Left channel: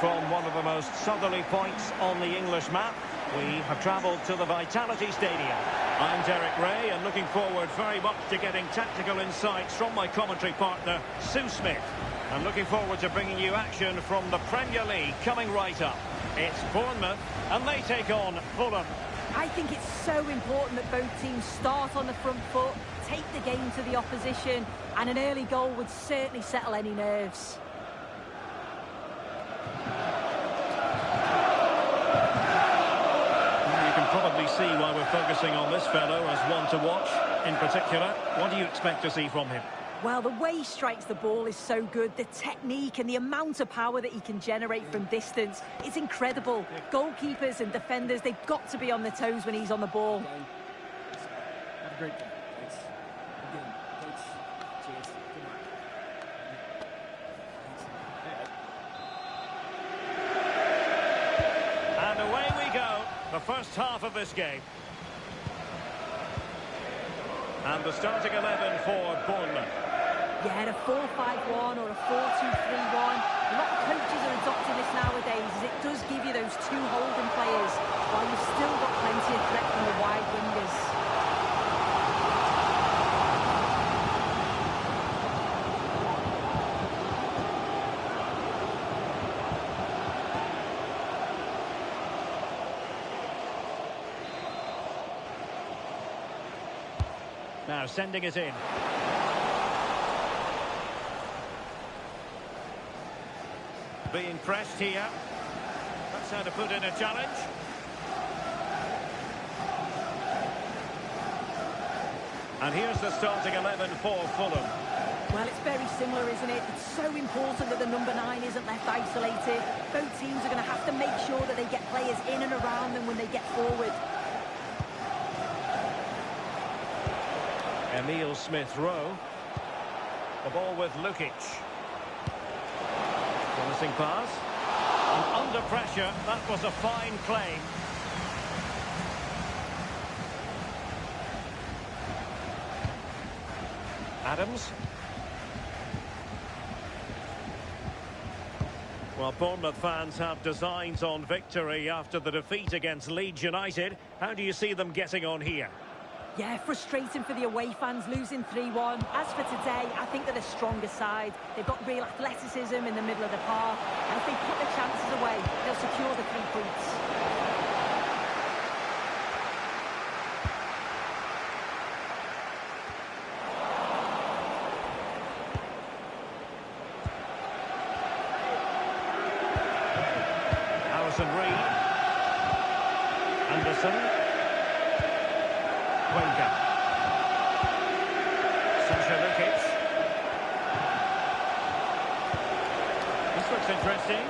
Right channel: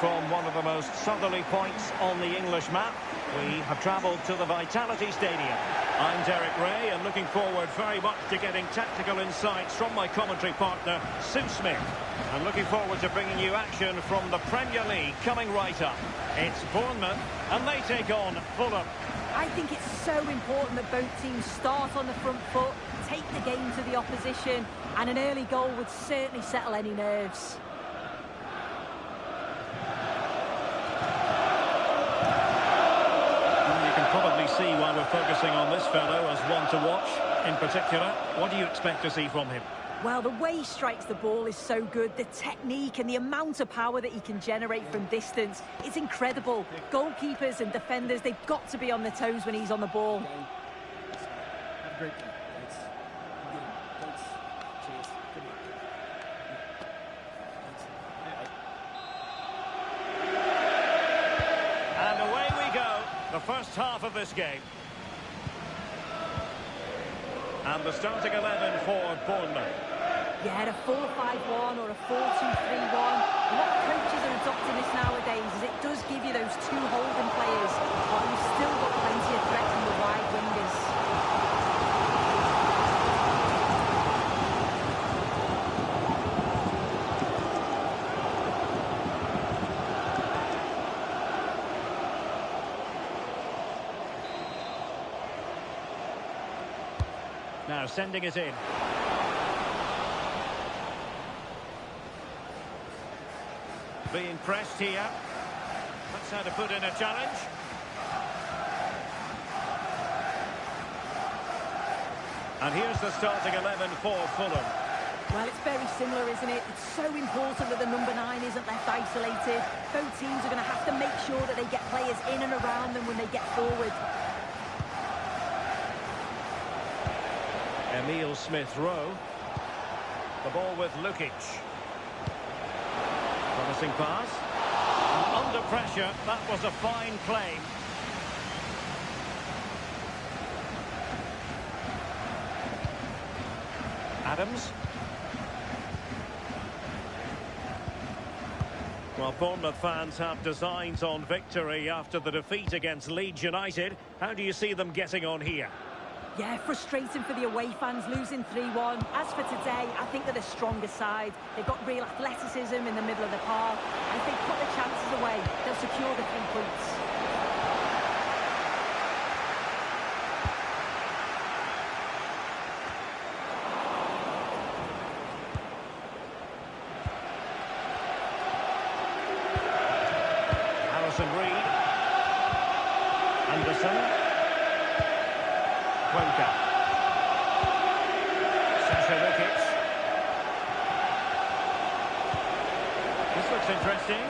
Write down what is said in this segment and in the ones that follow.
from one of the most southerly points on the English map. We have travelled to the Vitality Stadium. I'm Derek Ray, and looking forward very much to getting tactical insights from my commentary partner, Sue Smith. I'm looking forward to bringing you action from the Premier League coming right up. It's Bournemouth, and they take on Fulham. I think it's so important that both teams start on the front foot, take the game to the opposition, and an early goal would certainly settle any nerves. Well, you can probably see why we're focusing on this fellow as one to watch. In particular, what do you expect to see from him? Well, the way he strikes the ball is so good. The technique and the amount of power that he can generate from distance is incredible. Goalkeepers and defenders, they've got to be on their toes when he's on the ball. Have a great day. Thanks. Good. Thanks. Cheers. Good luck. Thanks. And away we go. The first half of this game. And the starting 11 for Bournemouth. Yeah, a 4-5-1 or a 4-2-3-1. A lot of coaches are adopting this nowadays, as it does give you those two holding players, while you've still got plenty of threat from the wide wingers. Now sending it in. Being pressed here. That's how to put in a challenge. And here's the starting 11 for Fulham. Well, it's very similar, isn't it? It's so important that the number 9 isn't left isolated. Both teams are going to have to make sure that they get players in and around them when they get forward. Emile Smith-Rowe. The ball with Lukic. Promising pass. And under pressure, that was a fine claim. Adams. Well, Bournemouth fans have designs on victory after the defeat against Leeds United. How do you see them getting on here? Yeah, frustrating for the away fans, losing 3-1. As for today, I think they're the stronger side. They've got real athleticism in the middle of the park. And if they put the chances away, they'll secure the 3 points. Harrison Reed. Anderson. Cuenca. Sasha Lukic. This looks interesting.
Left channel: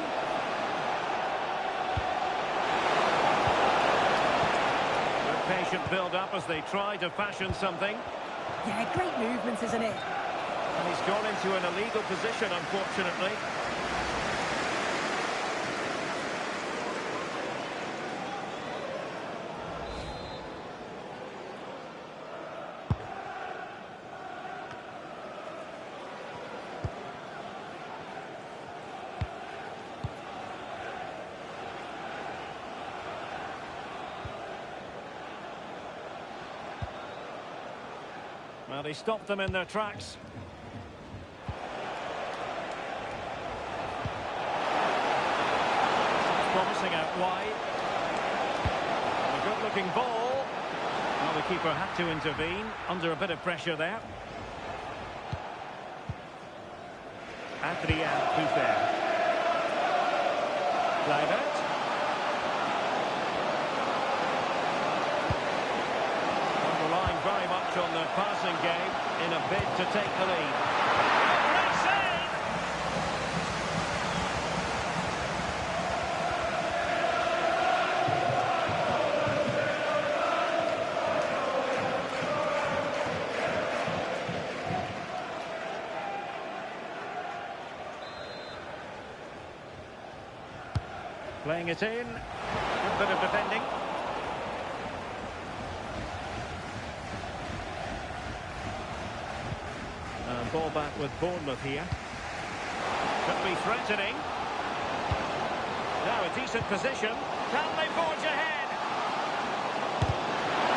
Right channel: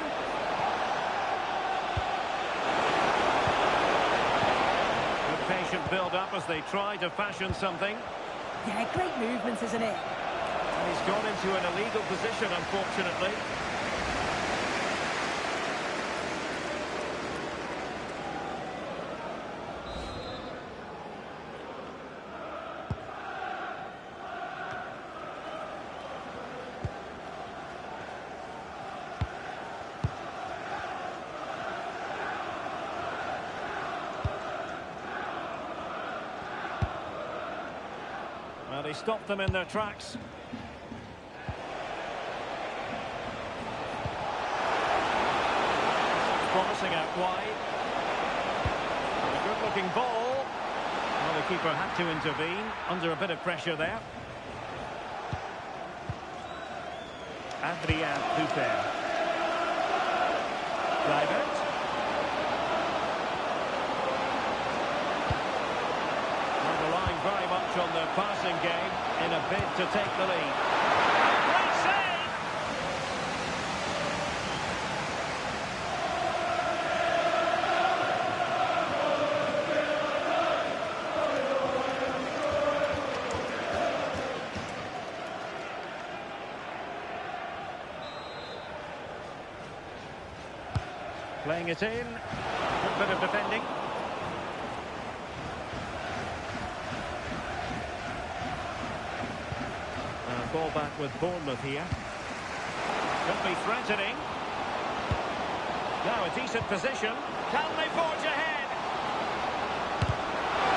Good patient build-up as they try to fashion something. Yeah, great movement, isn't it? And he's gone into an illegal position, unfortunately. Well, he stopped them in their tracks. It's promising out wide. And a good-looking ball. Well, the keeper had to intervene under a bit of pressure there. Adrien Puffer. Kluivert. Relying very much on the passing game in a bid to take the lead. Great save! Playing it in. Good bit of defending. And ball back with Bournemouth here. Could be threatening. Now a decent position. Can they forge ahead?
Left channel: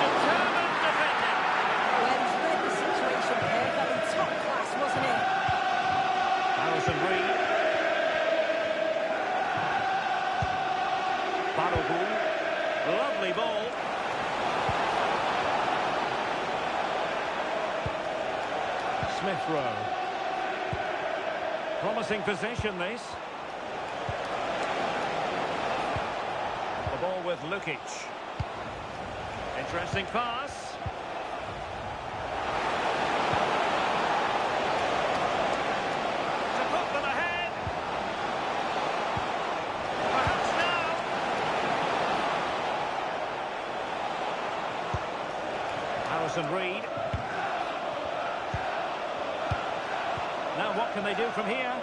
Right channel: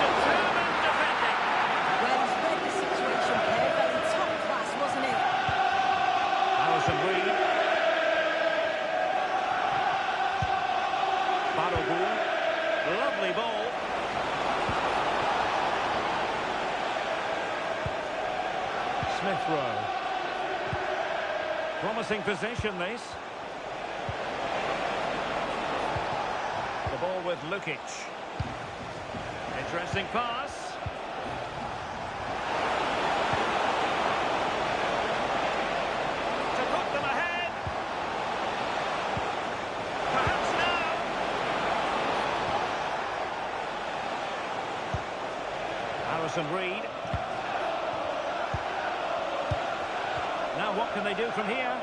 Determined defending. Well, he's read the situation perfectly. Top class, wasn't it? Harrison Reed. Balogun. Lovely ball. Smith Rowe. Promising possession, this. The ball with Lukic. Interesting pass. To put them ahead. Perhaps now. Harrison Reed. Now what can they do from here?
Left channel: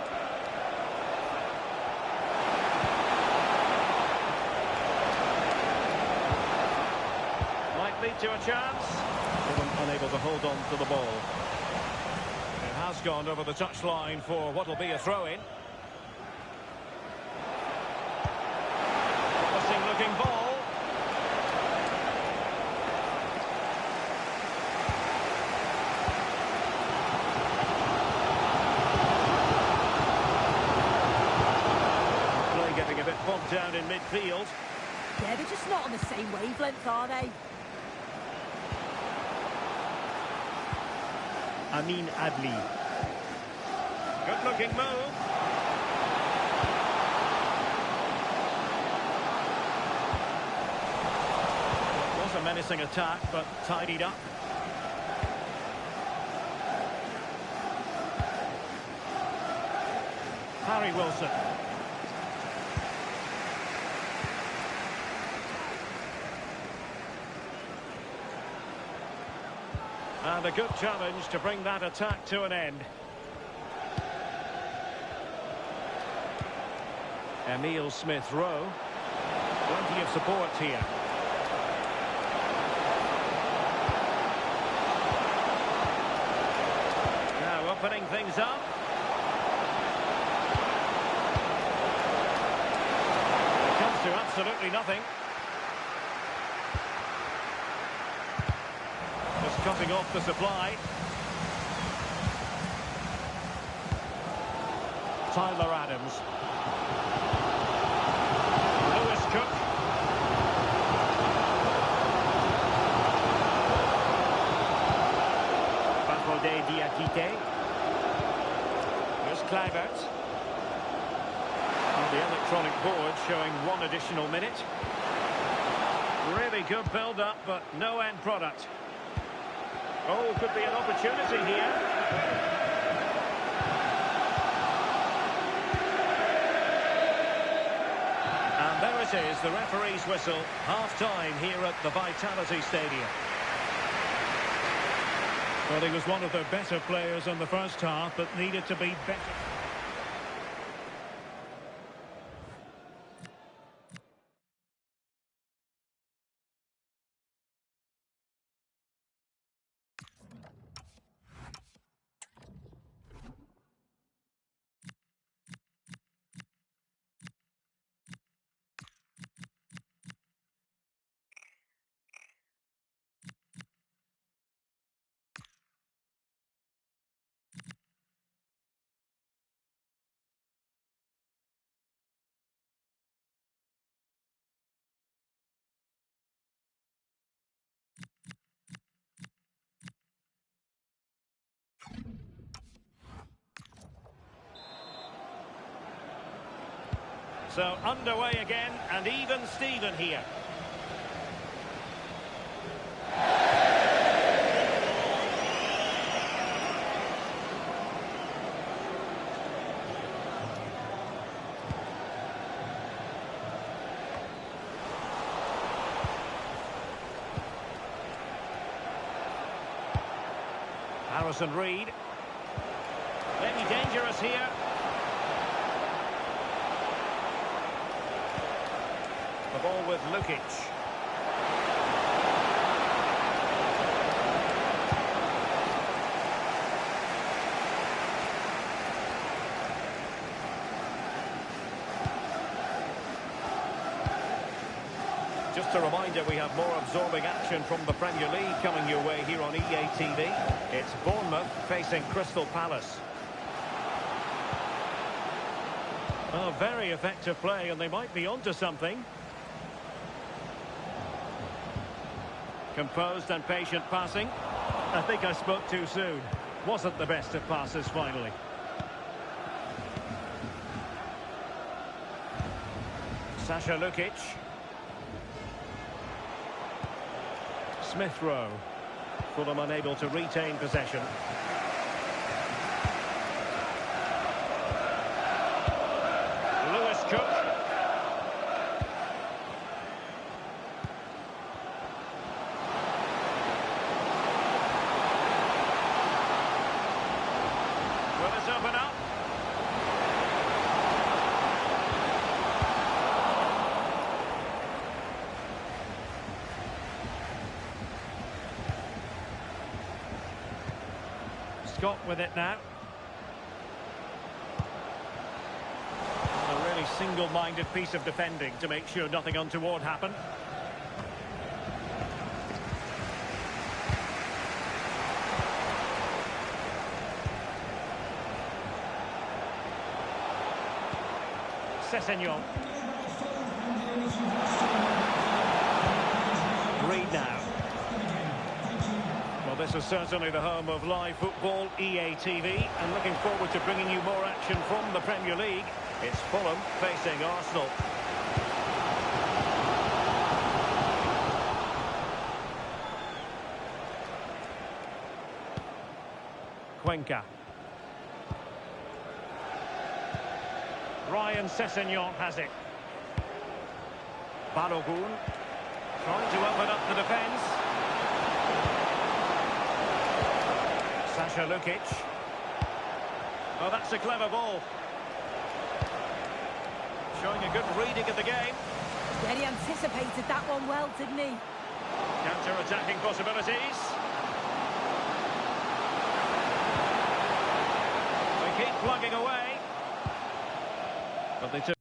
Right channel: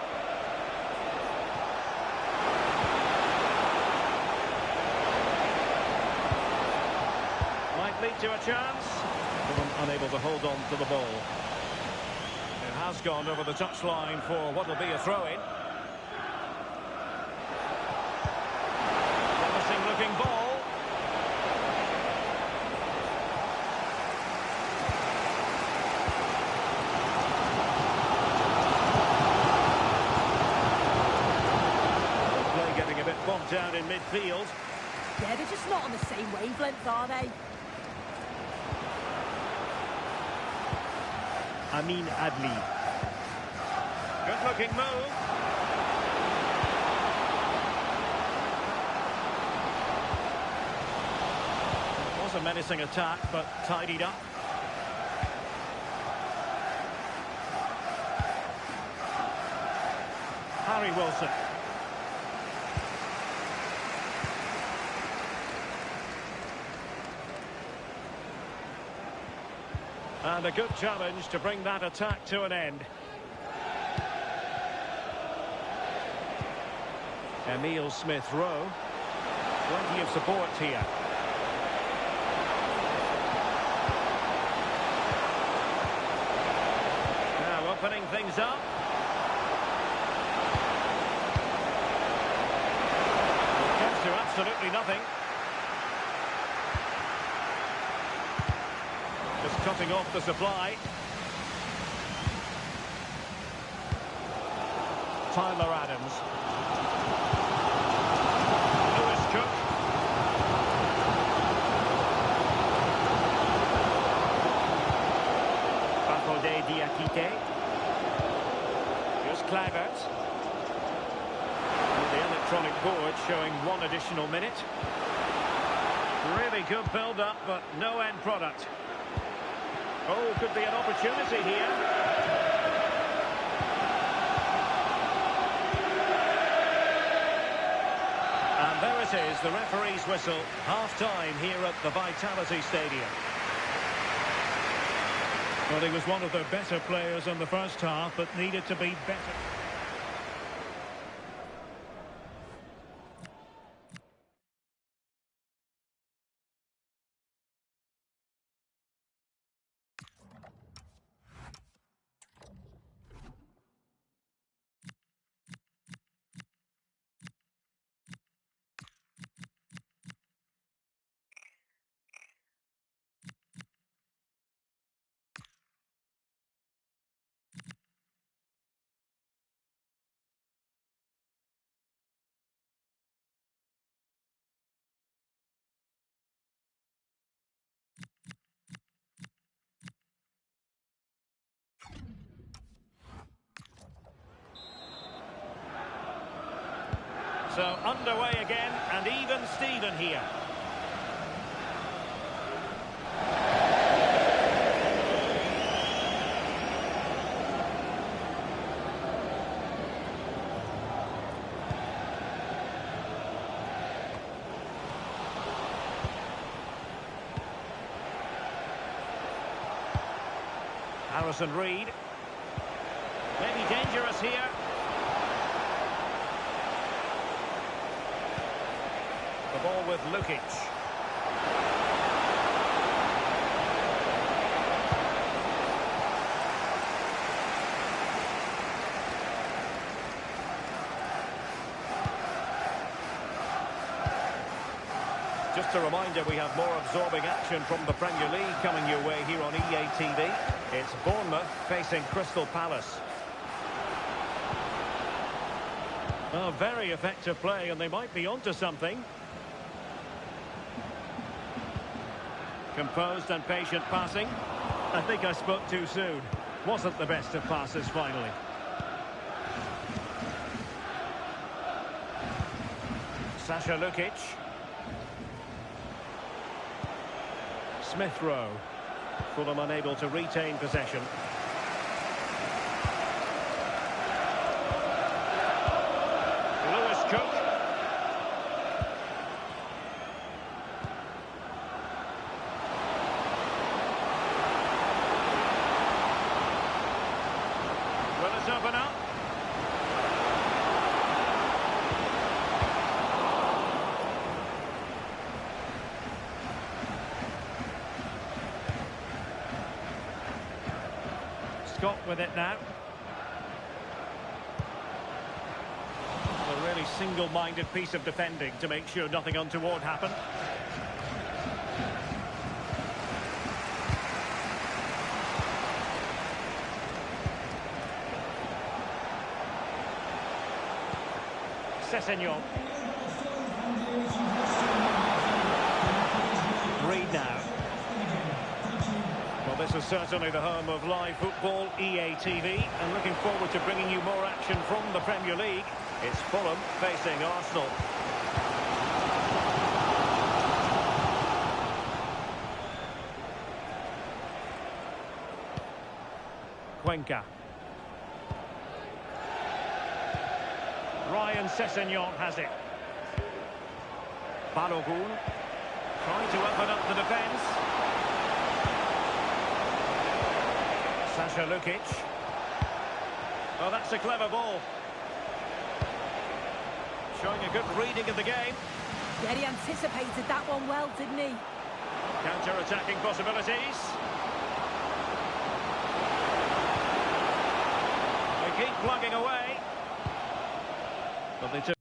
Might lead to a chance. Fulham unable to hold on to the ball. It has gone over the touchline for what will be a throw-in. Promising looking ball. Play getting a bit bogged down in midfield. Yeah, they're just not on the same wavelength, are they? Amin Adli. Good looking move. It was a menacing attack, but tidied up. Harry Wilson. And a good challenge to bring that attack to an end. Emile Smith Rowe. Plenty of support here. Now opening things up. It comes to absolutely nothing. Just cutting off the supply. Tyler Adams. Lewis Cook. Bafode Diakite. Here's Kluivert. Well, the electronic board showing one additional minute. Really good build-up, but no end product. Oh, could be an opportunity here. And there it is, the referee's whistle. Half-time here at the Vitality Stadium. Well, he was one of the better players in the first half, but needed to be better. So underway again, and even Steven here. Harrison Reed. Maybe dangerous here. The ball with Lukic. Just a reminder, we have more absorbing action from the Premier League coming your way here on EA TV. It's Bournemouth facing Crystal Palace. Oh, very effective play, and they might be onto something. Composed and patient passing. I think I spoke too soon. Wasn't the best of passes finally. Sasha Lukic. Smith Rowe. Fulham unable to retain possession. Lewis Cook. Will it open up? Scott with it now. A really single-minded piece of defending to make sure nothing untoward happened. Sessegnon. Reed now. Well, this is certainly the home of live football, EA TV, and looking forward to bringing you more action from the Premier League. It's Fulham facing Arsenal. Cuenca. Ryan Sessegnon has it. Balogun trying to open up the defence. Sasha Lukic. Oh, that's a clever ball. Showing a good reading of the game. Yeah, he anticipated that one well, didn't he? Counter-attacking possibilities. They keep plugging away. But they took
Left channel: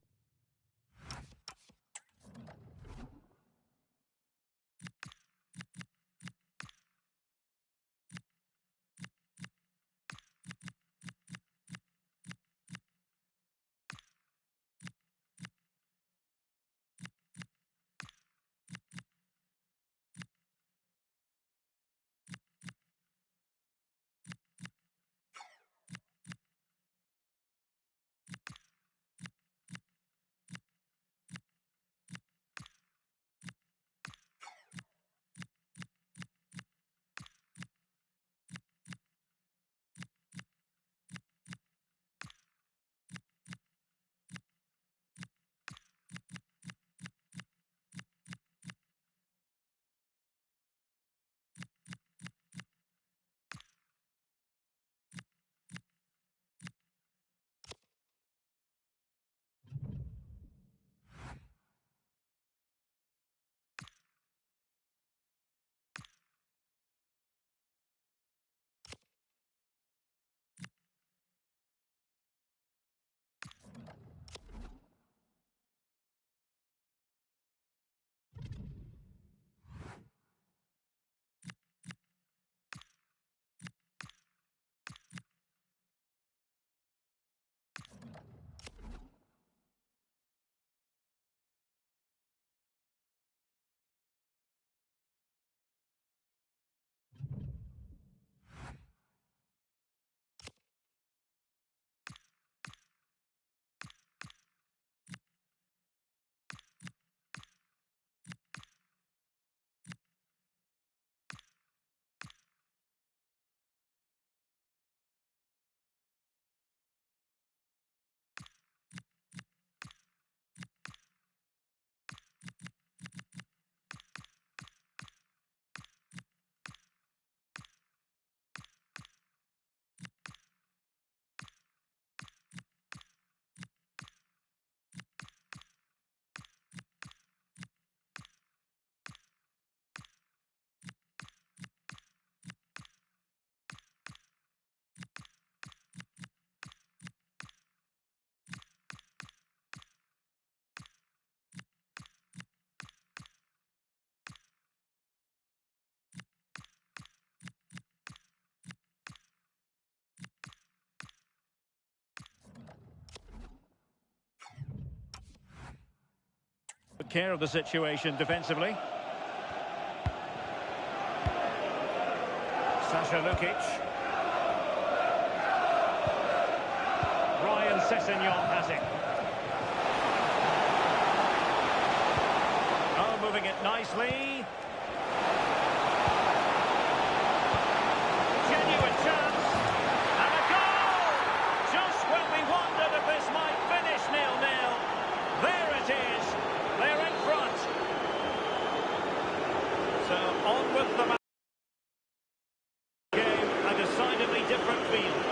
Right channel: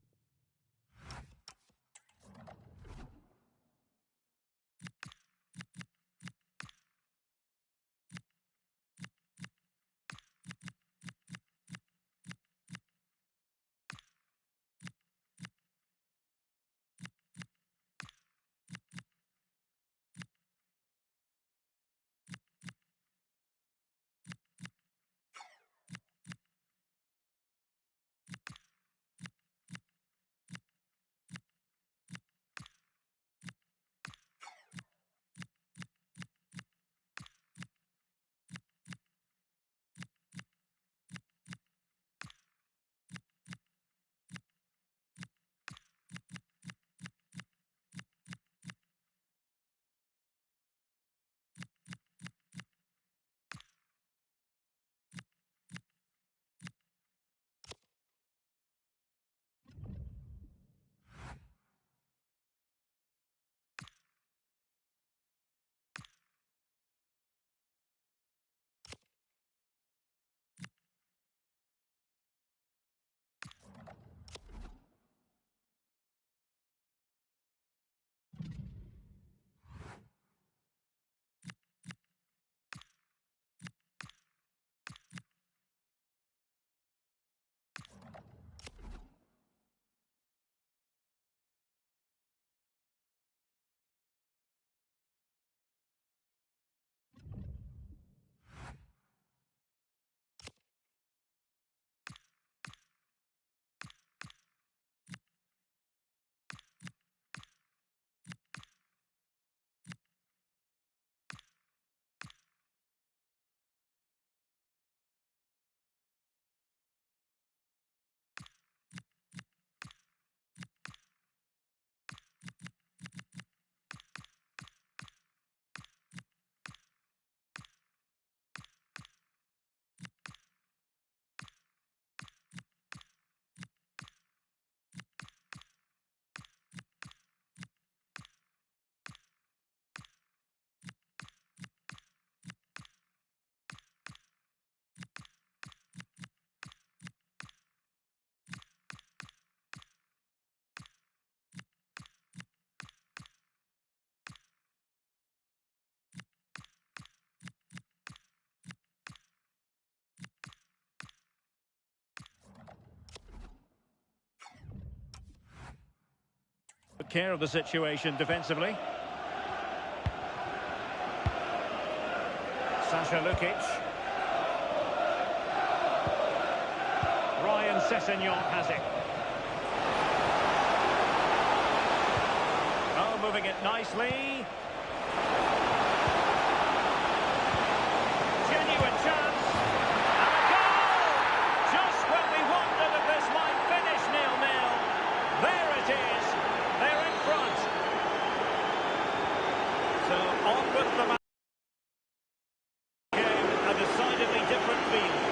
took care of the situation defensively. Sasha Lukic. Ryan Sessegnon has it. Oh, moving it nicely. Genuine chance. And a goal! Just when we wondered if this might finish 0-0. There it is. They're in front. So on with the match. Game, a decidedly different field.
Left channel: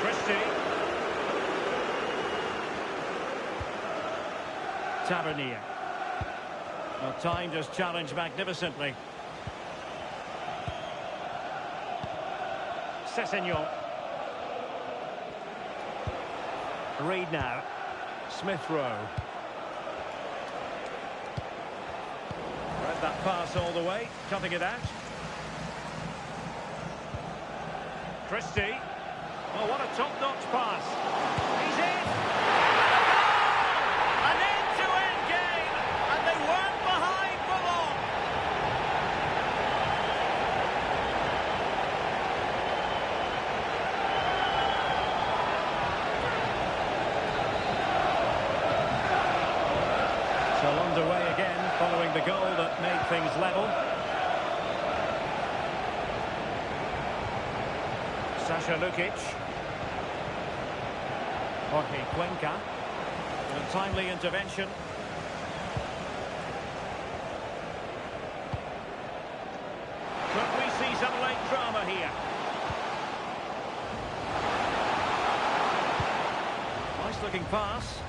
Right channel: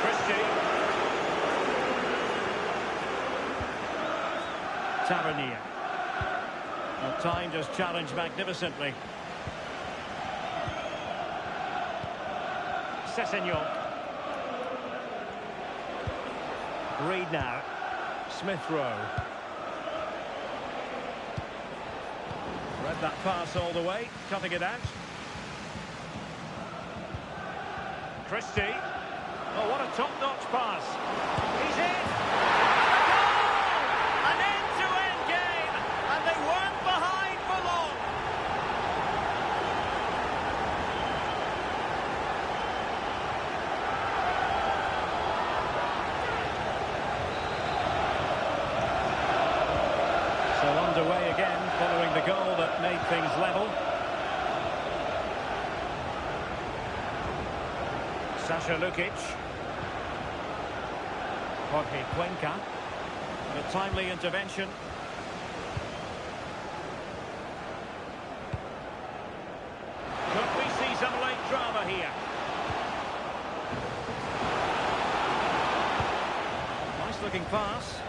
Christie. Tavernier. Well, timed his challenge magnificently. Sessegnon. Reed now. Smith Rowe. Read that pass all the way, cutting it out. Christie. Oh, what a top-notch pass. He's in! And a goal! An end-to-end game, and they weren't behind for long. So underway again, following the goal that made things level. Sasha Lukic. Jorge Cuenca. And a timely intervention. Could we see some late drama here? Nice looking pass.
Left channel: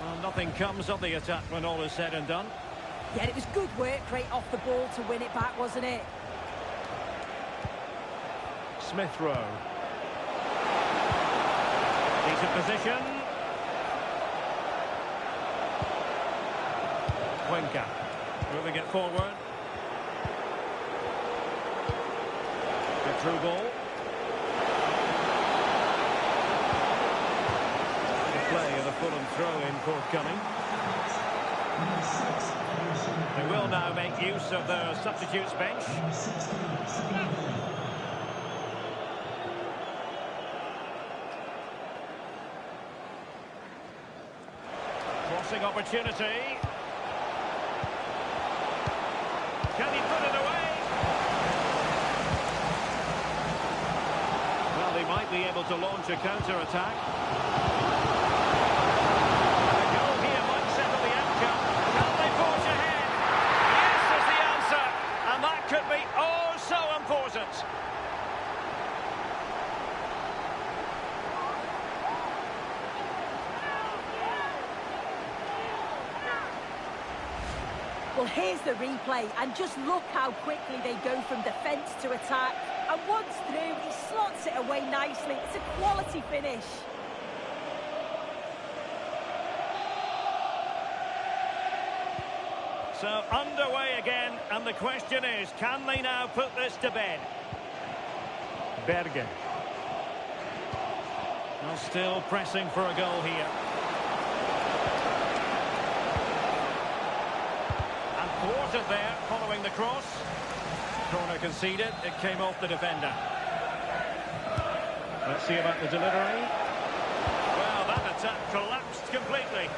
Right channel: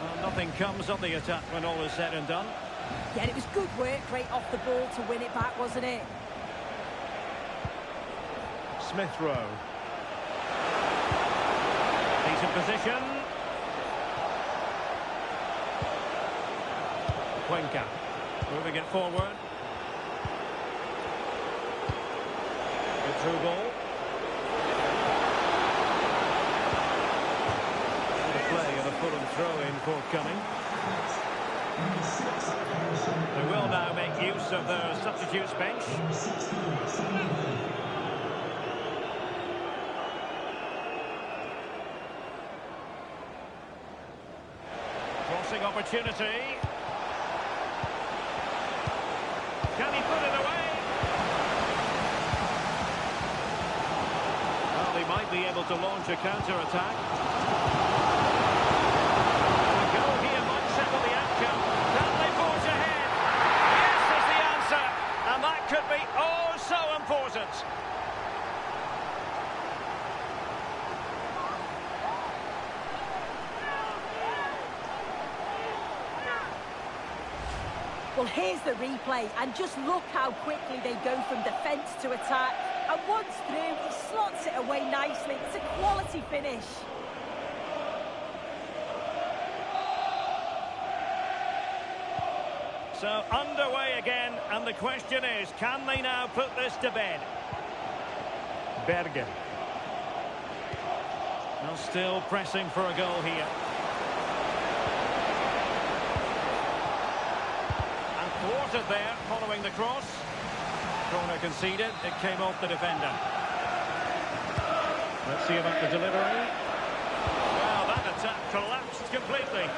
Well, nothing comes of the attack when all is said and done. Yeah, it was good work right off the ball to win it back, wasn't it? Smith Rowe. Decent position. Cuenca. Moving it forward. Good through ball. Play and a Fulham throw-in forthcoming. They will now make use of their substitutes bench. Crossing opportunity. Can he put it away? Well, they might be able to launch a counter-attack. Settle the outcome. Can they forge ahead? Yes is the answer. And that could be oh so important. Well, here's the replay. And just look how quickly they go from defence to attack. And once through, he slots it away nicely. It's a quality finish. So underway again, and the question is, can they now put this to bed? Berger. Well, still pressing for a goal here. And thwarted there, following the cross. Corner conceded, it came off the defender. Let's see about the delivery. Well, that attack collapsed completely.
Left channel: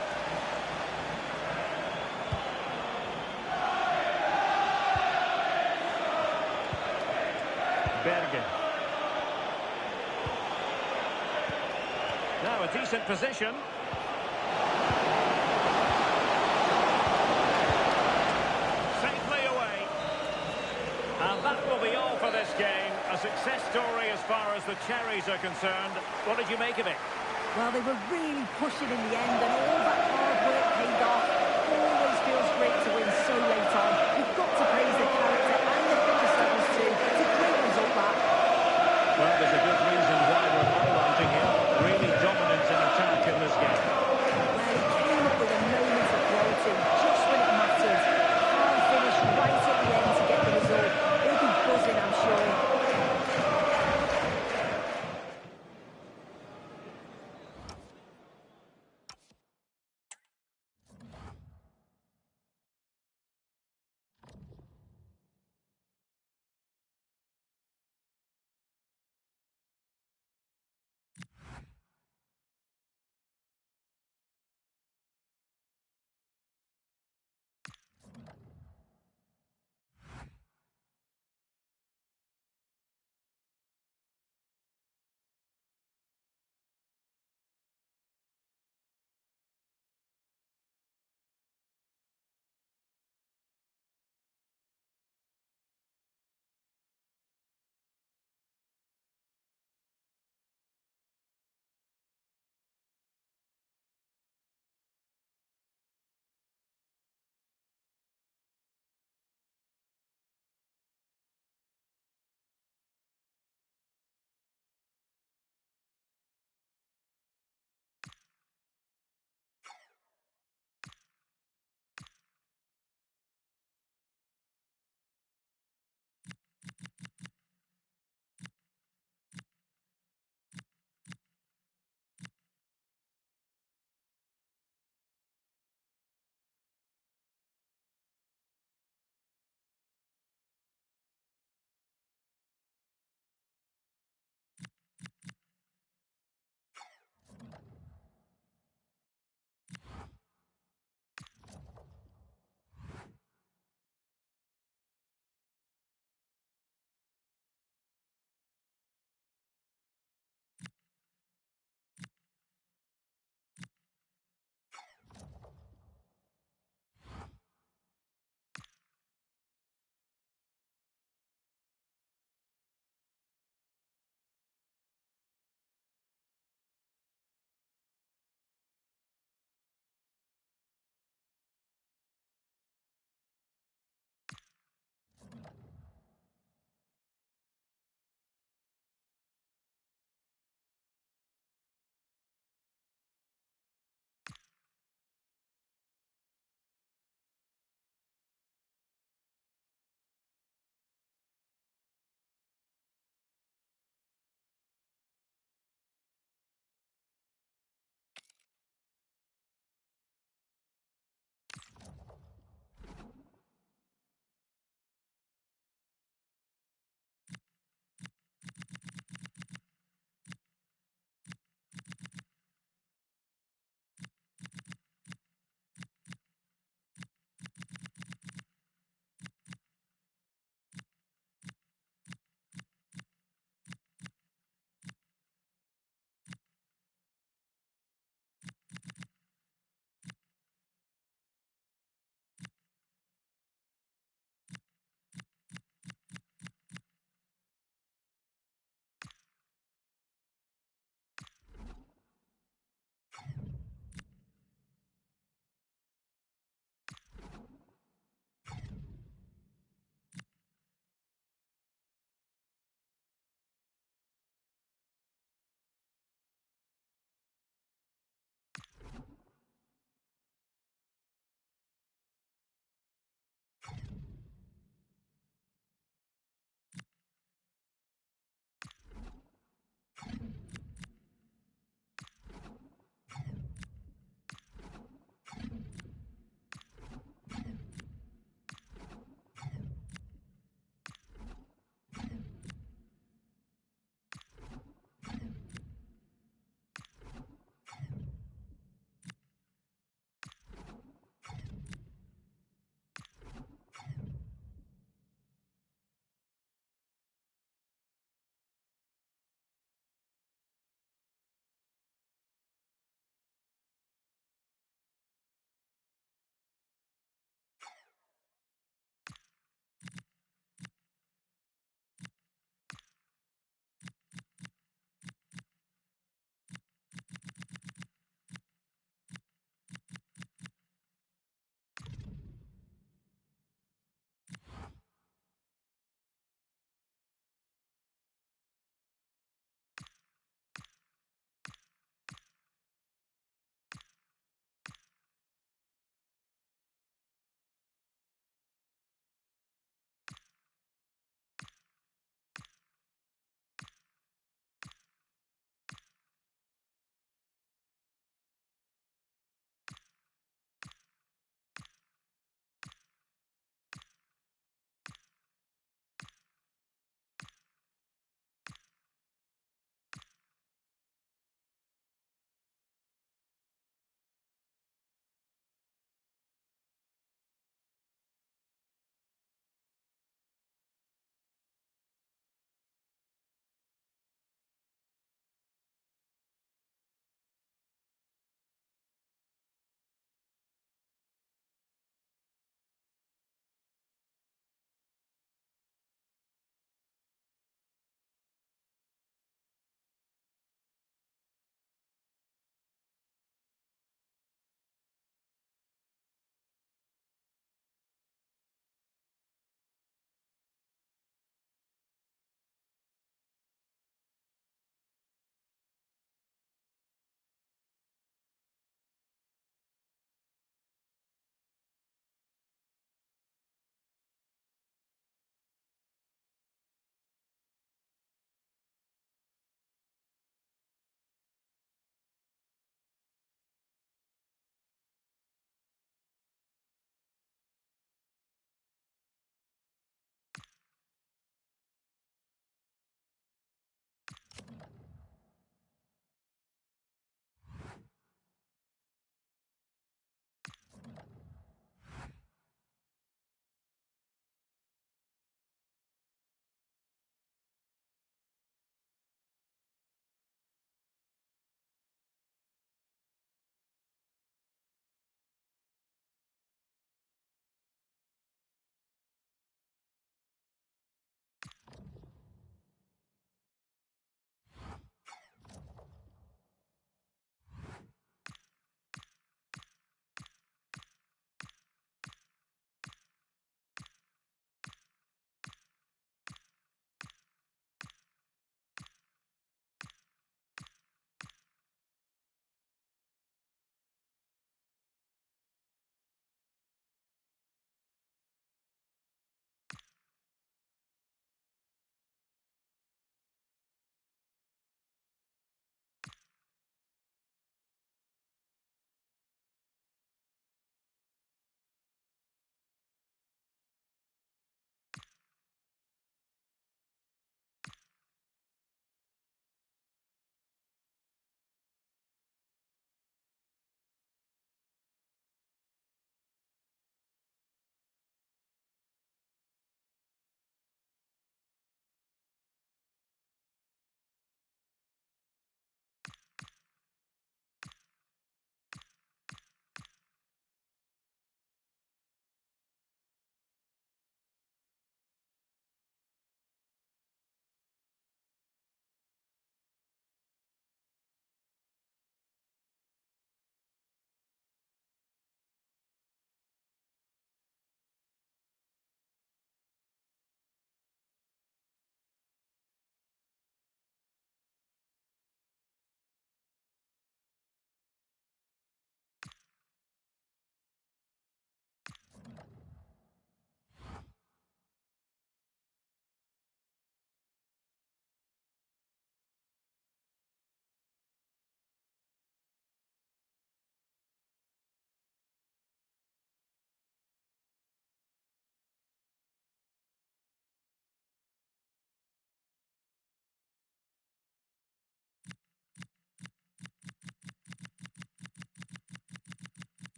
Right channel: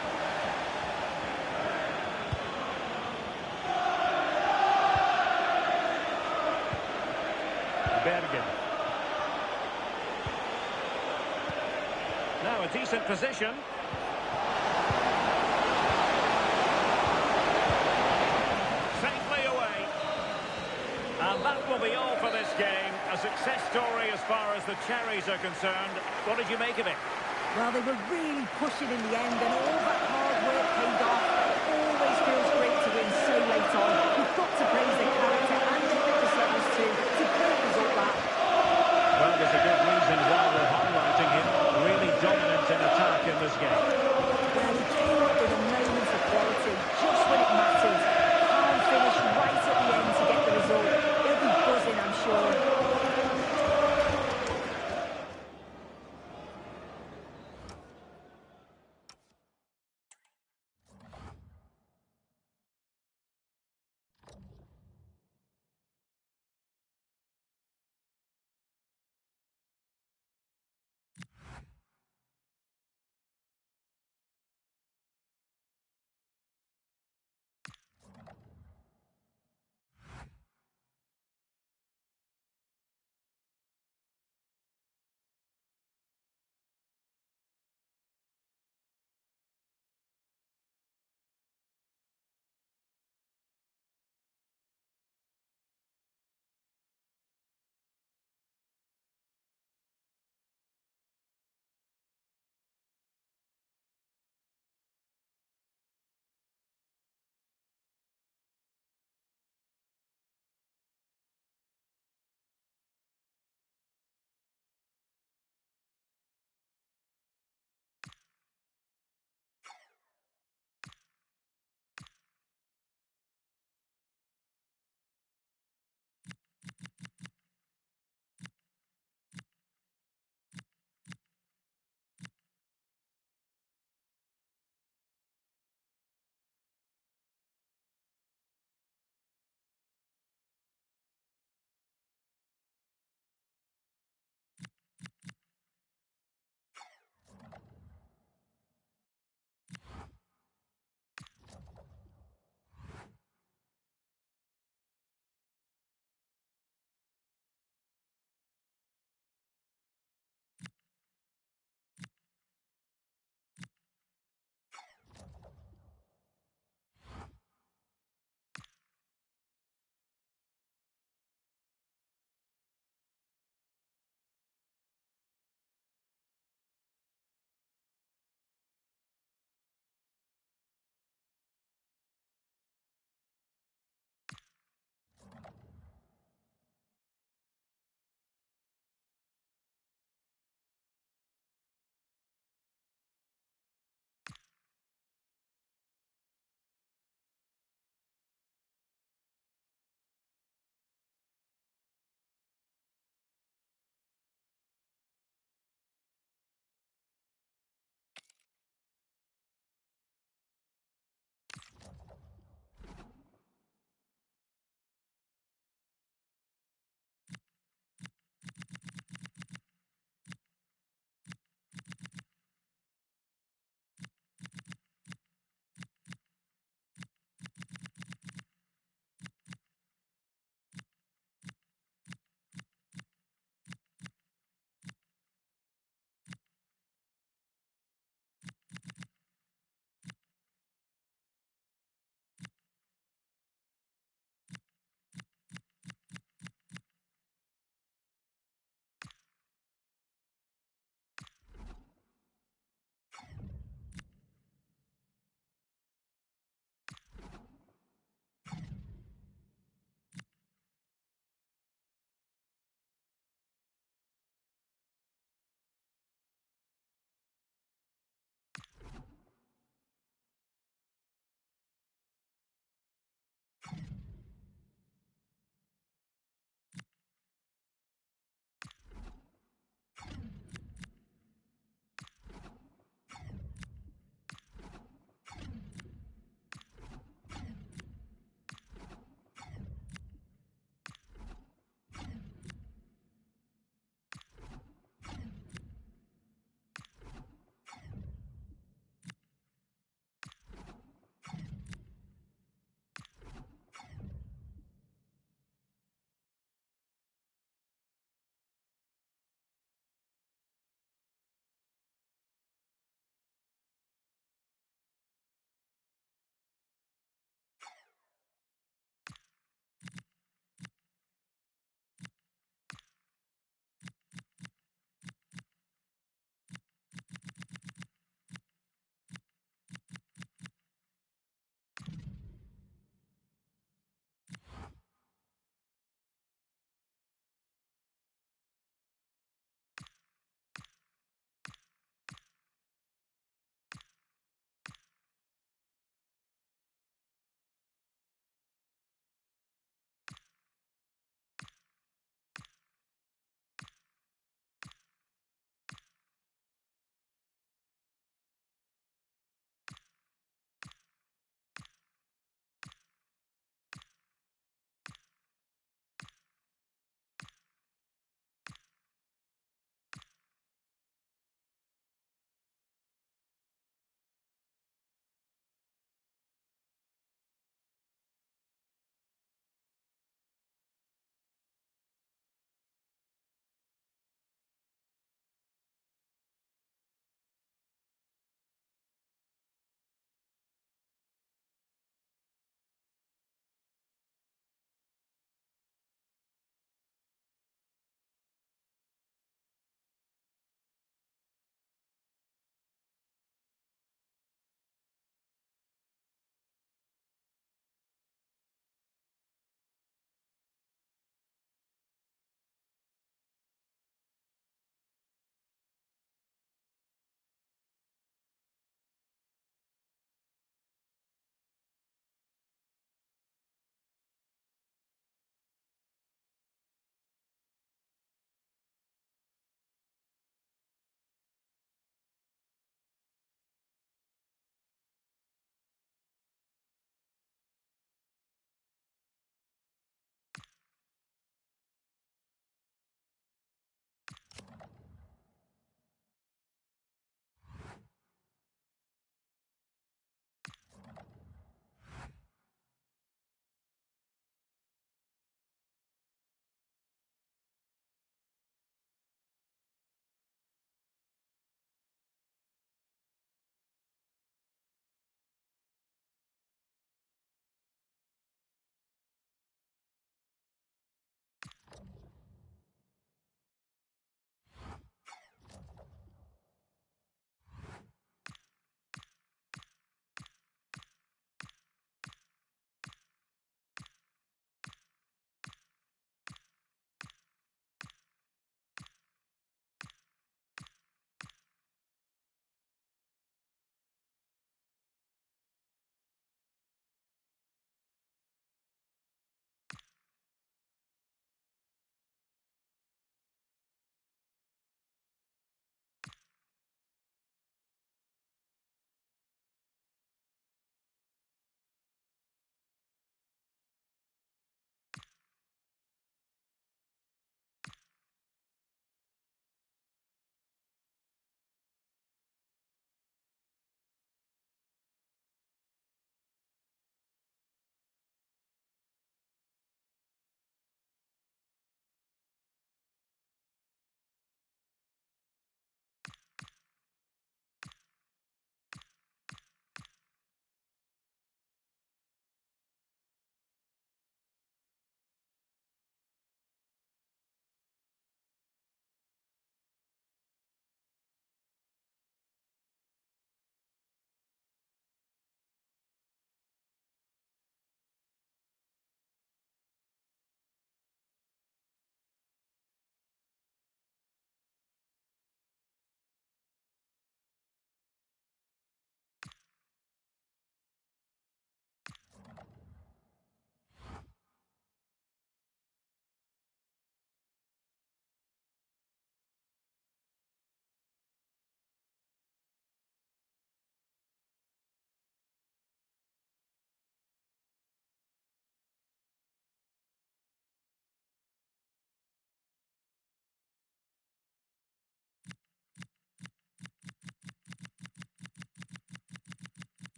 Bergen. Now a decent position. Safely away. And that will be all for this game. A success story as far as the Cherries are concerned. What did you make of it? Well, they were really pushing in the end, and all that hard work paid off. Always feels great to win so late on. You've got to praise the character and the fitness levels too. It's a great result, that. Well, there's a good reason why we're highlighting him. Really dominant in attack in this game. Well, he came up with a moment of quality, just when it mattered. Calm finish right at the end to get the result. He'll be buzzing, I'm sure.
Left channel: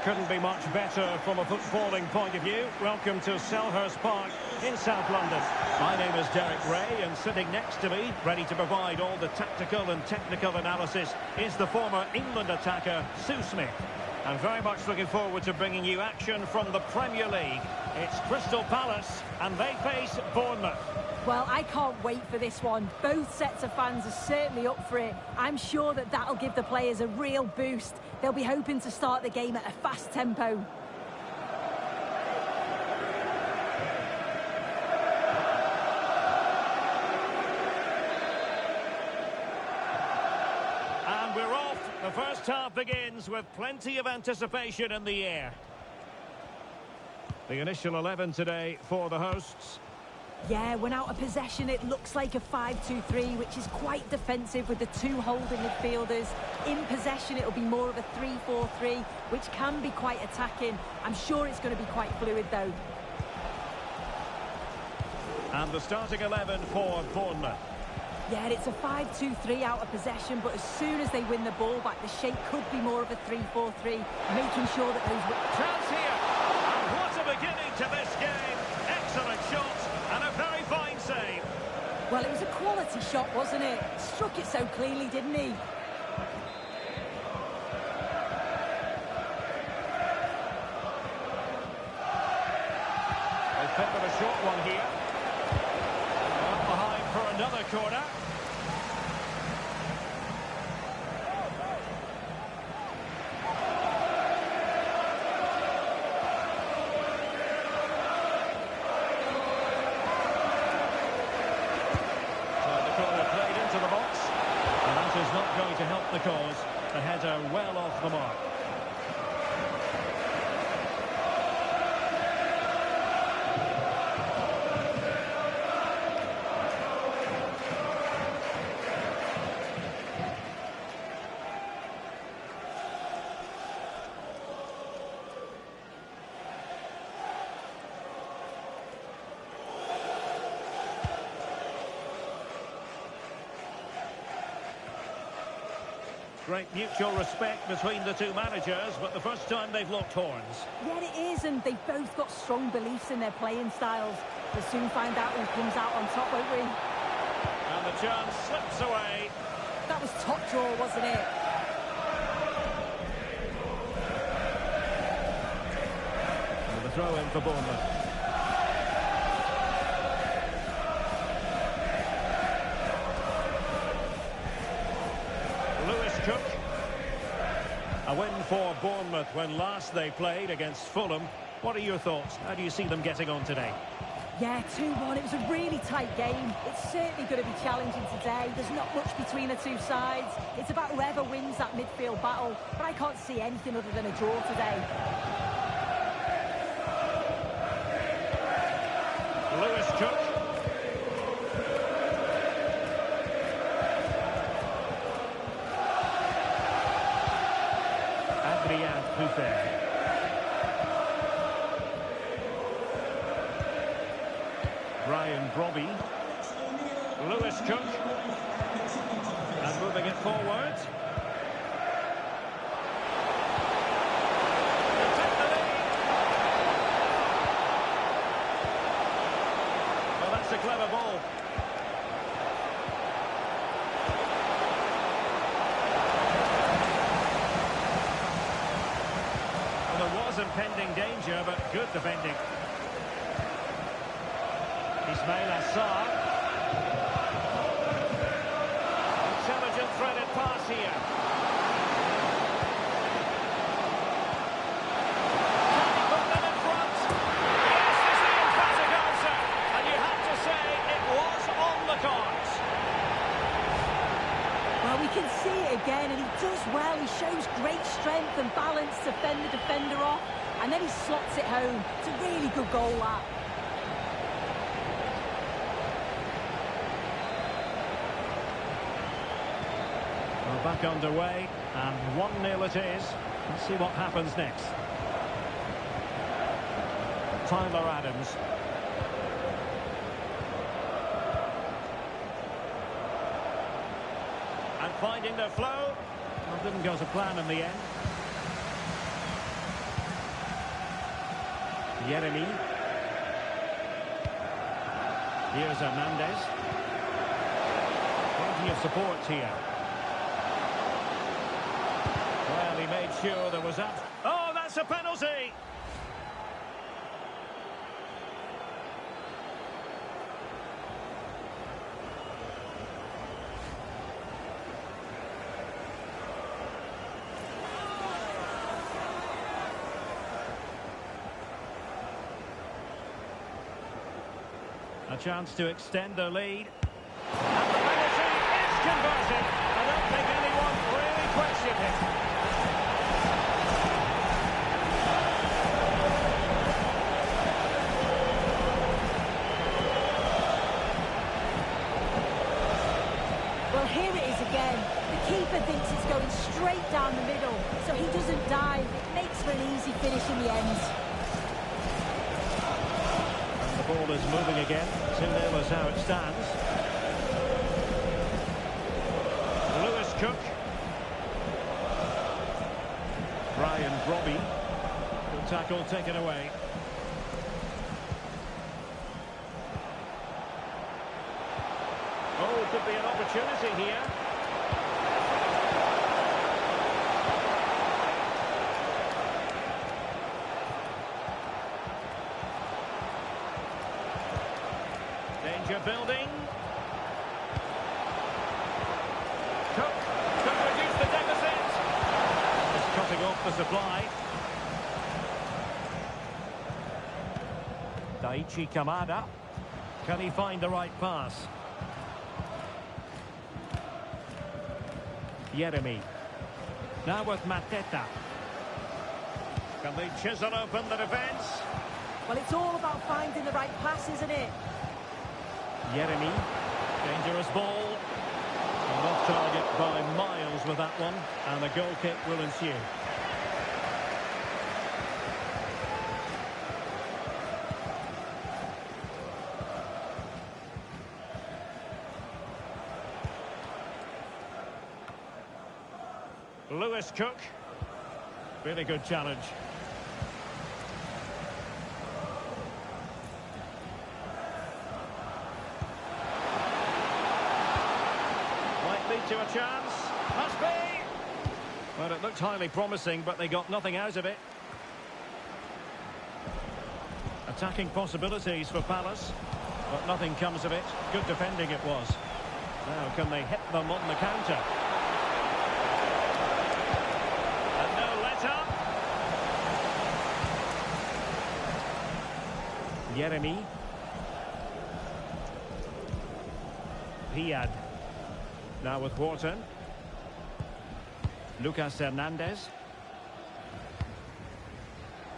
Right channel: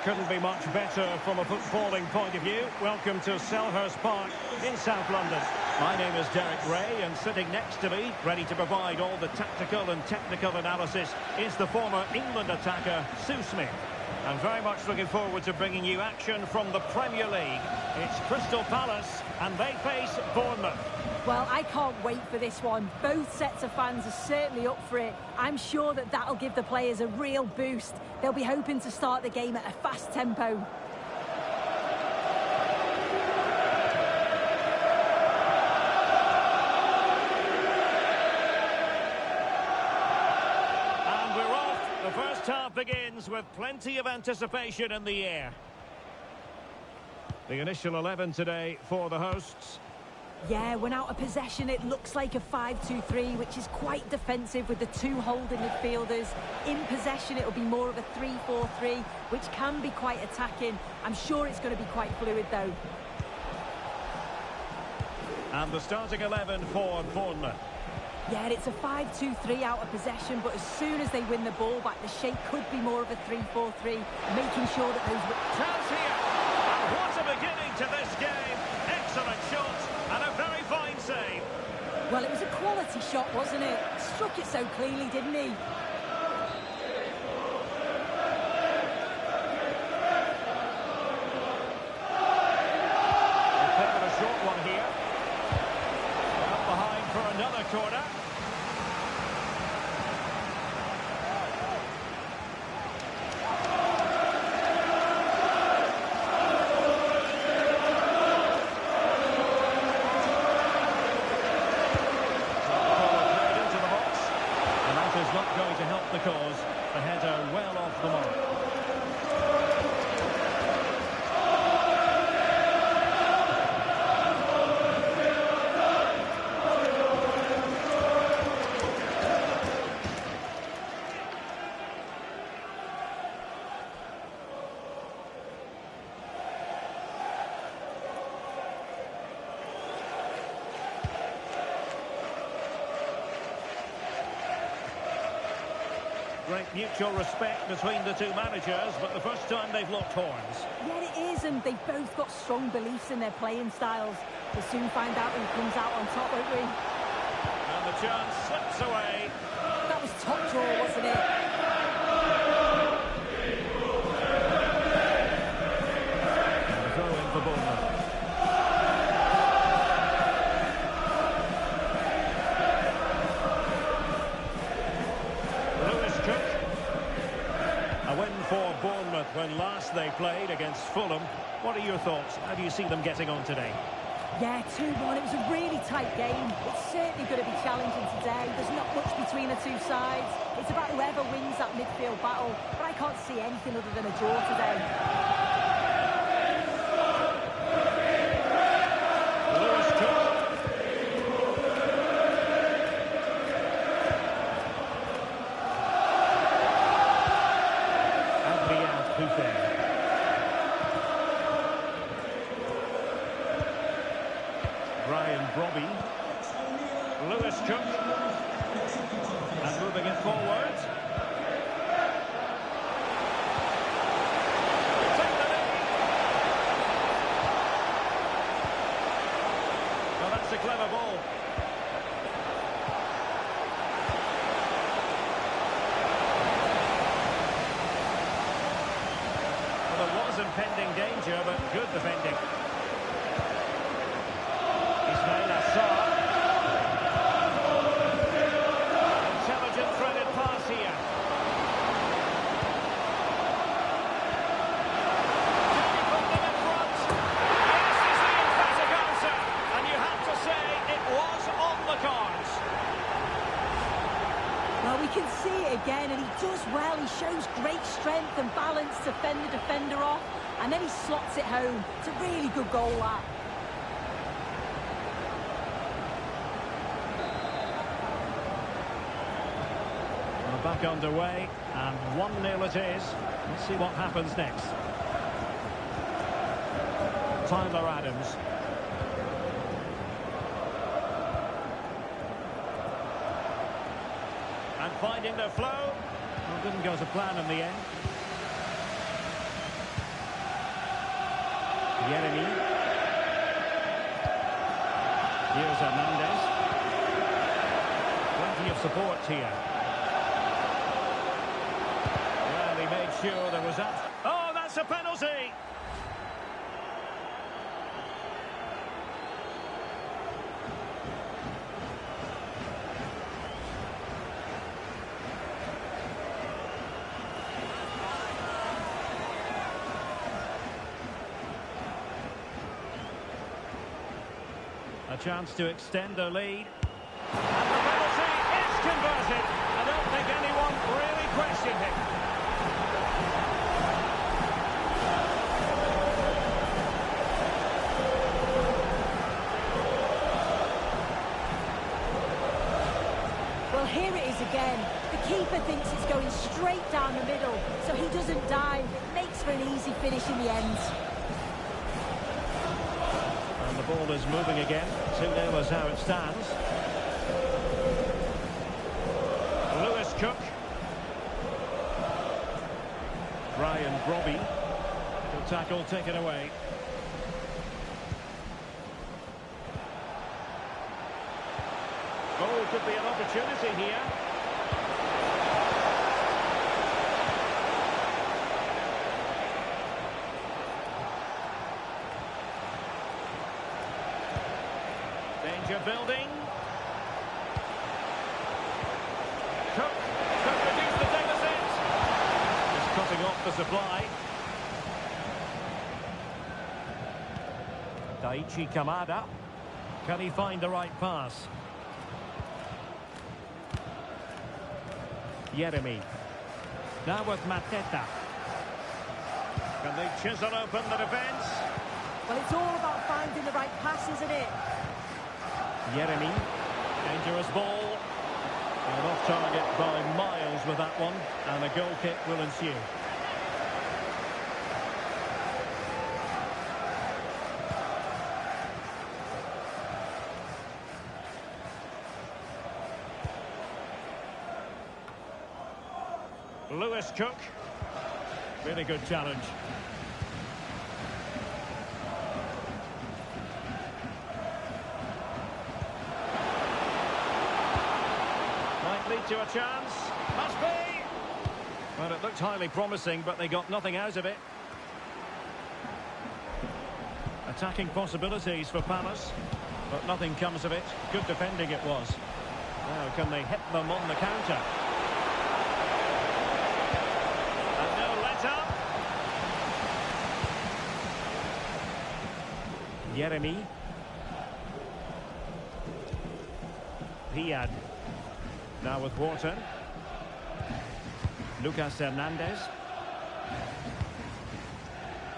it couldn't be much better from a footballing point of view. Welcome to Selhurst Park in South London. My name is Derek Ray, and sitting next to me, ready to provide all the tactical and technical analysis, is the former England attacker, Sue Smith. I'm very much looking forward to bringing you action from the Premier League. It's Crystal Palace, and they face Bournemouth. Well, I can't wait for this one. Both sets of fans are certainly up for it. I'm sure that that'll give the players a real boost. They'll be hoping to start the game at a fast tempo. And we're off. The first half begins with plenty of anticipation in the air. The initial 11 today for the hosts. Yeah, when out of possession, it looks like a 5-2-3, which is quite defensive with the two holding midfielders. In possession, it'll be more of a 3-4-3, which can be quite attacking. I'm sure it's going to be quite fluid, though. And the starting 11 for Bournemouth. Yeah, it's a 5-2-3 out of possession, but as soon as they win the ball back, the shape could be more of a 3-4-3, making sure that those... Chance here! And what a beginning to this game! Excellent shot! And a very fine save. Well, it was a quality shot, wasn't it? Struck it so cleanly, didn't he? They favoured a short one here. Well, behind for another corner. Is not going to help the cause. The header well off the mark. Great mutual respect between the two managers, but the first time they've locked horns. Yeah, it is, and they've both got strong beliefs in their playing styles. We'll soon find out who comes out on top, won't we? And the chance slips away. That was top draw, wasn't it? And the throw in for Bournemouth. Cook. A win for Bournemouth when last they played against Fulham. What are your thoughts? How do you see them getting on today? Yeah, 2-1. It was a really tight game. It's certainly going to be challenging today. There's not much between the two sides. It's about whoever wins that midfield battle, but I can't see anything other than a draw today. Lewis Cook. Brian Brobby. Lewis Cook. And moving it forward. They take the lead. Well, that's a clever ball. There was impending danger, but good defending. Ismail Assar. Intelligent threaded pass here. Can he put them in front? Yes, is the emphatic answer. And you have to say it was on the cards. Well, we can see it again, and he does well. He shows great strength and balance to fend the defender off, and then he slots it home. It's a really good goal, that. Well, back underway, and 1-0 it is. Let's see what happens next. Tyler Adams. And finding the flow. Well, didn't go to plan in the end. Yeremy. Here's Hernandez. Plenty of support here. Well, he made sure there was up. Oh, that's a penalty! A chance to extend their lead. And the penalty is converted. I don't think anyone really questioned it. Well, here it is again. The keeper thinks it's going straight down the middle, so he doesn't dive. It makes for an easy finish in the end. And the ball is moving again. 2-0 is how it stands. Lewis Cook. Brian Brobby. Good tackle taken away. Oh, could be an opportunity here. Danger building. Cook could reduce the deficit. Just cutting off the supply. Daichi Kamada. Can he find the right pass? Yeremy. Now with Mateta. Can they chisel open the defence? Well, it's all about finding the right pass, isn't it? Yeremy. Dangerous ball. And off target by miles with that one. And a goal kick will ensue. Lewis Cook. Really good challenge. Might lead to a chance. Must be. Well, it looked highly promising, but they got nothing out of it. Attacking possibilities for Palace, but nothing comes of it. Good defending it was. Now, can they hit them on the counter? And no let-up. Yeremy. Riyad. Now with Wharton. Lucas Hernandez.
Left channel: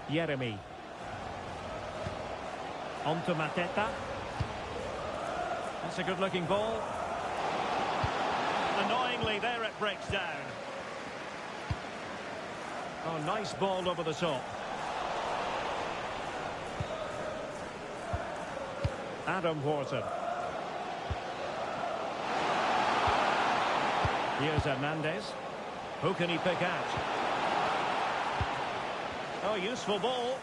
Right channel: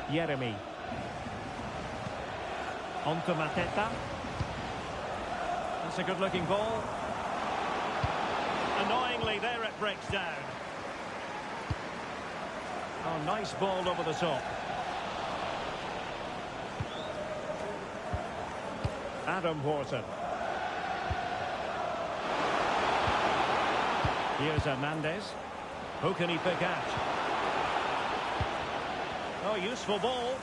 Yeremy. On to Mateta. That's a good-looking ball. Annoyingly, there it breaks down. Oh, nice ball over the top. Adam Wharton. Here's Hernandez. Who can he pick out? Oh, useful ball.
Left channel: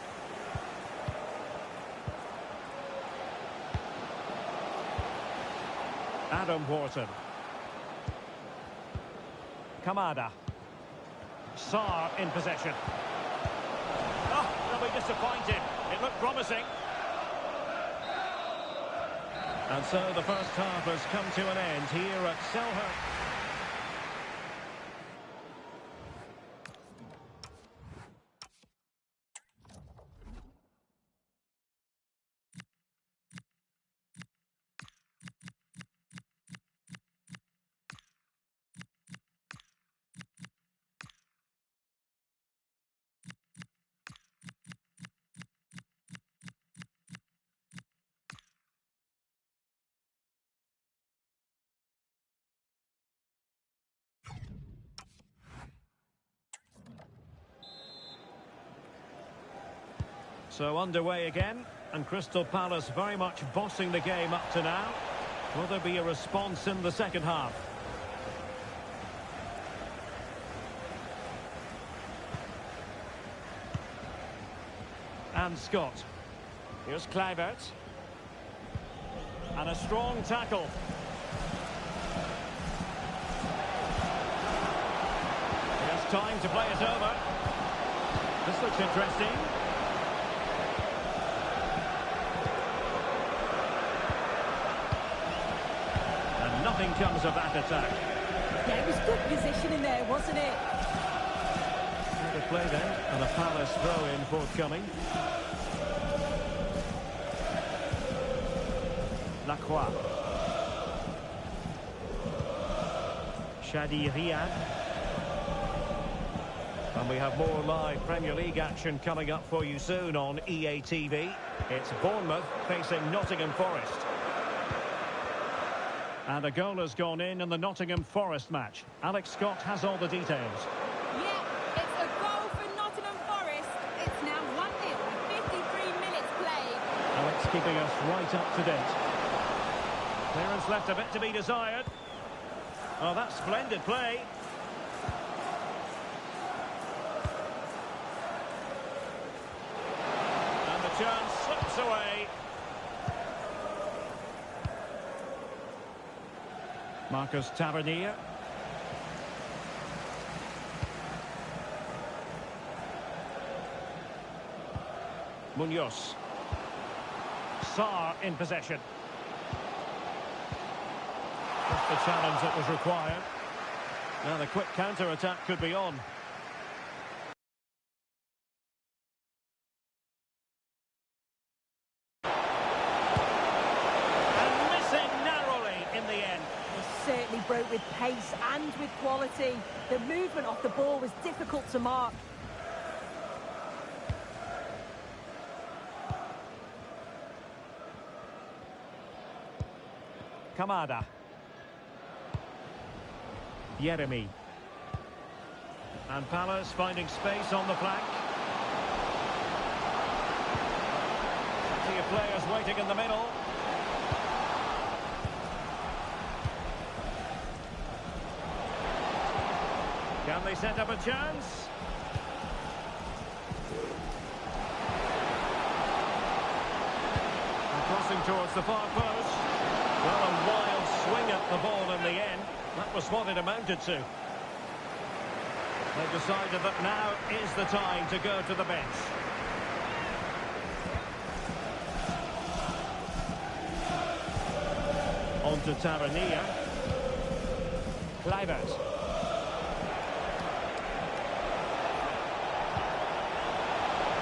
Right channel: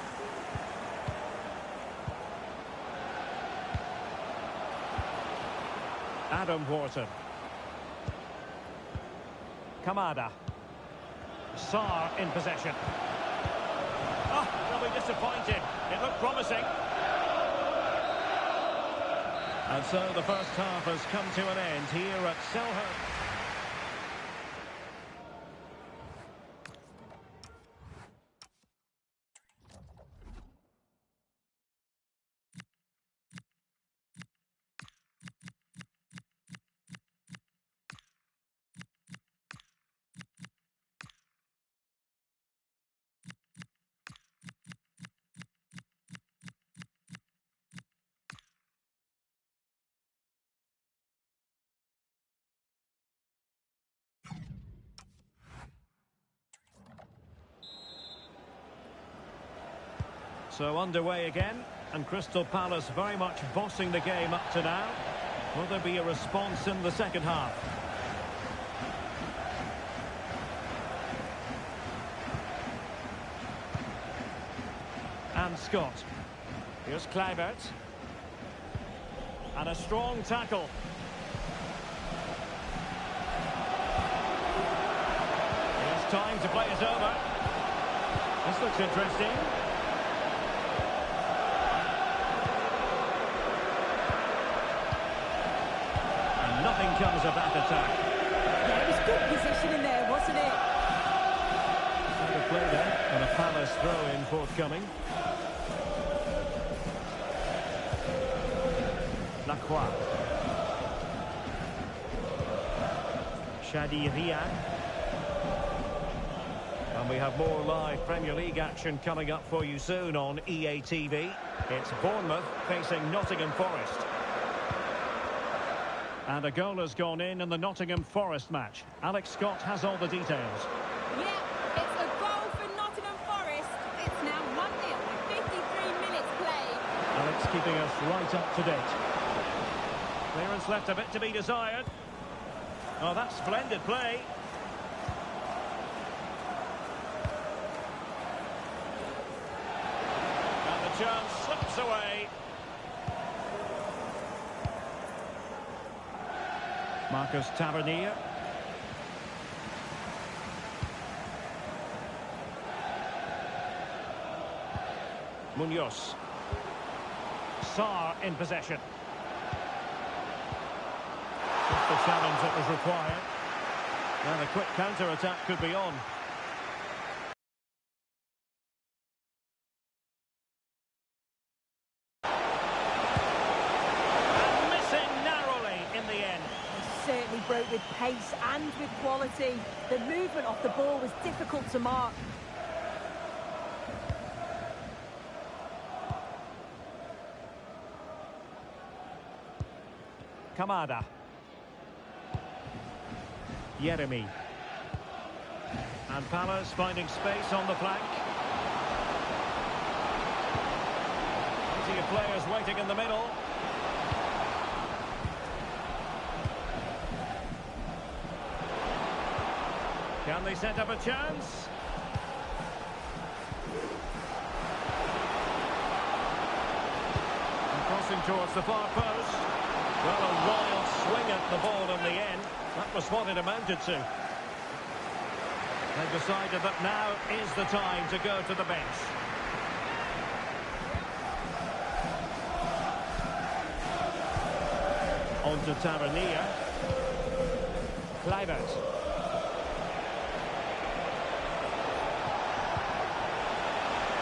Adam Wharton. Kamada. Sarr in possession. Oh, they'll be disappointed. It looked promising. And so the first half has come to an end here at Selhurst. So underway again, and Crystal Palace very much bossing the game up to now. Will there be a response in the second half? and Scott. Here's Kluivert. And a strong tackle. Here's time to play it over. This looks interesting. And nothing comes of that attack. Yeah, it was good positioning there, wasn't it? Out of play then, and a Palace throw-in forthcoming. Lacroix. Shadi Riyad. And we have more live Premier League action coming up for you soon on EA TV. It's Bournemouth facing Nottingham Forest. And a goal has gone in the Nottingham Forest match. Alex Scott has all the details. Yeah, it's a goal for Nottingham Forest. It's now 1-0 with 53 minutes played. Alex keeping us right up to date. Clearance left a bit to be desired. Oh, that's splendid play. And the chance slips away. Marcus Tavernier. Munoz. Sarr in possession. Just the challenge that was required. Now the quick counter-attack could be on. And missing narrowly in the end. They certainly broke with pace and with quality. The movement off the ball was difficult to mark. Kamada. Yeremi. And Palace finding space on the flank. Plenty of players waiting in the middle. Can they set up a chance? And crossing towards the far post. Well, a wild swing at the ball in the end. That was what it amounted to. They decided that now is the time to go to the bench. On to Tavernier. Kluivert.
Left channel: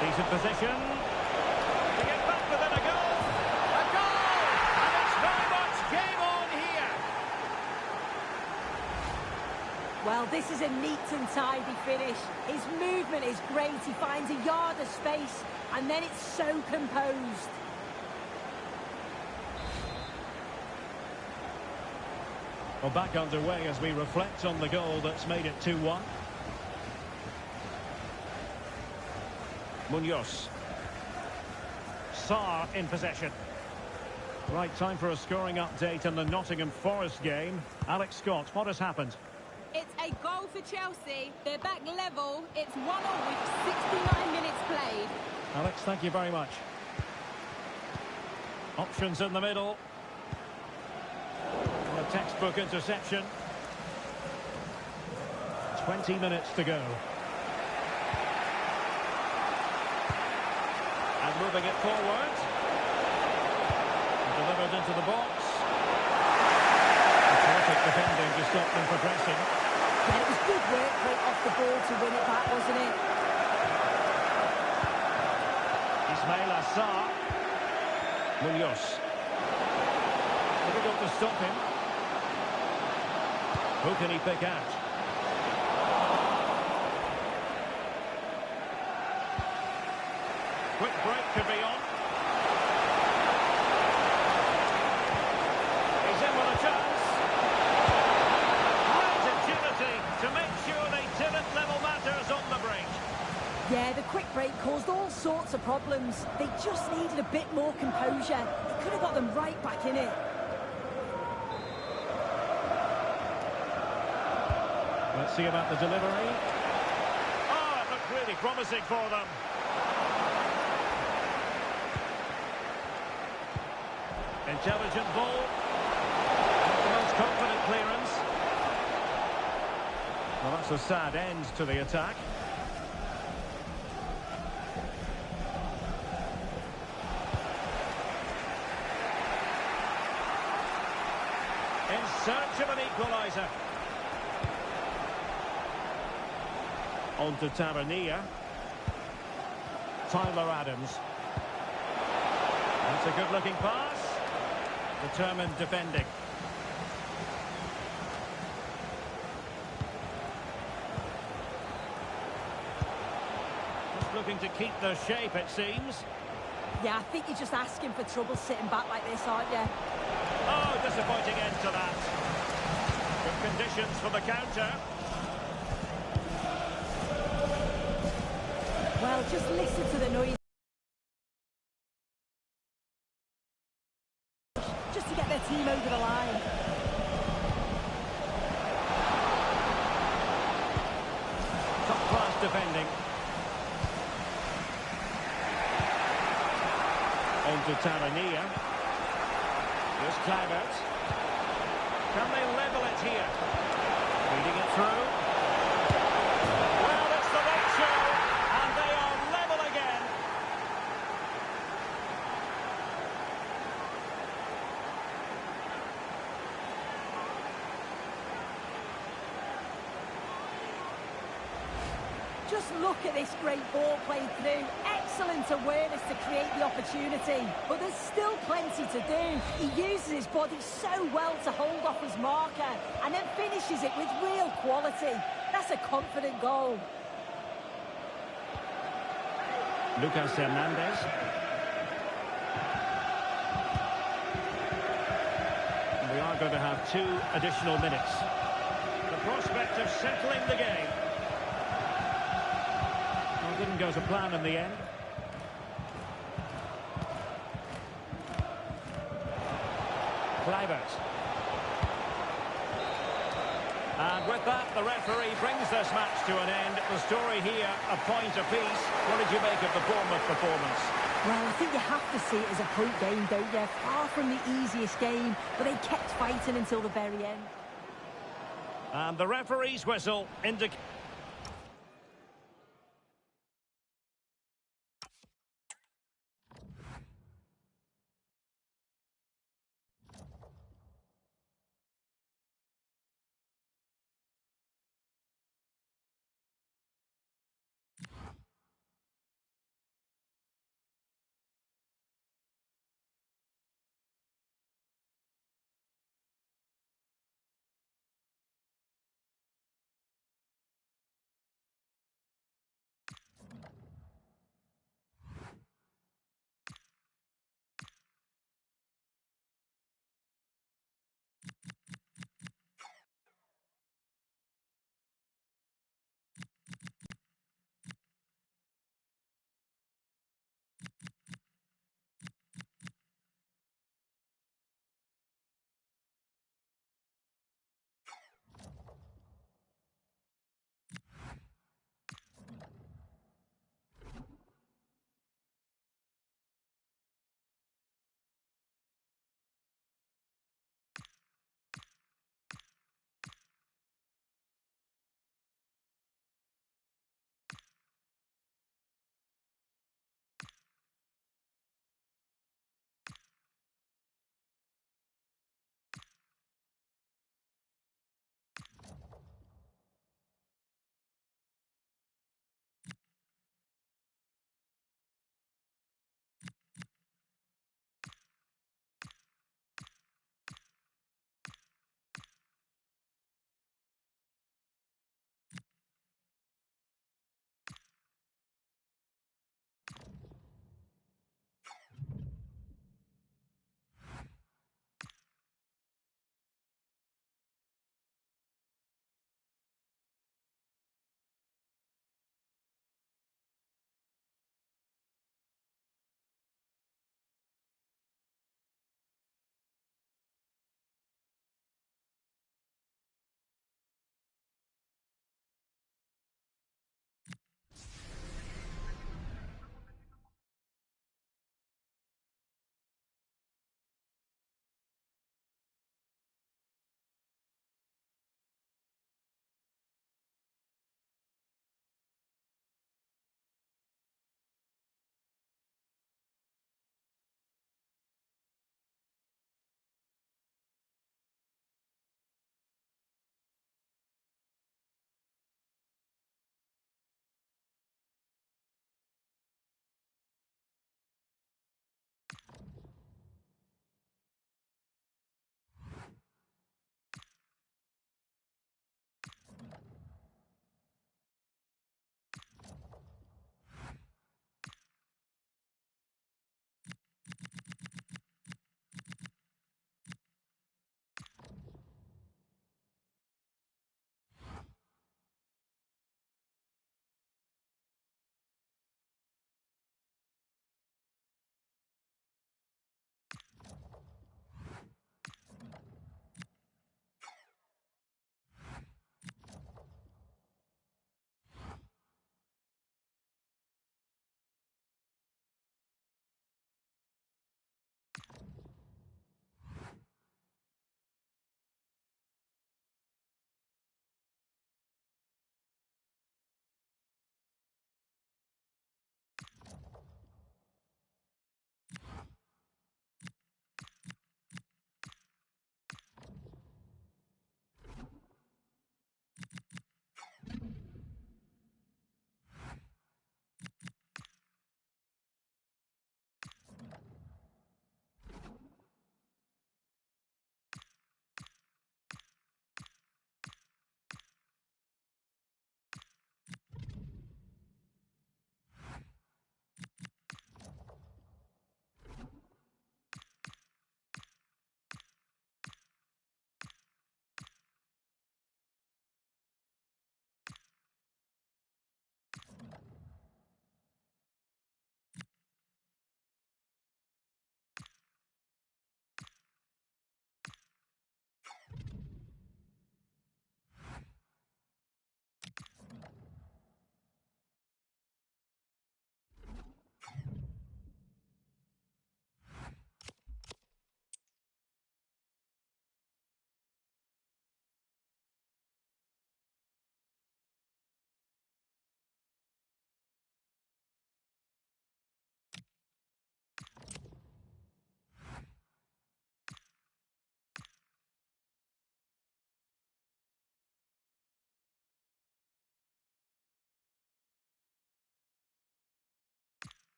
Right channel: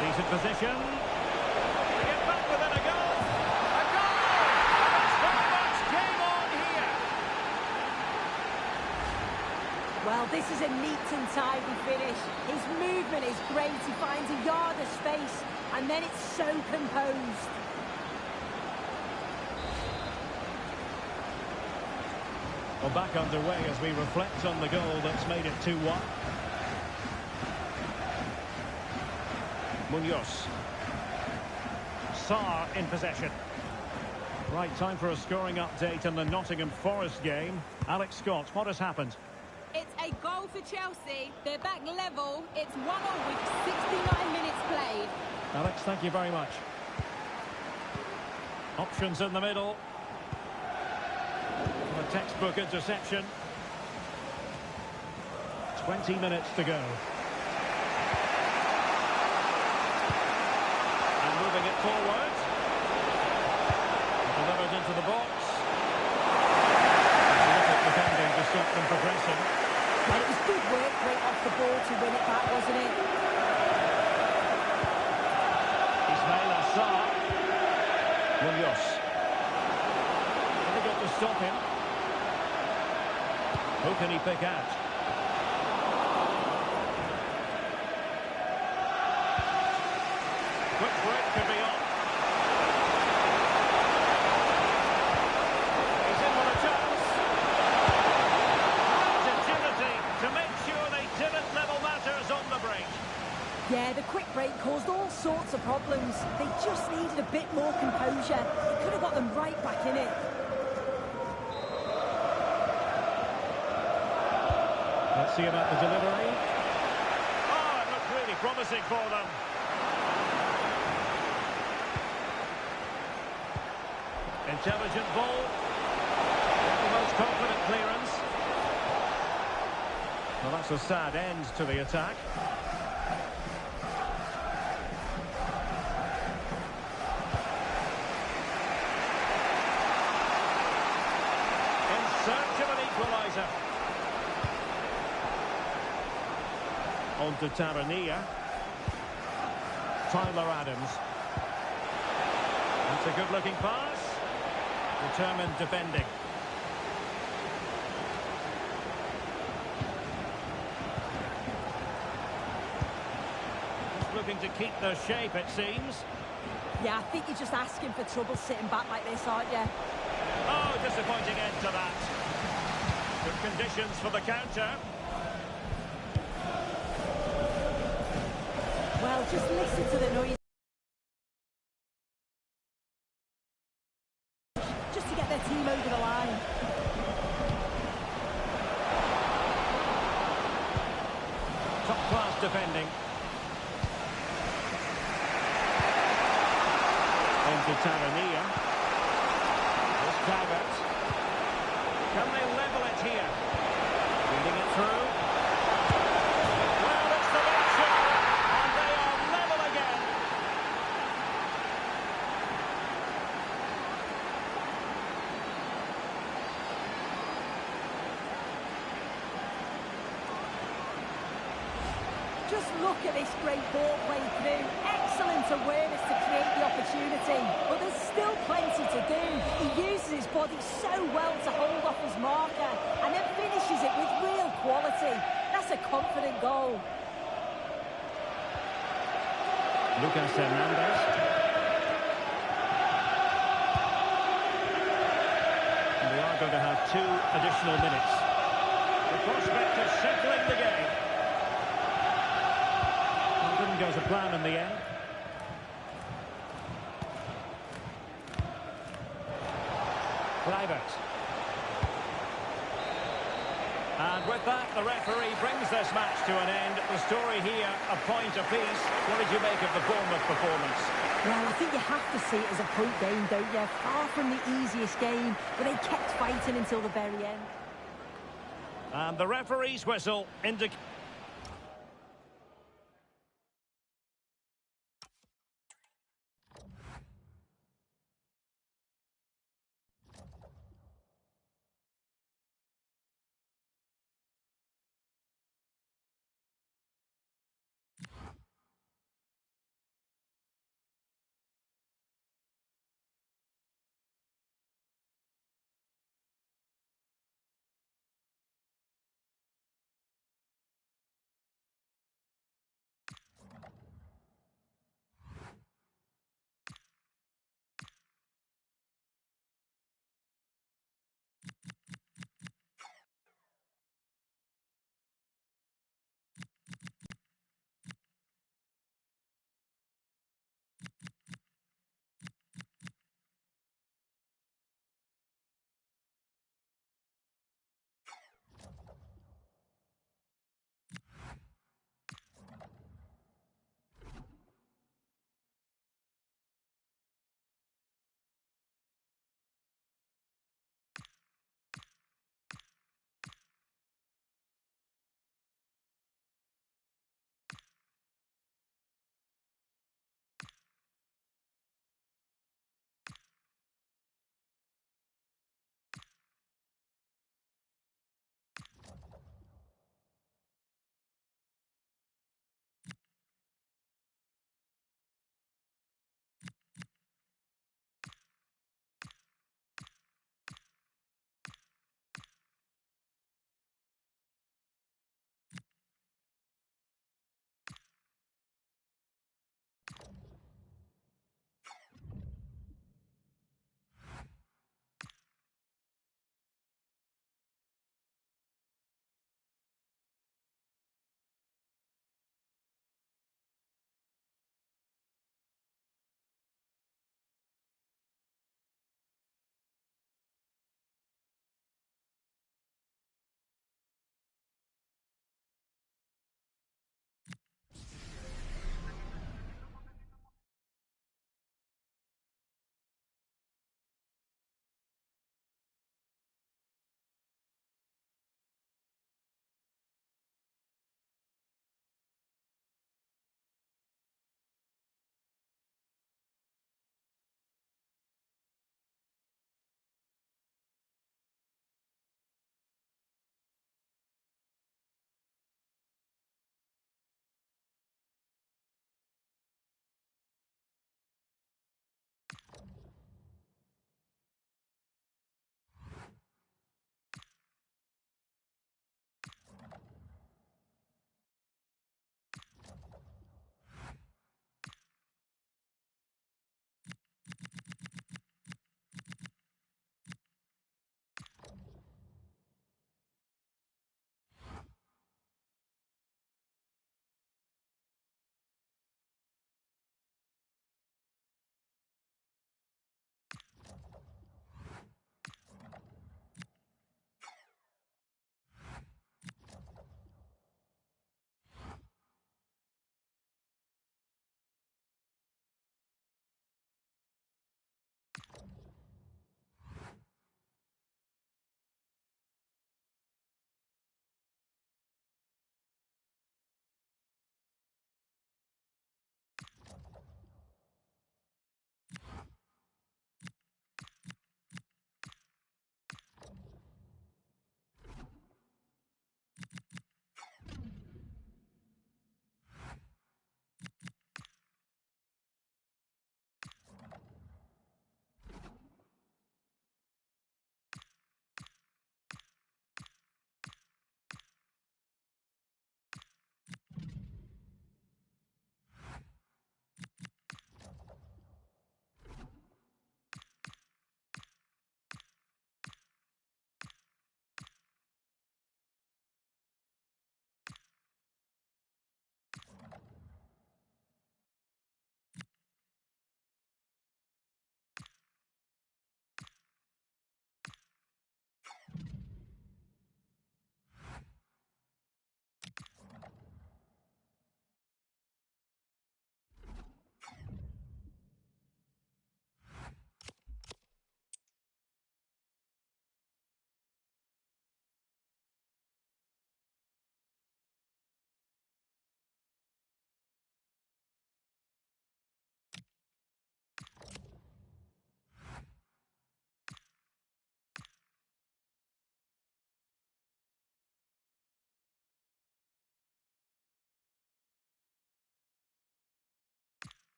Decent position. To get back within a goal. A goal! And it's very much game on here. Well, this is a neat and tidy finish. His movement is great. He finds a yard of space, and then it's so composed. Well, back underway as we reflect on the goal that's made it 2-1. Munoz. Sarr in possession. Right, time for a scoring update in the Nottingham Forest game. Alex Scott, what has happened? It's a goal for Chelsea. They're back level. It's 1-0 with 69 minutes played. Alex, thank you very much. Options in the middle. And a textbook interception. 20 minutes to go. And moving it forward. Delivered into the box. A terrific defending to stop them progressing. Yeah, it was good work right off the ball to win it back, wasn't it? Ismail Assar. Munoz. Difficult to stop him. Who can he pick out? Quick break could be on. He's in with a chance. Great agility to make sure they didn't level matters on the break. Yeah, the quick break caused all sorts of problems. They just needed a bit more composure. It could have got them right back in it. Let's see about the delivery. Oh, it looked really promising for them. Intelligent ball. Not the most confident clearance. Well, that's a sad end to the attack. In search of an equaliser. On to Tavernier. Tyler Adams. That's a good-looking pass. Determined defending. Just looking to keep the shape, it seems. Yeah, I think you're just asking for trouble sitting back like this, aren't you? Oh, disappointing end to that. Good conditions for the counter. Well, just listen to the noise. Just to get their team over the line. Top-class defending. On to Tavernier. Just Kluivert. Can they level it here? Feeding it through. Well, it's the late show, and they are level again. Just look at this great ball played through. Excellent awareness to create the opportunity. But there's still plenty to do. He uses his body so well to hold off his marker and then finishes it with real quality. That's a confident goal. Lucas Hernandez. And we are going to have 2 additional minutes. The prospect of settling the game. Well, didn't go to plan in the end. Kluivert. And with that, the referee brings this match to an end. The story here, a point apiece. What did you make of the Bournemouth performance? Well, I think you have to see it as a point game, don't you? Far from the easiest game, but they kept fighting until the very end. And the referee's whistle indicates...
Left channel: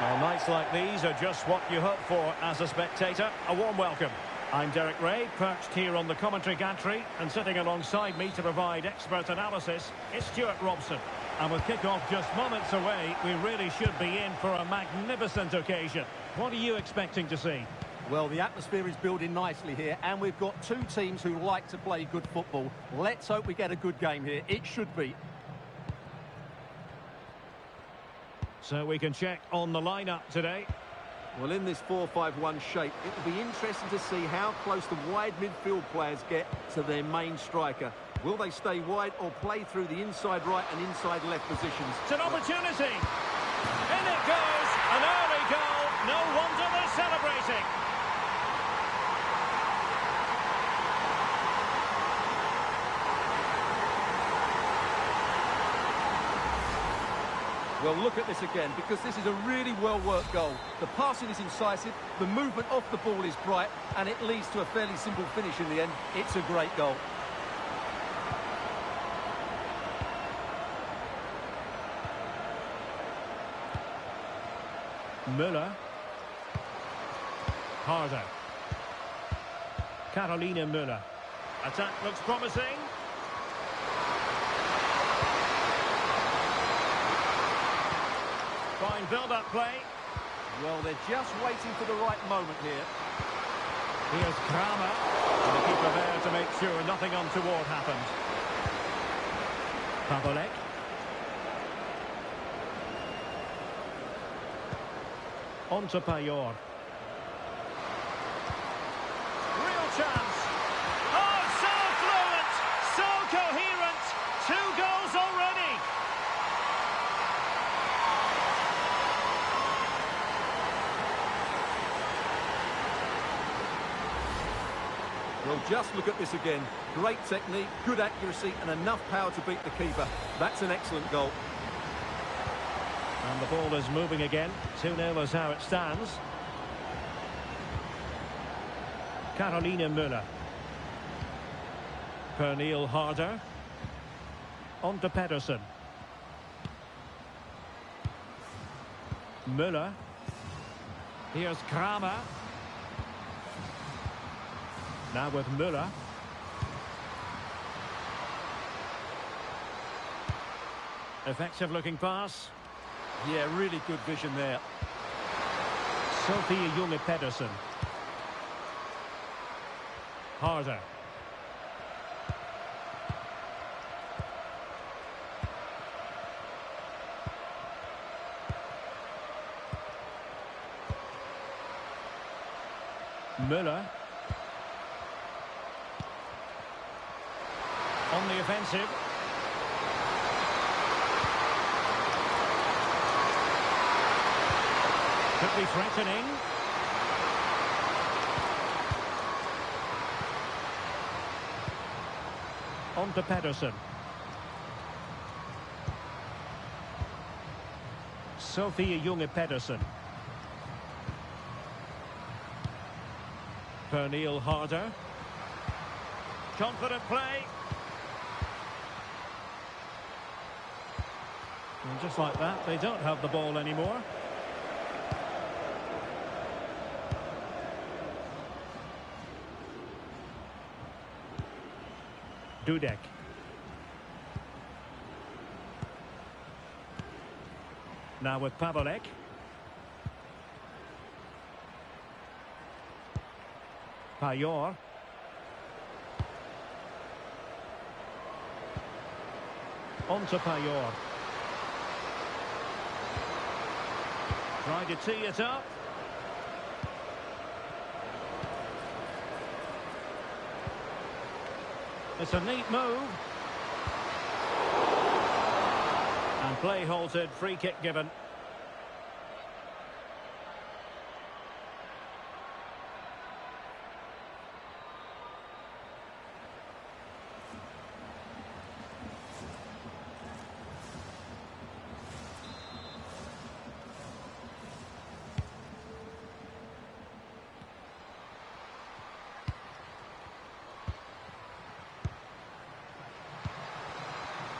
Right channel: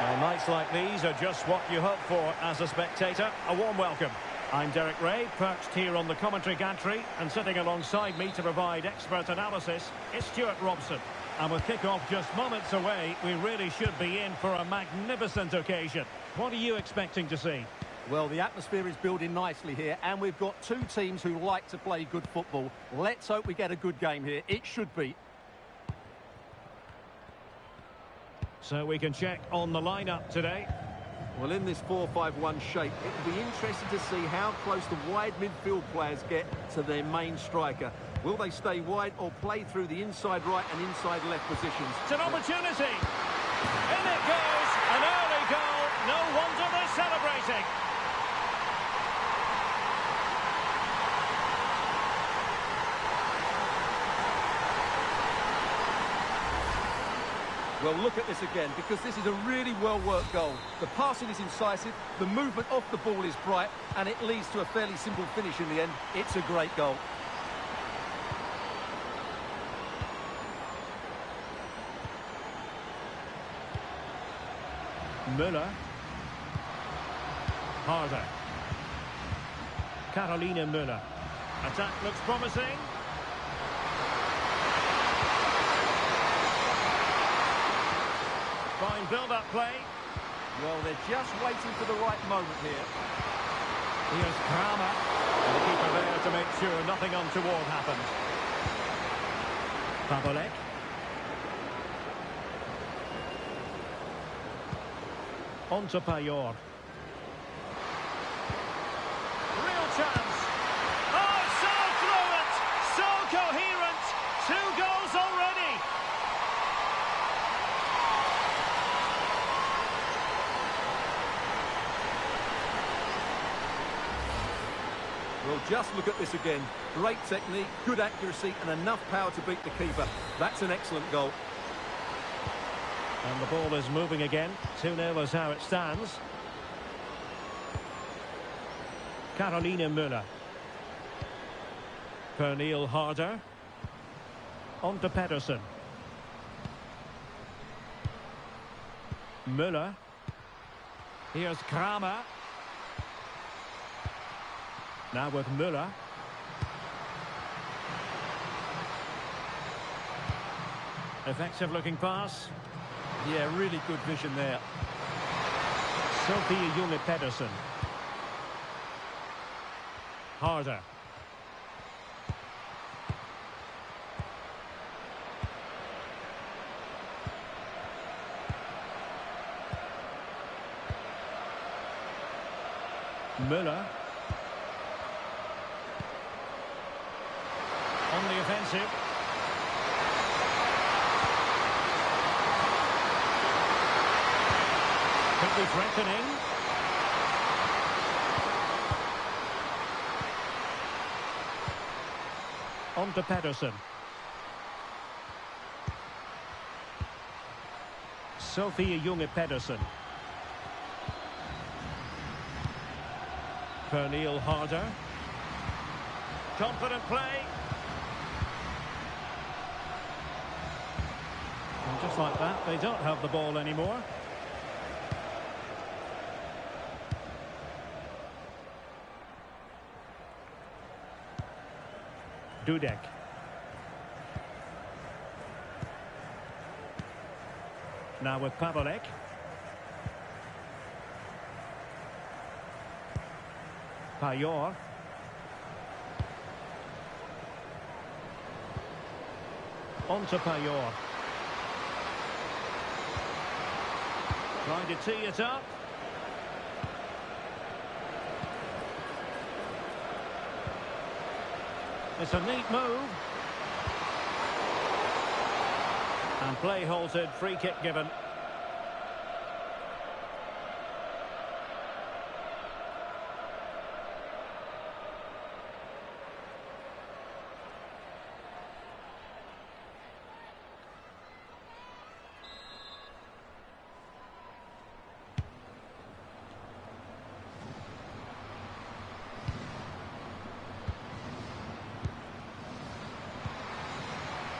Well, nights like these are just what you hope for as a spectator. A warm welcome. I'm Derek Ray, perched here on the commentary gantry, and sitting alongside me to provide expert analysis is Stuart Robson. And with kick-off just moments away, we really should be in for a magnificent occasion. What are you expecting to see? Well, the atmosphere is building nicely here, and we've got two teams who like to play good football. Let's hope we get a good game here. It should be. So we can check on the lineup today. Well, in this 4-5-1 shape, it will be interesting to see how close the wide midfield players get to their main striker. Will they stay wide or play through the inside right and inside left positions? It's an opportunity. In it goes. An early goal. No wonder they're celebrating. Well, look at this again, because this is a really well-worked goal. The passing is incisive, the movement off the ball is bright, and it leads to a fairly simple finish in the end. It's a great goal. Müller. Harder. Carolina Müller. Attack looks promising. Fine build-up play. Well, they're just waiting for the right moment here. Here's Kramer. And the keeper there to make sure nothing untoward happens. Pavolek. On to Payor. Real chance. Oh, so fluent, so coherent. 2 goals already. Well, just look at this again. Great technique, good accuracy, and enough power to beat the keeper. That's an excellent goal. And the ball is moving again. 2-0 is how it stands. Carolina Müller. Pernille Harder. On to Pedersen. Müller. Here's Kramer. Now with Müller. Effective looking pass. Yeah, really good vision there. Sophie Junge Pedersen. Harder. Müller. On the offensive. Could be threatening. On to Pedersen. Sophie Junge Pedersen. Pernille Harder. Confident play. And just like that, they don't have the ball anymore. Dudek. Now with Pavolek. Payor. On to Payor. Trying to tee it up. It's a neat move. And play halted, free kick given.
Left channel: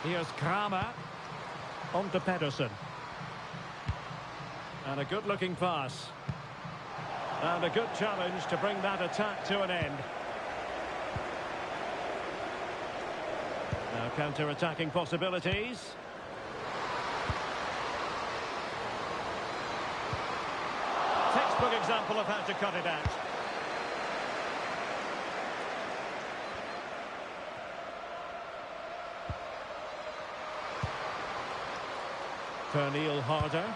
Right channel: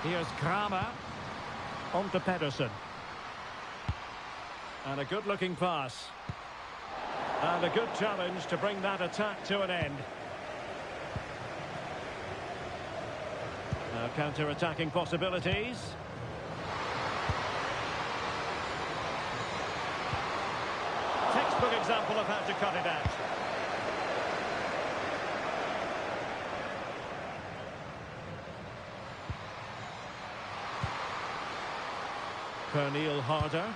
Here's Kramer. On to Pedersen. And a good-looking pass. And a good challenge to bring that attack to an end. Now counter-attacking possibilities. Textbook example of how to cut it out. Pernille Harder.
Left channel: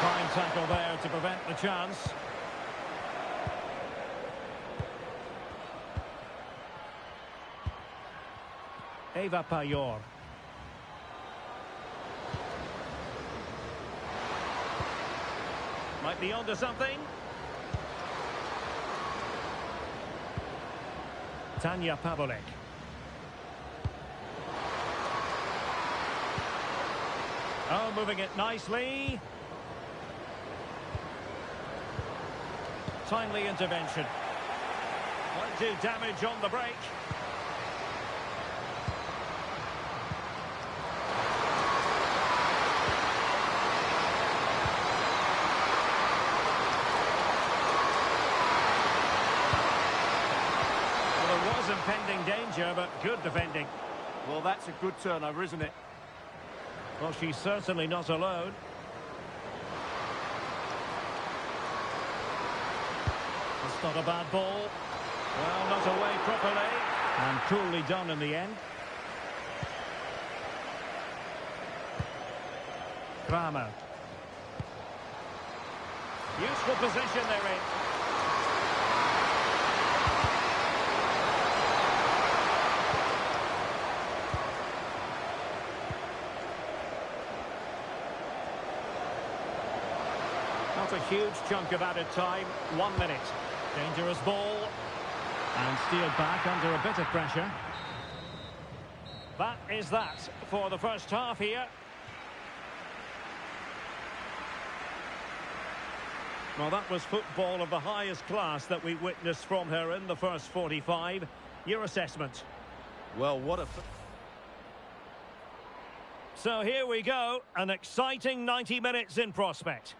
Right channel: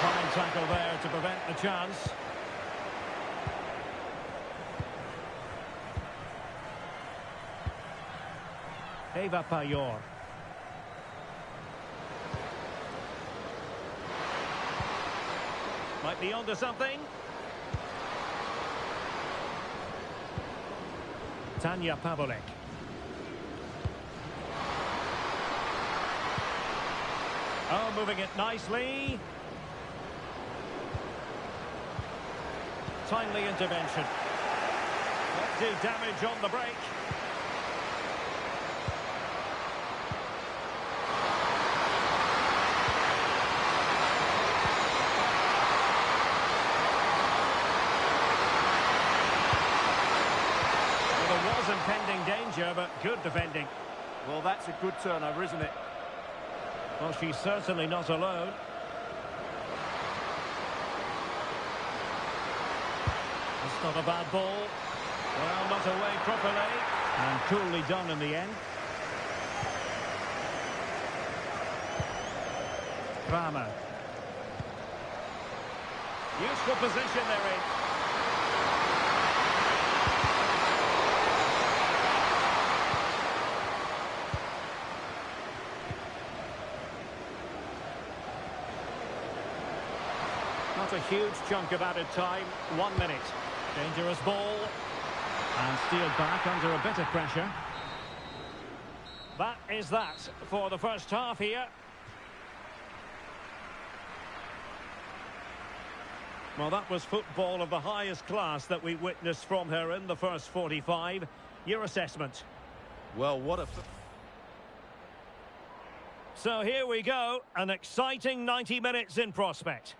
Fine tackle there to prevent the chance. Eva Payor. Might be onto something. Tanja Pavolek. Oh, moving it nicely. Timely intervention. Might do damage on the break. Well, there was impending danger, but good defending. Well, that's a good turnover, isn't it? Well, she's certainly not alone. That's not a bad ball. Well, not away properly. And coolly done in the end. Kramer. Useful position they're in. Not a huge chunk of added time. 1 minute. Dangerous ball. And steered back under a bit of pressure. That is that for the first half here. Well, that was football of the highest class that we witnessed from her in the first 45. Your assessment? Well, what a... So here we go. An exciting 90 minutes in prospect.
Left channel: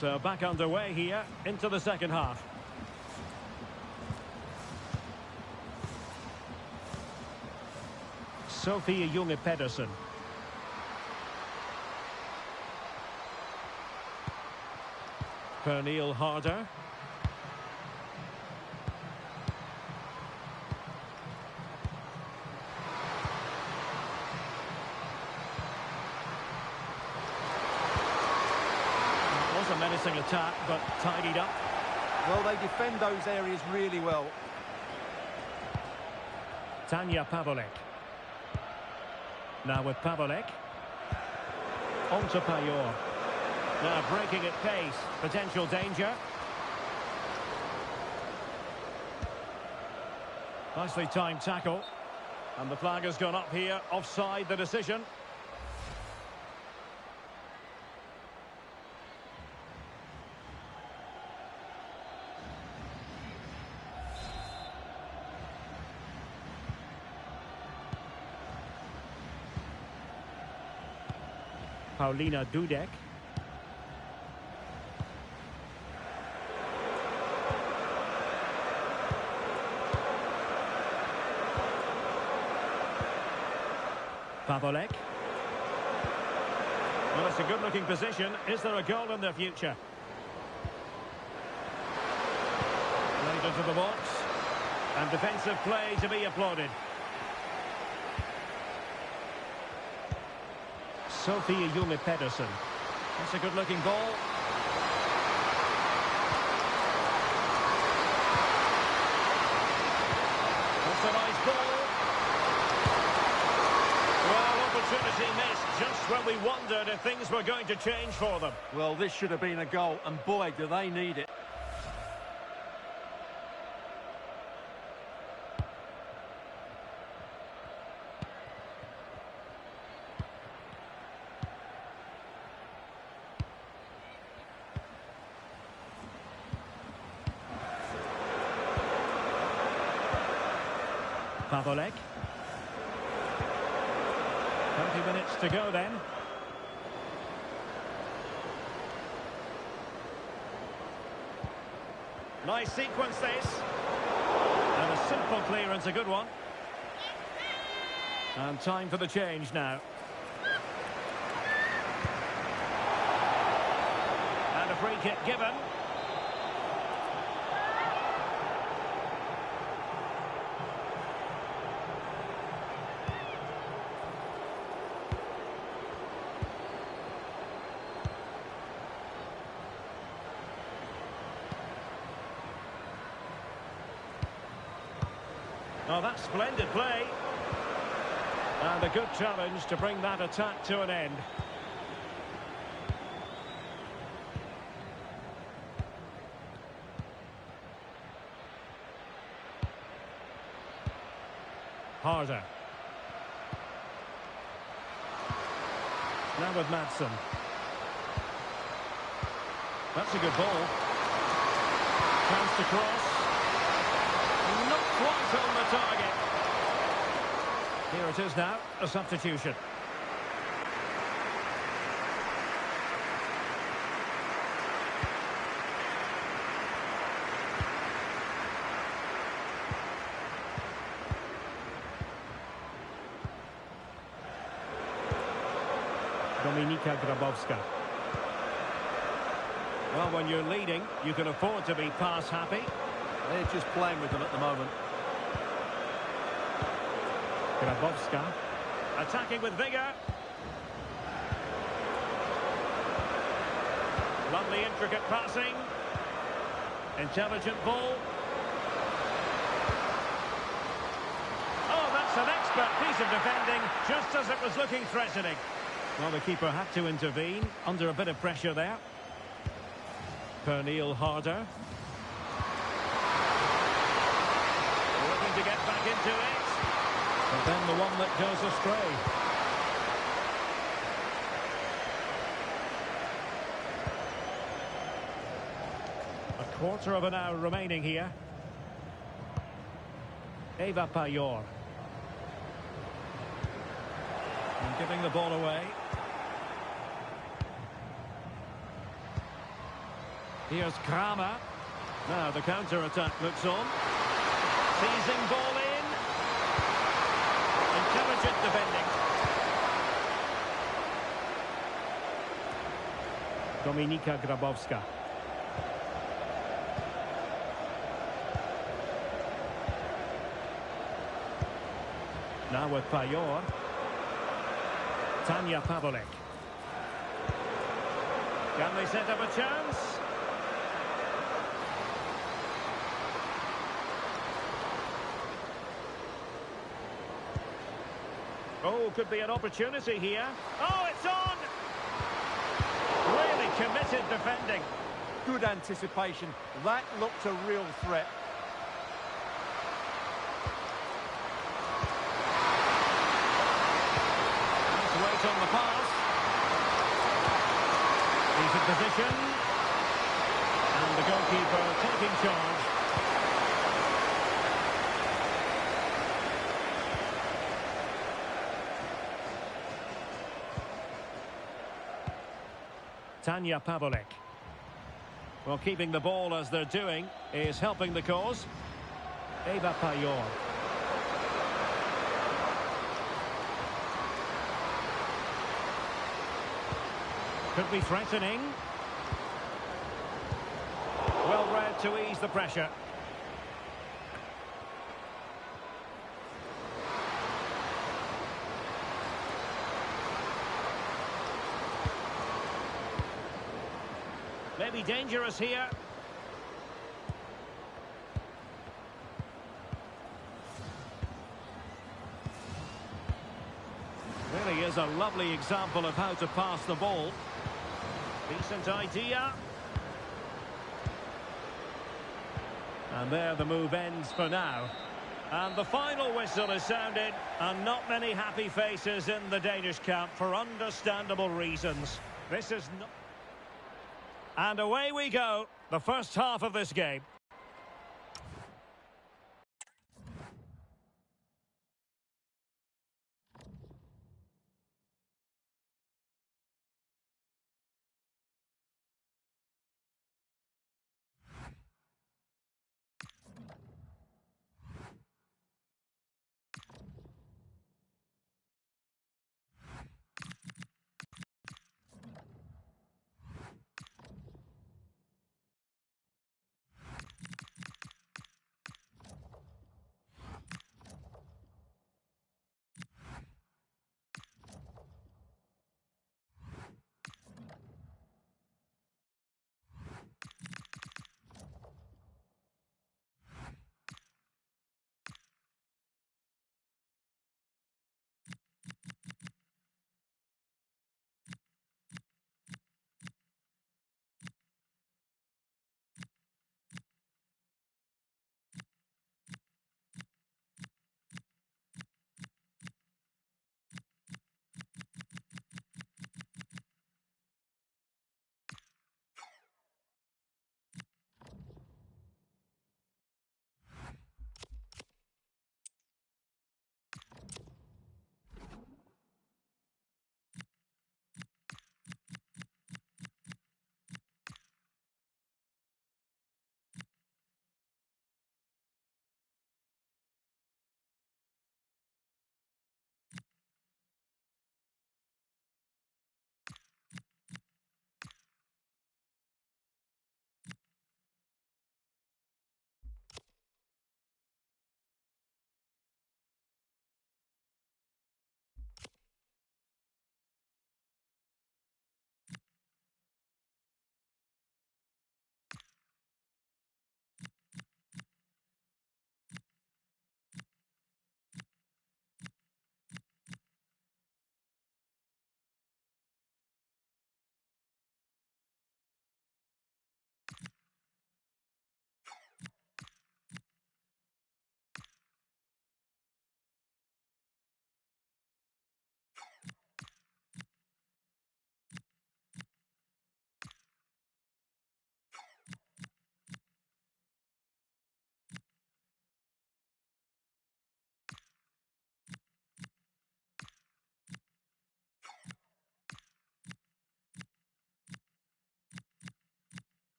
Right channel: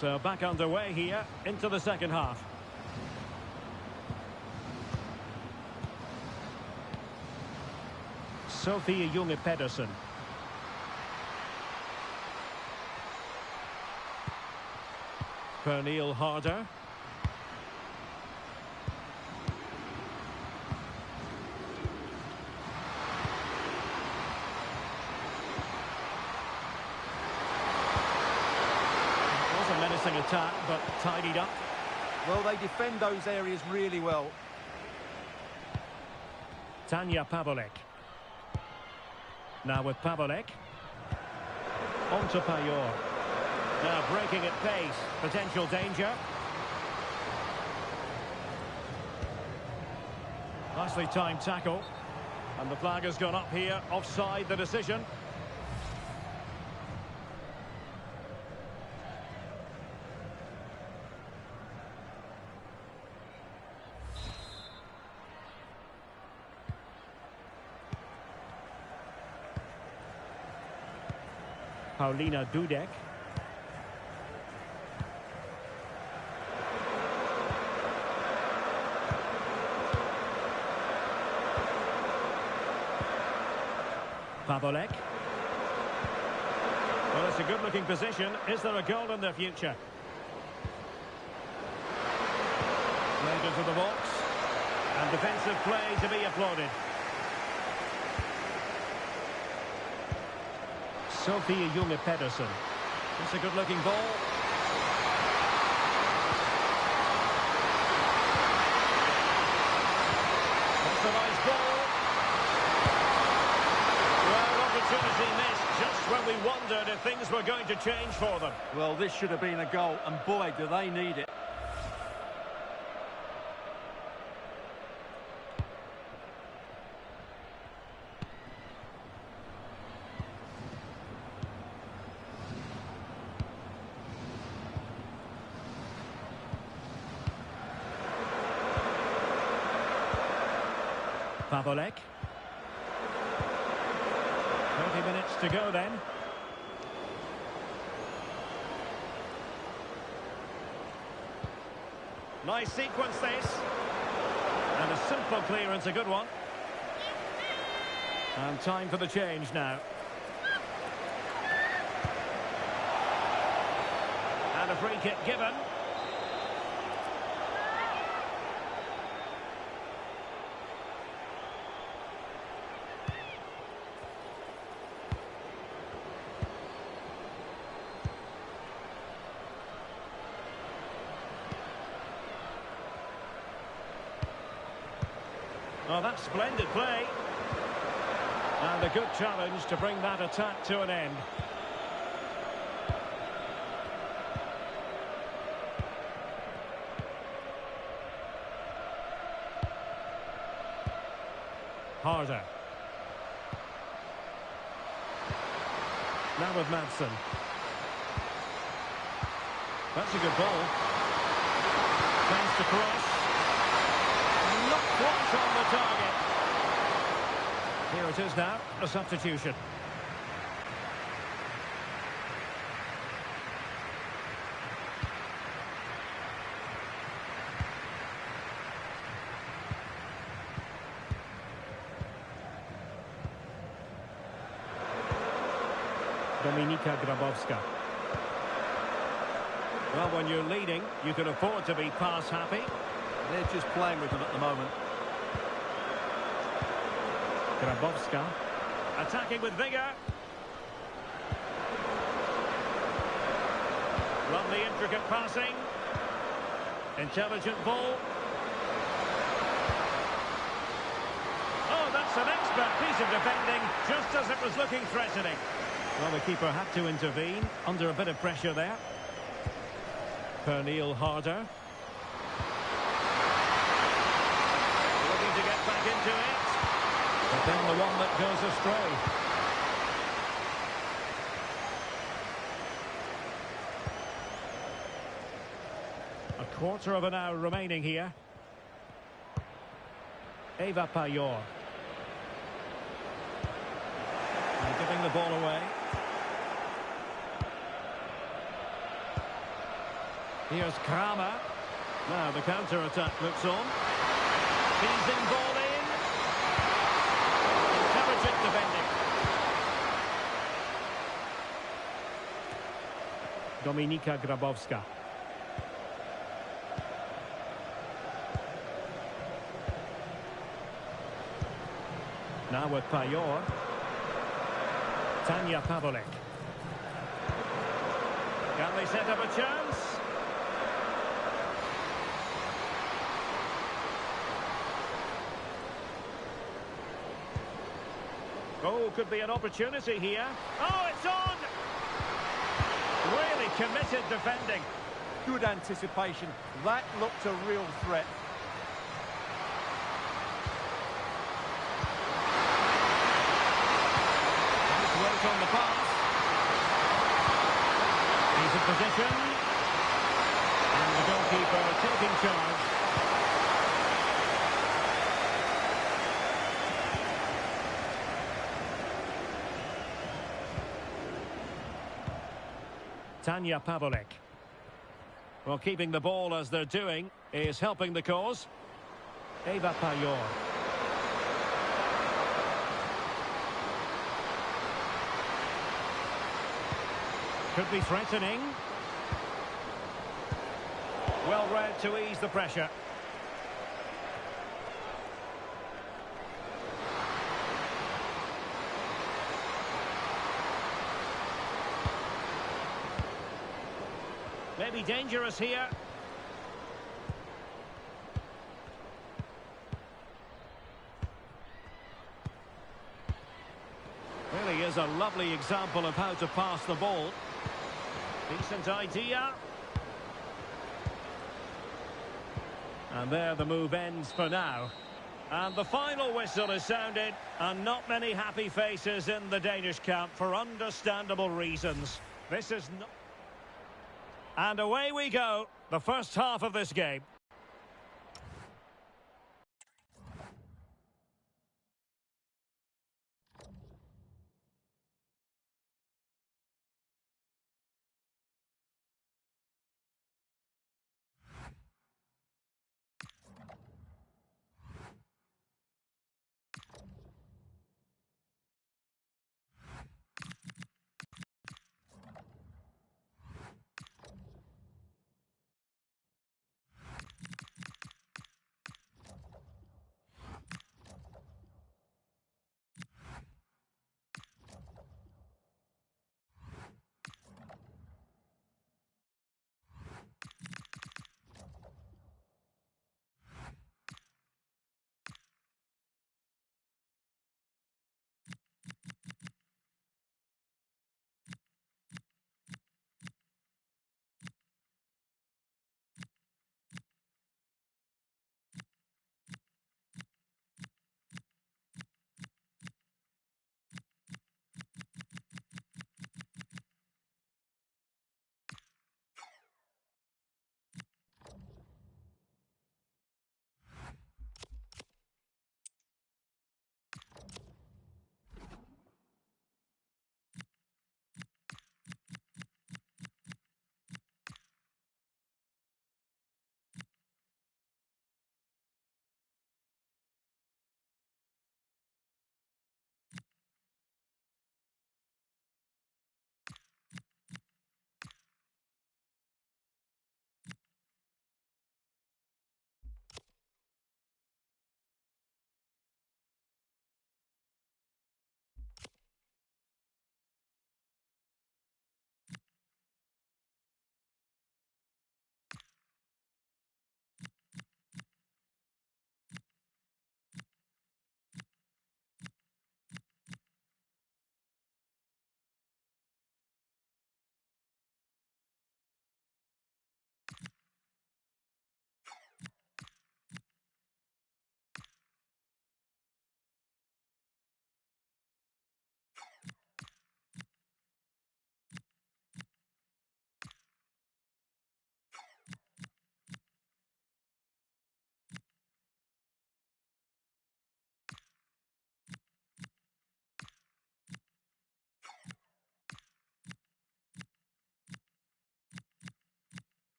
So back underway here into the second half. Sophie Junge Pedersen. Pernille Harder. It was a menacing attack, but tidied up. Well, they defend those areas really well. Tanja Pavolek. Now with Pavolek. On to Payor. Now breaking at pace. Potential danger. Nicely timed tackle. And the flag has gone up here. Offside the decision. Paulina Dudek. Pavolek. Well, it's a good-looking position. Is there a goal in the future? Played into the box. And defensive play to be applauded. Sophie Junge Pedersen. That's a good-looking ball. That's a nice ball. Well, opportunity missed just when we wondered if things were going to change for them. Well, this should have been a goal, and boy, do they need it. Pavolek. 30 minutes to go then. Nice sequence this. And a simple clearance, a good one. And time for the change now. And a free kick given. Oh, that's splendid play. And a good challenge to bring that attack to an end. Harder. Now with Madsen. That's a good ball. Chance to cross. Not quite on the target. Here it is now, a substitution. Dominika Grabowska. Well, when you're leading, you can afford to be pass happy. They're just playing with them at the moment. Grabowska. Attacking with vigour. Lovely intricate passing. Intelligent ball. Oh, that's an expert piece of defending, just as it was looking threatening. Well, the keeper had to intervene, under a bit of pressure there. Pernille Harder. Looking to get back into it. But then the one that goes astray. A quarter of an hour remaining here. Eva Payor. And giving the ball away. Here's Kramer. Now the counter-attack looks on. Seizing ball in. Intelligent defending. Dominika Grabowska. Now with Payor. Tanya Pavlik. Can they set up a chance? Oh, could be an opportunity here. Oh, it's on! Really committed defending. Good anticipation. That looked a real threat. Nice weight on the pass. Decent position. And the goalkeeper taking charge. Tanya Pavlik. Well, keeping the ball as they're doing is helping the cause. Eva Payor. Could be threatening. Well read to ease the pressure. Maybe dangerous here. Really is a lovely example of how to pass the ball. Decent idea. And there the move ends for now. And the final whistle is sounded, and not many happy faces in the Danish camp for understandable reasons. This is not... And away we go, the first half of this game.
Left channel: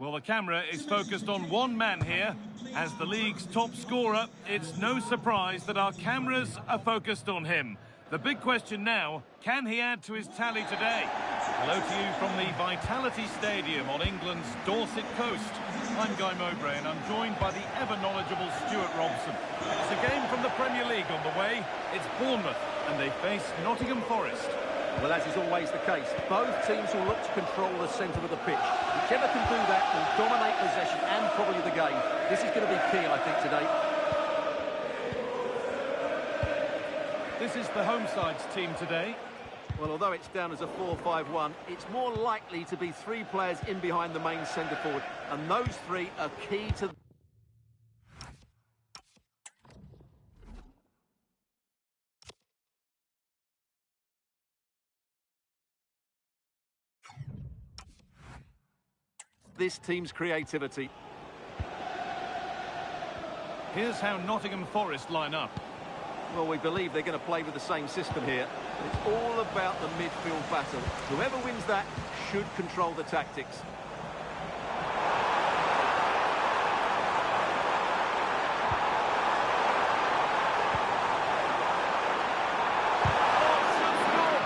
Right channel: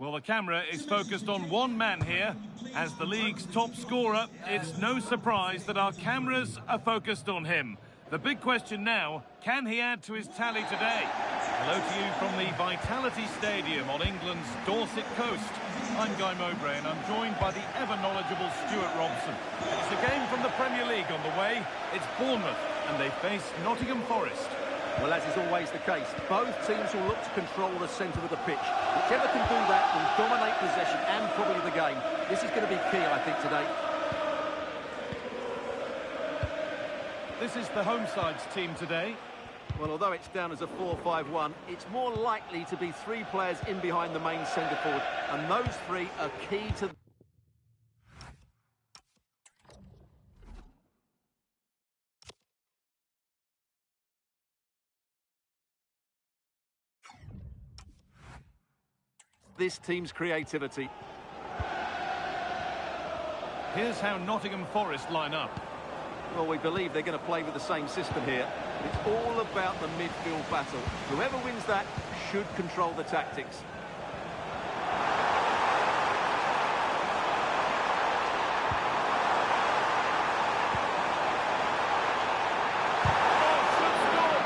Well, the camera is focused on one man here. As the league's top scorer, it's no surprise that our cameras are focused on him. The big question now, can he add to his tally today? Hello to you from the Vitality Stadium on England's Dorset coast. I'm Guy Mowbray and I'm joined by the ever-knowledgeable Stuart Robson. And it's a game from the Premier League on the way. It's Bournemouth and they face Nottingham Forest. Well, as is always the case, both teams will look to control the centre of the pitch. Whichever can do that will dominate possession and probably the game. This is going to be key, I think, today. This is the home side's team today. Well, although it's down as a 4-5-1, it's more likely to be three players in behind the main centre forward. And those three are key to... this team's creativity. Here's how Nottingham Forest line up. Well, we believe they're going to play with the same system here, but it's all about the midfield battle. Whoever wins that should control the tactics. Oh, should score!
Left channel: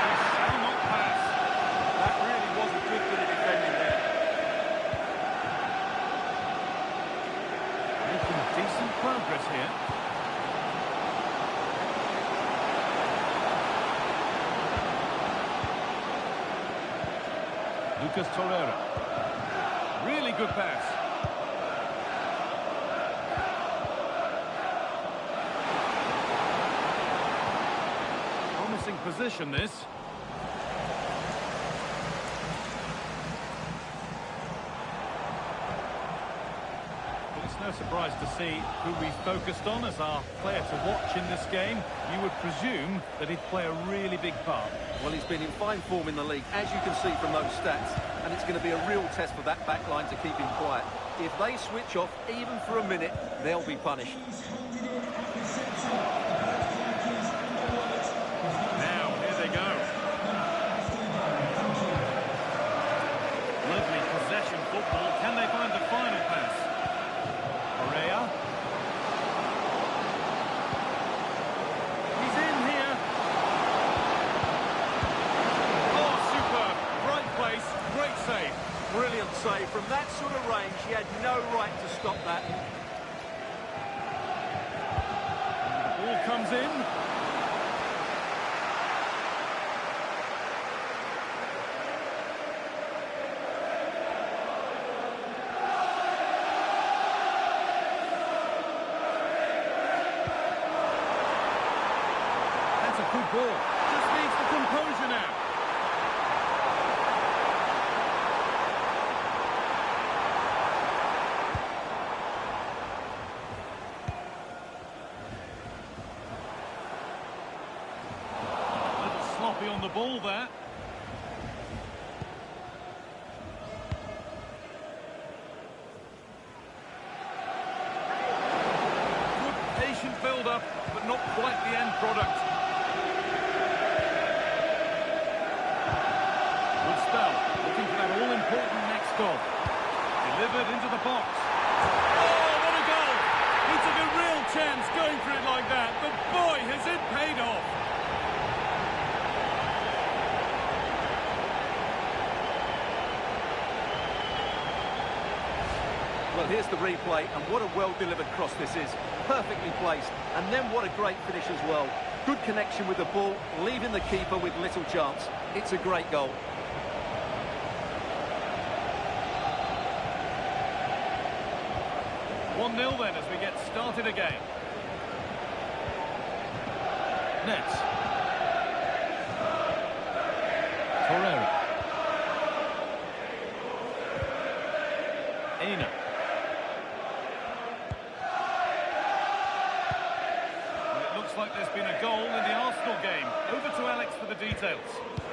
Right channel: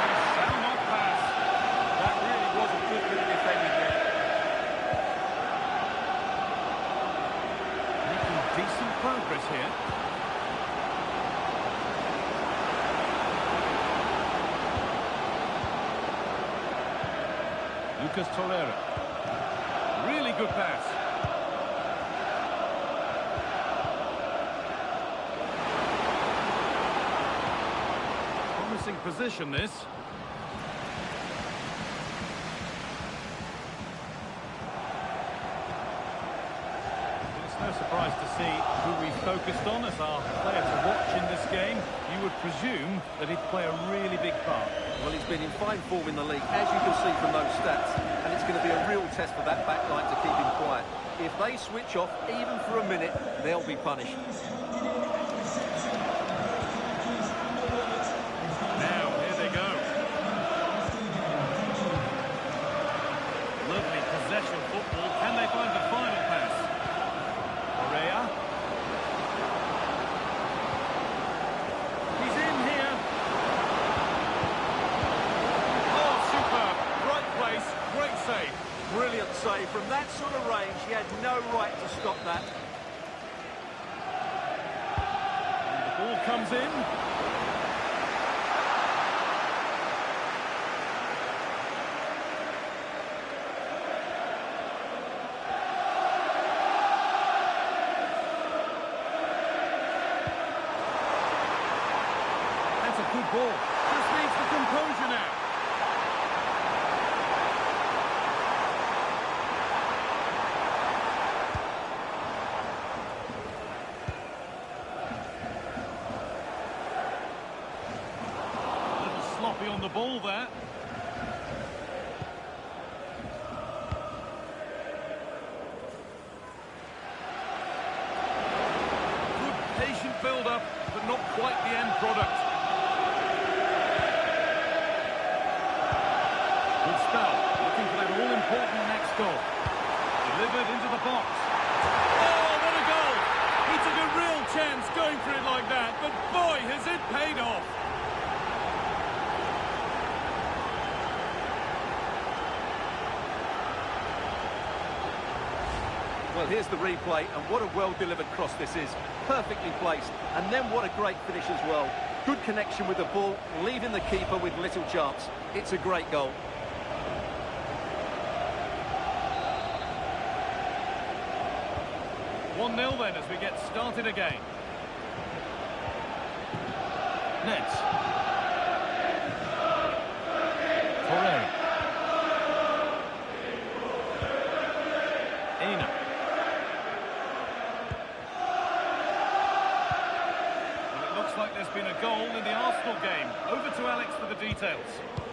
He shall not pass. That really was a good bit of defending there. Making decent progress here. Lucas Torreira. Really good pass. Promising position, this. Well, it's no surprise to see who we focused on as our player to watch in this game. You would presume that he'd play a really big part. Well, he's been in fine form in the league, as you can see from those stats, and it's going to be a real test for that back line to keep him quiet. If they switch off, even for a minute, they'll be punished. Now, here they go. Lovely possession football. Can they find the final pass? Correa. He's in here. Right place, great save. Brilliant save. From that sort of range, he had no right to stop that. And the ball comes in. That's a good ball. Just needs the composure now. Sloppy on the ball there. Good patient build-up, but not quite the end product. Good spell, looking for that all-important next goal. Delivered into the box. Oh, what a goal! He took a real chance going for it like that, but boy, has it paid off. Well, here's the replay, and what a well-delivered cross this is. Perfectly placed, and then what a great finish as well. Good connection with the ball, leaving the keeper with little chance. It's a great goal. One-nil then as we get started again. Nets. Torreira. Aina. Looks like there's been a goal in the Arsenal game. Over to Alex for the details.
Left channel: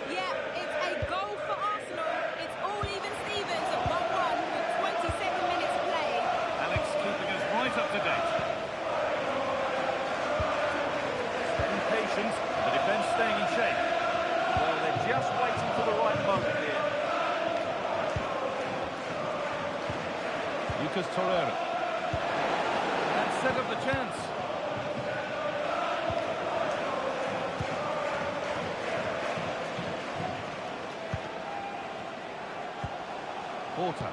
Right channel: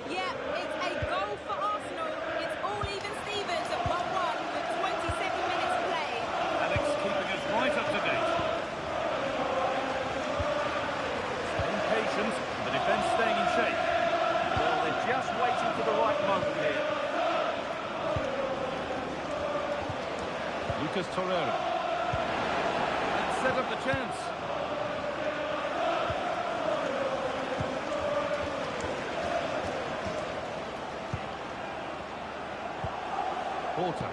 Yeah, it's a goal for Arsenal. It's all even Stevens at 1-1 with 27 minutes played. Alex keeping us right up to date. Staying patient, and the defence staying in shape. Well, they're just waiting for the right moment here. Lucas Torreira. That set up the chance. Porter.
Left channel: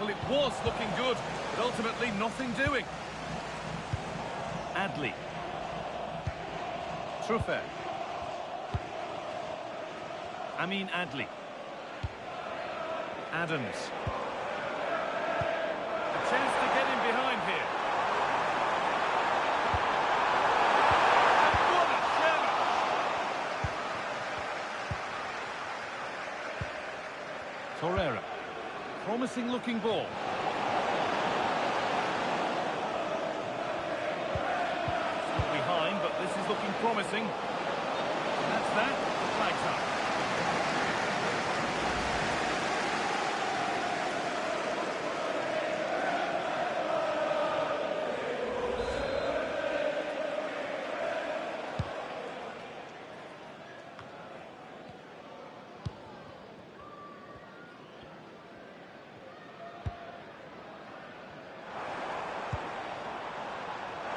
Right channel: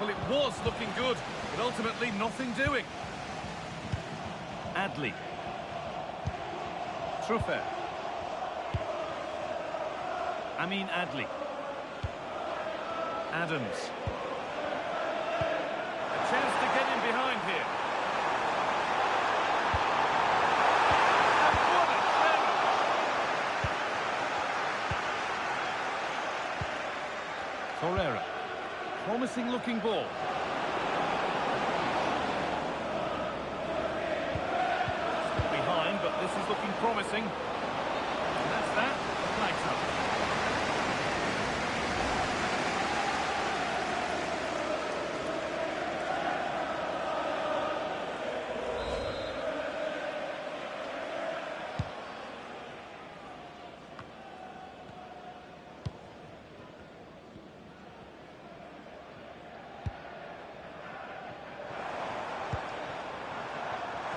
Well, it was looking good, but ultimately nothing doing. Adley. Truffert. Amin Adli. Adams. A chance to get in behind here. And what a challenge! Torreira. Promising looking ball. Still behind, but this is looking promising. And that's that. The flag's up.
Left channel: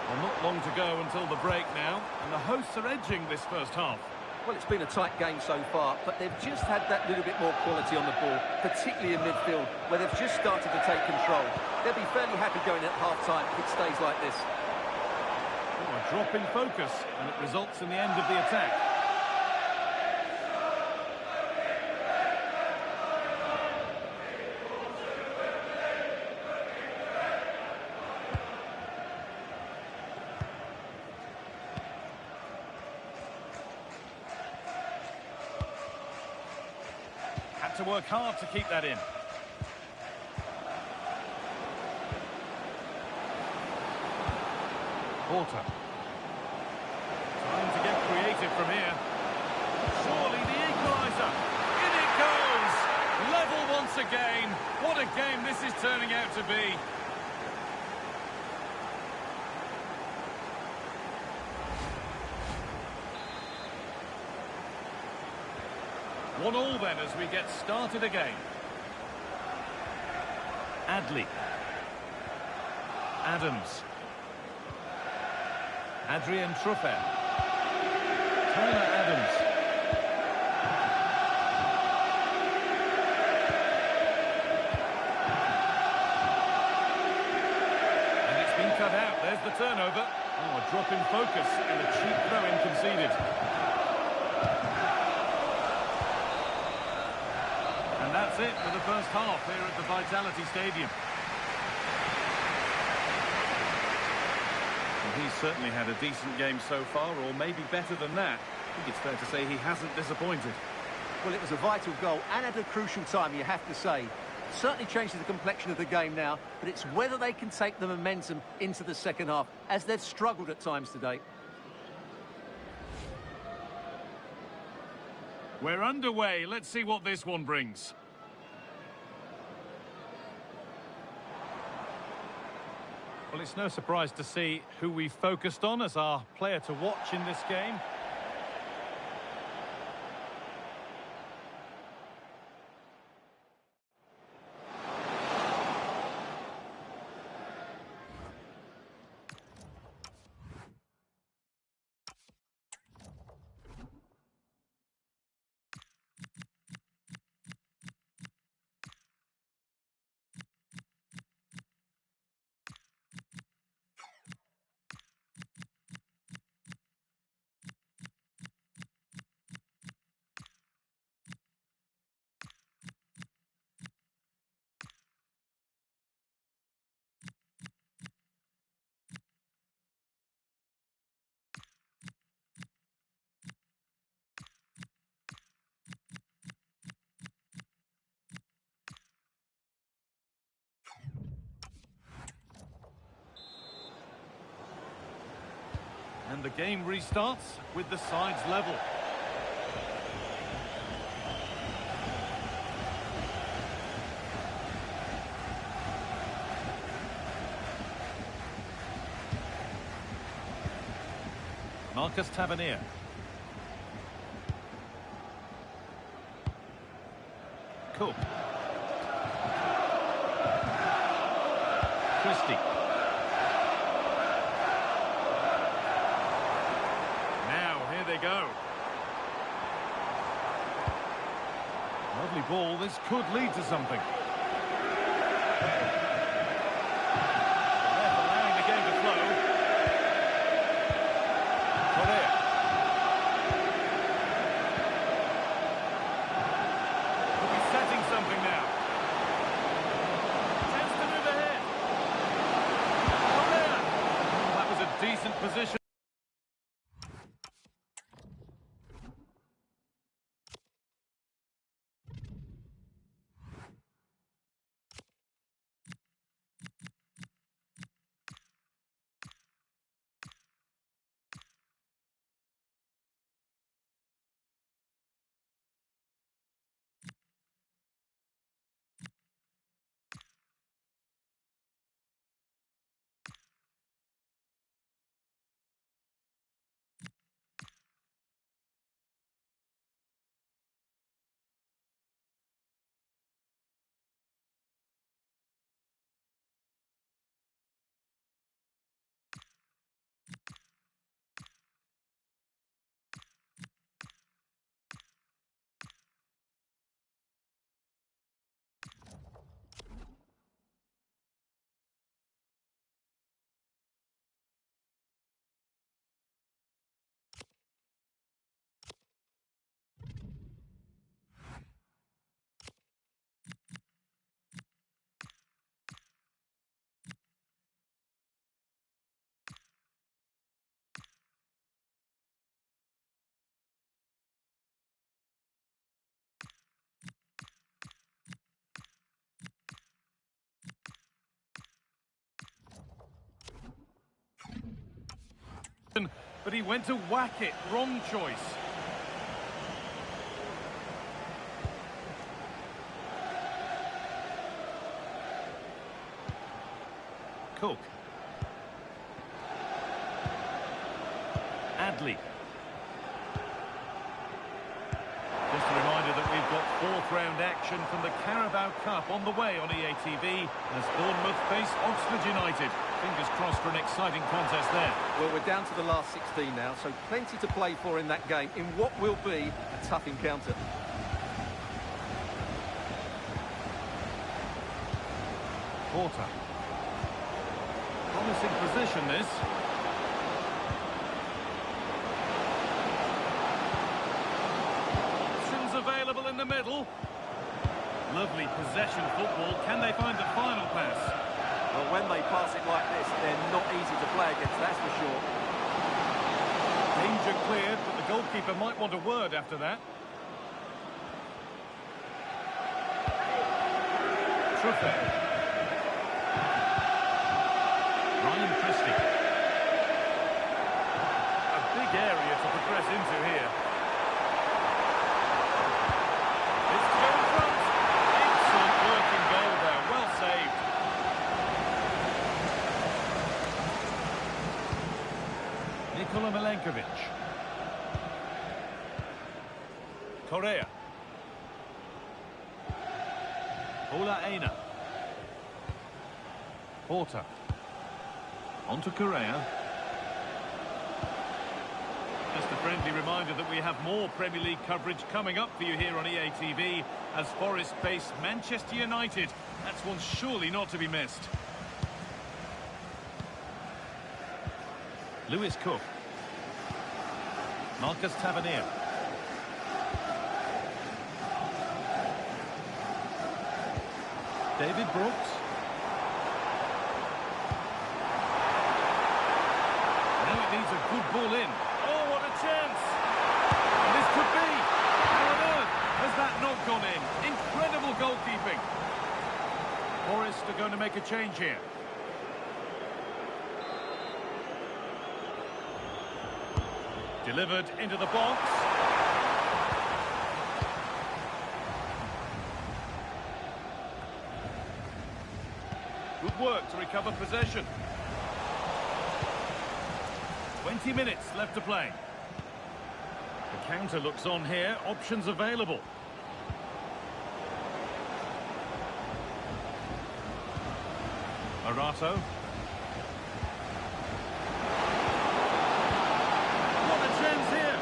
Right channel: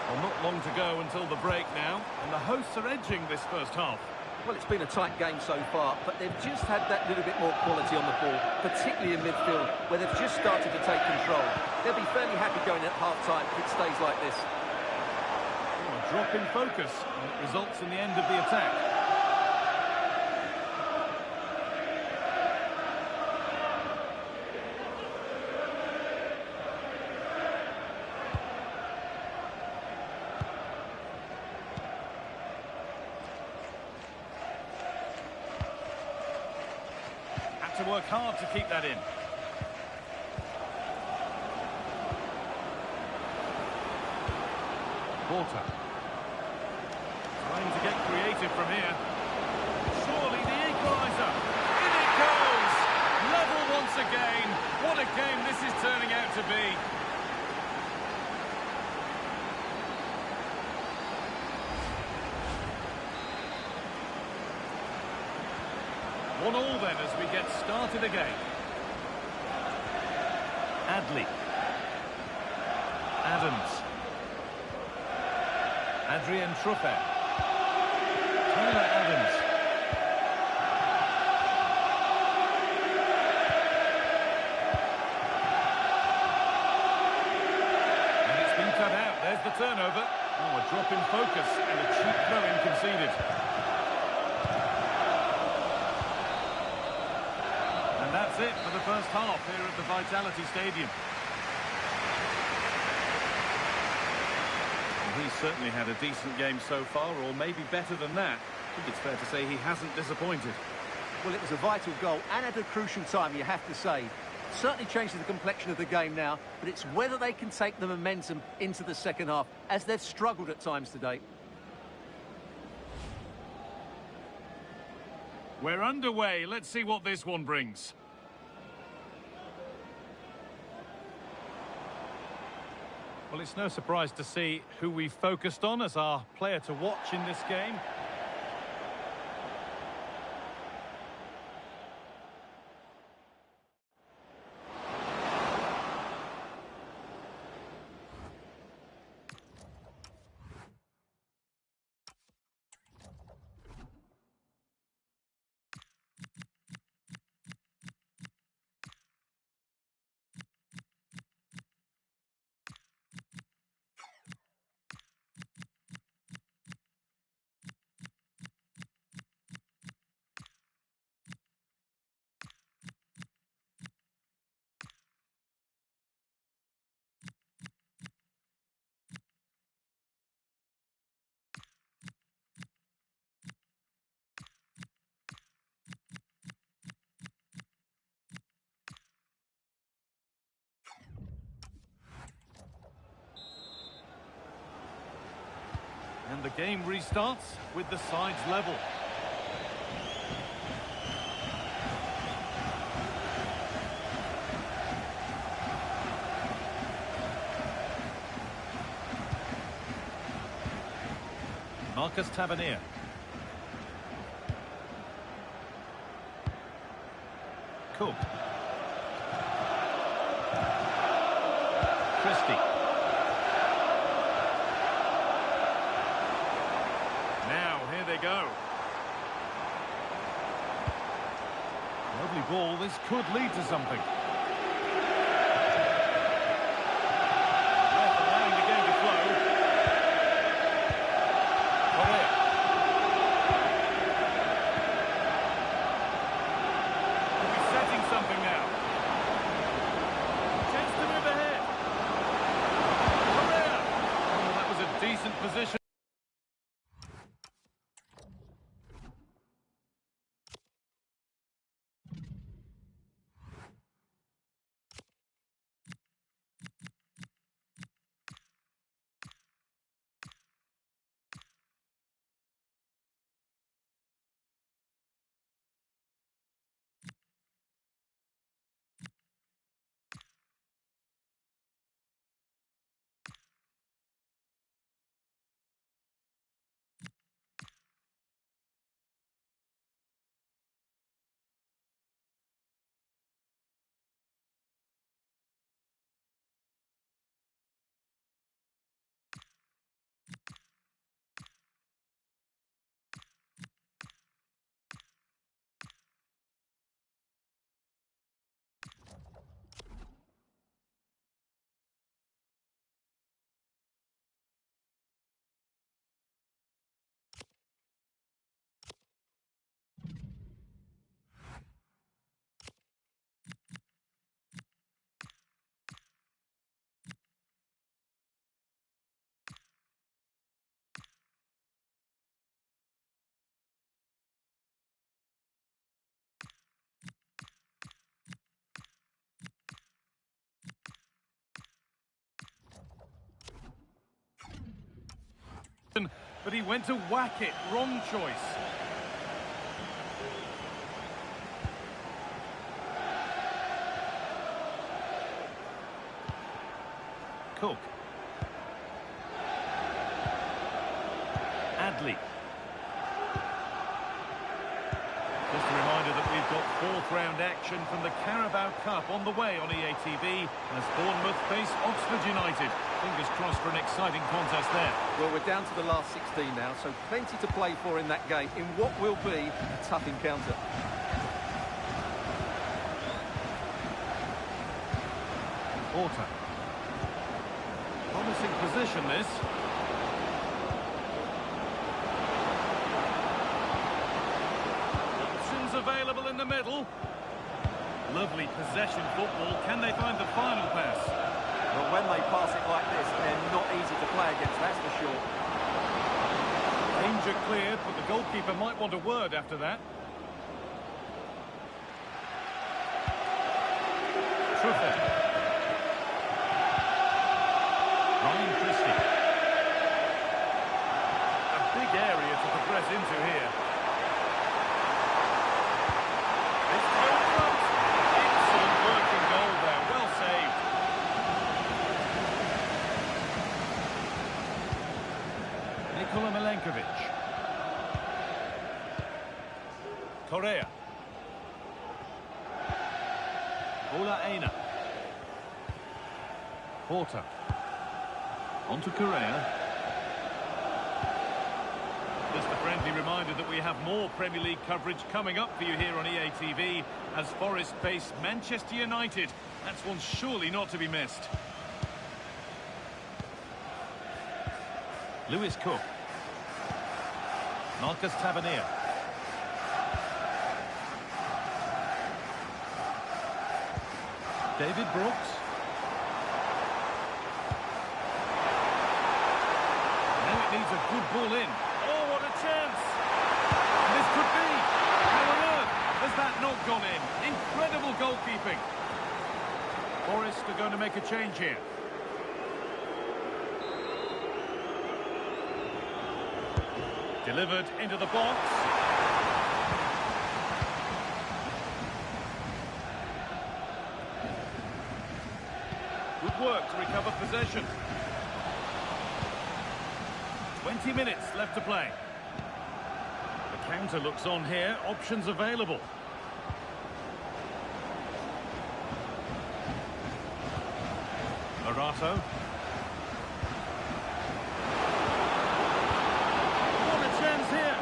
Well, not long to go until the break now, and the hosts are edging this first half. Well, it's been a tight game so far, but they've just had that little bit more quality on the ball, particularly in midfield, where they've just started to take control. They'll be fairly happy going at half-time if it stays like this. Oh, a drop in focus, and it results in the end of the attack. To work hard to keep that in. Porter. Time to get creative from here. Surely the equaliser. In it goes! Level once again. What a game this is turning out to be. One all then as we get started again. Adley. Adams. Adrian Truffert. Tyler Adams. And it's been cut out. There's the turnover. Oh, a drop in focus and a cheap throw-in conceded. And that's it for the first half here at the Vitality Stadium. Well, he's certainly had a decent game so far, or maybe better than that. I think it's fair to say he hasn't disappointed. Well, it was a vital goal and at a crucial time, you have to say. Certainly changes the complexion of the game now, but it's whether they can take the momentum into the second half, as they've struggled at times today. We're underway. Let's see what this one brings. Well, it's no surprise to see who we focused on as our player to watch in this game. And the game restarts with the sides level. Marcus Tavernier. Cook. Christie. Now, here they go. Lovely ball. This could lead to something. The ref allowing the game to flow. Correa. Could be setting something now. Chance to move ahead. Correa. Oh, that was a decent position. But he went to whack it. Wrong choice. Cook. Adley. Just a reminder that we've got fourth round action from the Carabao Cup on the way on EATV as Bournemouth face Oxford United. Fingers crossed for an exciting contest there. Well, we're down to the last 16 now, so plenty to play for in that game, in what will be a tough encounter. Porter. Promising position, this. Options available in the middle. Lovely possession football. Can they find the final pass? Well, when they pass it like this, they're not easy to play against, that's for sure. Danger cleared, but the goalkeeper might want a word after that. Truffet. Ryan Christie. A big area to progress into here. It's to go in front. Excellent working goal there. Well saved. Nikola Milenkovic. Correa. Ola Aina. Porter. On to Correa. Just a friendly reminder that we have more Premier League coverage coming up for you here on EATV as Forest face Manchester United. That's one surely not to be missed. Lewis Cook. Marcus Tavernier. David Brooks. Now it needs a good ball in. Oh, what a chance! And this could be. How on earth has that not gone in? Incredible goalkeeping. Forest are going to make a change here. Delivered into the box. Good work to recover possession. 20 minutes left to play. The counter looks on here. Options available. Arato. What a chance here.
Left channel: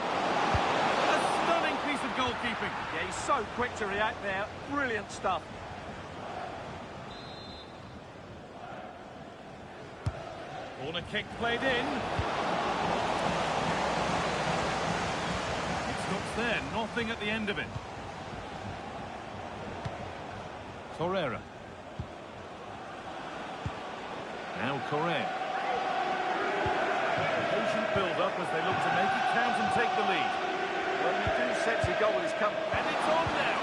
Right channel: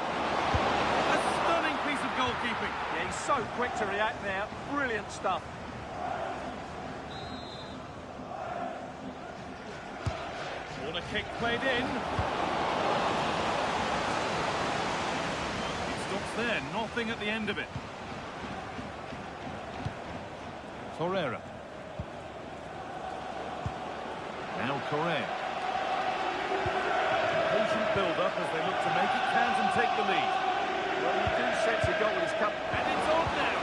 A stunning piece of goalkeeping. Yeah, he's so quick to react there. Brilliant stuff. Corner kick played in. It stops there, nothing at the end of it. Torreira. Now Correa. Patient build-up as they look to make it count and take the lead. Well, you do sense a goal is coming. And it's on now.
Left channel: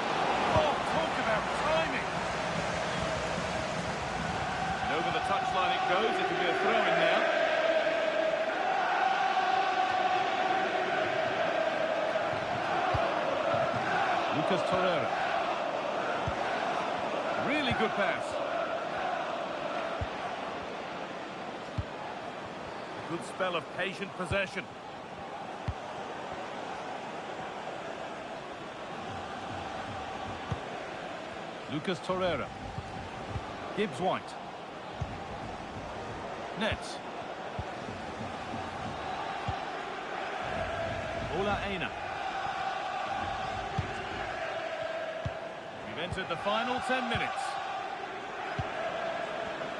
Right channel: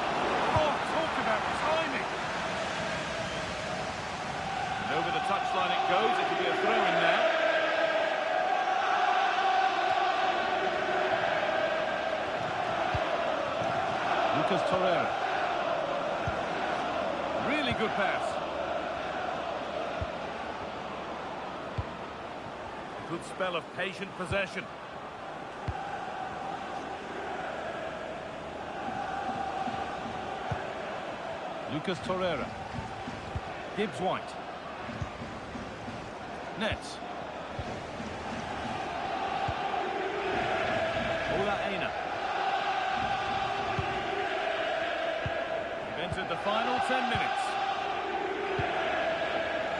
Oh, talk about timing. And over the touchline it goes. It could be a throw-in now. Lucas Torreira. Really good pass. A good spell of patient possession. Lucas Torreira. Gibbs White. Nets. Ola Aina. We've entered the final 10 minutes.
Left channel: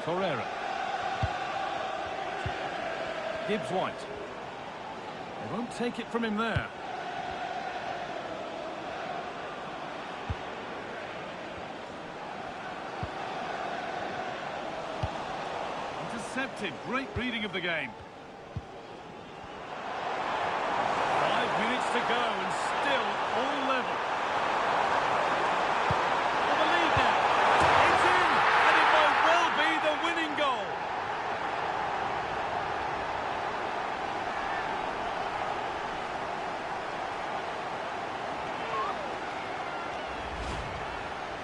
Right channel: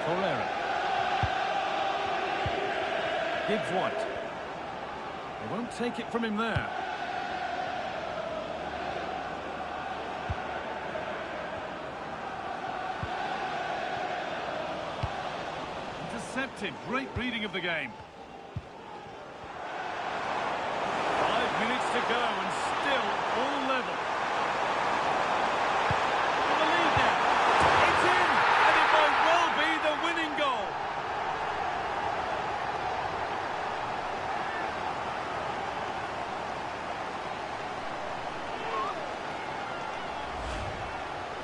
Torreira. Gibbs White. They won't take it from him there. Intercepted. Great reading of the game. 5 minutes to go and still all level. For the lead now. It's in, and it might well be the winning goal.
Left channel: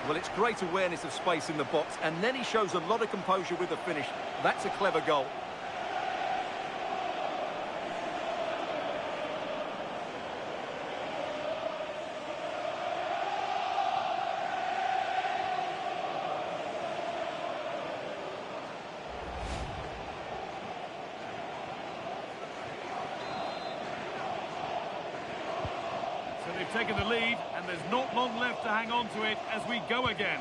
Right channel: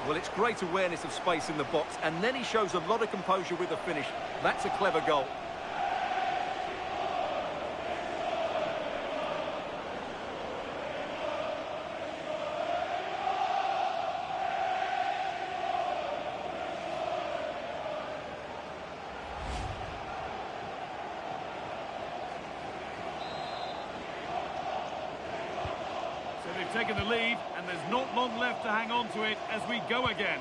Well, it's great awareness of space in the box, and then he shows a lot of composure with the finish. That's a clever goal. So they've taken the lead, and there's not long left to hang on to it as we go again.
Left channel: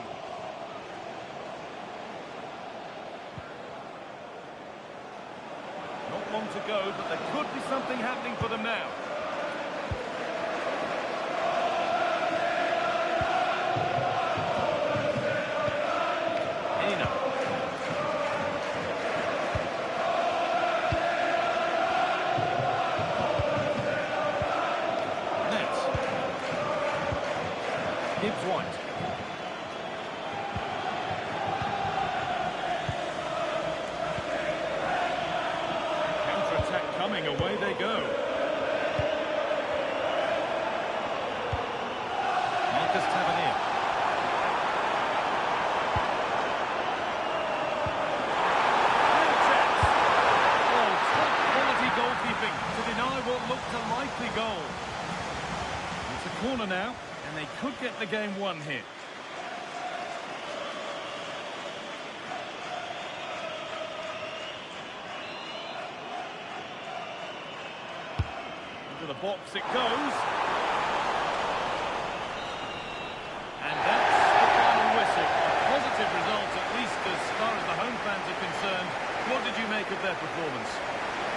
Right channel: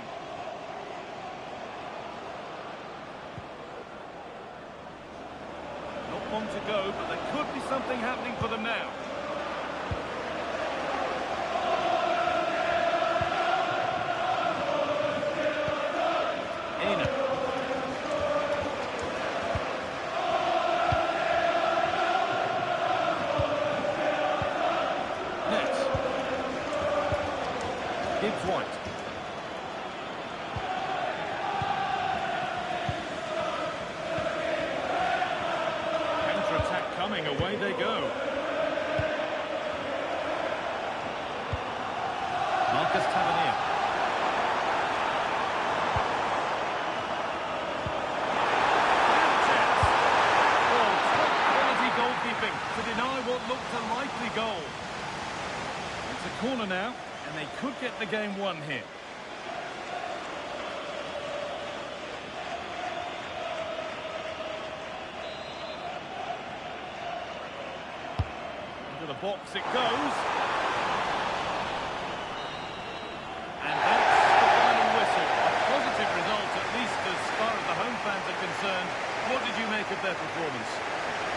Not long to go, but there could be something happening for them now. Aina. Nets. Gibbs White. Counter-attack coming, away they go. Marcus Tavernier. Real chance. Oh, top quality goalkeeping to deny what looked a likely goal. It's a corner now, and they could get the game won here. Into the box it goes. And that's the final whistle. A positive result, at least as far as the home fans are concerned. What did you make of their performance?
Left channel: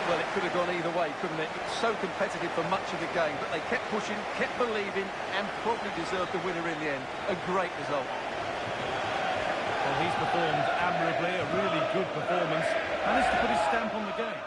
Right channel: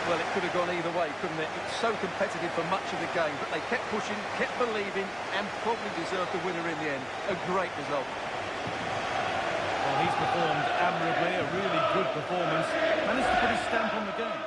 Well, it could have gone either way, couldn't it? It's so competitive for much of the game, but they kept pushing, kept believing, and probably deserved the winner in the end. A great result. Well, he's performed admirably, a really good performance. Managed to put his stamp on the game.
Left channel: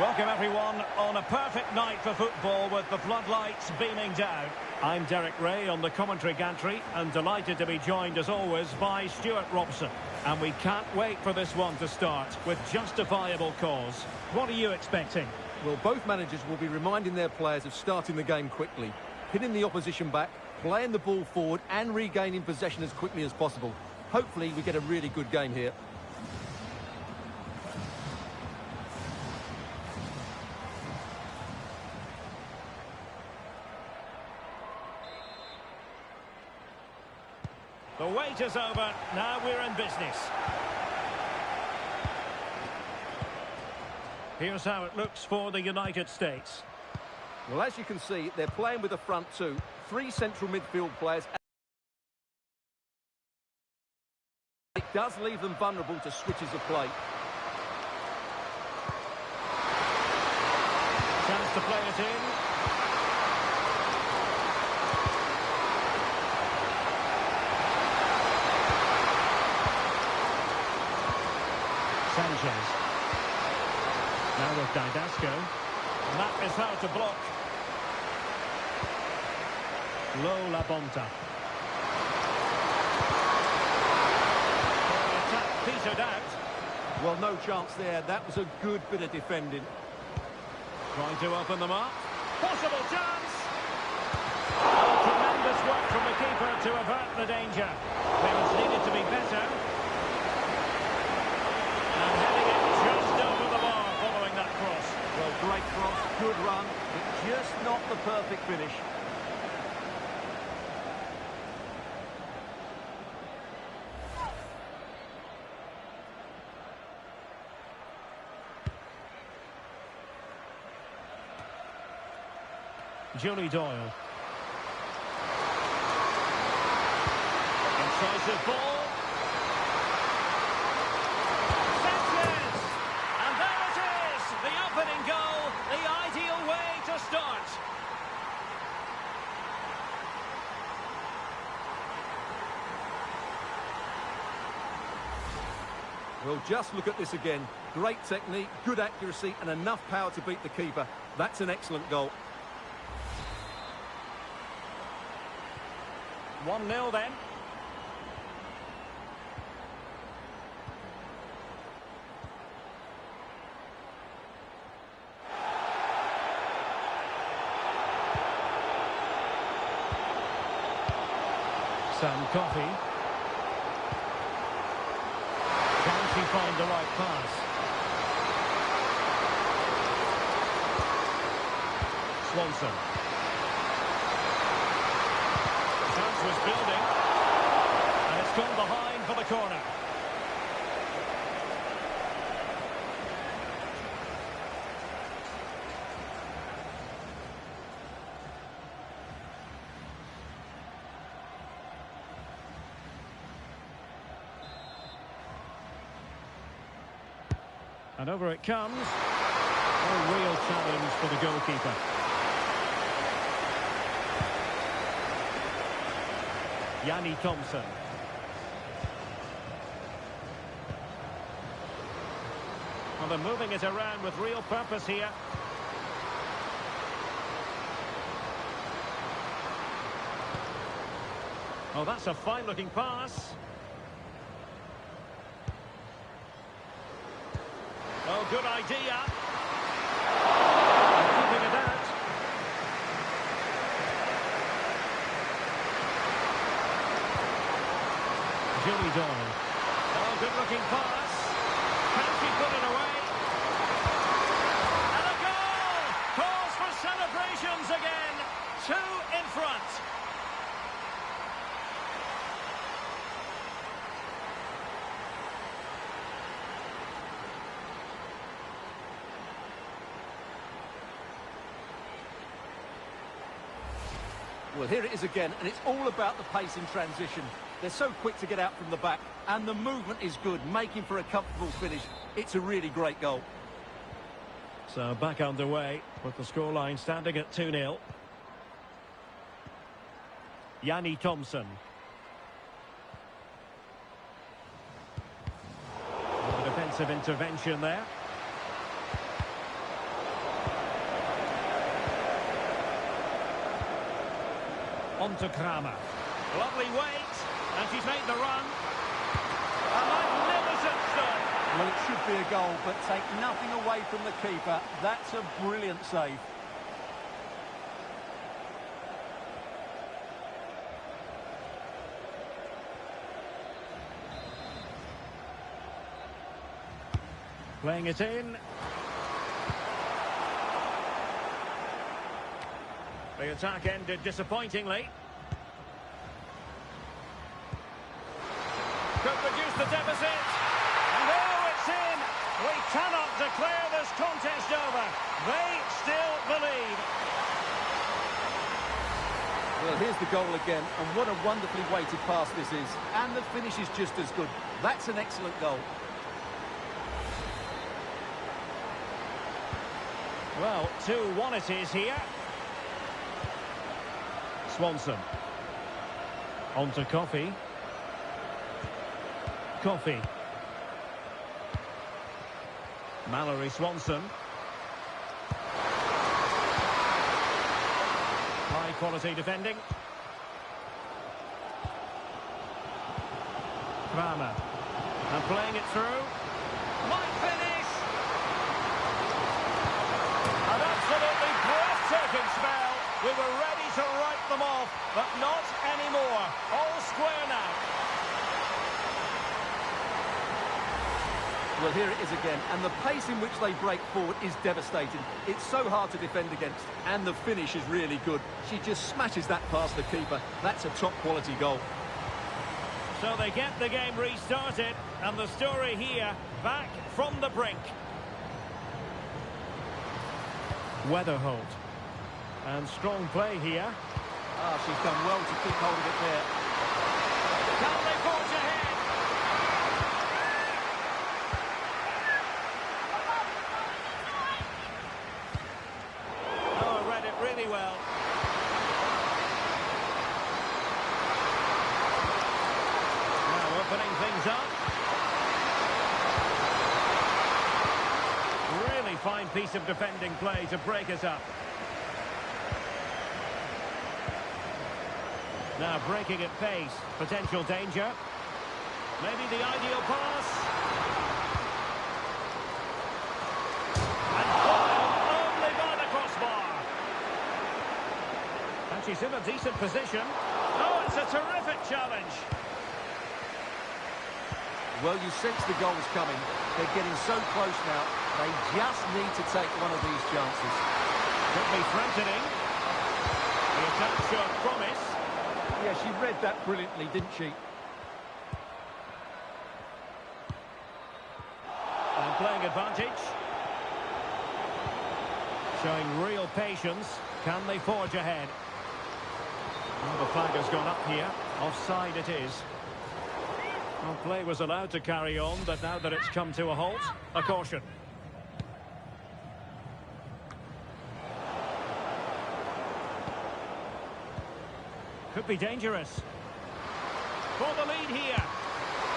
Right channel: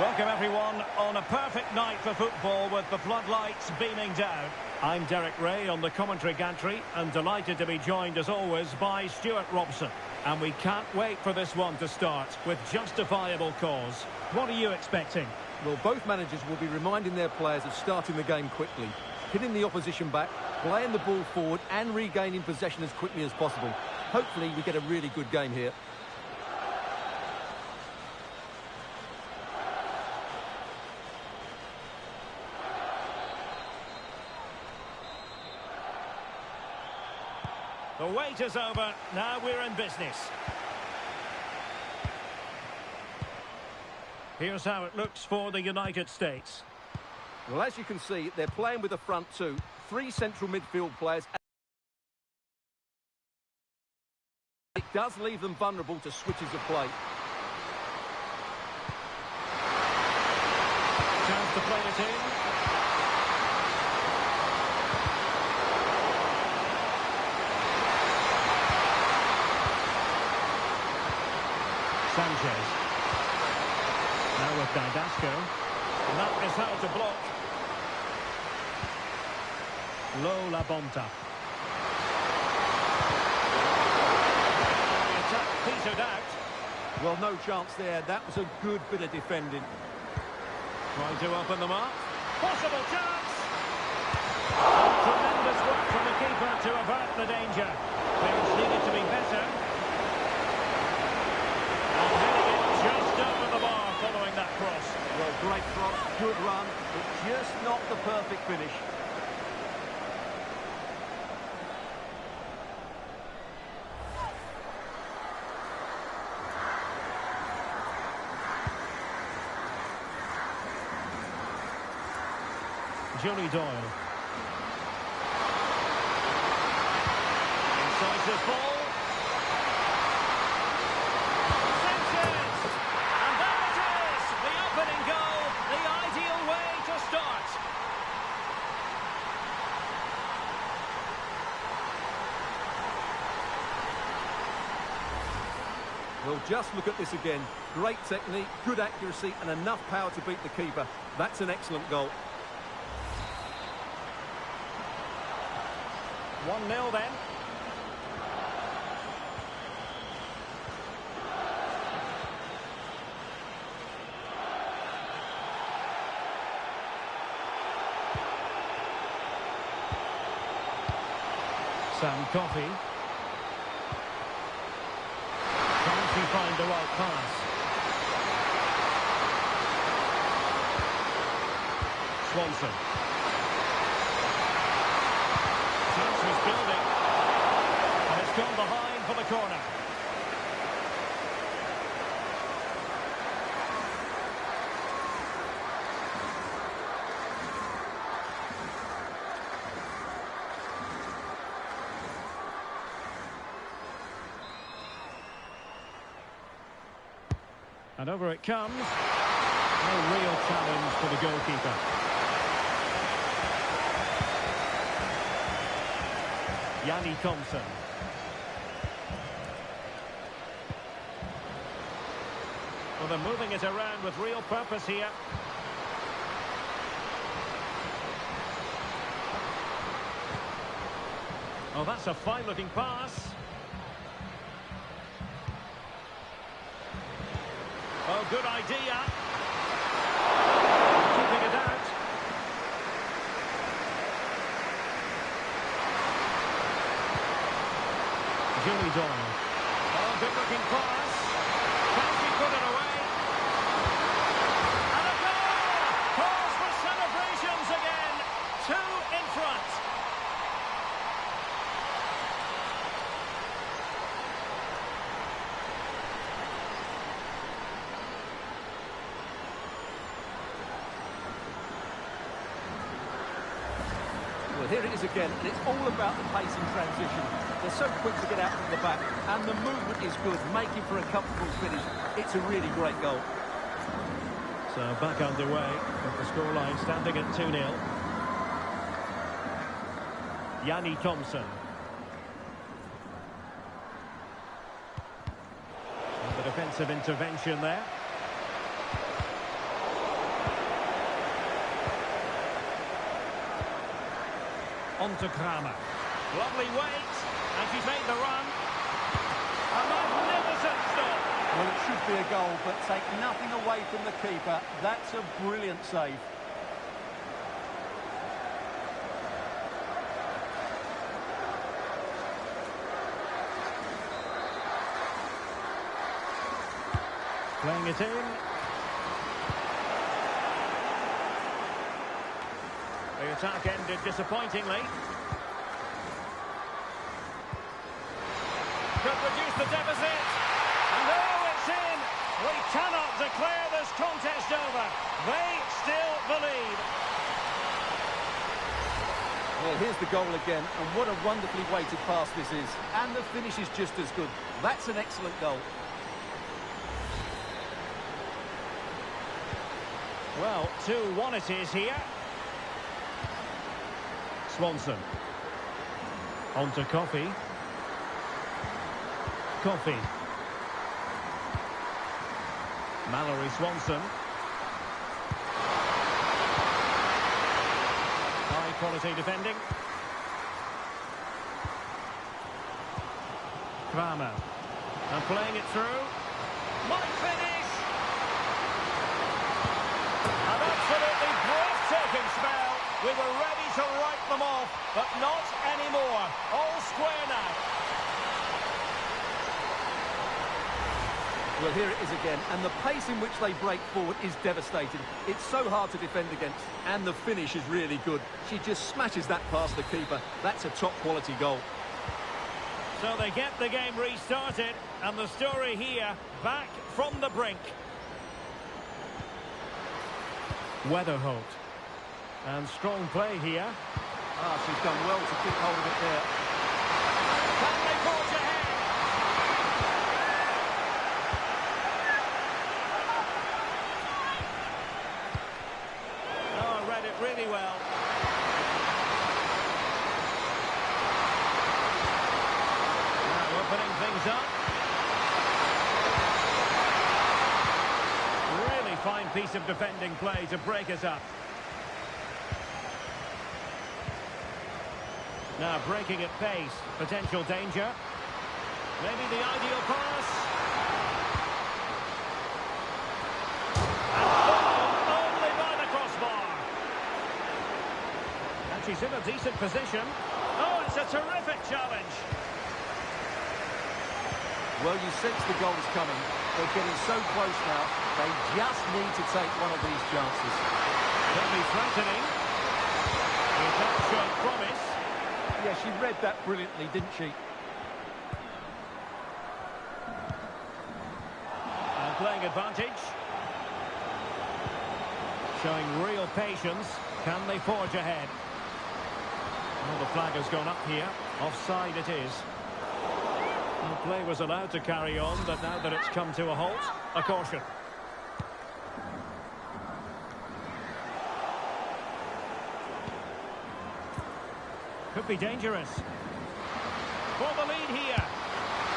Welcome everyone on a perfect night for football with the floodlights beaming down. I'm Derek Ray on the commentary gantry and delighted to be joined as always by Stuart Robson. And we can't wait for this one to start with justifiable cause. What are you expecting? Well, both managers will be reminding their players of starting the game quickly, pinning the opposition back, playing the ball forward and regaining possession as quickly as possible. Hopefully we get a really good game here. The wait is over. Now we're in business. Here's how it looks for the United States. Well, as you can see, they're playing with a front two, 3 central midfield players. It does leave them vulnerable to switches of play. Chance to play it in. Sanchez. Now with Didasco. And that is how to block. Low La Bonta. The attack petered out. Well, no chance there. That was a good bit of defending. Trying to open them up. Possible chance. Oh, tremendous work from the keeper to avert the danger. Clearance needed to be better. And heading it just over the bar following that cross. Well, great cross, good run, but just not the perfect finish. Johnny Doyle. Incisive ball. Sanchez! And there it is! The opening goal, the ideal way to start. Well, just look at this again. Great technique, good accuracy, and enough power to beat the keeper. That's an excellent goal. 1-0 then. Sam Coffey. Can she find the right pass? Swanson. Chance was building, and it's gone behind for the corner. And over it comes. No real challenge for the goalkeeper. Yanni Thompson. Well, they're moving it around with real purpose here. Oh, that's a fine-looking pass. Oh, good idea. And keeping it out. Julie Doyle. Oh, good-looking pass. Can she put it away? And a goal! Calls for celebrations again. 2 in front. Well, here it is again, and it's all about the pace in transition. They're so quick to get out from the back, and the movement is good, making for a comfortable finish. It's a really great goal. So back underway with the scoreline standing at 2-0. Yanni Thompson. And the defensive intervention there. On to Kramer. Lovely weight, and she's made the run. A magnificent stop. Well, it should be a goal, but take nothing away from the keeper. That's a brilliant save. Playing it in. The attack ended disappointingly. Could reduce the deficit. And oh, it's in! We cannot declare this contest over. They still believe. Well, here's the goal again, and what a wonderfully weighted pass this is. And the finish is just as good. That's an excellent goal. Well, 2-1 it is here. Swanson. On to Coffey. Coffey. Mallory Swanson. High quality defending. Kramer. And playing it through. Might finish! An absolutely breathtaking spell. We were ready to write them off, but not anymore. All square now. Well, here it is again, and the pace in which they break forward is devastating. It's so hard to defend against, and the finish is really good. She just smashes that past the keeper. That's a top-quality goal. So they get the game restarted, and the story here, back from the brink. Weatherholt. And strong play here. Ah, she's done well to keep hold of it there. Can they forge ahead? Oh, read it really well. Now opening things up. Really fine piece of defending play to break us up. Now breaking at pace, potential danger. Maybe the ideal pass. And foiled only by the crossbar. And she's in a decent position. Oh, it's a terrific challenge. Well, you sense the goal's coming. They're getting so close now. They just need to take one of these chances. Could be threatening. The attack showed promise. Yeah, she read that brilliantly, didn't she? And playing advantage. Showing real patience. Can they forge ahead? Well, the flag has gone up here. Offside it is. Well, play was allowed to carry on, but now that it's come to a halt, a caution. Could be dangerous. For the lead here.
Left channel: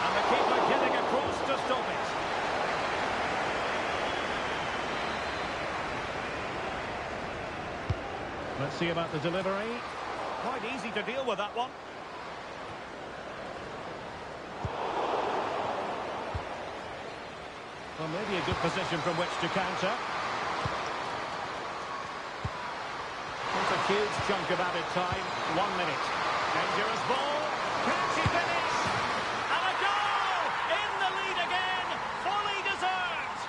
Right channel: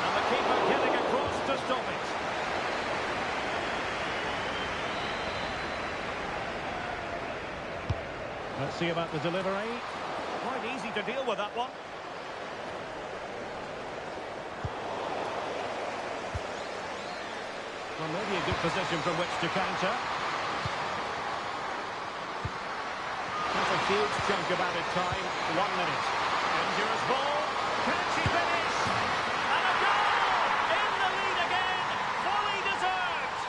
And the keeper getting across to stop it. Let's see about the delivery. Quite easy to deal with that one. Well, maybe a good position from which to counter. Not a huge chunk of added time. 1 minute. Dangerous ball. Can she finish? And a goal! In the lead again. Fully deserved.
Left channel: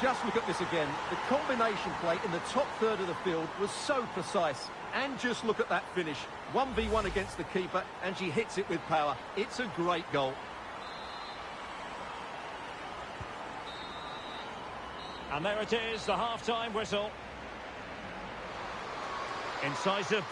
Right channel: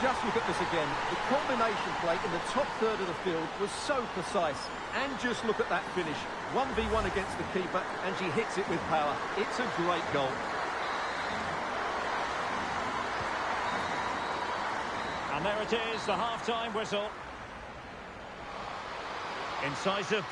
Just look at this again. The combination play in the top third of the field was so precise. And just look at that finish. 1v1 against the keeper, and she hits it with power. It's a great goal. And there it is, the half-time whistle. Incisive.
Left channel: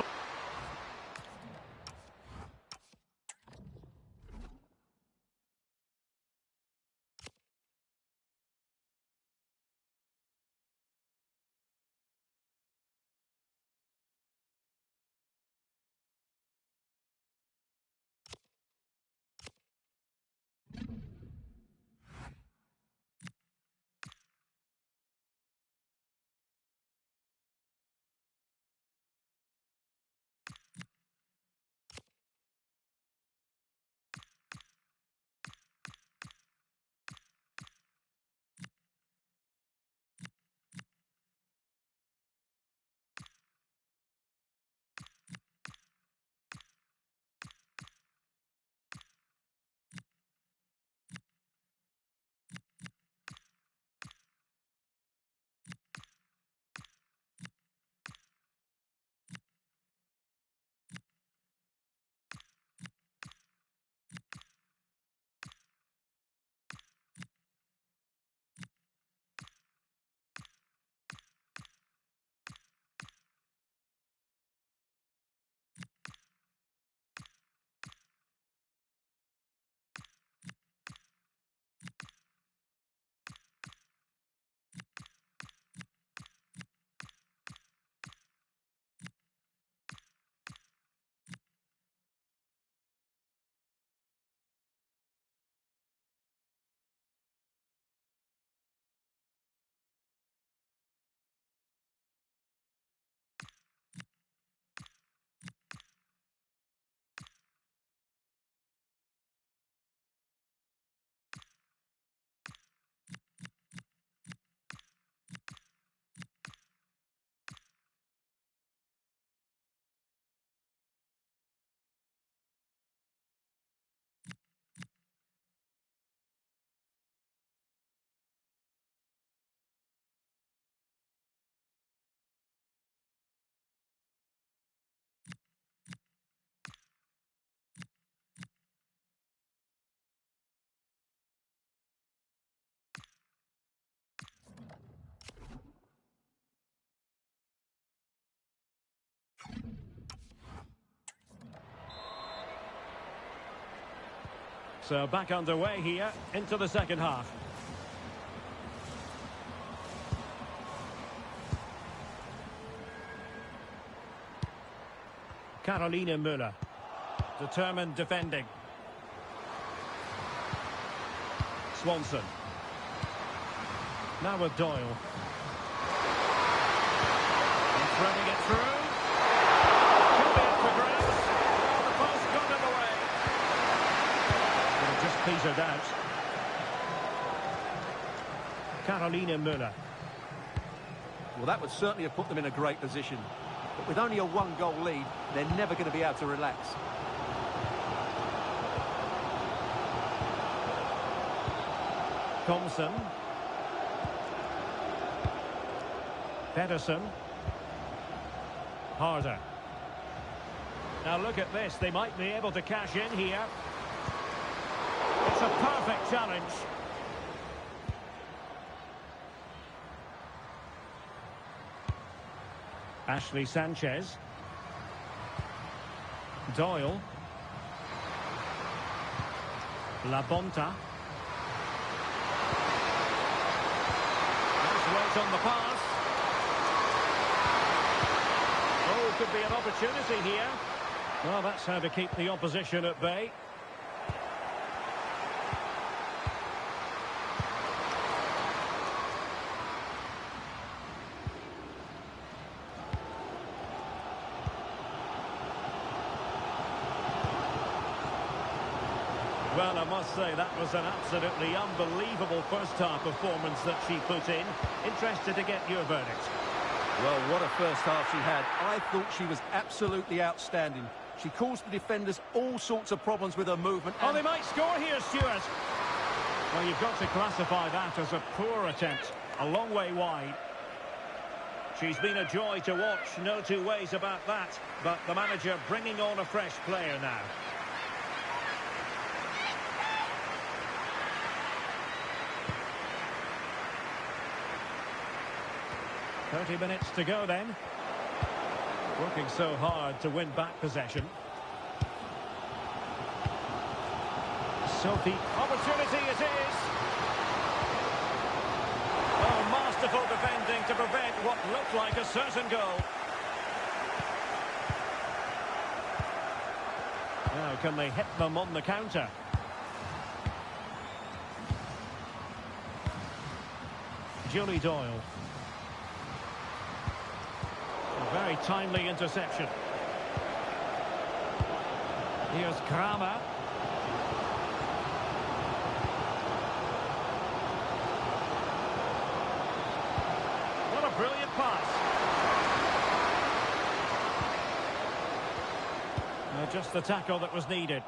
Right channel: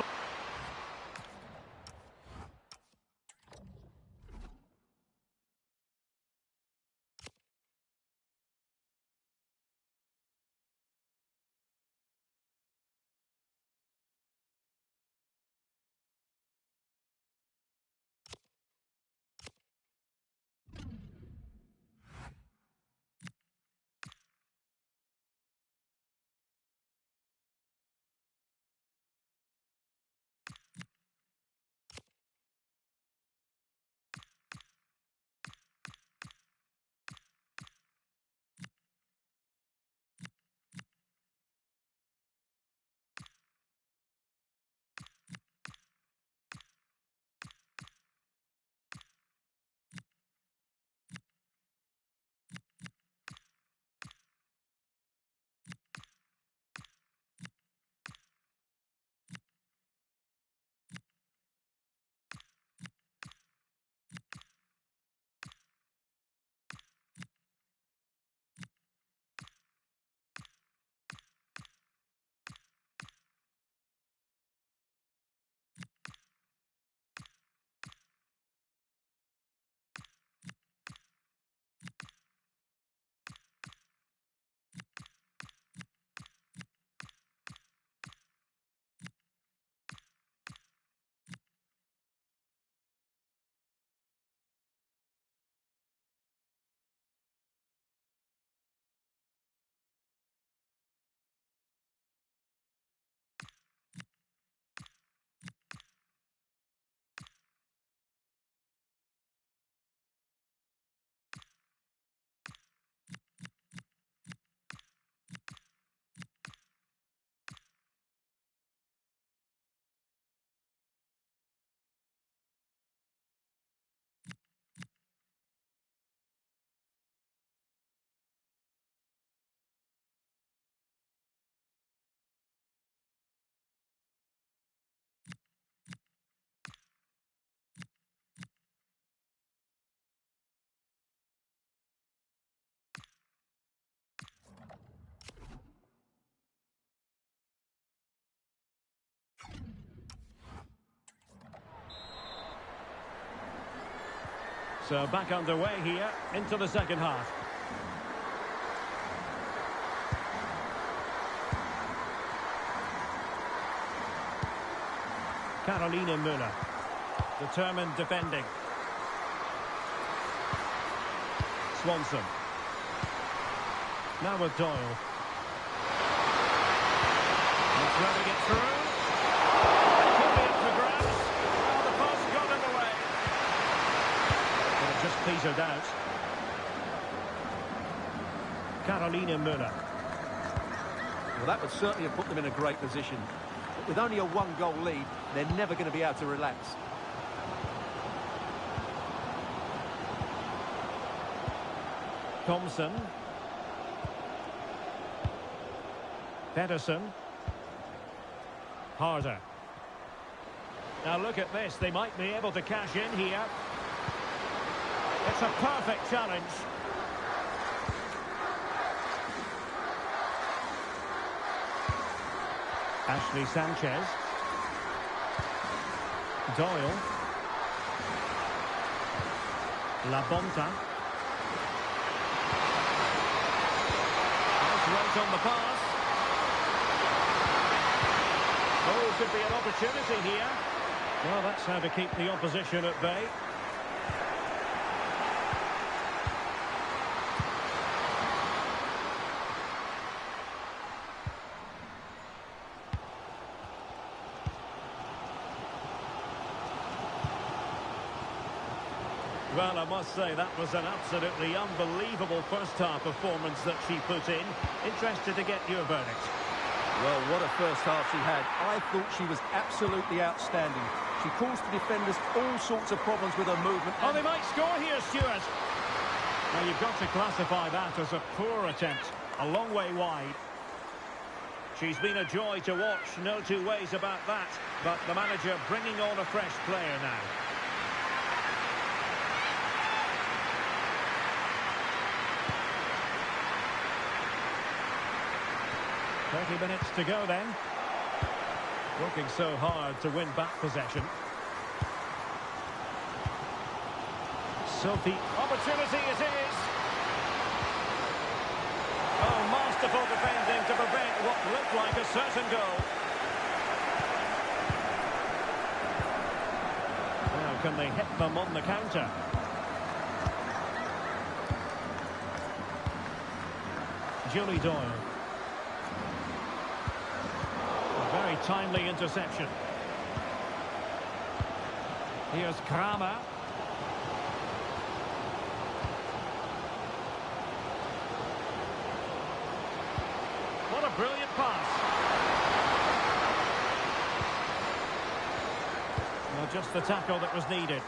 So back underway here into the second half. Carolina Müller. Determined defending. Swanson. Now with Doyle. And threading it through. Could be up for grabs. Well, the post got in the way. But it just petered out. Carolina Müller. Well, that would certainly have put them in a great position. But with only a one-goal lead, they're never going to be able to relax. Thompson. Pedersen. Harder. Now look at this. They might be able to cash in here. It's a perfect challenge. Ashley Sanchez. Doyle. La Bonta. Nice weight on the pass. Oh, could be an opportunity here. Well, that's how to keep the opposition at bay. Well, I must say that was an absolutely unbelievable first-half performance that she put in. Interested to get your verdict. Well, what a first half she had. I thought she was absolutely outstanding. She caused the defenders all sorts of problems with her movement. Oh, they might score here, Stuart. Well, you've got to classify that as a poor attempt. A long way wide. She's been a joy to watch, no two ways about that. But the manager bringing on a fresh player now. "30 minutes to go then. Working so hard to win back possession. Sophie, opportunity it is. Oh, masterful defending to prevent what looked like a certain goal. Now, can they hit them on the counter? Julie Doyle. A very timely interception. Here's Kramer. What a brilliant pass. Well, just the tackle that was needed.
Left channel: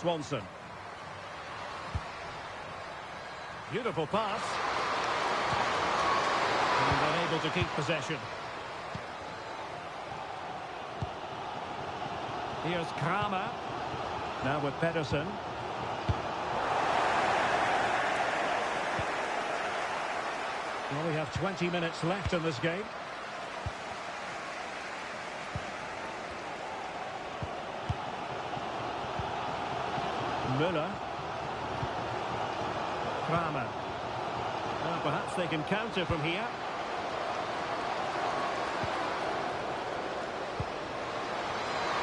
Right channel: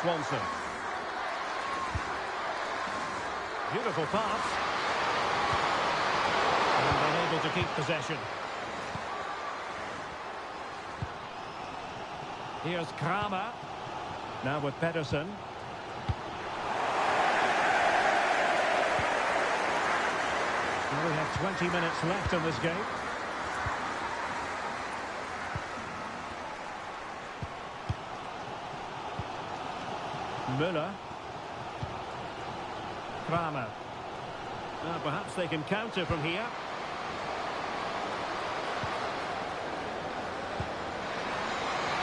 Swanson. Beautiful pass. And unable to keep possession. Here's Kramer. Now with Pedersen. Well, we have 20 minutes left in this game. Müller. Kramer. Now perhaps they can counter from here.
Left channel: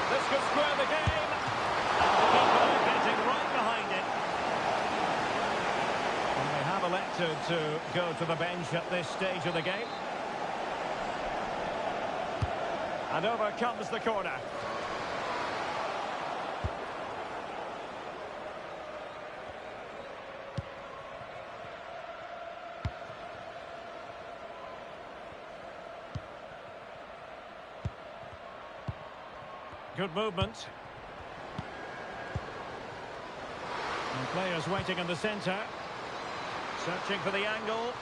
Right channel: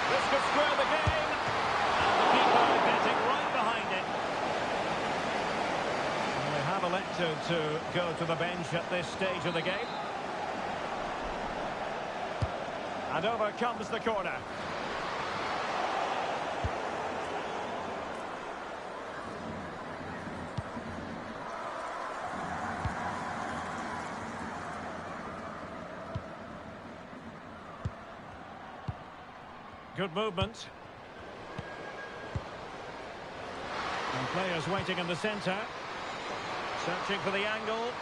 This could square the game. And the keeper getting right behind it. And they have elected to go to the bench at this stage of the game. And over comes the corner. Good movement. And players waiting in the centre. Searching for the angle.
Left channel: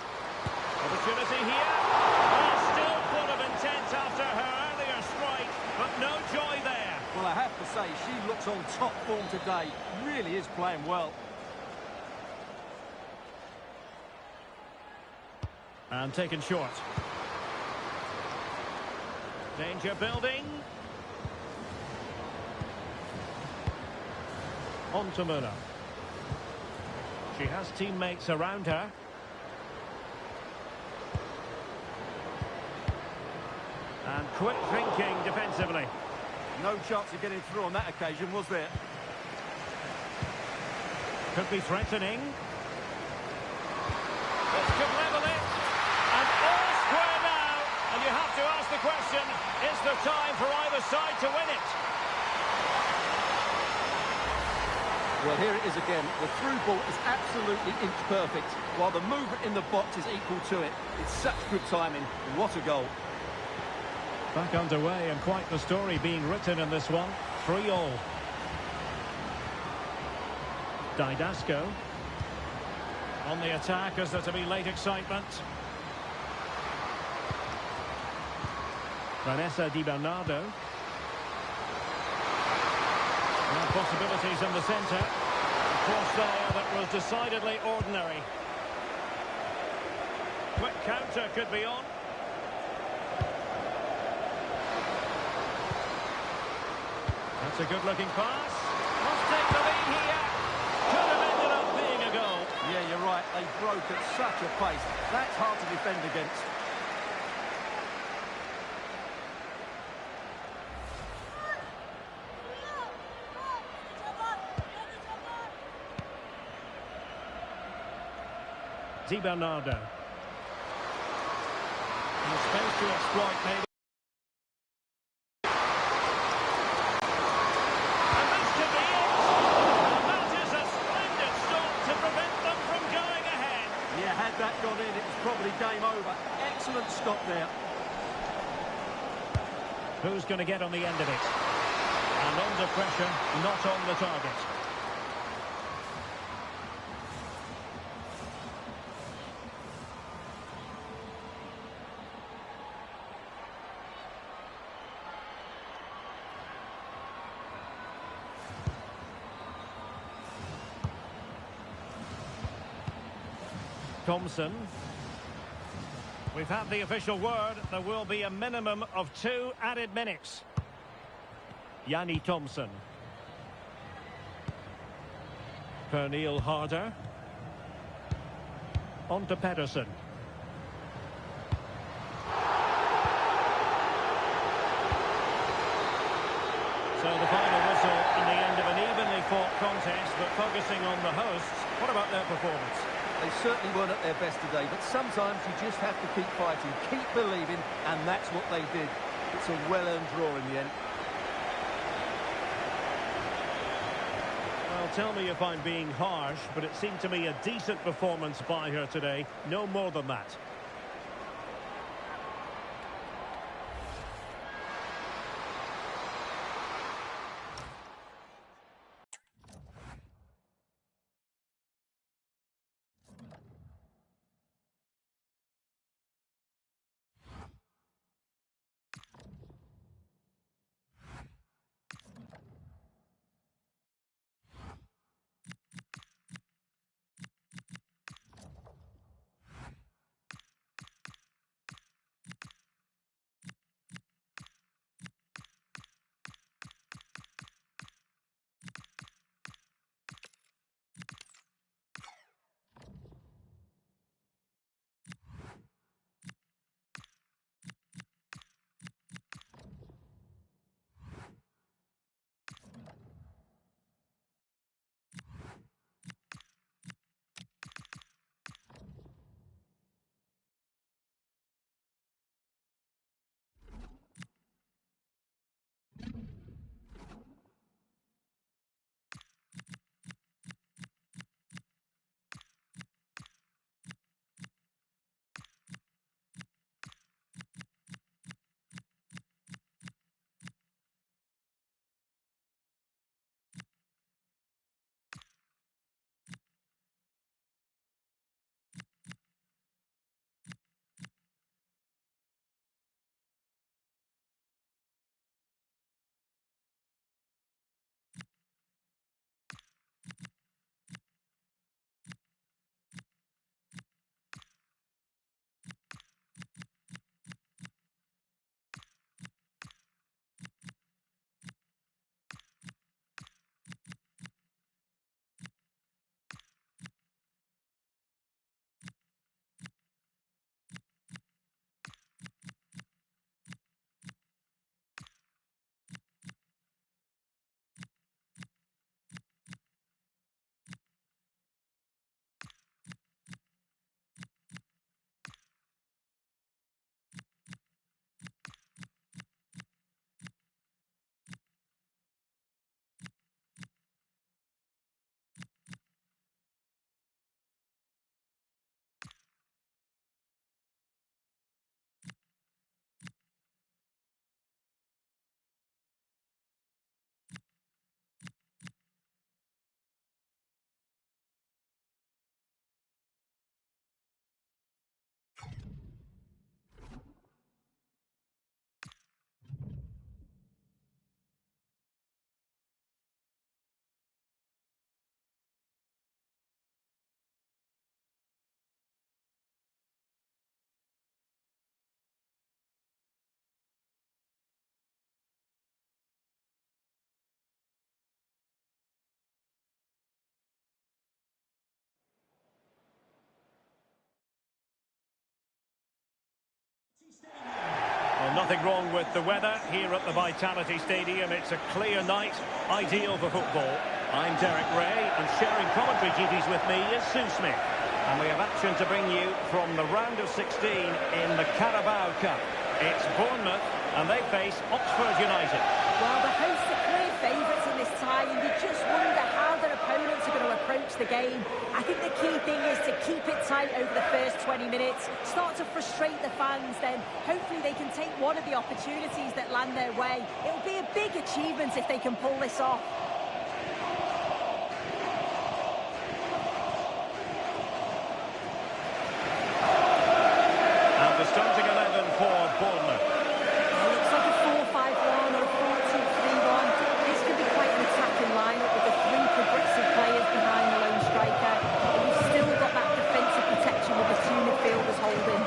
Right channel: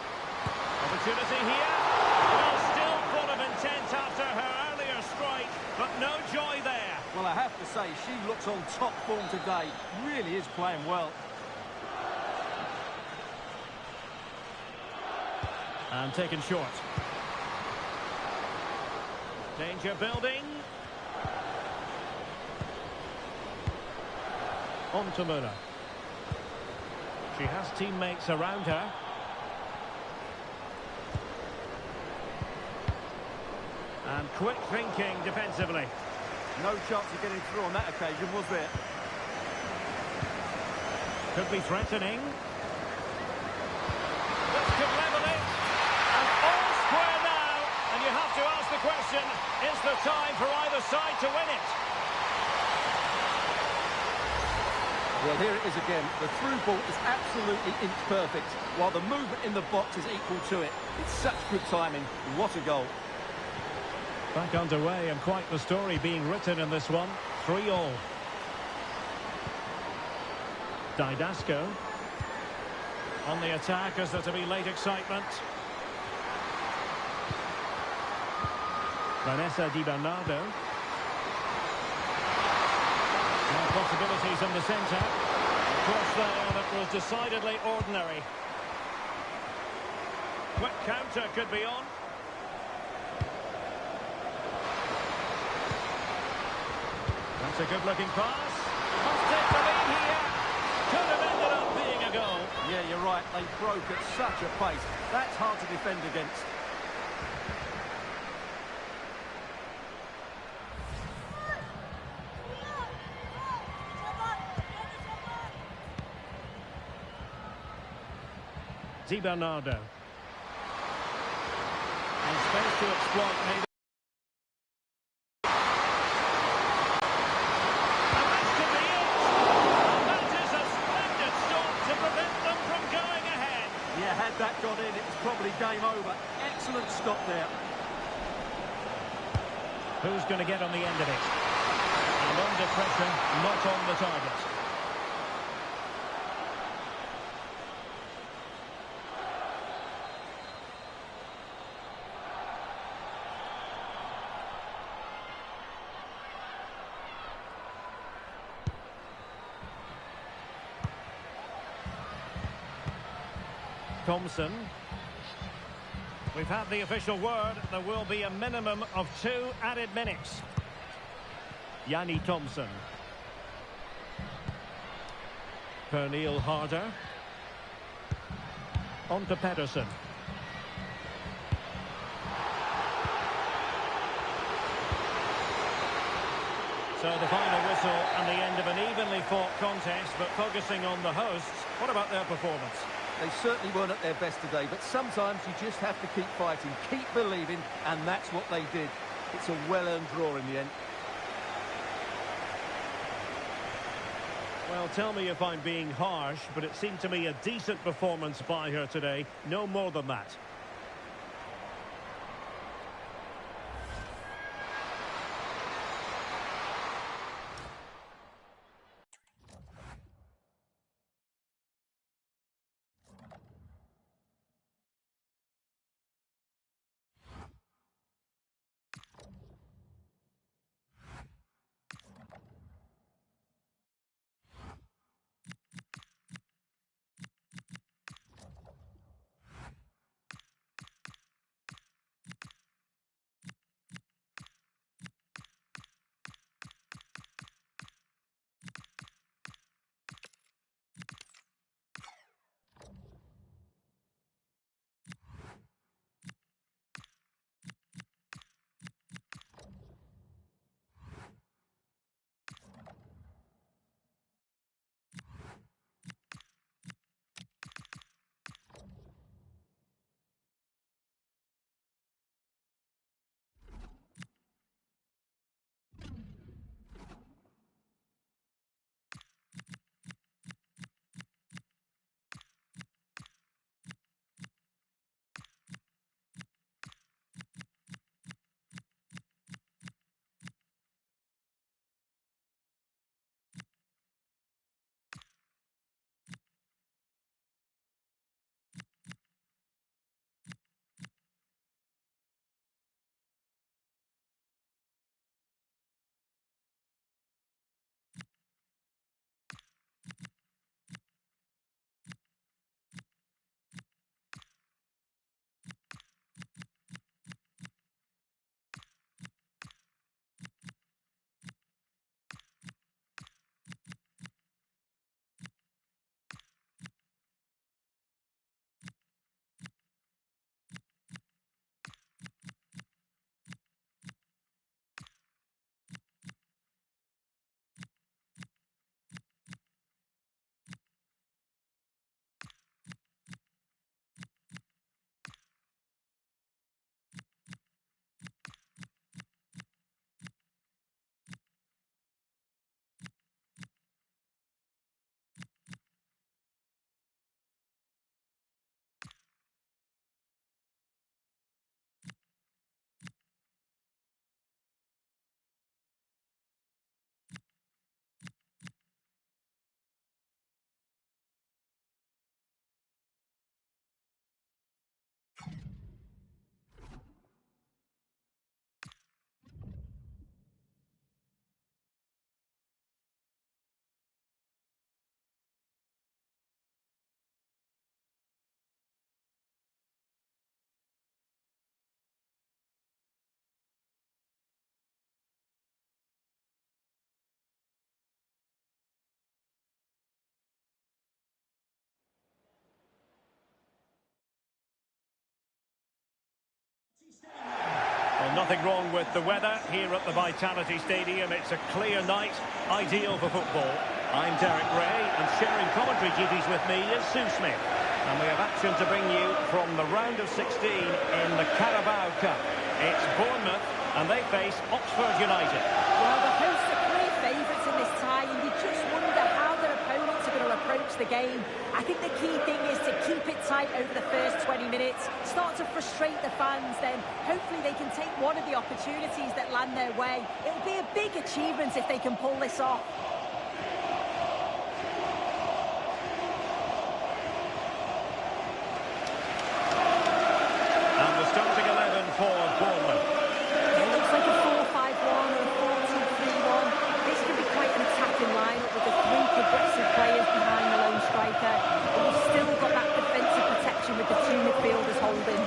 Opportunity here. Well, still full of intent after her earlier strike, but no joy there. Well, I have to say, she looks on top form today. Really is playing well. And taken short. Danger building. On to Müller. She has teammates around her. And quick thinking defensively. No chance of getting through on that occasion, was there? Could be threatening. This could level it. And all square now. And you have to ask the question, is there time for either side to win it? Well, here it is again. The through ball is absolutely inch perfect, while the movement in the box is equal to it. It's such good timing. What a goal. Back underway, and quite the story being written in this one. 3-3. Didasco. On the attack, is there to be late excitement? Vanessa Di Bernardo. Well, possibilities in the centre. A cross there that was decidedly ordinary. Quick counter could be on. That's a good-looking pass. Must take the lead here. Could have ended up being a goal. Yeah, you're right. They broke at such a pace. That's hard to defend against. Di Bernardo. And space to exploit, maybe. And this could be it. And that is a splendid stop to prevent them from going ahead. Yeah, had that gone in, it was probably game over. Excellent stop there. Who's going to get on the end of it? And under pressure, not on the target. Thompson. We've had the official word. There will be a minimum of 2 added minutes. Yanni Thompson. Pernille Harder. On to Pedersen. So the final whistle and the end of an evenly fought contest, but focusing on the hosts, what about their performance? They certainly weren't at their best today, but sometimes you just have to keep fighting, keep believing, and that's what they did. It's a well-earned draw in the end. Well, tell me if I'm being harsh, but it seemed to me a decent performance by her today. No more than that. Well, nothing wrong with the weather here at the Vitality Stadium. It's a clear night, ideal for football. I'm Derek Ray, and sharing commentary duties with me is Sue Smith. And we have action to bring you from the round of 16 in the Carabao Cup. It's Bournemouth, and they face Oxford United. Well, the hosts are clear favourites in this tie, and you just wonder how their opponents are going to approach the game. I think the key thing is to keep it tight over the first 20 minutes, start to frustrate the fans, then hopefully they can take one of the opportunities that land their way. It'll be a big achievement if they can pull this off. And the starting 11 for Bournemouth. It looks like a 4-5-1 or a 4-2-3-1. This could be quite an attacking lineup with the three progressive players behind the lone striker. But you've still got that defensive protection with the two midfielders holding.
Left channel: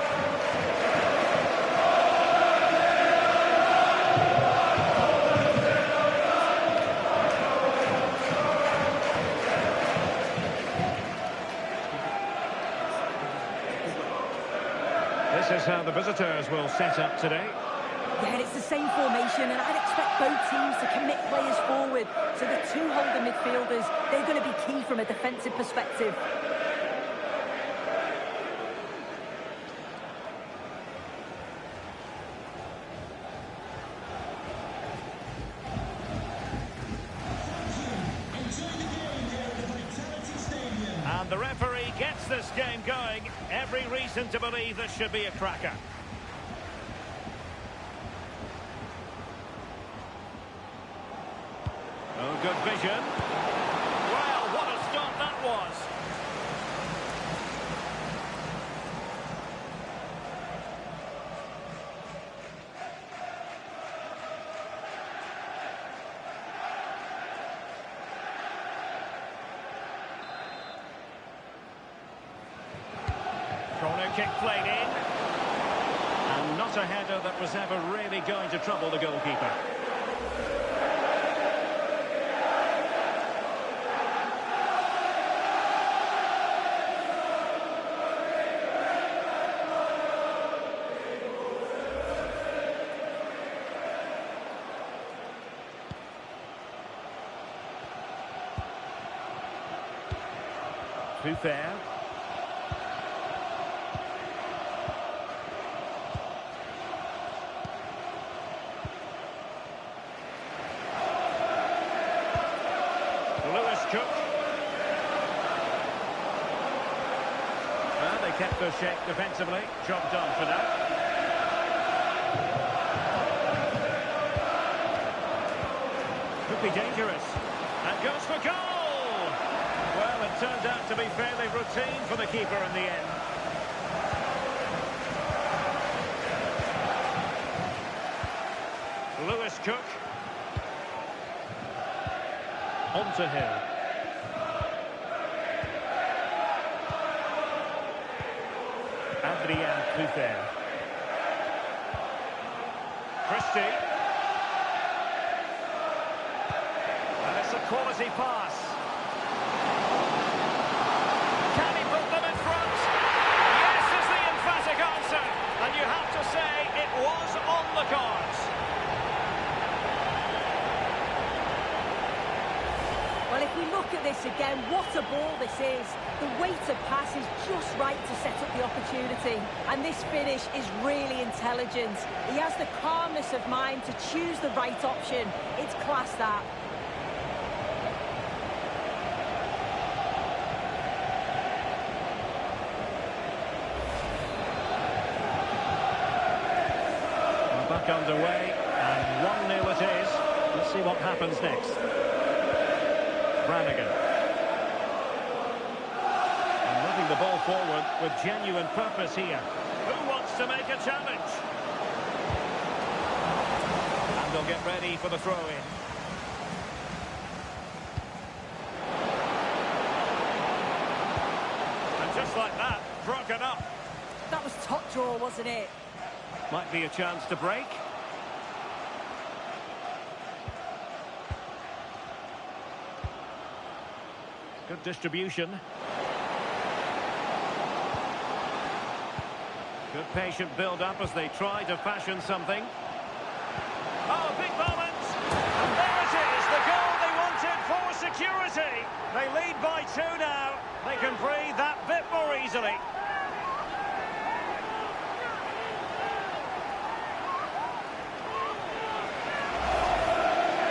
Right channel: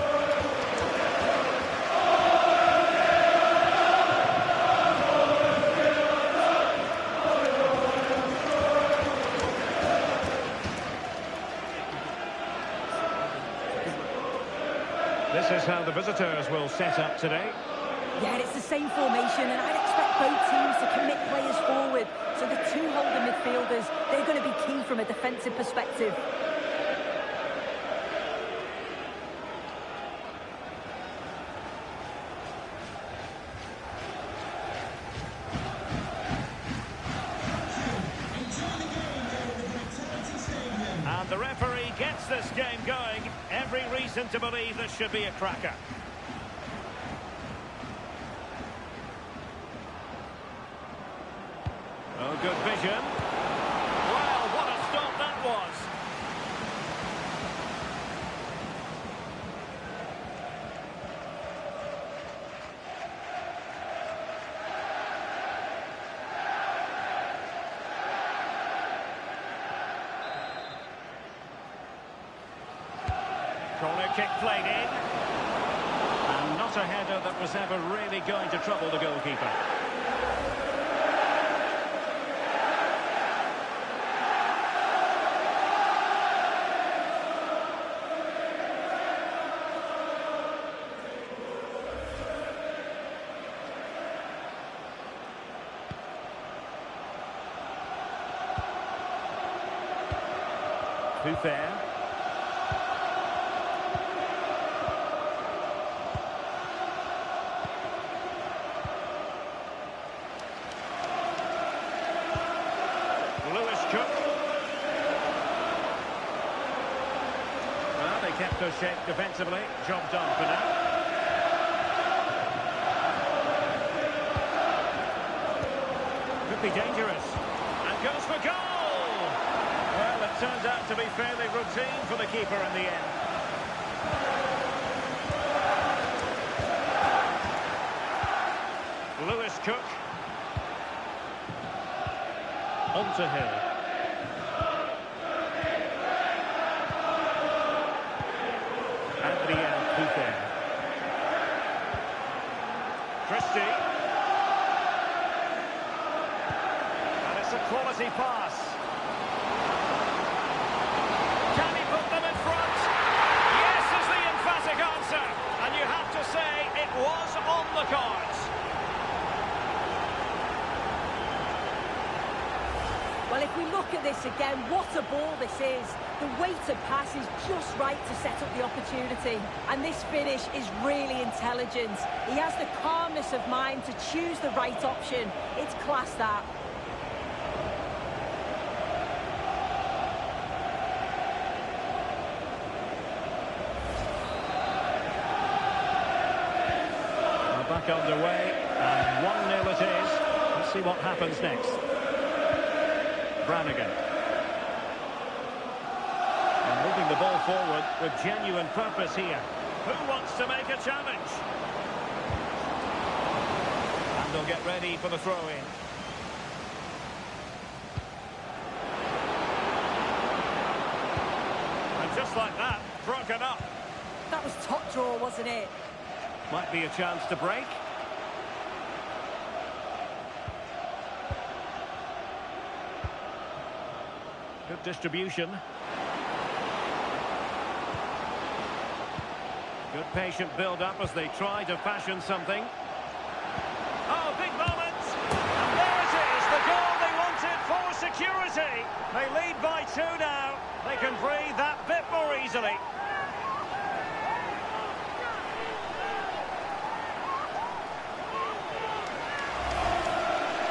This is how the visitors will set up today. Yeah, it's the same formation, and I'd expect both teams to commit players forward. So the two holding midfielders, they're going to be key from a defensive perspective. And the referee gets this game going. Every reason to believe this should be a cracker. Oh, good vision. Well, what a stop that was. Corner kick played in. And not a header that was ever really going to trouble the goalkeeper. Too fair. Lewis Cook. Well, they kept their shape defensively. Job done for now. Could be dangerous. And goes for goal! Well, it turns out to be fairly routine for the keeper in the end. Lewis Cook. On to Hill. Adrien Puther. Christie. And it's a quality pass. Can he put them in front? Yes is the emphatic answer. And you have to say it was on the cards. Well, if we look at this again, what a ball this is. The weighted pass is just right to set up the opportunity. And this finish is really intelligent. He has the calmness of mind to choose the right option. It's class, that. Well, back underway, and 1-0 it is. Let's see what happens next. Brannigan. And moving the ball forward with genuine purpose here. Who wants to make a challenge? And they'll get ready for the throw-in. And just like that, broken up. That was top draw, wasn't it? Might be a chance to break. Good distribution. Good patient build-up as they try to fashion something. Oh, big moment! And there it is, the goal they wanted for security. They lead by 2 now. They can breathe that bit more easily.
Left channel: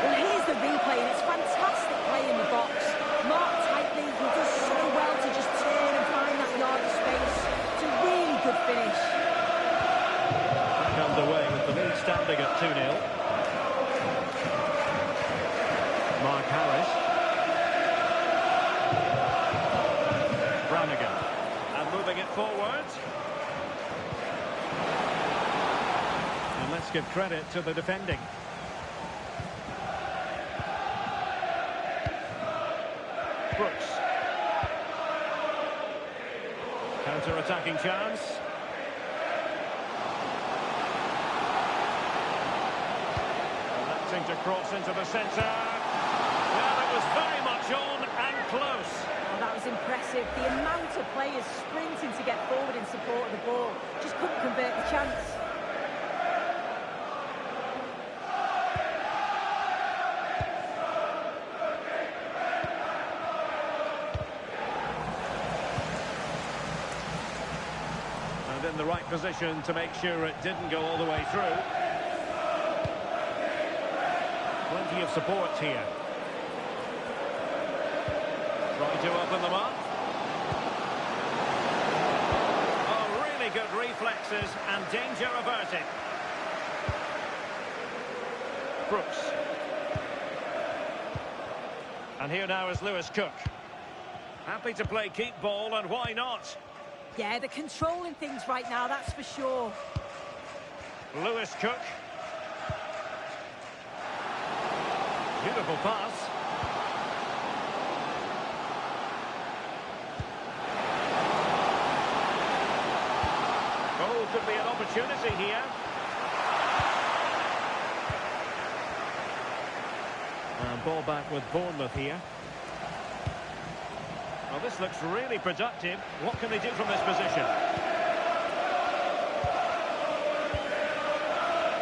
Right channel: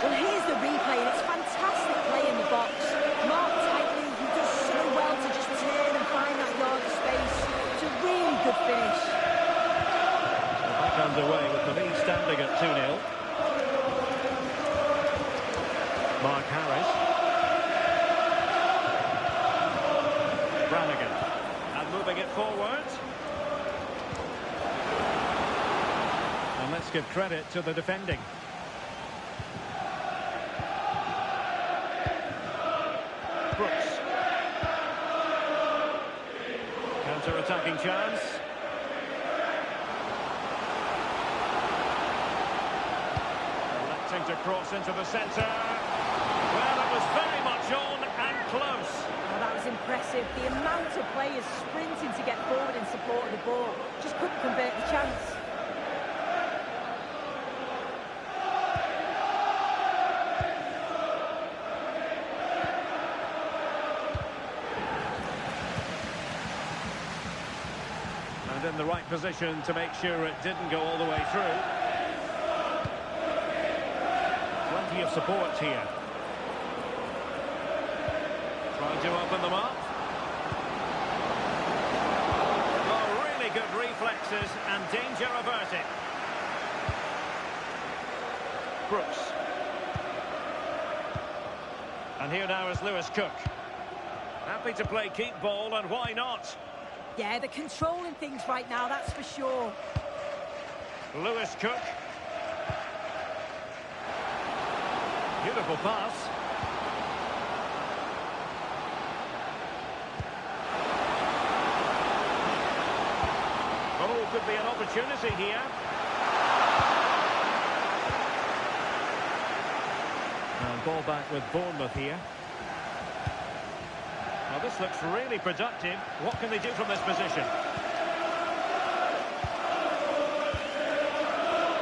Well, here's the replay, and it's fantastic play in the box. Marked tightly, he does so well to just turn and find that yard of space. It's a really good finish. Back underway with the lead standing at 2-0. Mark Harris. Brannigan. And moving it forward. And let's give credit to the defending. Brooks. Counter-attacking chance. Electing to cross into the centre. Well, it was very much on and close. Oh, that was impressive. The amount of players sprinting to get forward in support of the ball. Just couldn't convert the chance. And in the right position to make sure it didn't go all the way through. Plenty of support here. Trying to open them up. Oh, really good reflexes and danger averted. Brooks. And here now is Lewis Cook. Happy to play keep ball, and why not? Yeah, they're controlling things right now, that's for sure. Lewis Cook. Beautiful pass. Oh, could be an opportunity here. And ball back with Bournemouth here. Well, this looks really productive. What can they do from this position?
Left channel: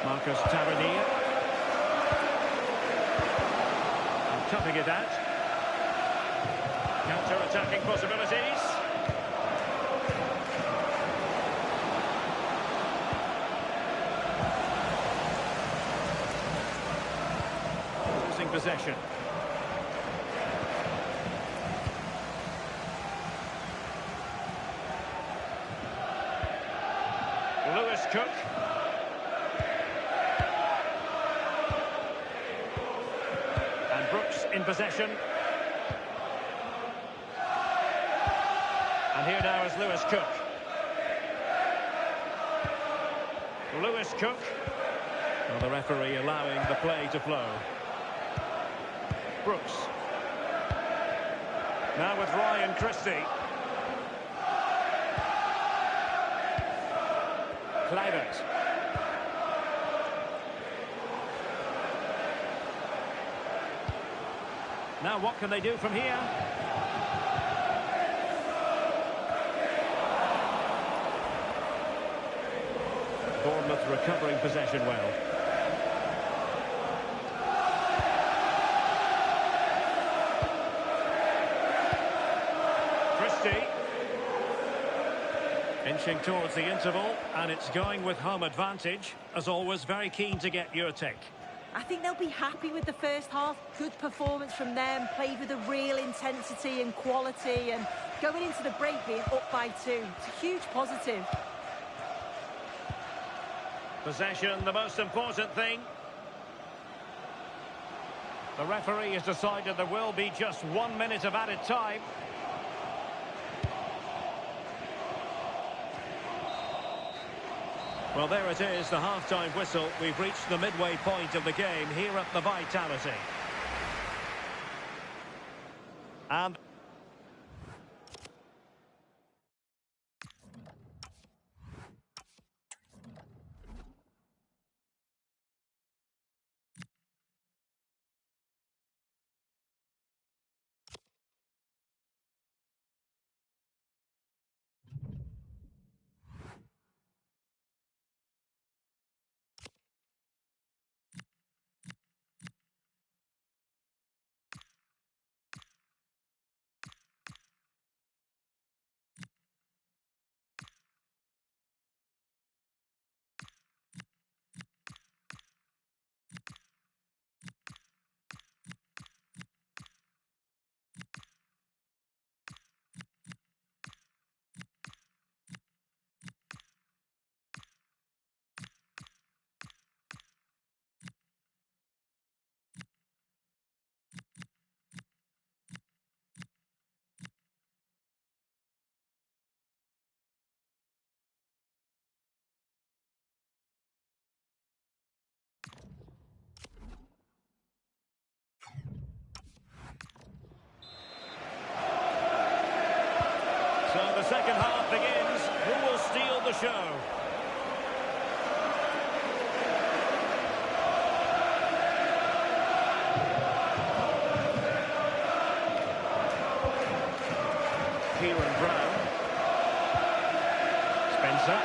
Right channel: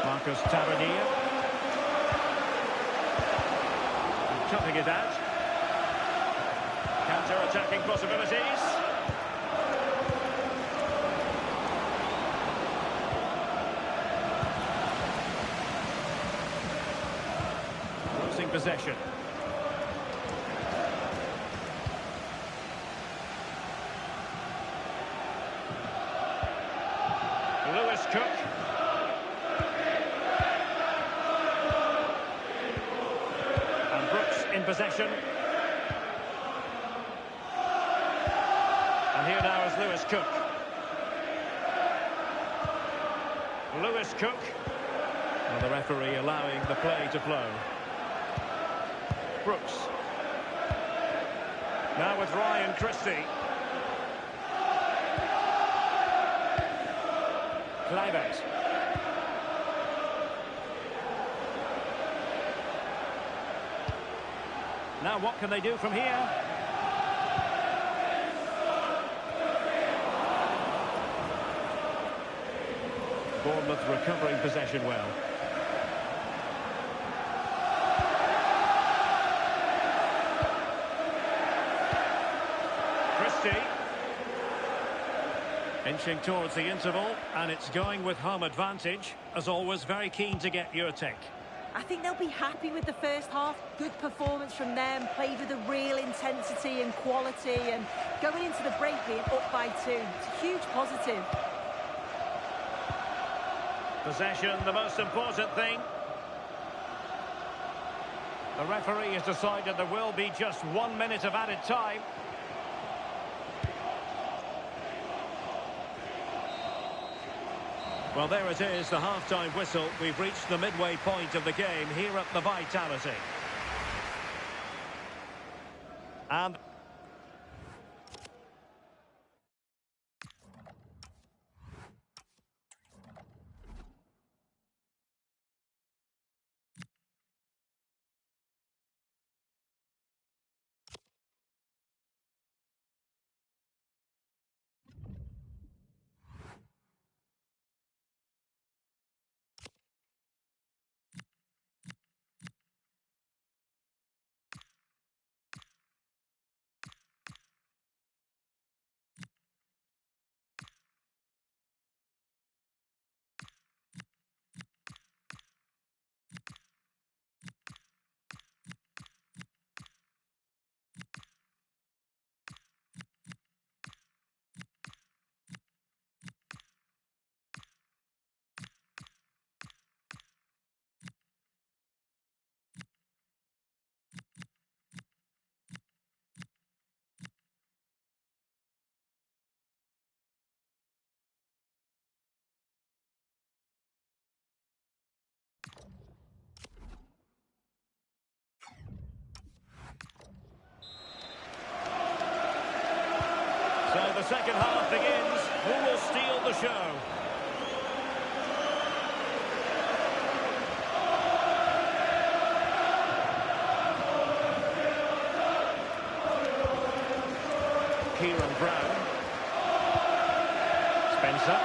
Marcus Tavernier. And cutting it out. Counter-attacking possibilities. Losing possession. Lewis Cook. And Brooks in possession. And here now is Lewis Cook. Lewis Cook. Well, the referee allowing the play to flow. Brooks. Now with Ryan Christie. Kluivert. Now what can they do from here? Bournemouth recovering possession well. Christie. Inching towards the interval, and it's going with home advantage. As always, very keen to get your take. I think they'll be happy with the first half. Good performance from them, played with a real intensity and quality, and going into the break being up by 2. It's a huge positive. Possession, the most important thing. The referee has decided there will be just 1 minute of added time. Well, there it is, the half-time whistle. We've reached the midway point of the game here at the Vitality. And So the second half begins. Who will steal the show? Kieran Brown. Spencer.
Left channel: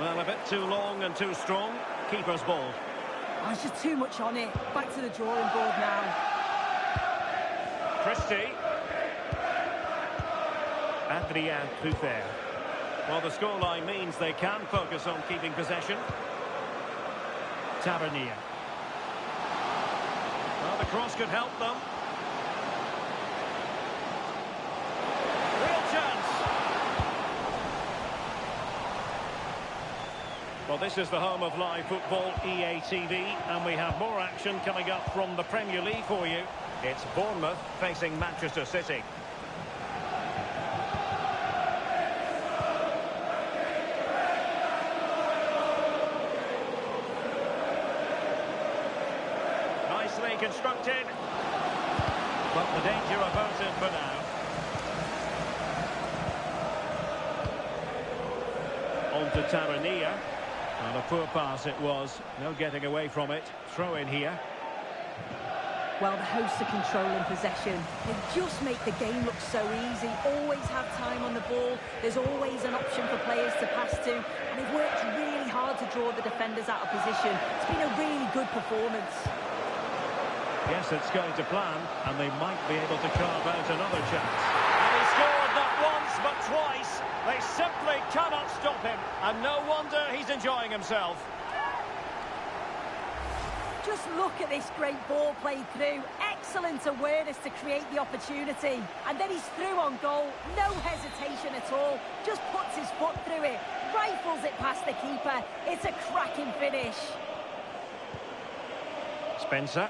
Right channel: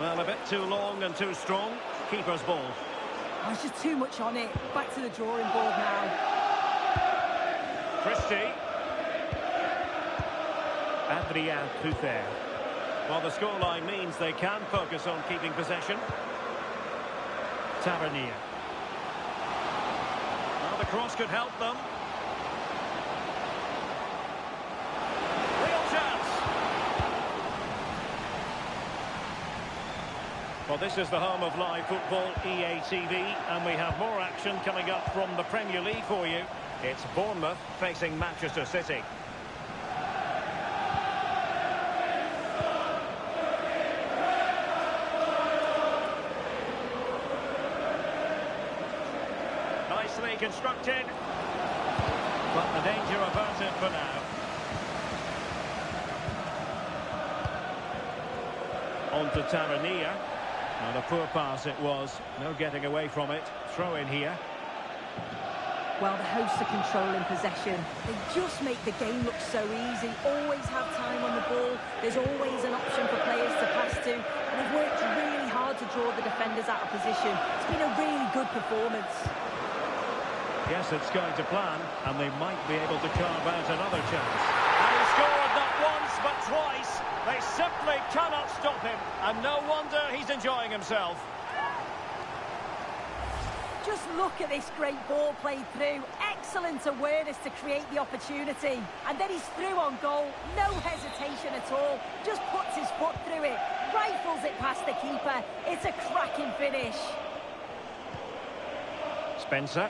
Well, a bit too long and too strong. Keeper's ball. Oh, it's just too much on it. Back to the drawing board now. Christie. Adrien Truffert. Well, the scoreline means they can focus on keeping possession. Tavernier. Well, the cross could help them. Real chance. Well, this is the home of live football, EA TV, and we have more action coming up from the Premier League for you. It's Bournemouth facing Manchester City. Nicely constructed, but the danger averted for now. On to Tavernier. And a poor pass it was. No getting away from it. Throw in here. Well, the hosts are controlling possession. They just make the game look so easy. Always have time on the ball. There's always an option for players to pass to. And they've worked really hard to draw the defenders out of position. It's been a really good performance. Yes, it's going to plan, and they might be able to carve out another chance. And he scored not once, but twice. They simply cannot stop him, and no wonder he's enjoying himself. Just look at this great ball played through. Excellent awareness to create the opportunity. And then he's through on goal. No hesitation at all. Just puts his foot through it. Rifles it past the keeper. It's a cracking finish. Spencer.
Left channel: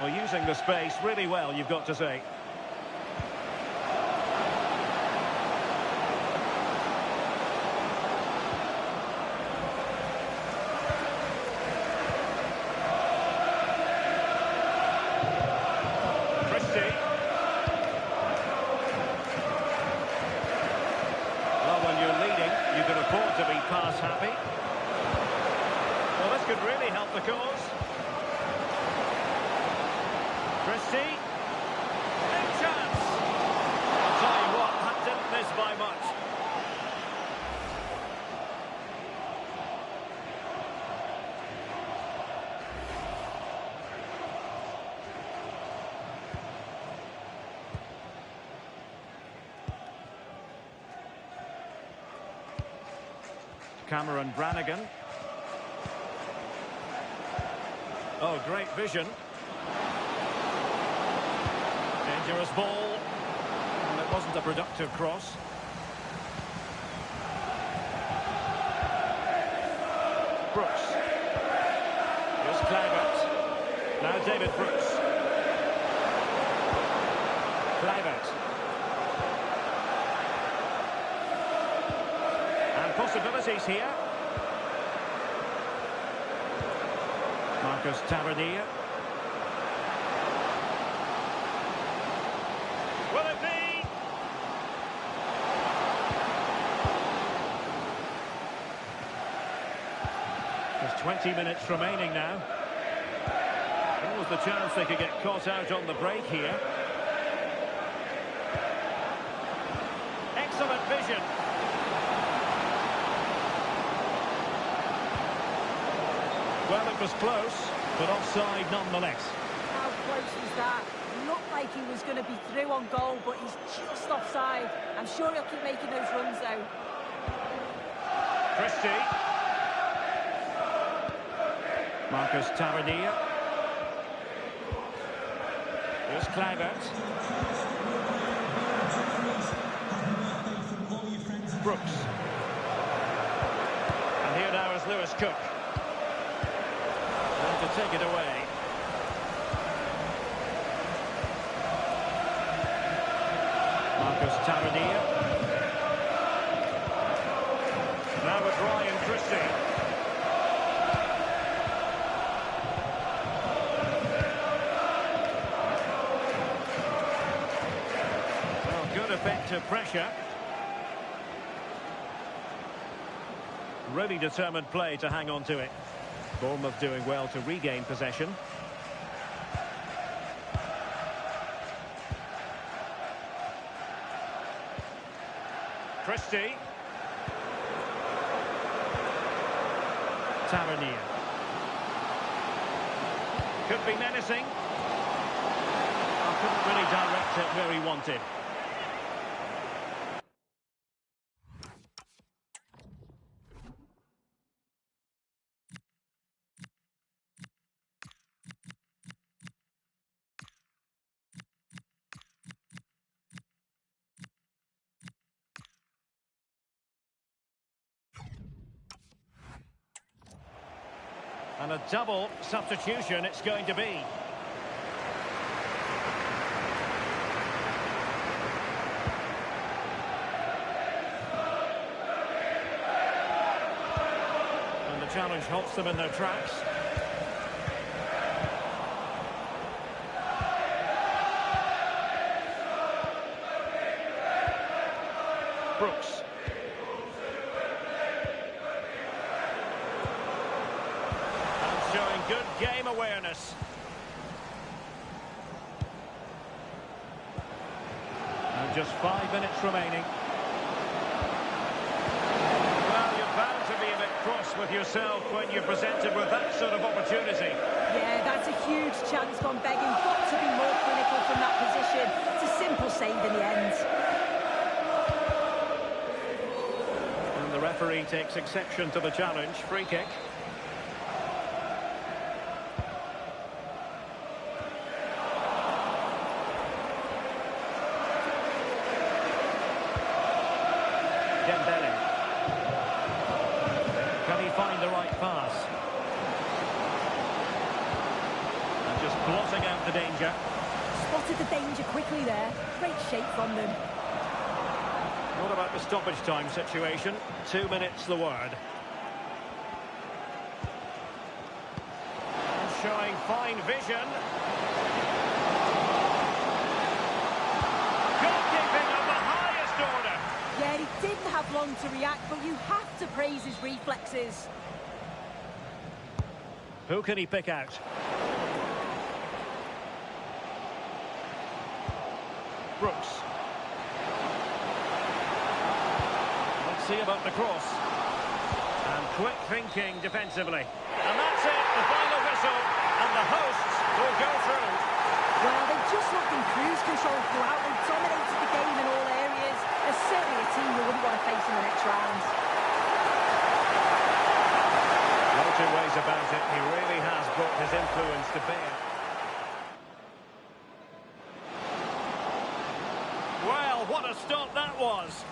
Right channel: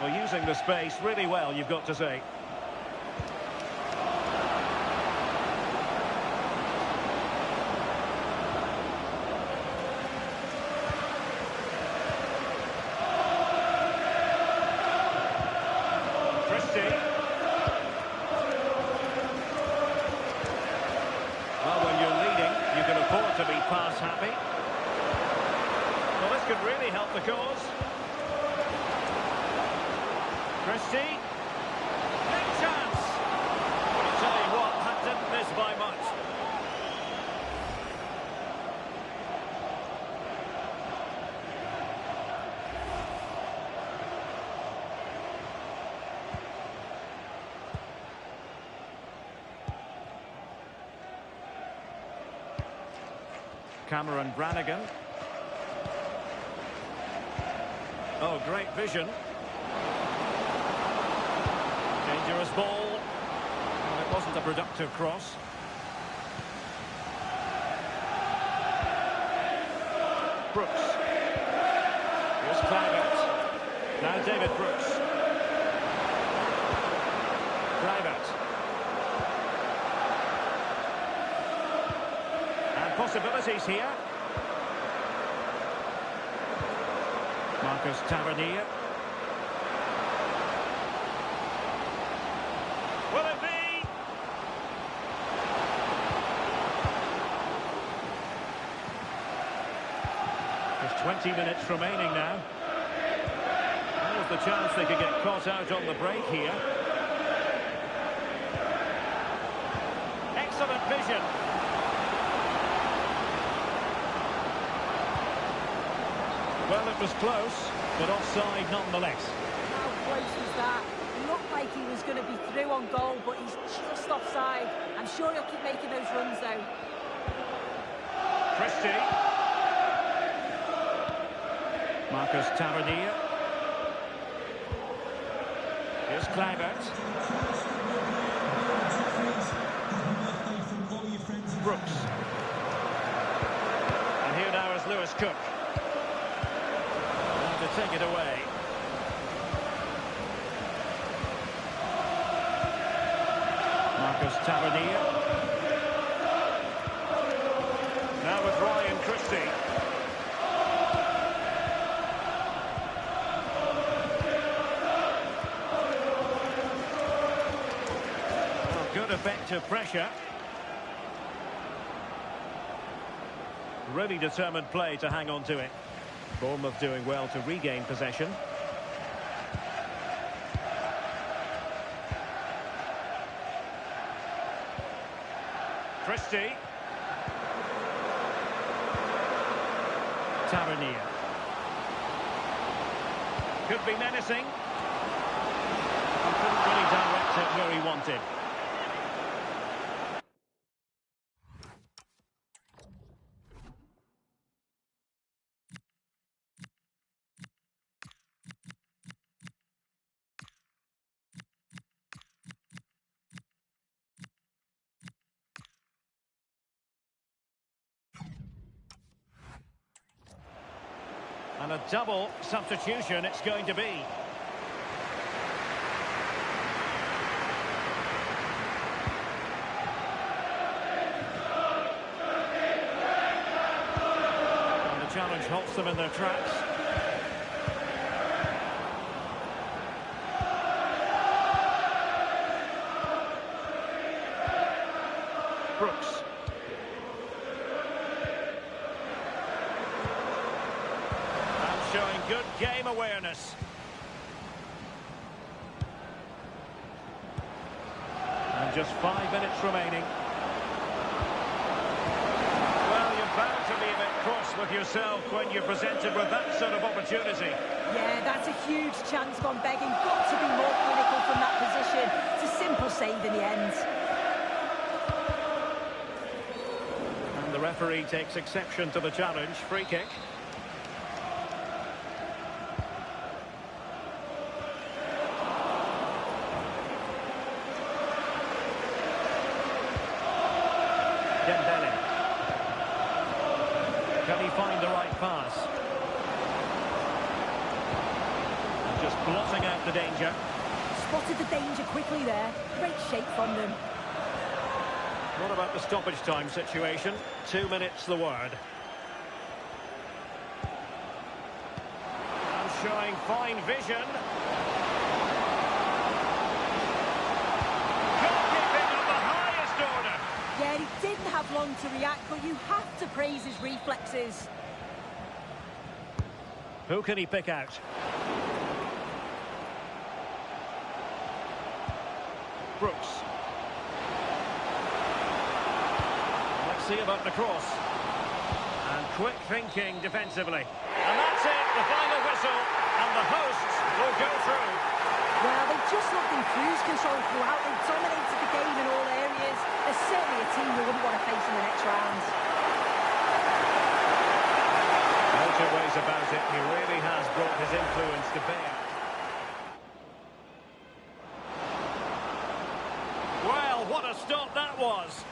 Well, using the space really well, you've got to say. Christie. Well, when you're leading, you can afford to be pass happy. Well, this could really help the cause. Christie. Big chance. I'll tell you what, that didn't miss by much. Cameron Brannigan. Oh, great vision. Dangerous ball. Well, it wasn't a productive cross. Brooks. Here's Kluivert. Now David Brooks. Kluivert. And possibilities here. Marcus Tavernier. Will it be? There's 20 minutes remaining now. What was the chance they could get caught out on the break here? Excellent vision. Well, it was close, but offside nonetheless. How close was that? Looked like he was going to be through on goal, but he's just offside. I'm sure he'll keep making those runs, though. Christie. Marcus Tavernier. Here's Kluivert. Brooks. And here now is Lewis Cook. Now to take it away. Marcus Tavernier. Now with Ryan Christie. Good effective pressure. Really determined play to hang on to it. Bournemouth doing well to regain possession. Christie. Tavernier. Could be menacing. Oh, couldn't really direct it where he wanted. And a double substitution it's going to be. And the challenge halts them in their tracks. Brooks. Showing good game awareness. And just 5 minutes remaining. Well, you're bound to be a bit cross with yourself when you're presented with that sort of opportunity. Yeah, that's a huge chance gone begging. Got to be more clinical from that position. It's a simple save in the end. And the referee takes exception to the challenge. Free kick. Dembele. Can he find the right pass? And just blotting out the danger. Spotted the danger quickly there. Great shape from them. What about the stoppage time situation? 2 minutes the word. And showing fine vision. Goalkeeping of the highest order. Yeah, he didn't have long to react, but you have to praise his reflexes. Who can he pick out? Brooks. Let's see about the cross. And quick thinking defensively. And that's it, the final whistle. And the hosts will go through. Well, they just looked in cruise control throughout. They dominated the game in all areas. There's certainly a team we wouldn't want to face in the next round. No two ways about it. He really has brought his influence to bear. Well, what a stop that was.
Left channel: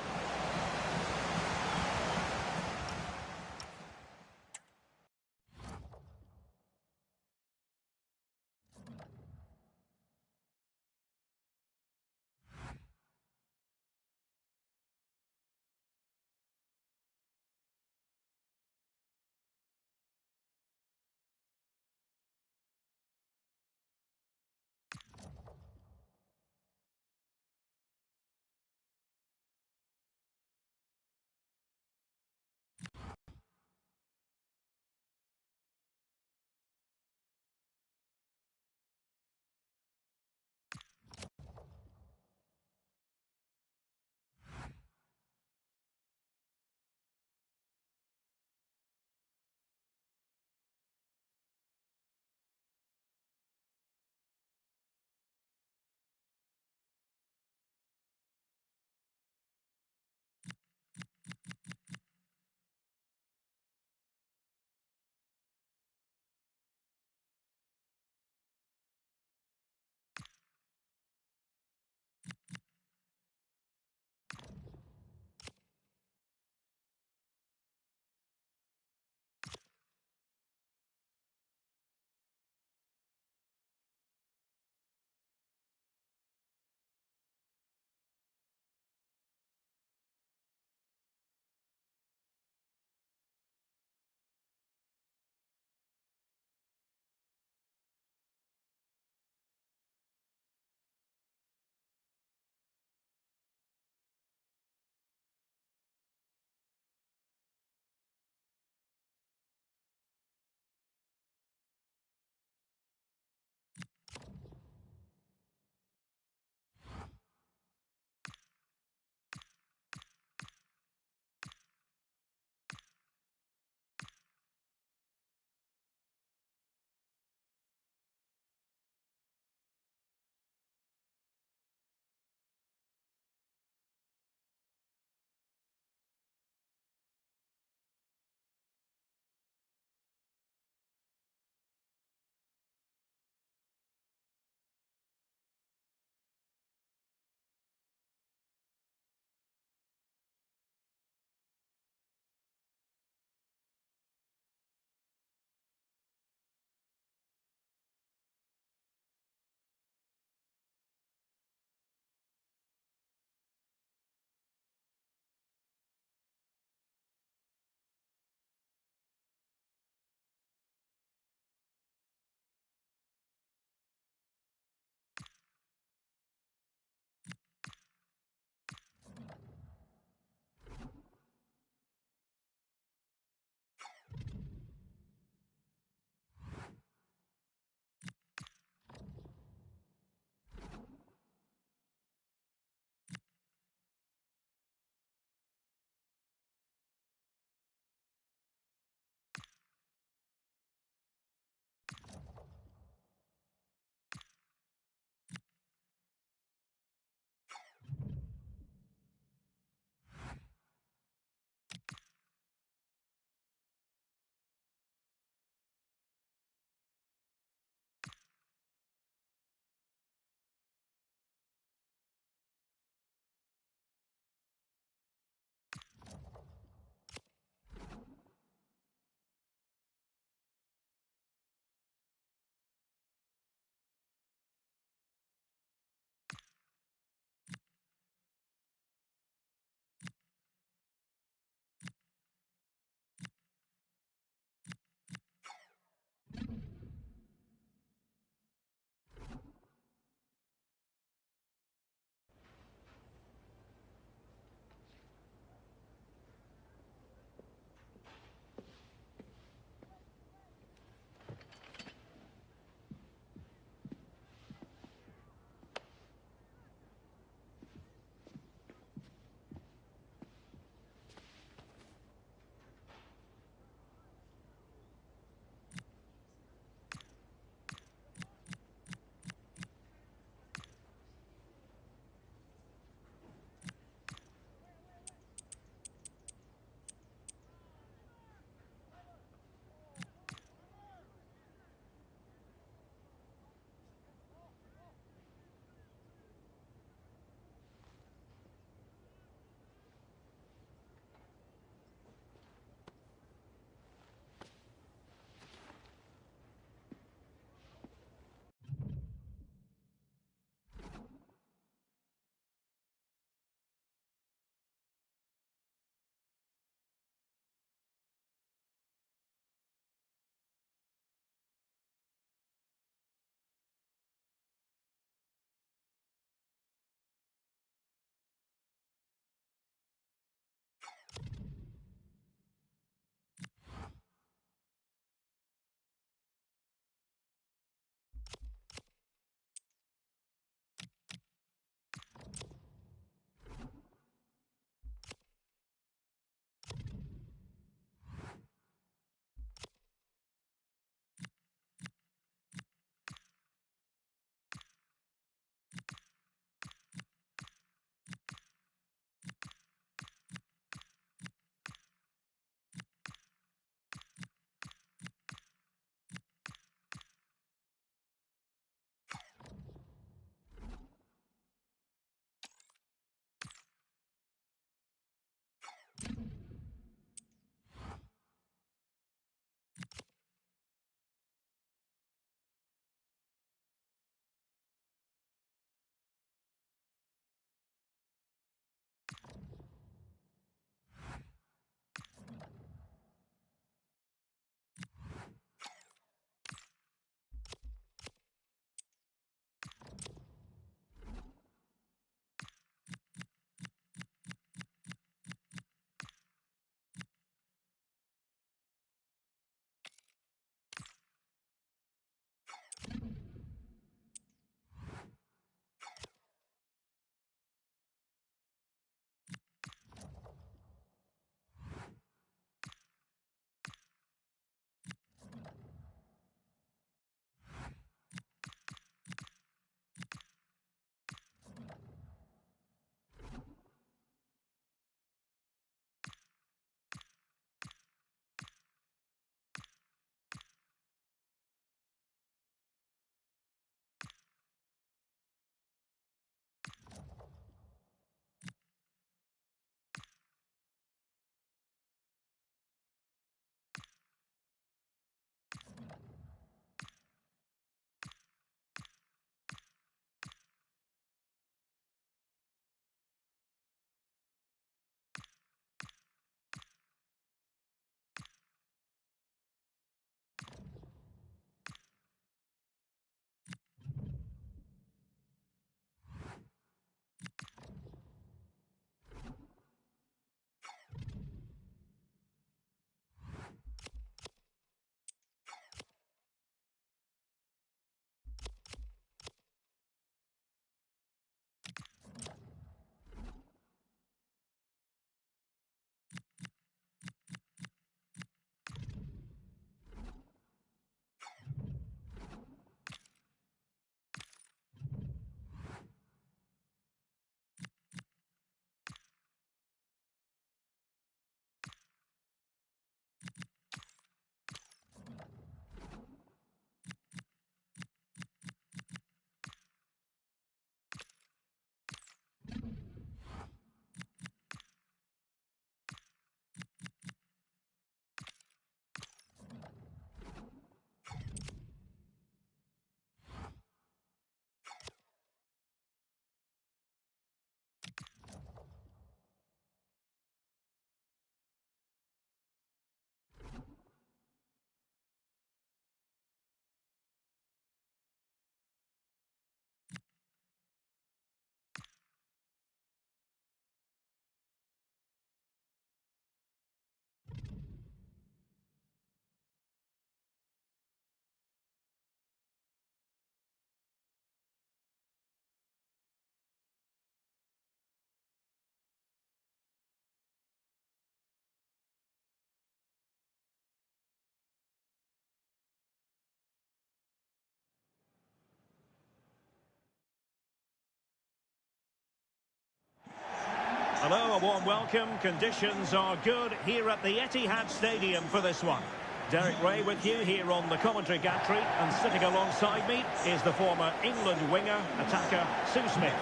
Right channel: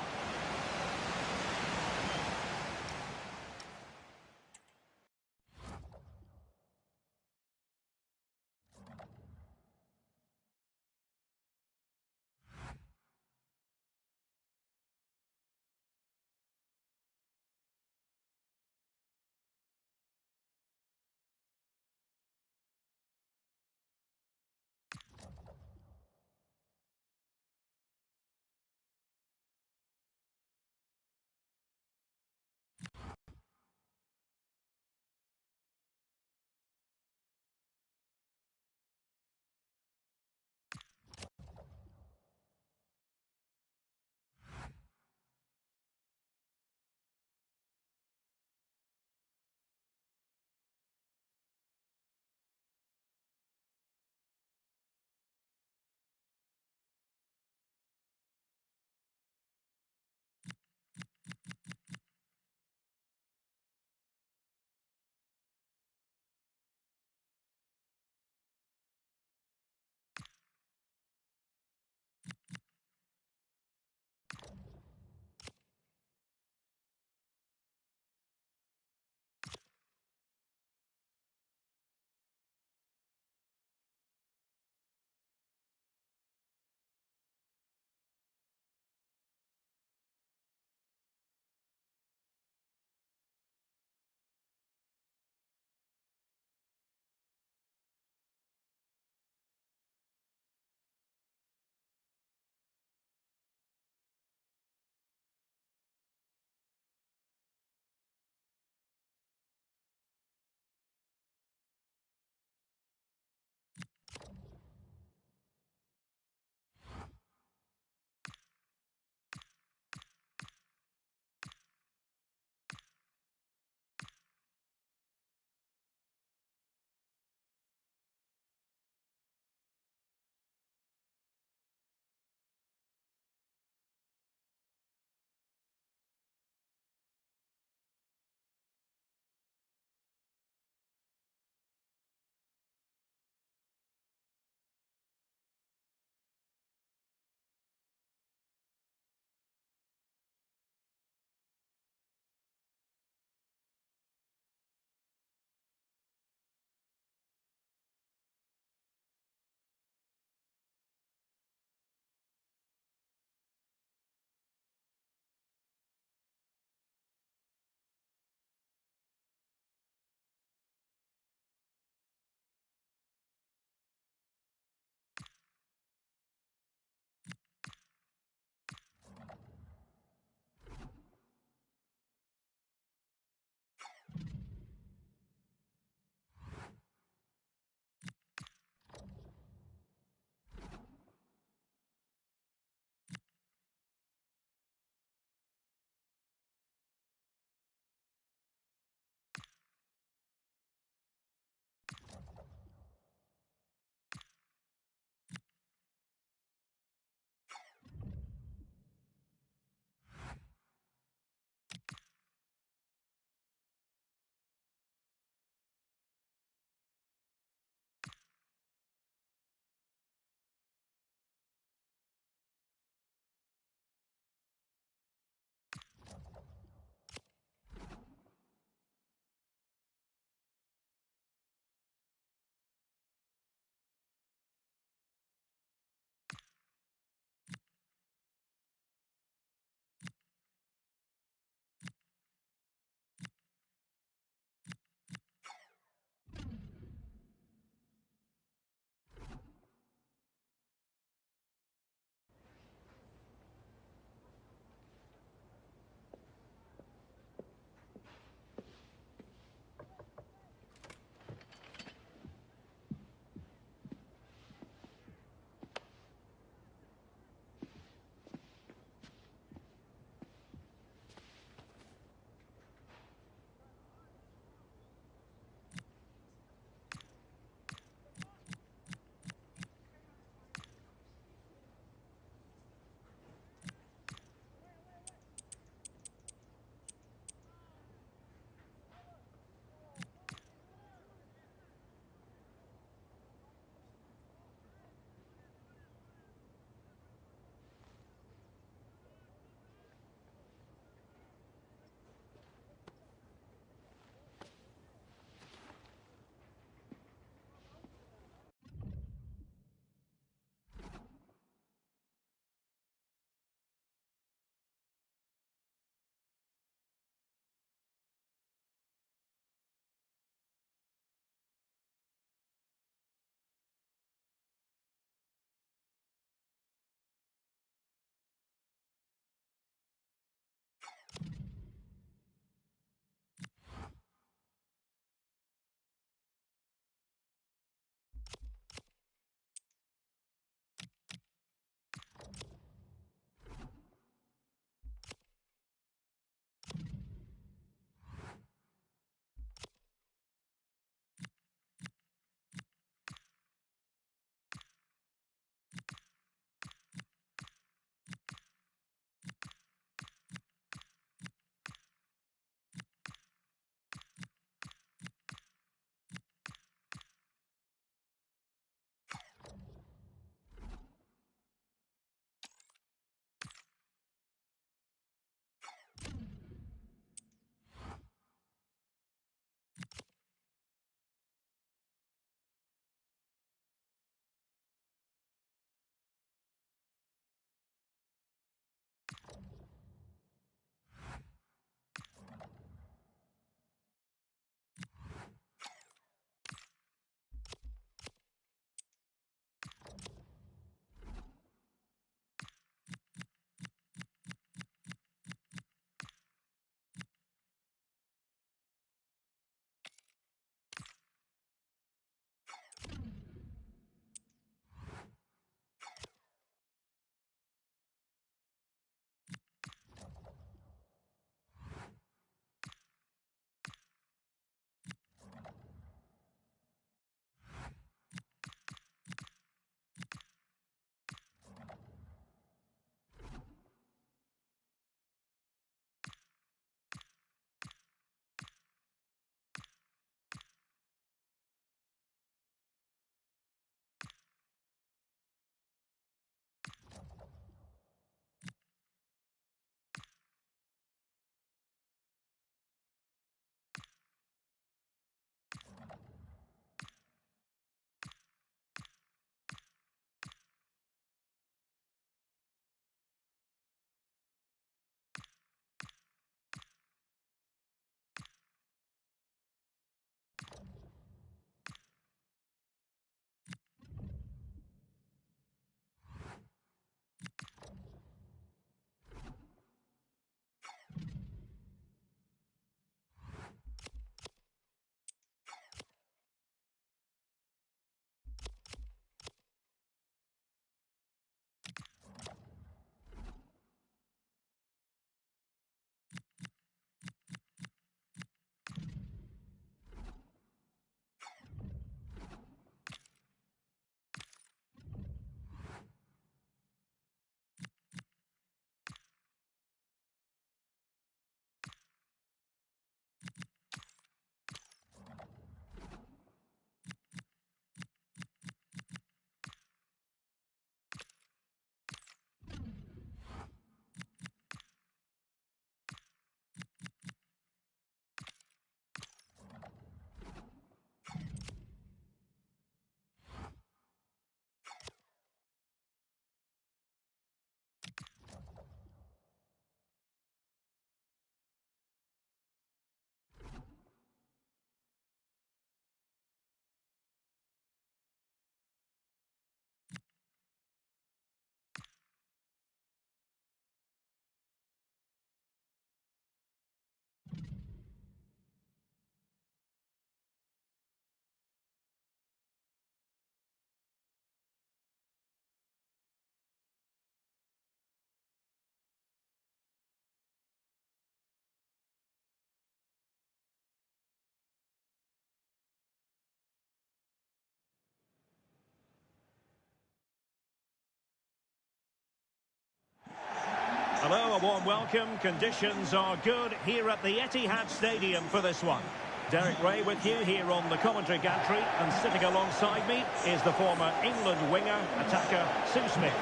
Hello, a warm welcome. Conditions are good here at the Etihad Stadium for this one. Derek Ray with you here on the commentary gantry, and sitting alongside me is the former England winger, attacker, Sue Smith.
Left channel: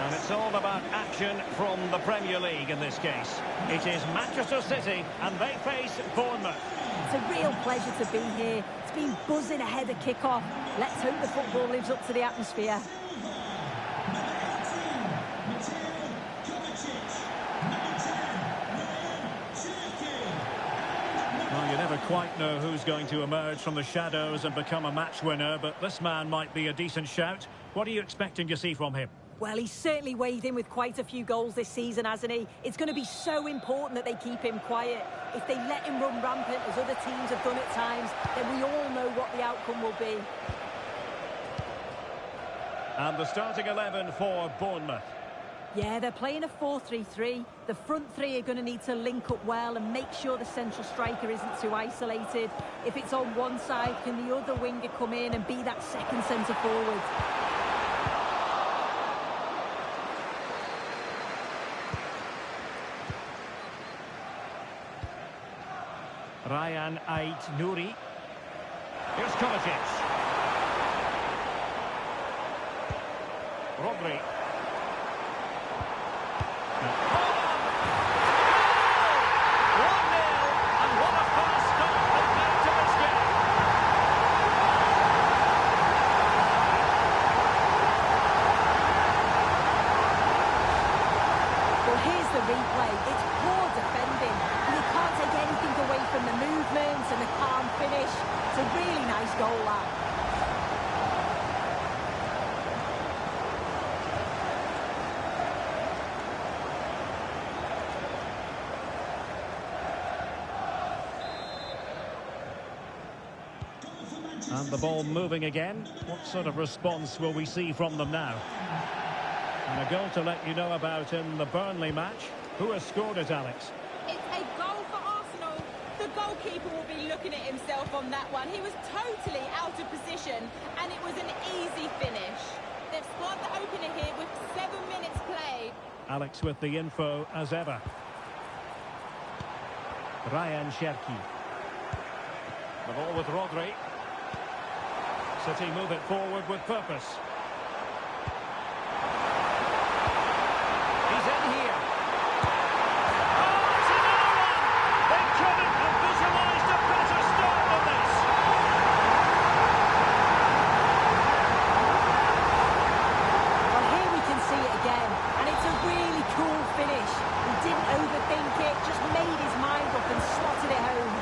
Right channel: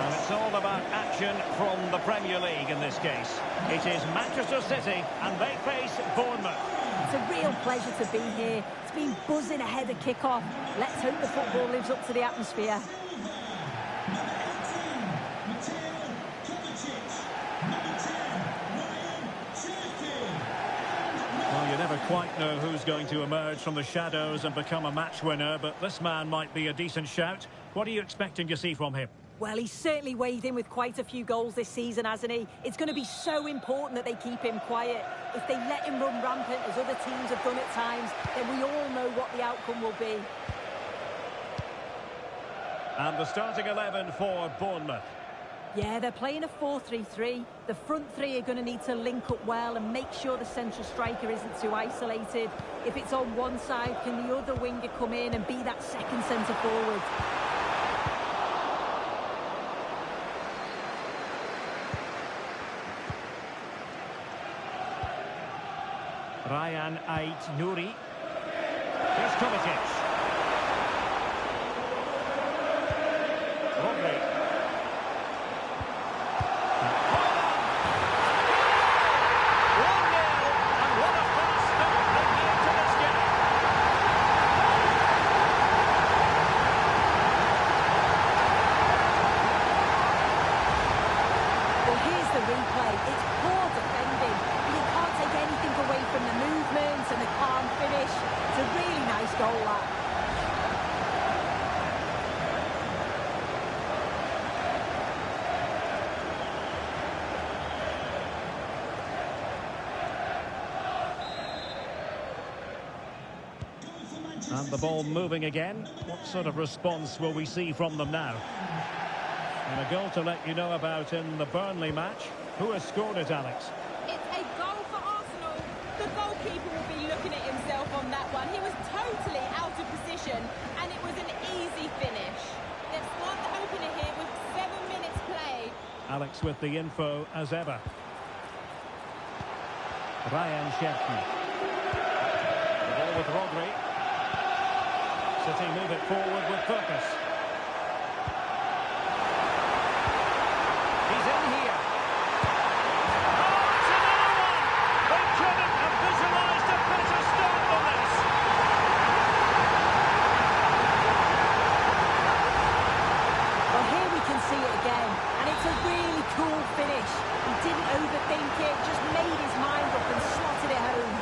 And it's all about action from the Premier League in this case. It is Manchester City, and they face Bournemouth. It's a real pleasure to be here. It's been buzzing ahead of kick-off. Let's hope the football lives up to the atmosphere. Well, you never quite know who's going to emerge from the shadows and become a match winner, but this man might be a decent shout. What are you expecting to see from him? Well, he's certainly weighed in with quite a few goals this season, hasn't he? It's going to be so important that they keep him quiet. If they let him run rampant, as other teams have done at times, then we all know what the outcome will be. And the starting 11 for Bournemouth. Yeah, they're playing a 4-3-3. The front three are going to need to link up well and make sure the central striker isn't too isolated. If it's on one side, can the other winger come in and be that second centre forward? Ryan Ait-Nouri. Here's Kovacic. Rodri. Holland! 1-0, and what a fast start they've made to this game. Well, here's the replay. It's poor defending. You can't take anything away from the movement and the calm finish. It's a really nice goal, that. And the ball moving again. What sort of response will we see from them now? And a goal to let you know about in the Burnley match. Who has scored it, Alex? It's a goal for Arsenal. The goalkeeper will be looking at himself on that one. He was totally out of position, and it was an easy finish. They've scored the opener here with 7 minutes played. Alex with the info as ever. Ryan Cherki. The ball with Rodri. City move it forward with purpose. He's in here. Oh, it's another one! They couldn't have visualised a better start than this. Well, here we can see it again, and it's a really cool finish. He didn't overthink it, just made his mind up and slotted it home.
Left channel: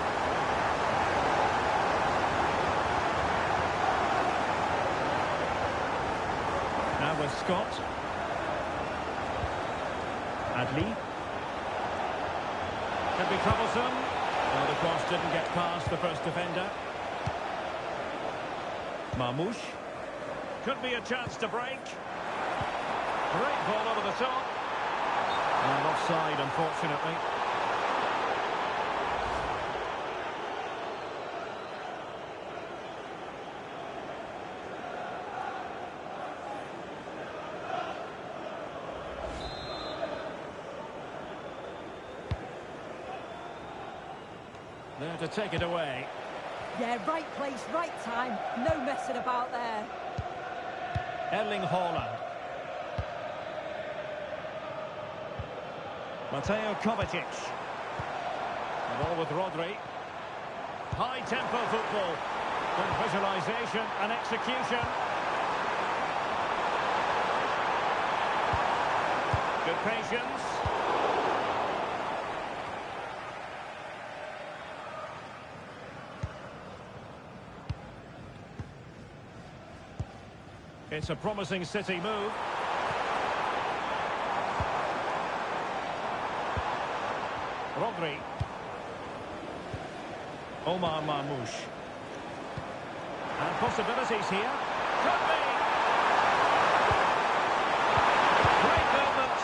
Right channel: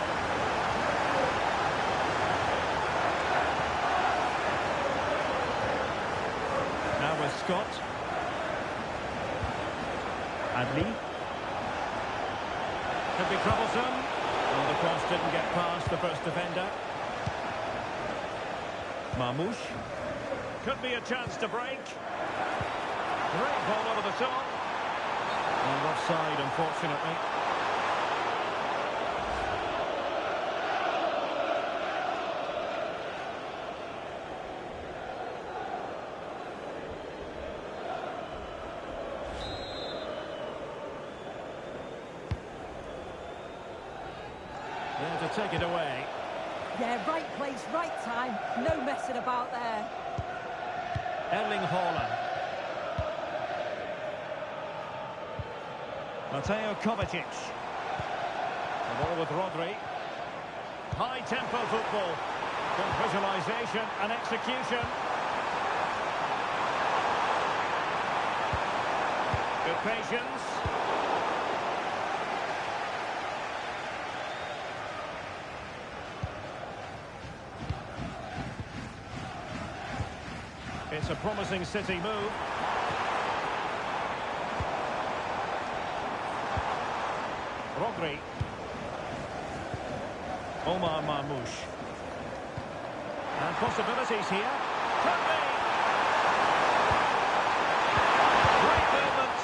Now with Scott. Adli. Could be troublesome. Oh, the cross didn't get past the first defender. Marmoush. Could be a chance to break. Great ball over the top. And offside, unfortunately. There to take it away. Yeah, right place, right time. No messing about there. Erling Haaland. Mateo Kovacic. The ball with Rodri. High-tempo football. Good visualisation and execution. Good patience. It's a promising City move. Rodri. Omar Marmoush. And possibilities here. Could be. Great movement.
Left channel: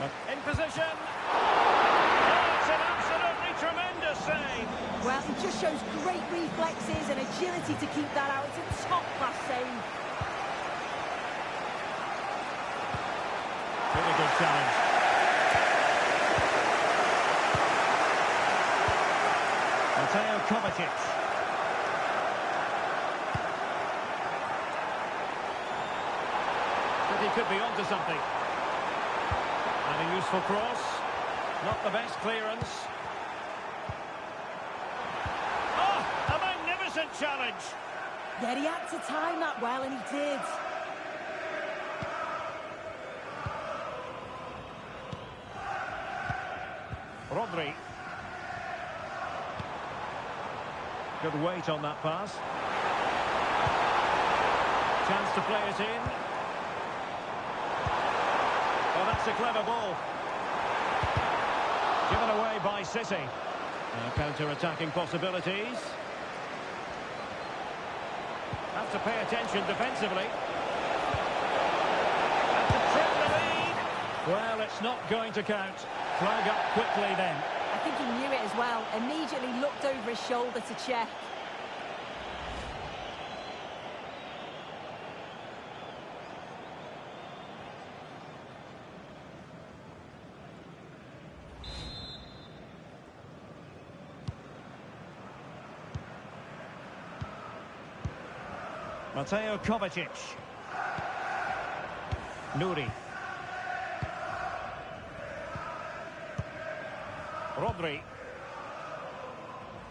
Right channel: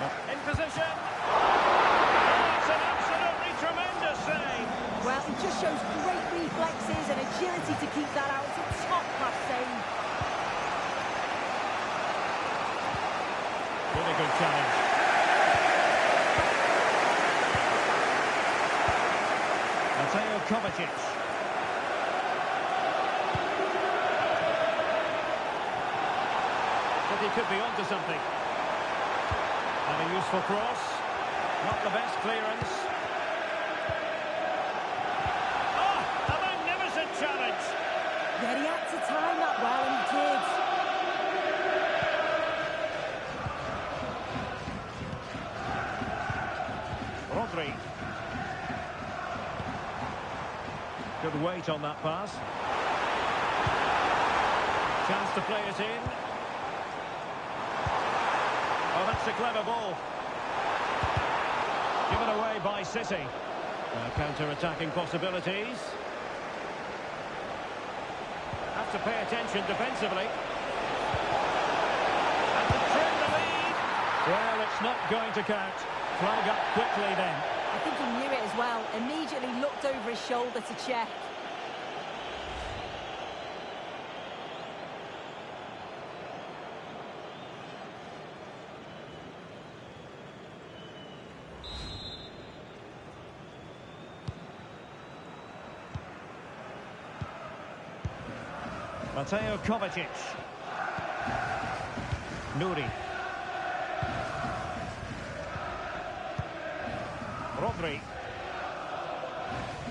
But in position. Oh, it's an absolutely tremendous save. Well, it just shows great reflexes and agility to keep that out. It's a top-class save. Really good challenge. Mateo Kovacic. But he could be onto something. And a useful cross. Not the best clearance. Oh, a magnificent challenge. Yeah, he had to time that well, and he did. Rodri. Good weight on that pass. Chance to play it in. Oh, that's a clever ball. Given away by City. Now counter-attacking possibilities. Have to pay attention defensively. And to trim the lead. Well, it's not going to count. Flag up quickly then. I think he knew it as well. Immediately looked over his shoulder to check. Mateo Kovacic. Nouri. Rodri.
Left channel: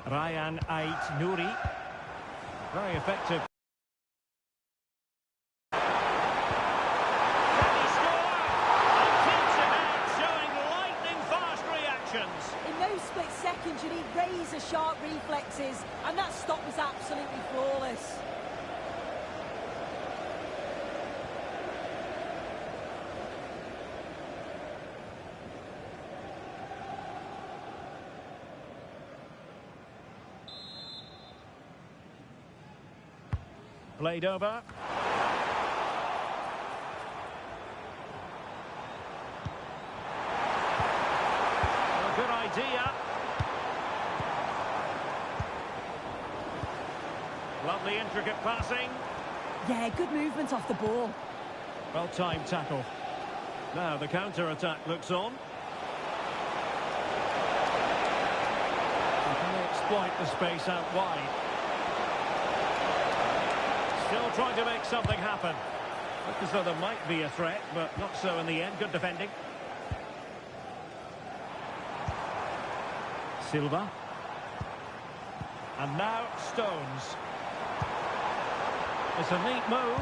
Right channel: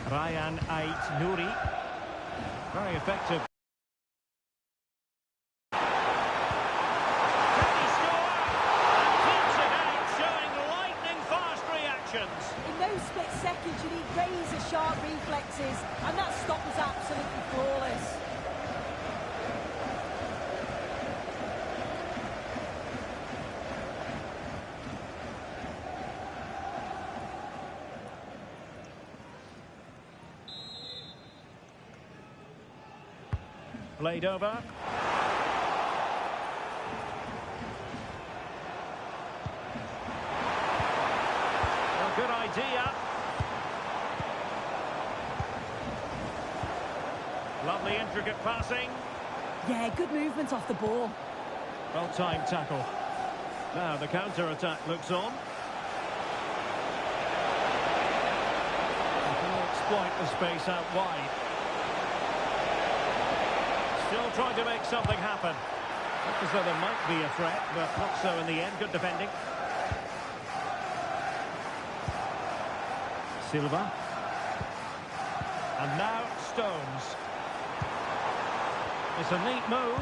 Ryan Ait Nouri. Very effective. Can he score? And keeps it out, showing lightning-fast reactions. In those split seconds, you need razor-sharp reflexes, and that stop was absolutely flawless. Played over. A good idea. Lovely intricate passing. Yeah, good movement off the ball. Well-timed tackle. Now the counter-attack looks on. And can they exploit the space out wide? Still trying to make something happen. Look as though there might be a threat, but not so in the end. Good defending. Silva. And now Stones. It's a neat move.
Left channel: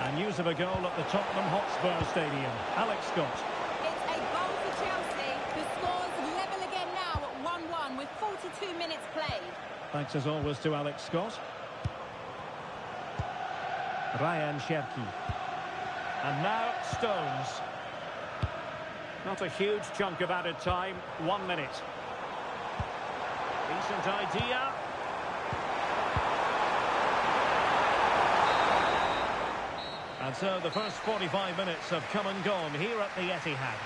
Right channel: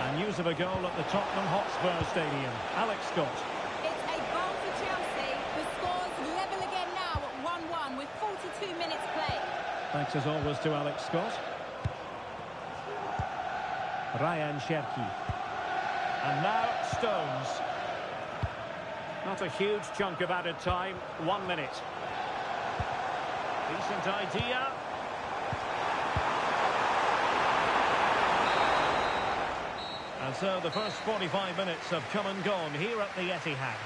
And news of a goal at the Tottenham Hotspur Stadium. Alex Scott. It's a goal for Chelsea. The score's level again now at 1-1 with 42 minutes played. Thanks as always to Alex Scott. Ryan Cherki. And now Stones. Not a huge chunk of added time. 1 minute. Decent idea. And so the first 45 minutes have come and gone here at the Etihad.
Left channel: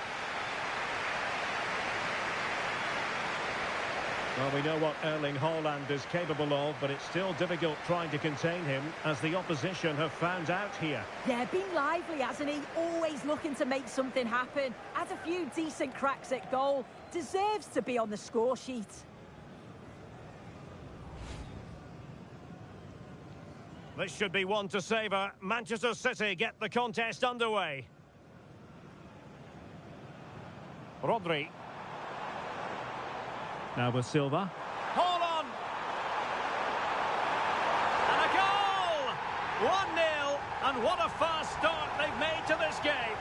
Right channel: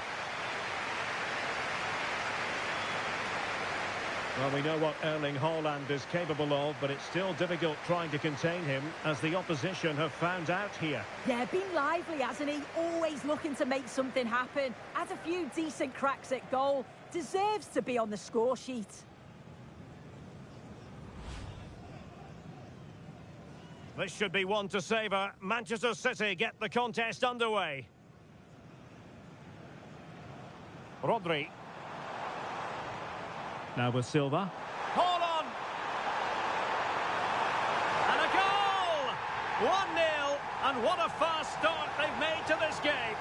Well, we know what Erling Haaland is capable of, but it's still difficult trying to contain him as the opposition have found out here. Yeah, been lively, hasn't he? Always looking to make something happen. Had a few decent cracks at goal. Deserves to be on the score sheet. This should be one to savour. Manchester City get the contest underway. Rodri. Now with Silva. Hold on! And a goal! 1-0, and what a fast start they've made to this game.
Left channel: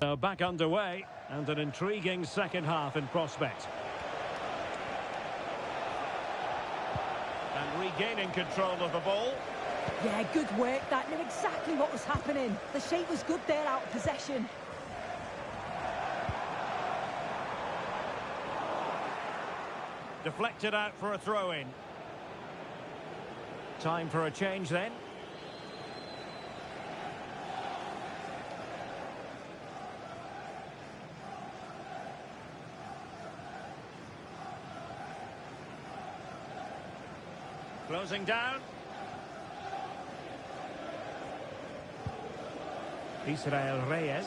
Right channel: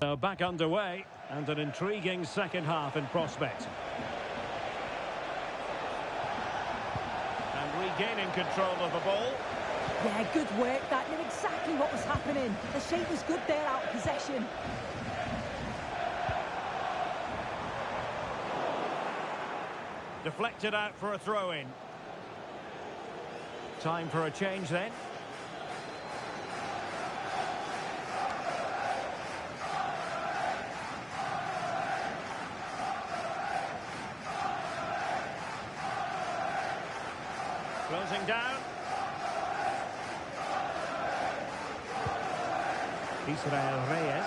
So back underway, and an intriguing second half in prospect. And regaining control of the ball. Yeah, good work. That knew exactly what was happening. The shape was good there out of possession. Deflected out for a throw-in. Time for a change then. Closing down. Israel Reyes.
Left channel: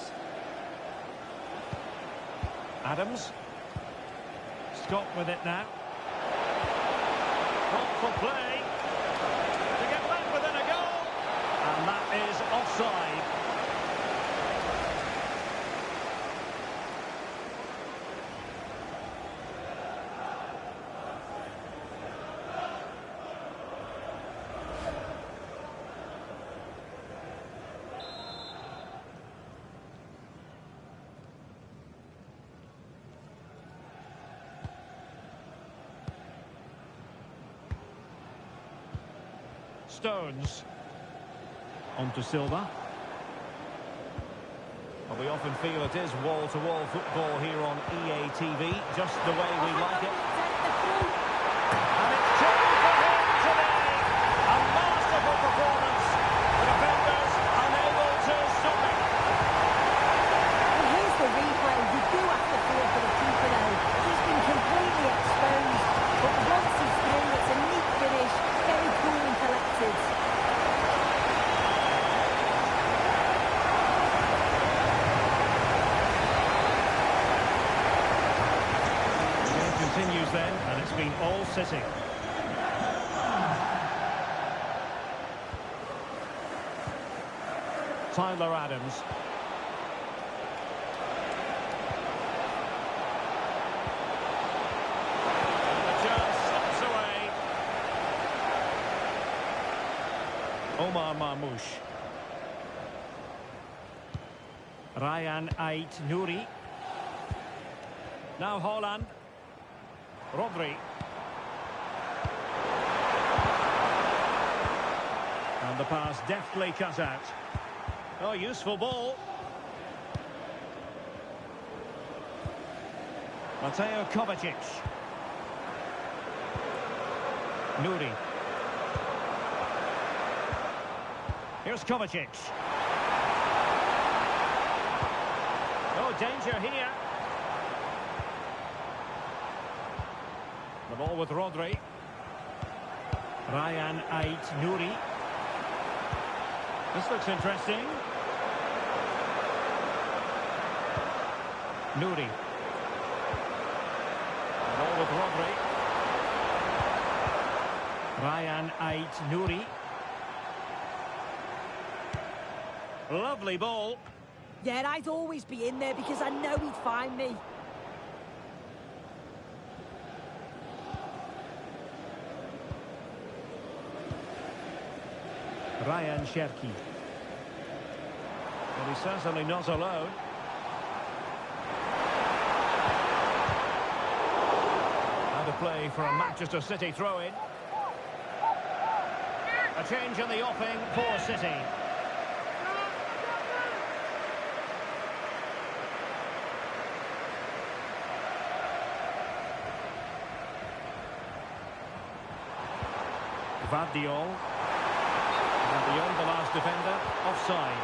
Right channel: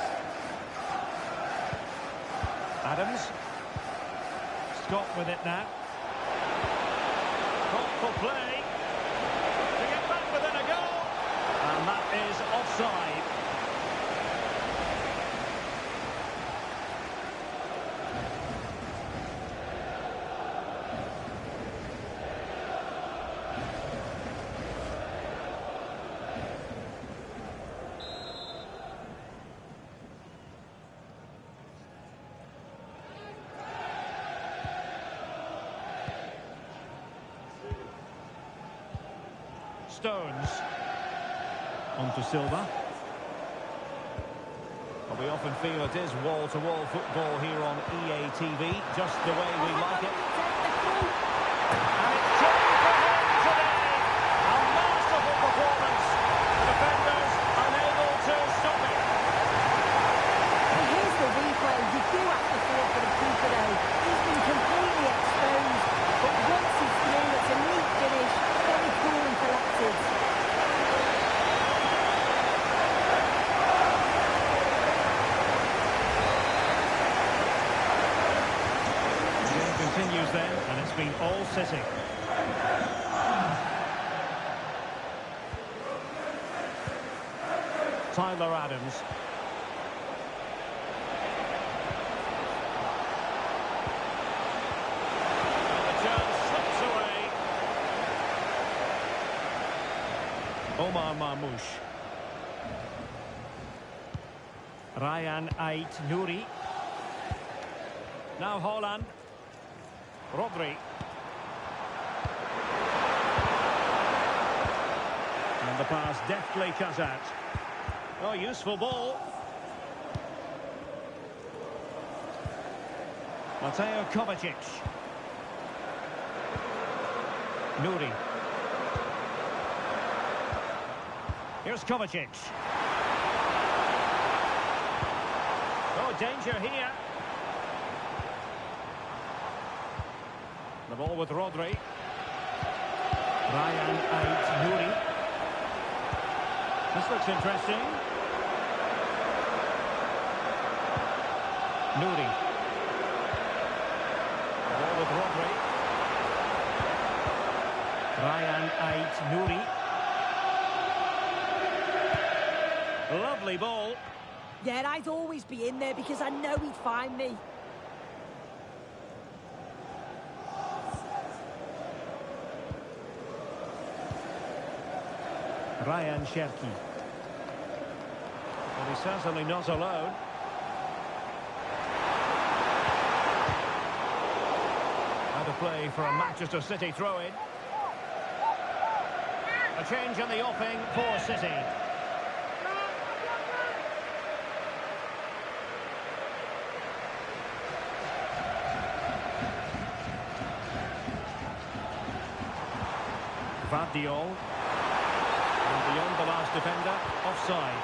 Adams. Scott with it now. Thoughtful play. To get back within a goal. And that is offside. Stones. On to Silva. Well, we often feel it is wall-to-wall football here on EA TV, just the way we like it. And it's two for him today. A masterful performance. The defenders unable to stop it. And here's the replay. You do have to feel for the keeper though. He's been completely exposed. But once he's through, it's a neat finish. Very cool and collected. The game continues then, and it's been all City. Tyler Adams. And the chance slips away. Omar Marmoush. Ryan Ait Nouri. Now Holland. Rodri. And the pass deftly cut out. Oh, useful ball. Mateo Kovacic. Nouri. Here's Kovacic. Oh, danger here. The ball with Rodri. Ryan Ait Nouri. This looks interesting. Nouri. The ball with Rodri. Ryan Ait Nouri. Lovely ball. Yeah, I'd always be in there because I know he'd find me. Ryan Cherki. Well, he's certainly not alone. Out of play for a Manchester City throw-in. A change in the offing for City. Vardiol. And beyond the last defender, offside.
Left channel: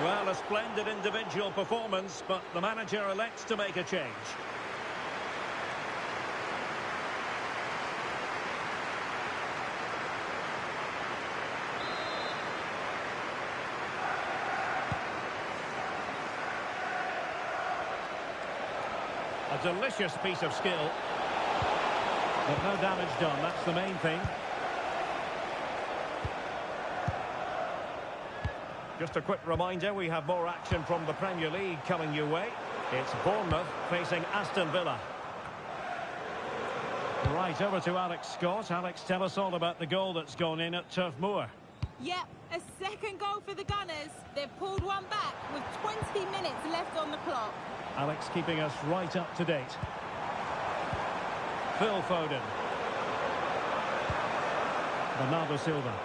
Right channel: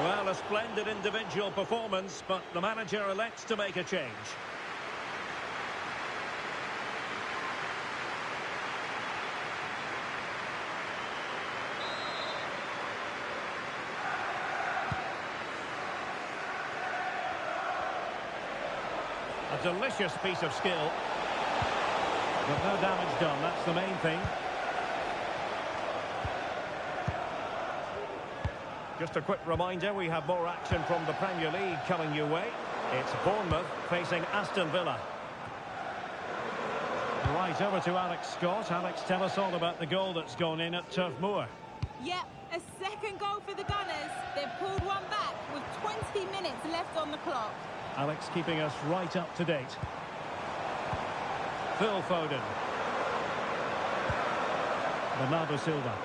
Well, a splendid individual performance, but the manager elects to make a change. A delicious piece of skill. But no damage done, that's the main thing. Just a quick reminder, we have more action from the Premier League coming your way. It's Bournemouth facing Aston Villa. Right, over to Alex Scott. Alex, tell us all about the goal that's gone in at Turf Moor. Yep, A second goal for the Gunners. They've pulled one back with 20 minutes left on the clock. Alex keeping us right up to date. Phil Foden. Bernardo Silva.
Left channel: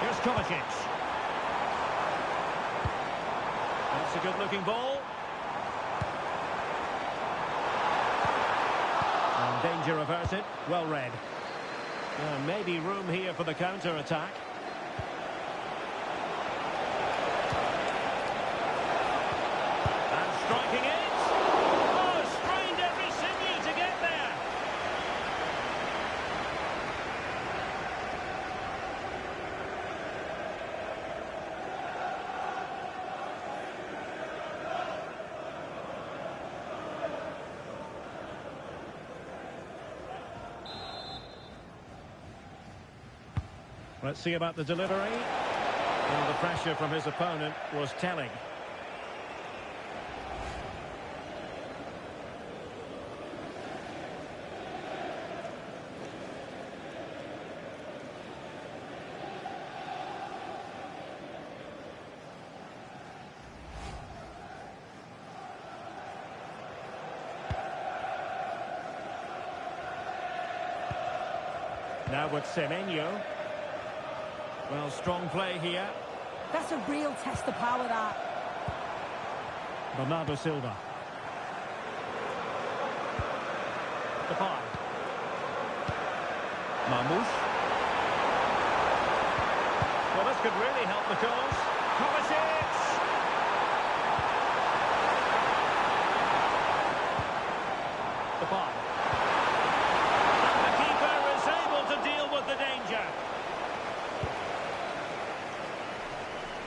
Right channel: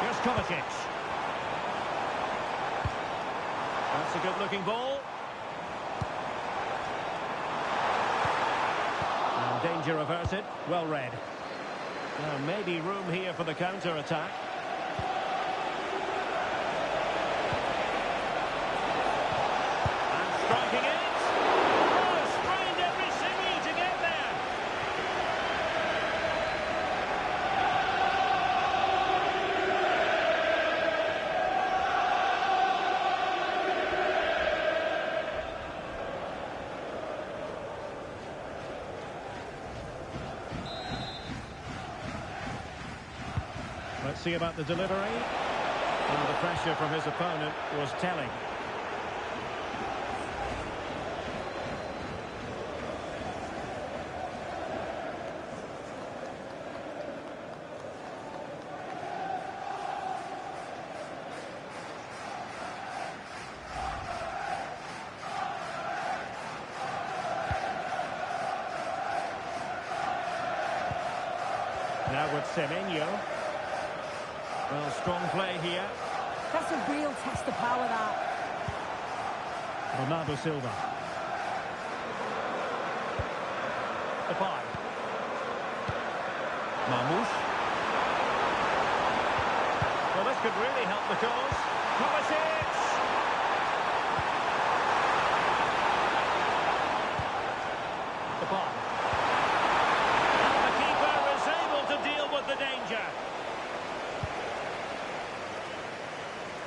Here's Kovacic. That's a good-looking ball. And danger averted. Well read. Now, maybe room here for the counter-attack. And striking it. Oh, strained every sinew to get there. Let's see about the delivery. Well, the pressure from his opponent was telling. Now with Semenyo. Well, strong play here. That's a real test of power, that. Bernardo Silva. Depay. Marmoush. Well, this could really help the cause. Kovacic! Depay. And the keeper is able to deal with the danger.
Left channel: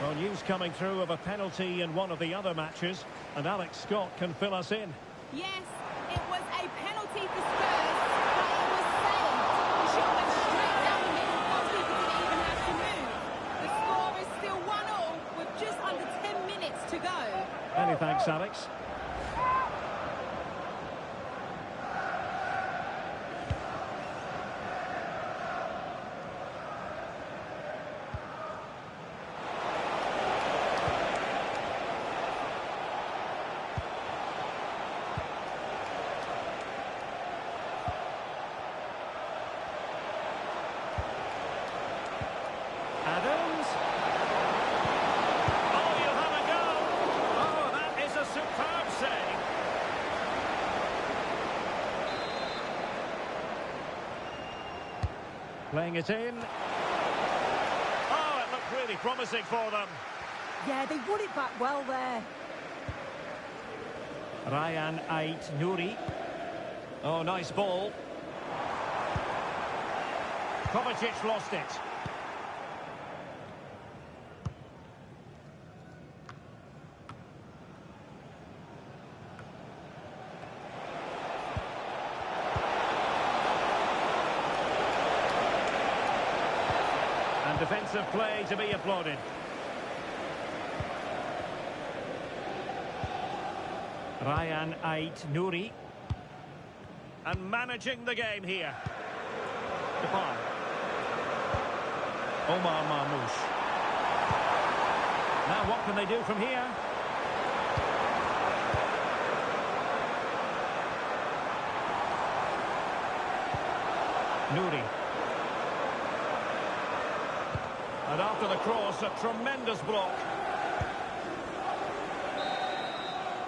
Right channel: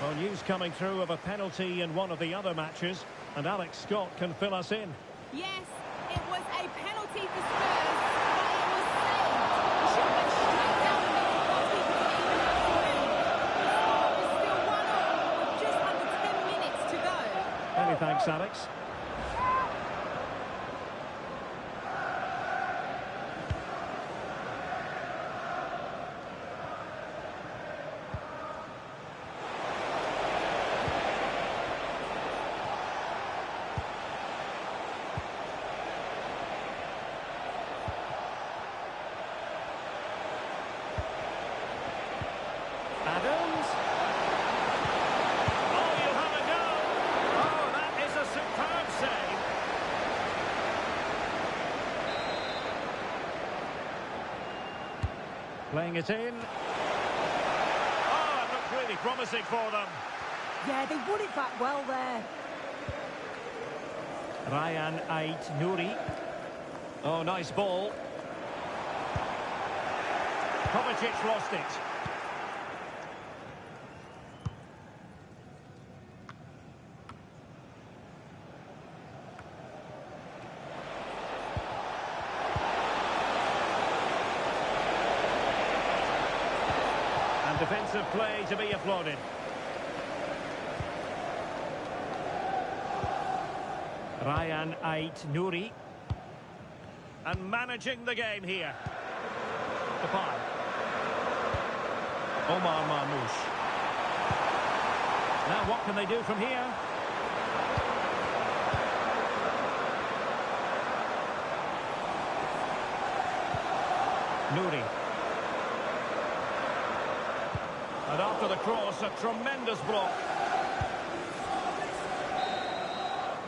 Well, news coming through of a penalty in one of the other matches, and Alex Scott can fill us in. Yes, it was a penalty for Spurs, but it was saved. The shot went straight down the middle, goalkeeper didn't even have to move. The score is still 1-1 with just under 10 minutes to go. Many thanks, Alex. Adams. Oh, you'll have a go. Oh, that is a superb save. Playing it in. Oh, it looked really promising for them. Yeah, they won it back well there. Ryan Ait Nouri. Oh, nice ball. Kovacic lost it. And defensive play to be applauded. Ryan Ait Nouri. And managing the game here. Depay. Omar Marmoush. Now what can they do from here? Nouri. And after the cross, a tremendous block.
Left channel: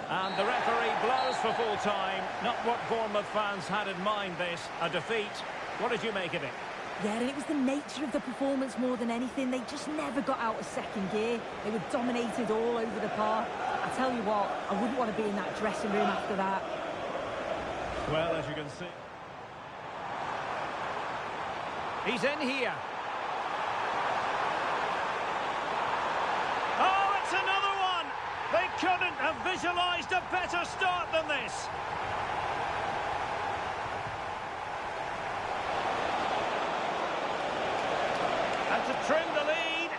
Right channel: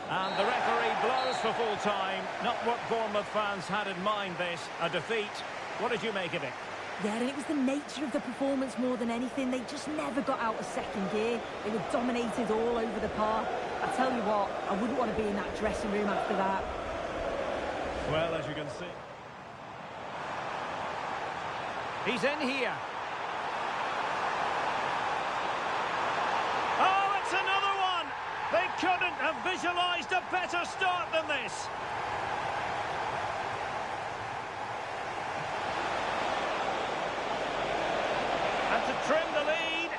And the referee blows for full time. Not what Bournemouth fans had in mind, this. A defeat. What did you make of it? Yeah, and it was the nature of the performance more than anything. They just never got out of second gear. They were dominated all over the park. I tell you what, I wouldn't want to be in that dressing room after that. Well, as you can see. He's in here. Oh, it's another one! They couldn't have visualised a better start than this. And to trim the lead.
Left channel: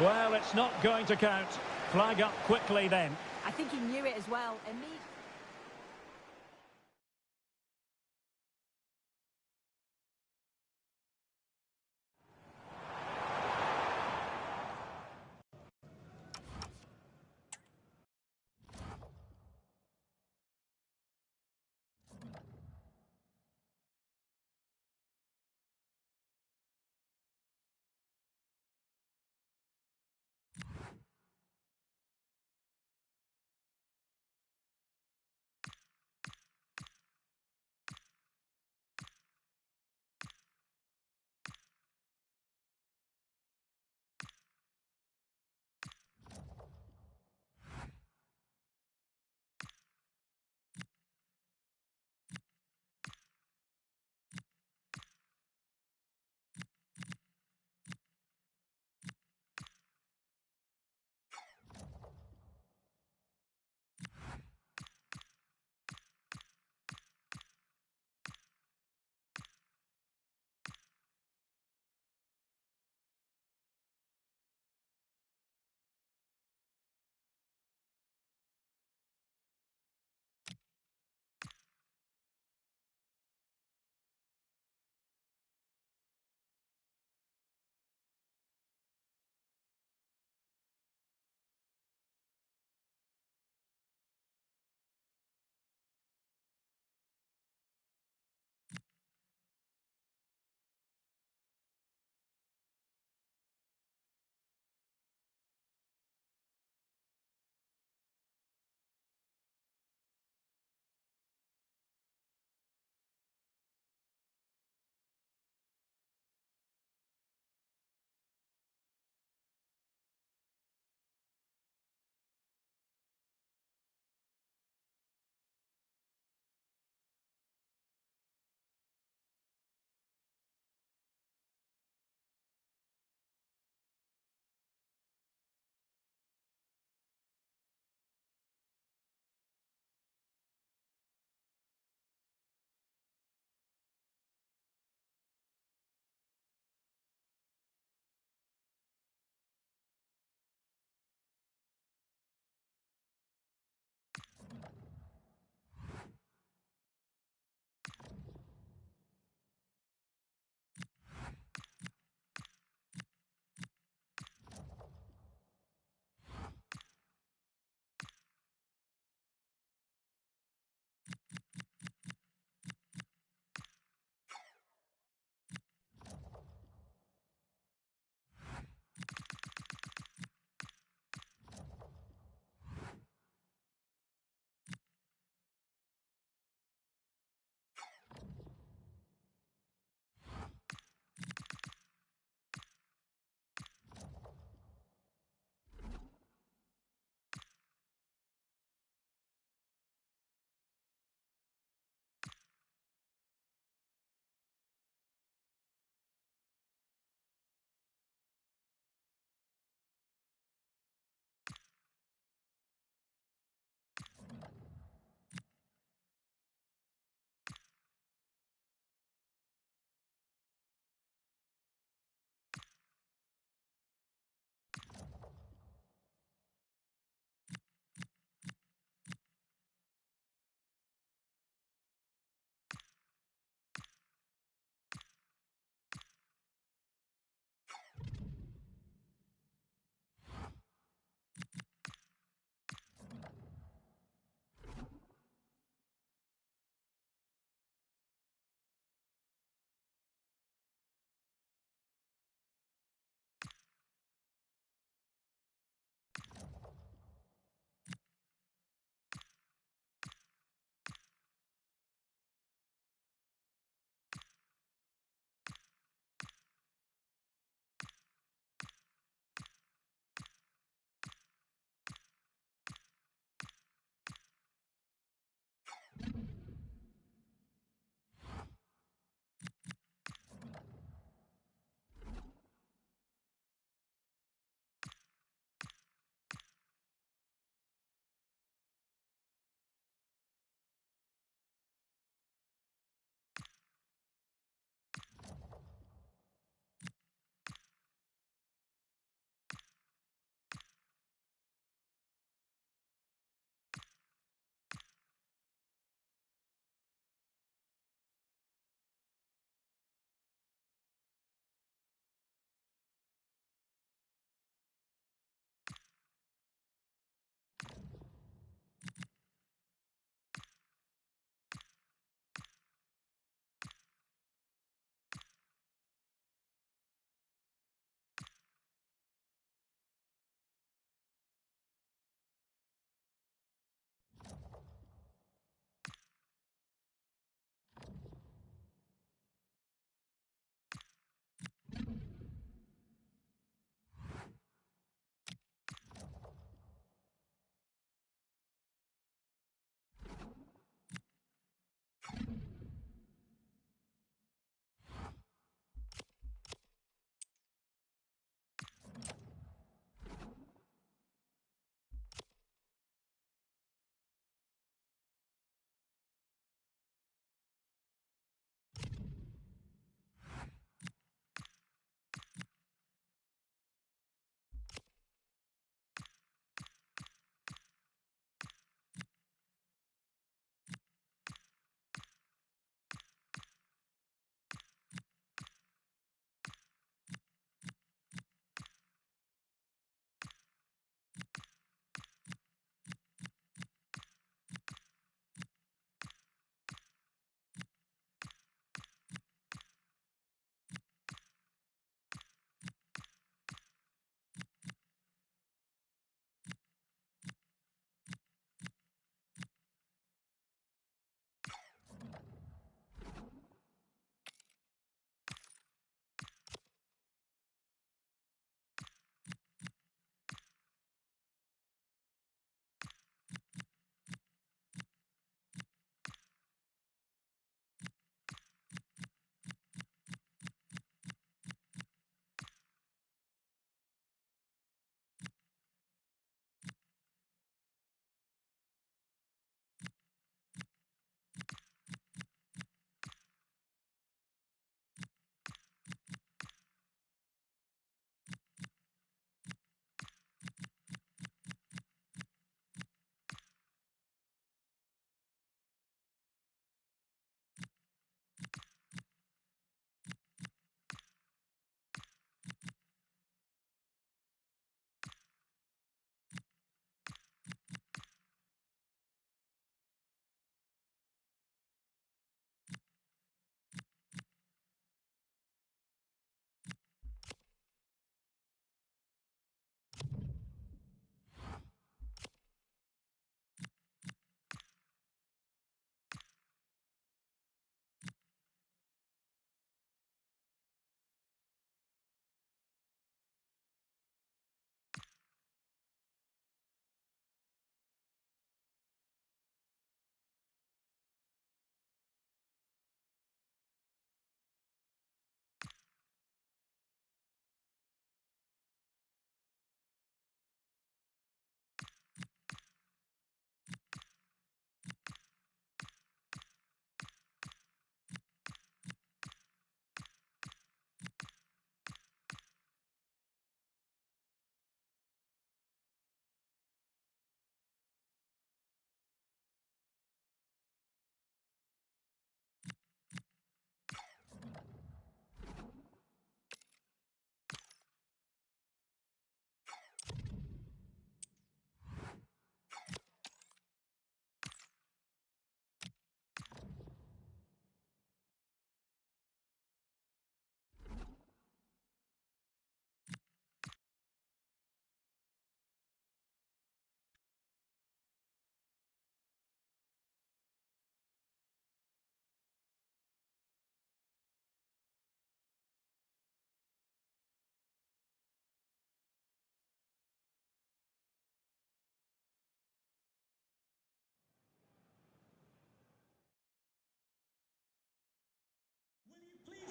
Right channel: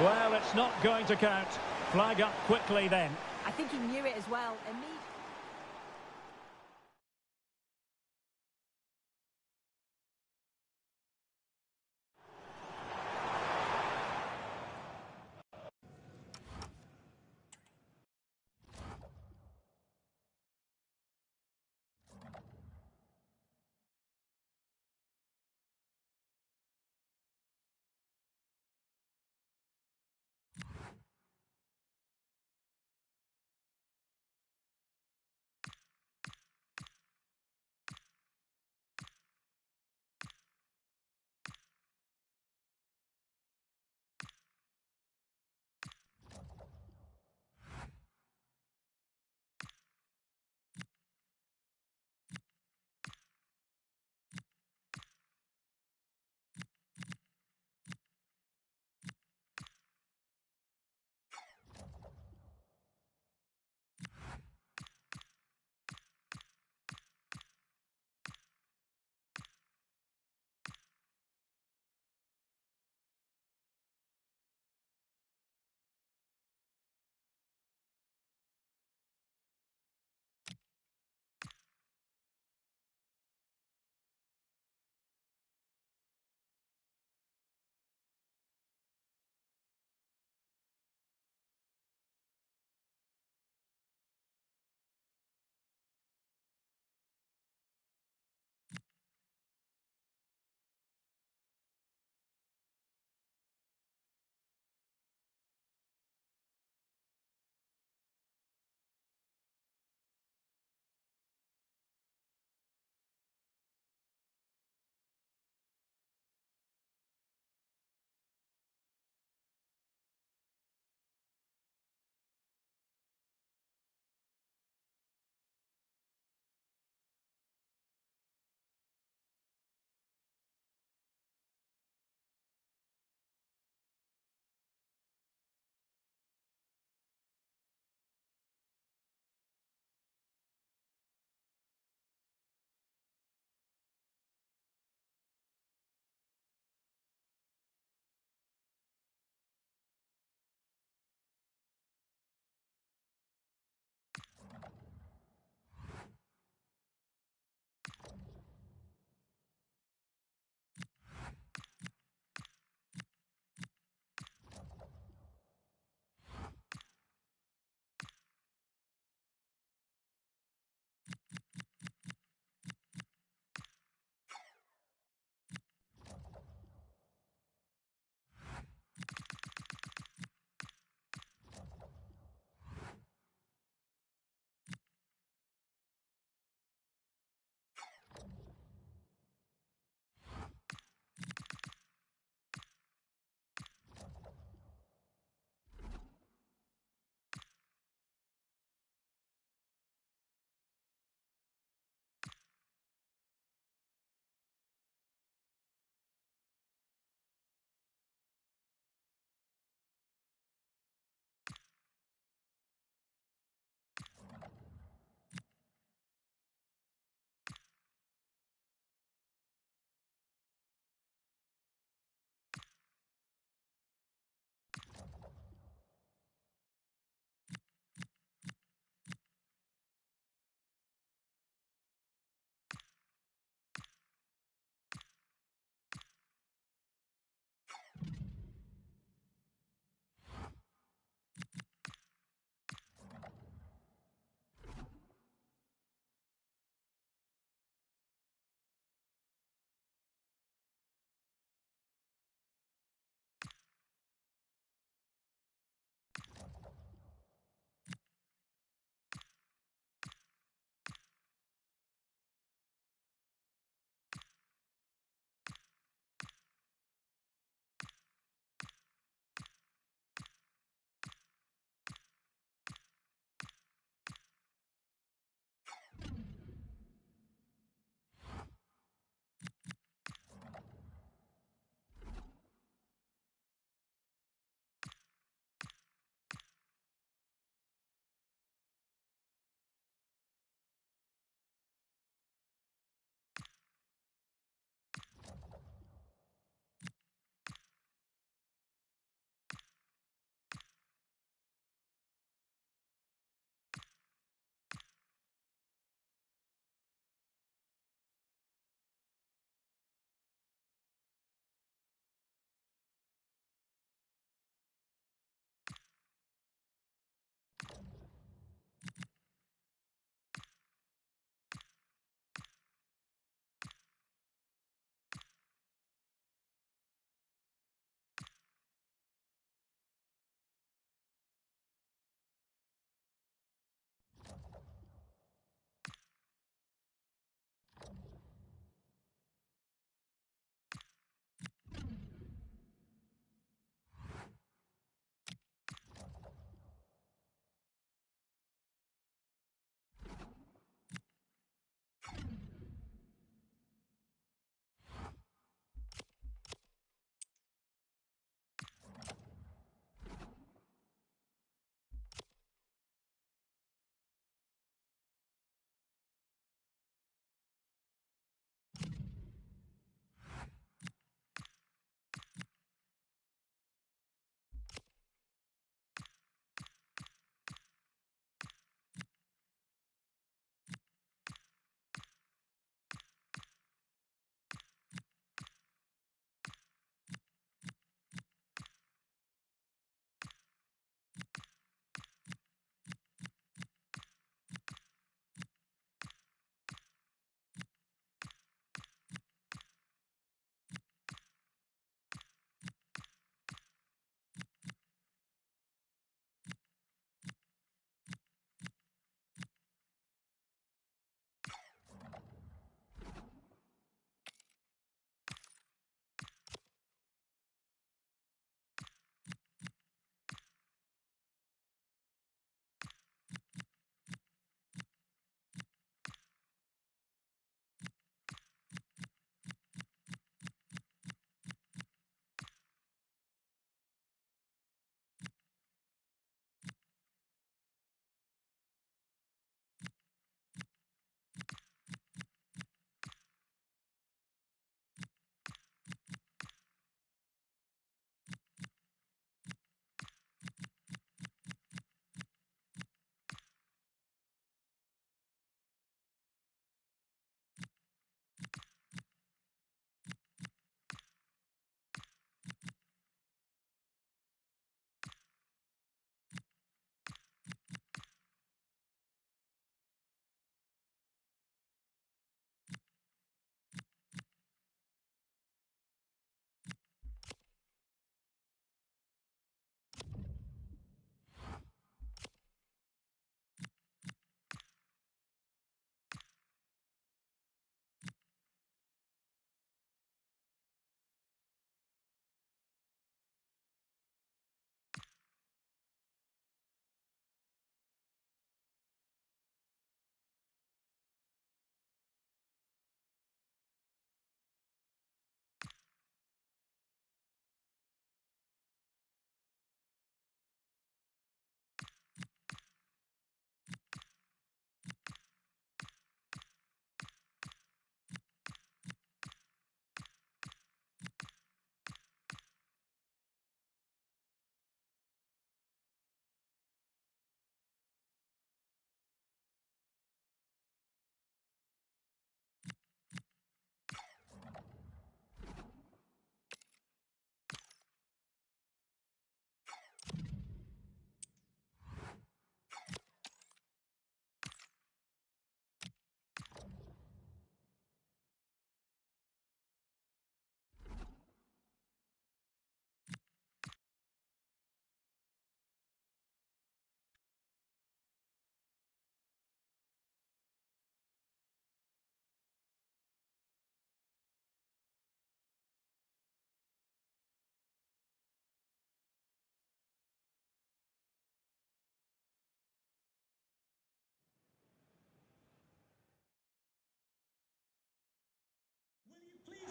Well, it's not going to count. Flag up quickly then. I think he knew it as well. Immediately.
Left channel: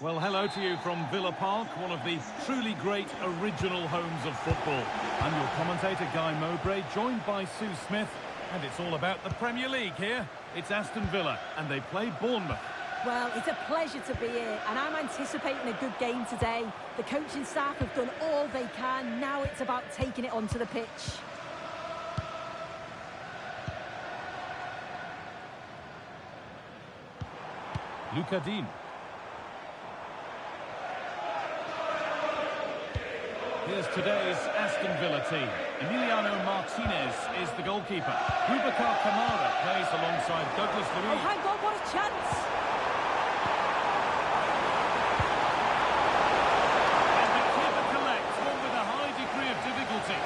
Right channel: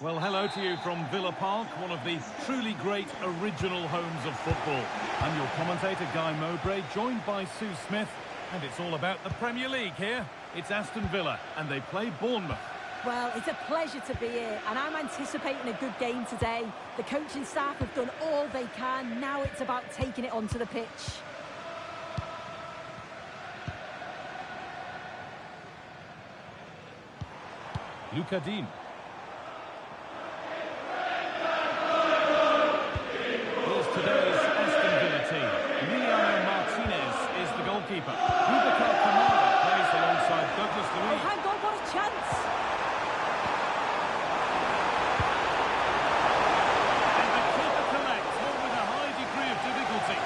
Well, hello to you from Villa Park, one of the truly great original homes of football. I'm your commentator, Guy Mowbray, joined by Sue Smith, and it's all about the Premier League here. It's Aston Villa, and they play Bournemouth. Well, it's a pleasure to be here, and I'm anticipating a good game today. The coaching staff have done all they can. Now it's about taking it onto the pitch. Luca Dean. Here's today's Aston Villa team. Emiliano Martinez is the goalkeeper. Boubacar Kamara plays alongside Douglas Luiz. Oh, hang on, what a chance! And the keeper collects, one with a high degree of difficulty.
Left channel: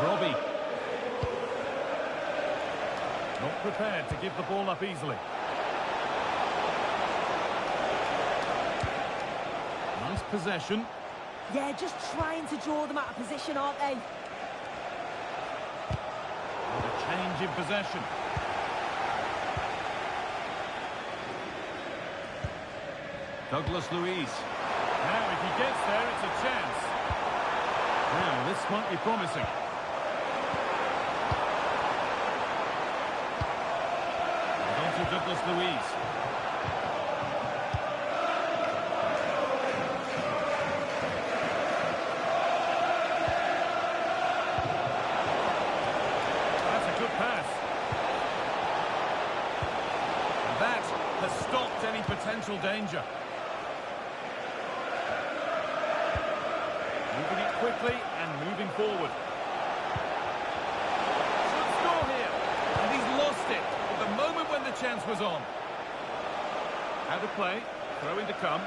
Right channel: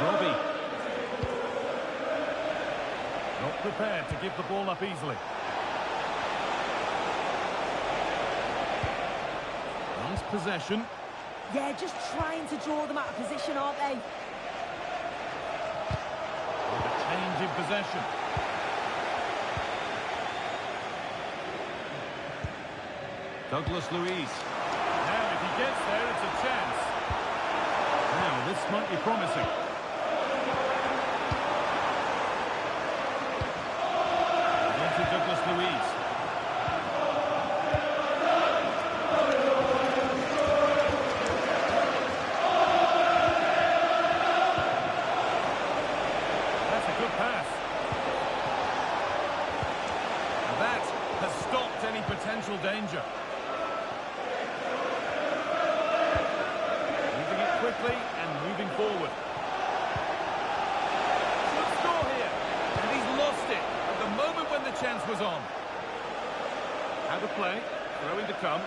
Robbie. Not prepared to give the ball up easily. Nice possession. Yeah, just trying to draw them out of position, aren't they? With a change in possession. Douglas Luiz. Now, if he gets there, it's a chance. Now, this might be promising. To Douglas Luiz. That's a good pass. And that has stopped any potential danger. Moving it quickly and moving forward. Should score here. And he's lost it. The moment when the chance was on. Out of play, throwing to come.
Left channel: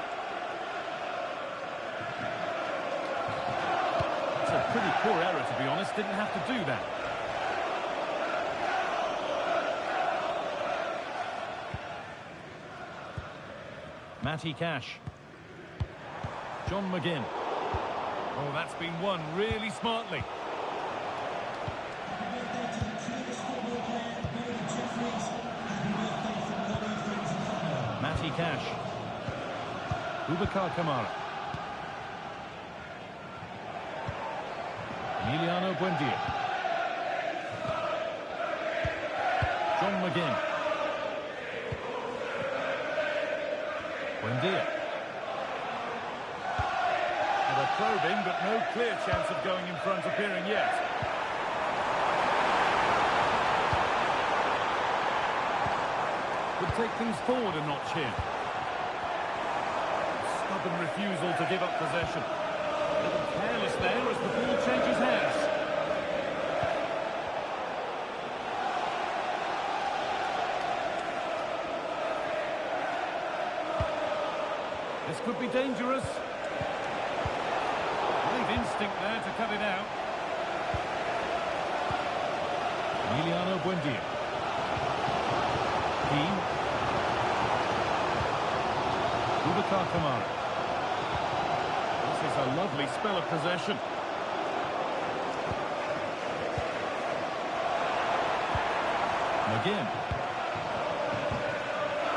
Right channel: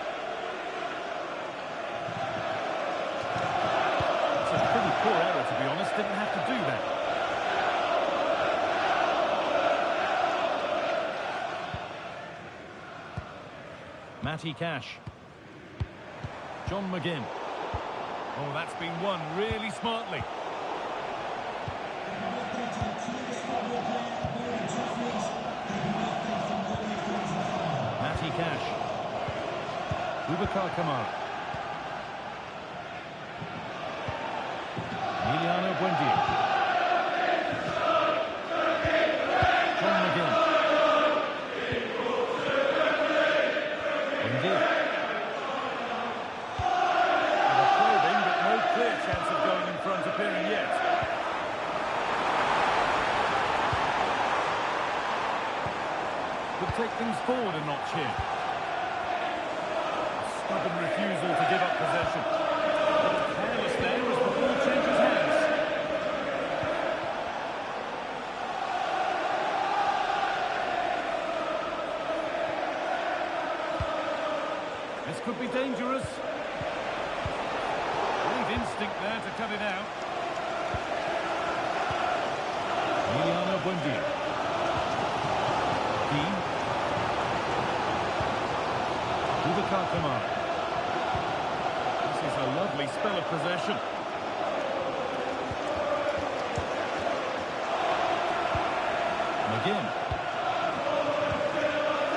It's a pretty poor error, to be honest. Didn't have to do that. Matty Cash. John McGinn. Oh, that's been won really smartly. Matty Cash. Boubacar Kamara. Emiliano Buendia. John McGinn. Buendia. And a probing, but no clear chance of going in front appearing yet. Could take things forward a notch here. A stubborn refusal to give up possession. A little careless there as the ball changes hands. This could be dangerous. Great instinct there to cut it out. Emiliano Buendia. Dean. Boubacar Kamara. This is a lovely spell of possession. McGinn.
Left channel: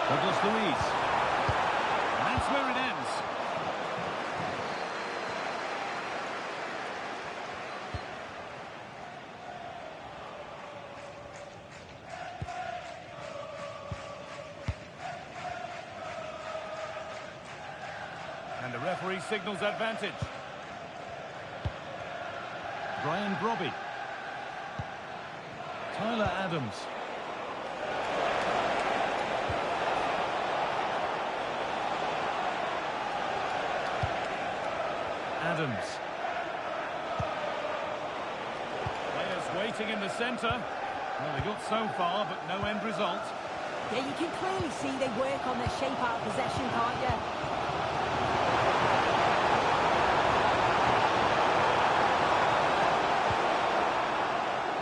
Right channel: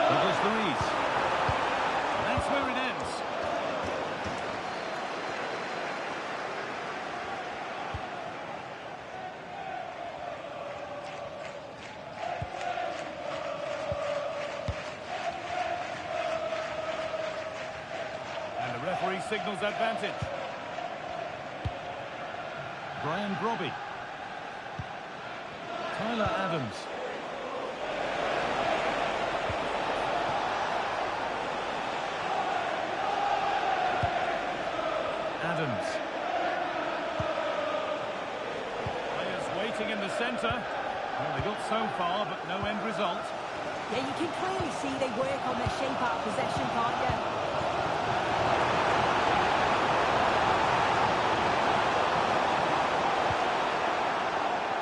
Douglas Luiz. And that's where it ends. And the referee signals advantage. Brian Brobby. Tyler Adams. Adams. Players waiting in the centre. Well, they got so far, but no end result. Yeah, you can clearly see they work on their shape out of possession, can't you?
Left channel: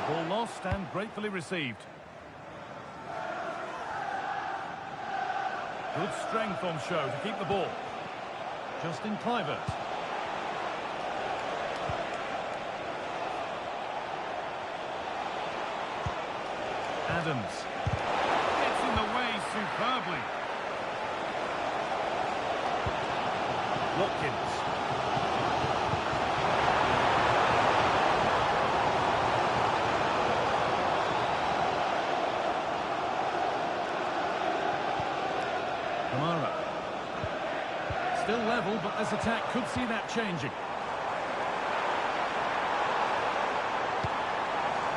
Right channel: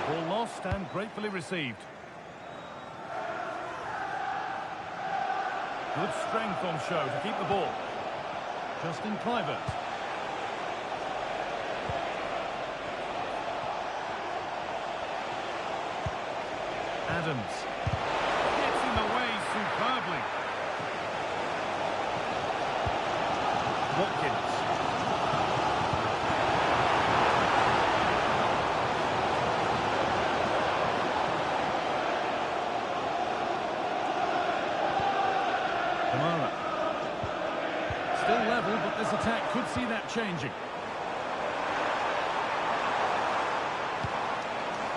Ball lost and gratefully received. Good strength on show to keep the ball. Justin Kluivert. Adams. Gets in the way superbly. Watkins. Kamara. Still level, but this attack could see that changing.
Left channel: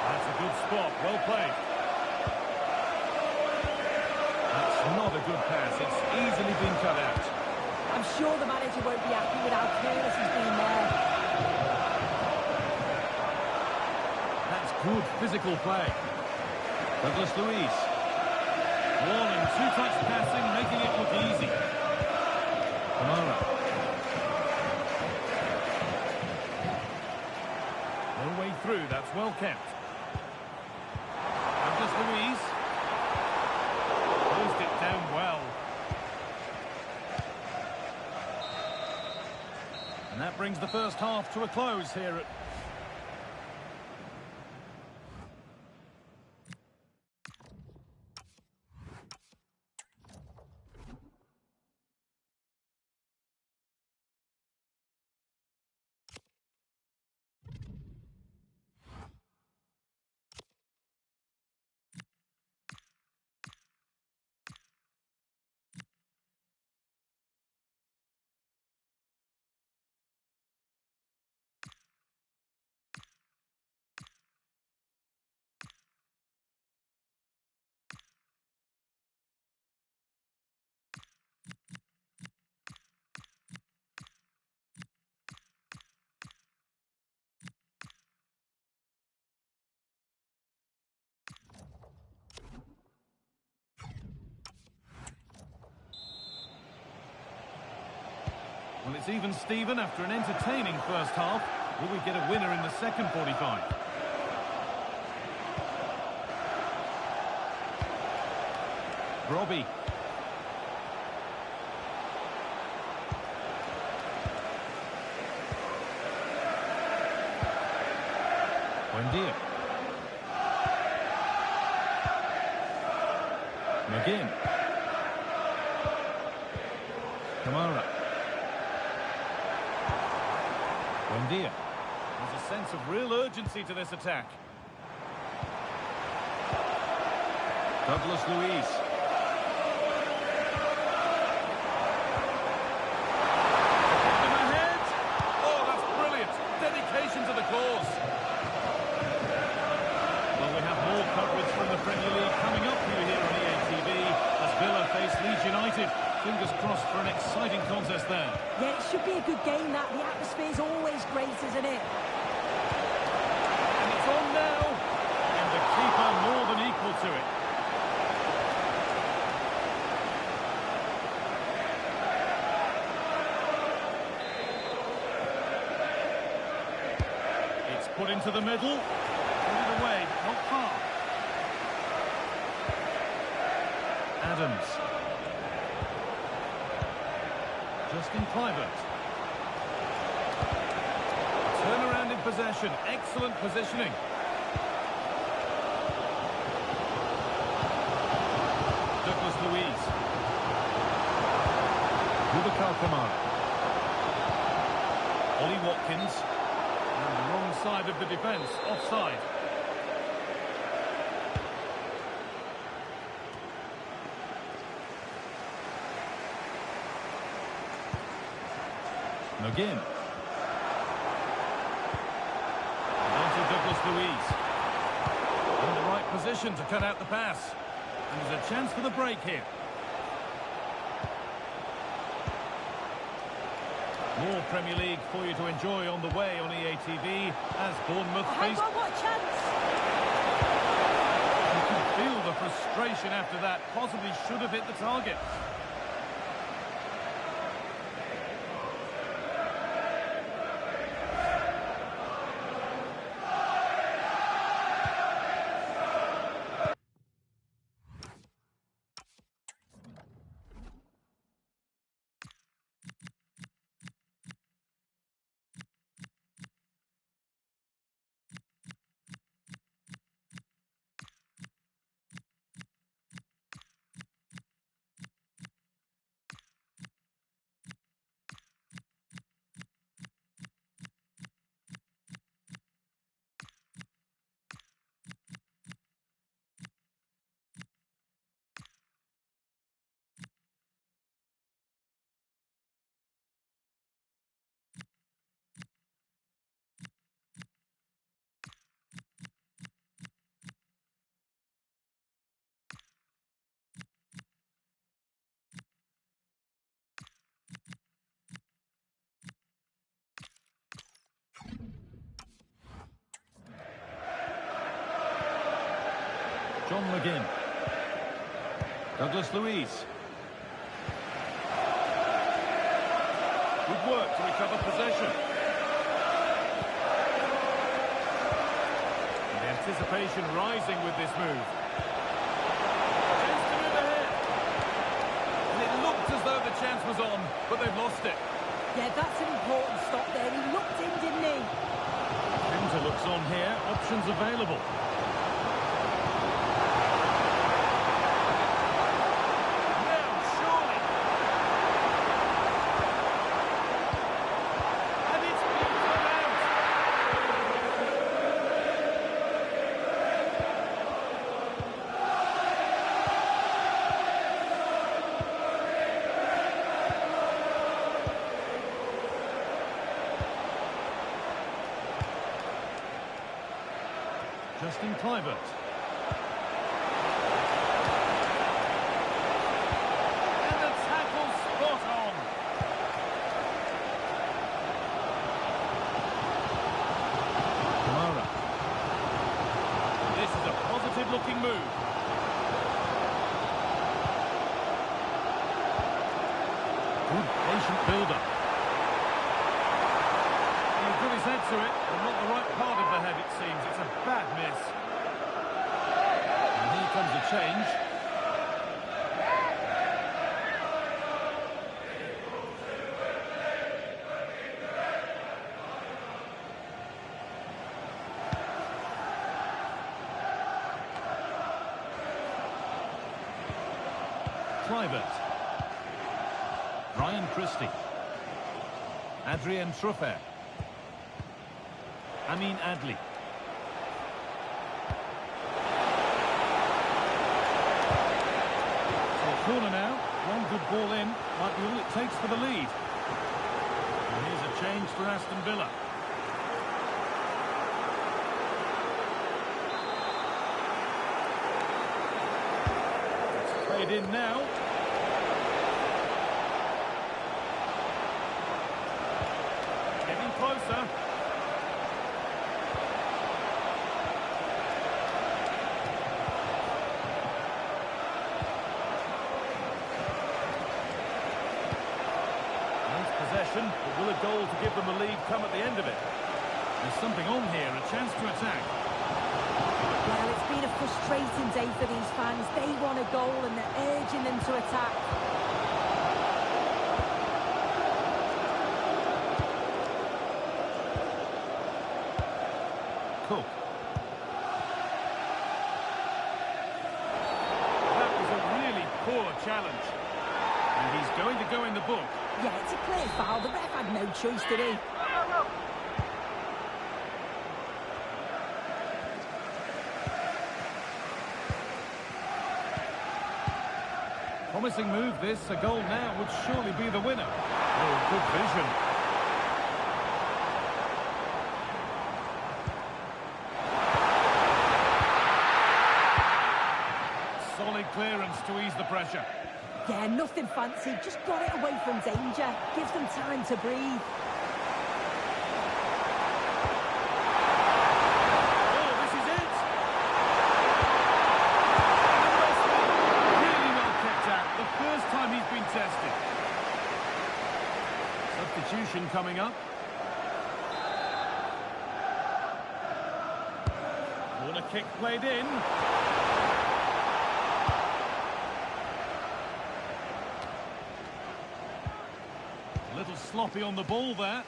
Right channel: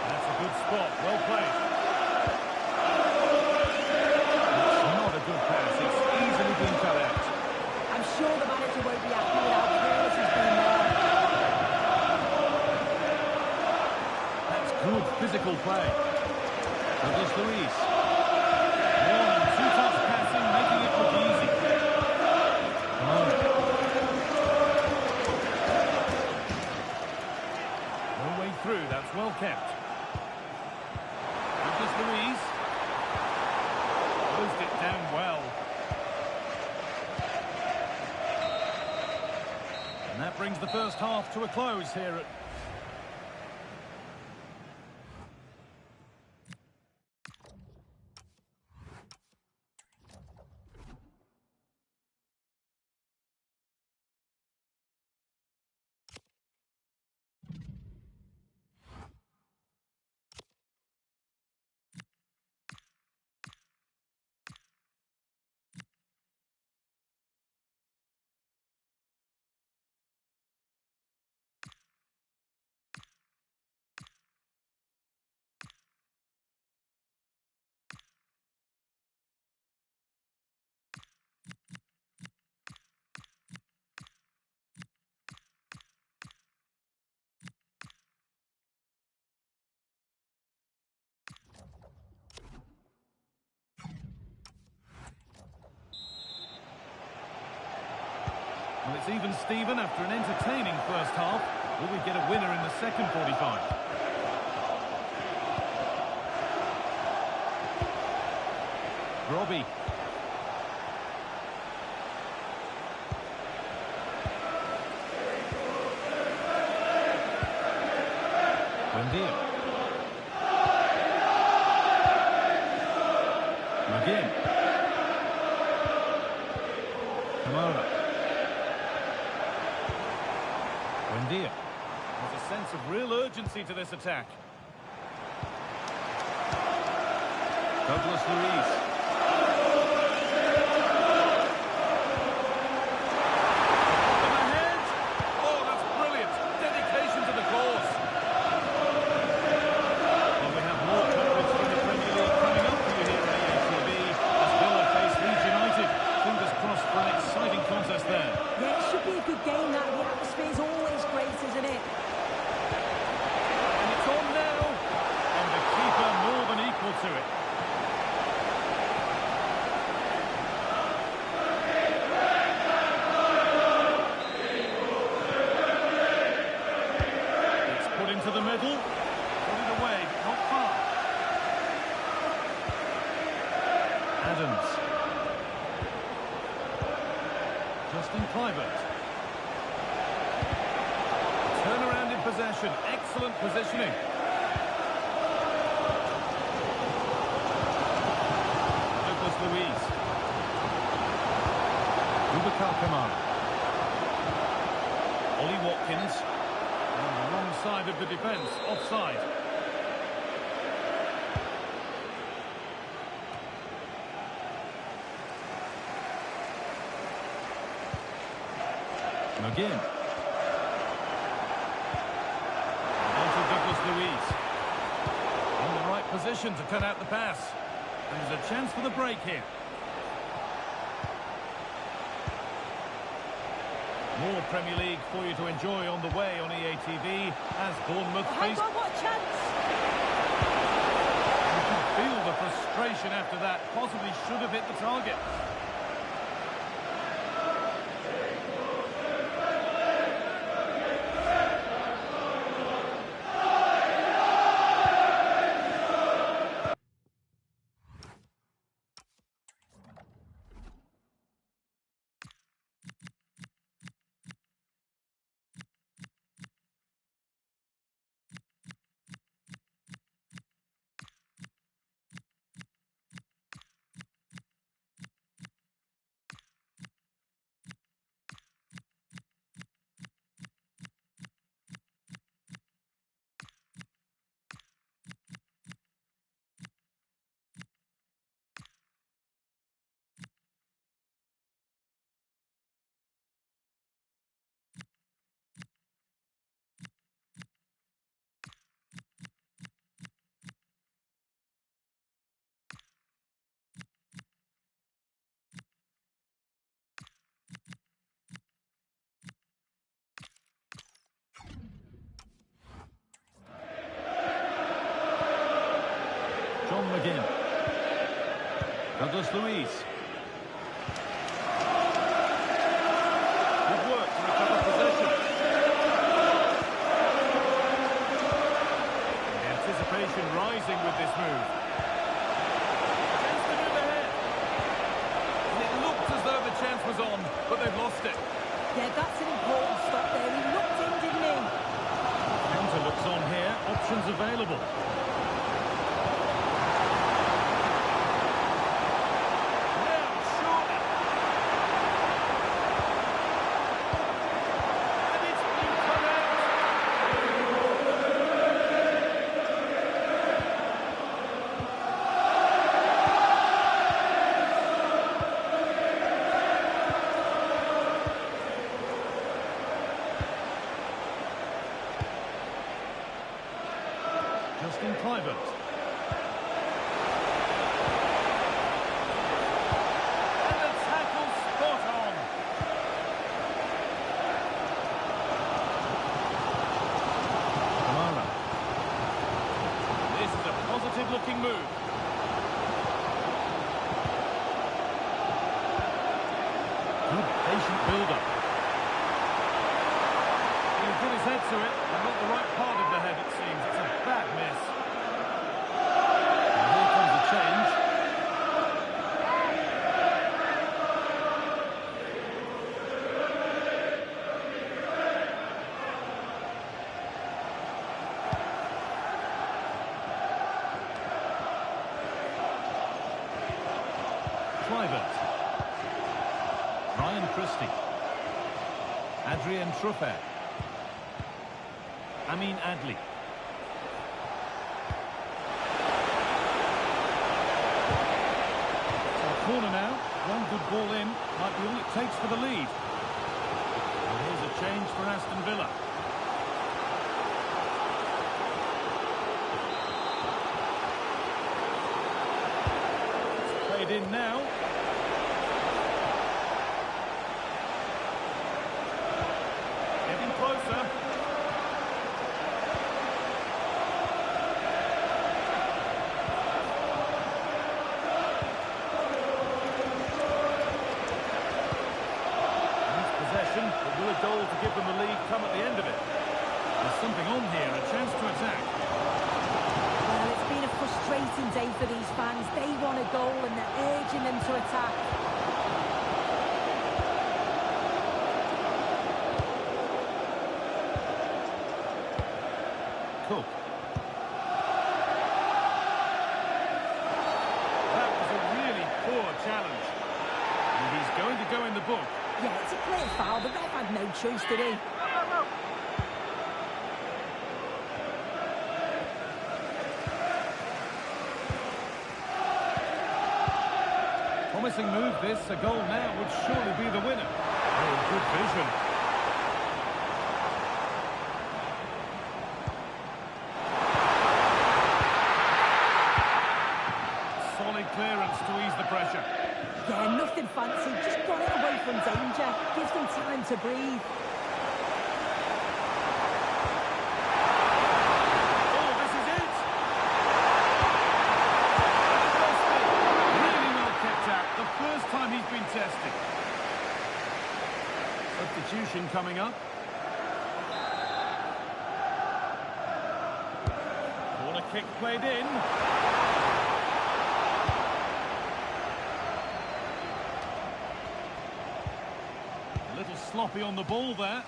That's a good spot. Well played. That's not a good pass. It's easily been cut out. I'm sure the manager won't be happy with how careless he's been there. That's good physical play. Douglas Luiz. One and two touch passing, making it look easy. Kamara. No way through, that's well kept. Douglas Luiz. Closed it down well. And that brings the first half to a close here at... Well, it's even Steven after an entertaining first half. Will we get a winner in the second 45? Robbie. Wendia. McGinn. Kamara. Wendia. There's a sense of real urgency to this attack. Douglas Luiz. Put them ahead. Oh, that's brilliant. Dedication to the cause. Well, we have more coverage from the Premier League coming up for you here on EATV as Villa face Leeds United. Fingers crossed for an exciting contest there. Yeah, it should be a good game, that. The atmosphere's always great, isn't it? And it's on now. And the keeper more than equal to it. It's put into the middle. Put it away, but not far. Adams. Justin Kluivert. Turnaround in possession. Excellent positioning. Douglas Luiz. Boubacar Kamara. Ollie Watkins. On the wrong side of the defence. Offside. McGinn. And on to Douglas Luiz. In the right position to cut out the pass. And there's a chance for the break here. More Premier League for you to enjoy on the way on EATV as Bournemouth face... What a chance! You can feel the frustration after that. Possibly should have hit the target. McGinn. Douglas Luiz. Good work to recover possession. And the anticipation rising with this move. Chance to move ahead. And it looked as though the chance was on, but they've lost it. Yeah, that's an important stop there. He looked in, didn't he? Counter looks on here. Options available. Justin Kluivert. And the tackle spot on. Kamara. This is a positive looking move. Good patient build-up. He's got his head to it, but not the right part of the head, it seems. It's a bad miss. And here comes the change. Kluivert. Ryan Christie. Adrien Truffert. Amin Adli. So a corner now. One good ball in. Might be all it takes for the lead. And here's a change for Aston Villa. It's played in now. Getting closer. Possession, but will a goal to give them the lead come at the end of it? There's something on here, a chance to attack. Well, it's been a frustrating day for these fans. They want a goal and they're urging them to attack. Cook. That was a really poor challenge. And he's going to go in the book. Yeah, it's a clear foul. The ref had no choice, did he? Promising move this. A goal now would surely be the winner. Oh, good vision. Solid clearance to ease the pressure. Yeah, nothing fancy. Just got it away from danger. Gives them time to breathe. Oh, this is it! And it lost me. Really well kept out. The first time he's been tested. Substitution coming up. Corner kick played in. A little sloppy on the ball there.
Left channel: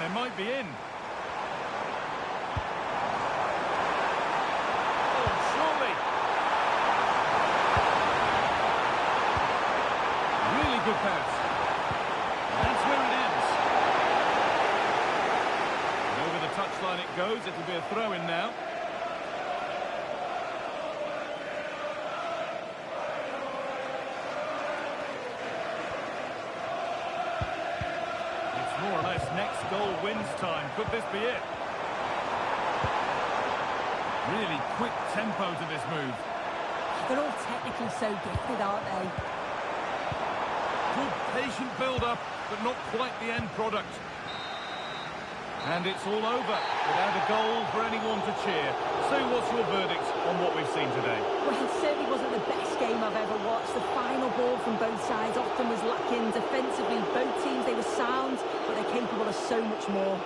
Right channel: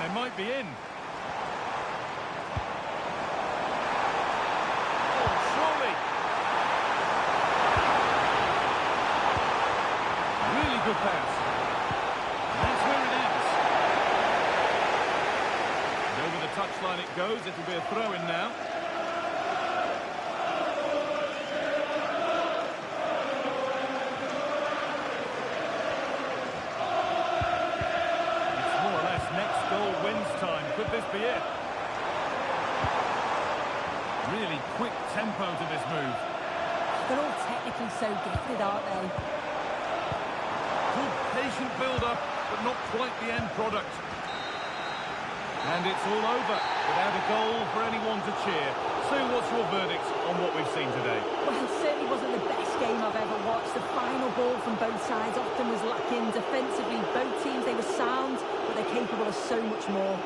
They might be in. Oh, surely. Really good pass. And that's where it ends. And over the touchline it goes. It'll be a throw-in now. More or less next goal wins time. Could this be it? Really quick tempo to this move. They're all technically so gifted, aren't they? Good patient build-up, but not quite the end product. And it's all over without a goal for anyone to cheer. Sue, what's your verdict on what we've seen today? Well, it certainly wasn't the best game I've ever watched. The final ball from both sides often was lacking. Defensively, both teams, they were sound, but they're capable of so much more.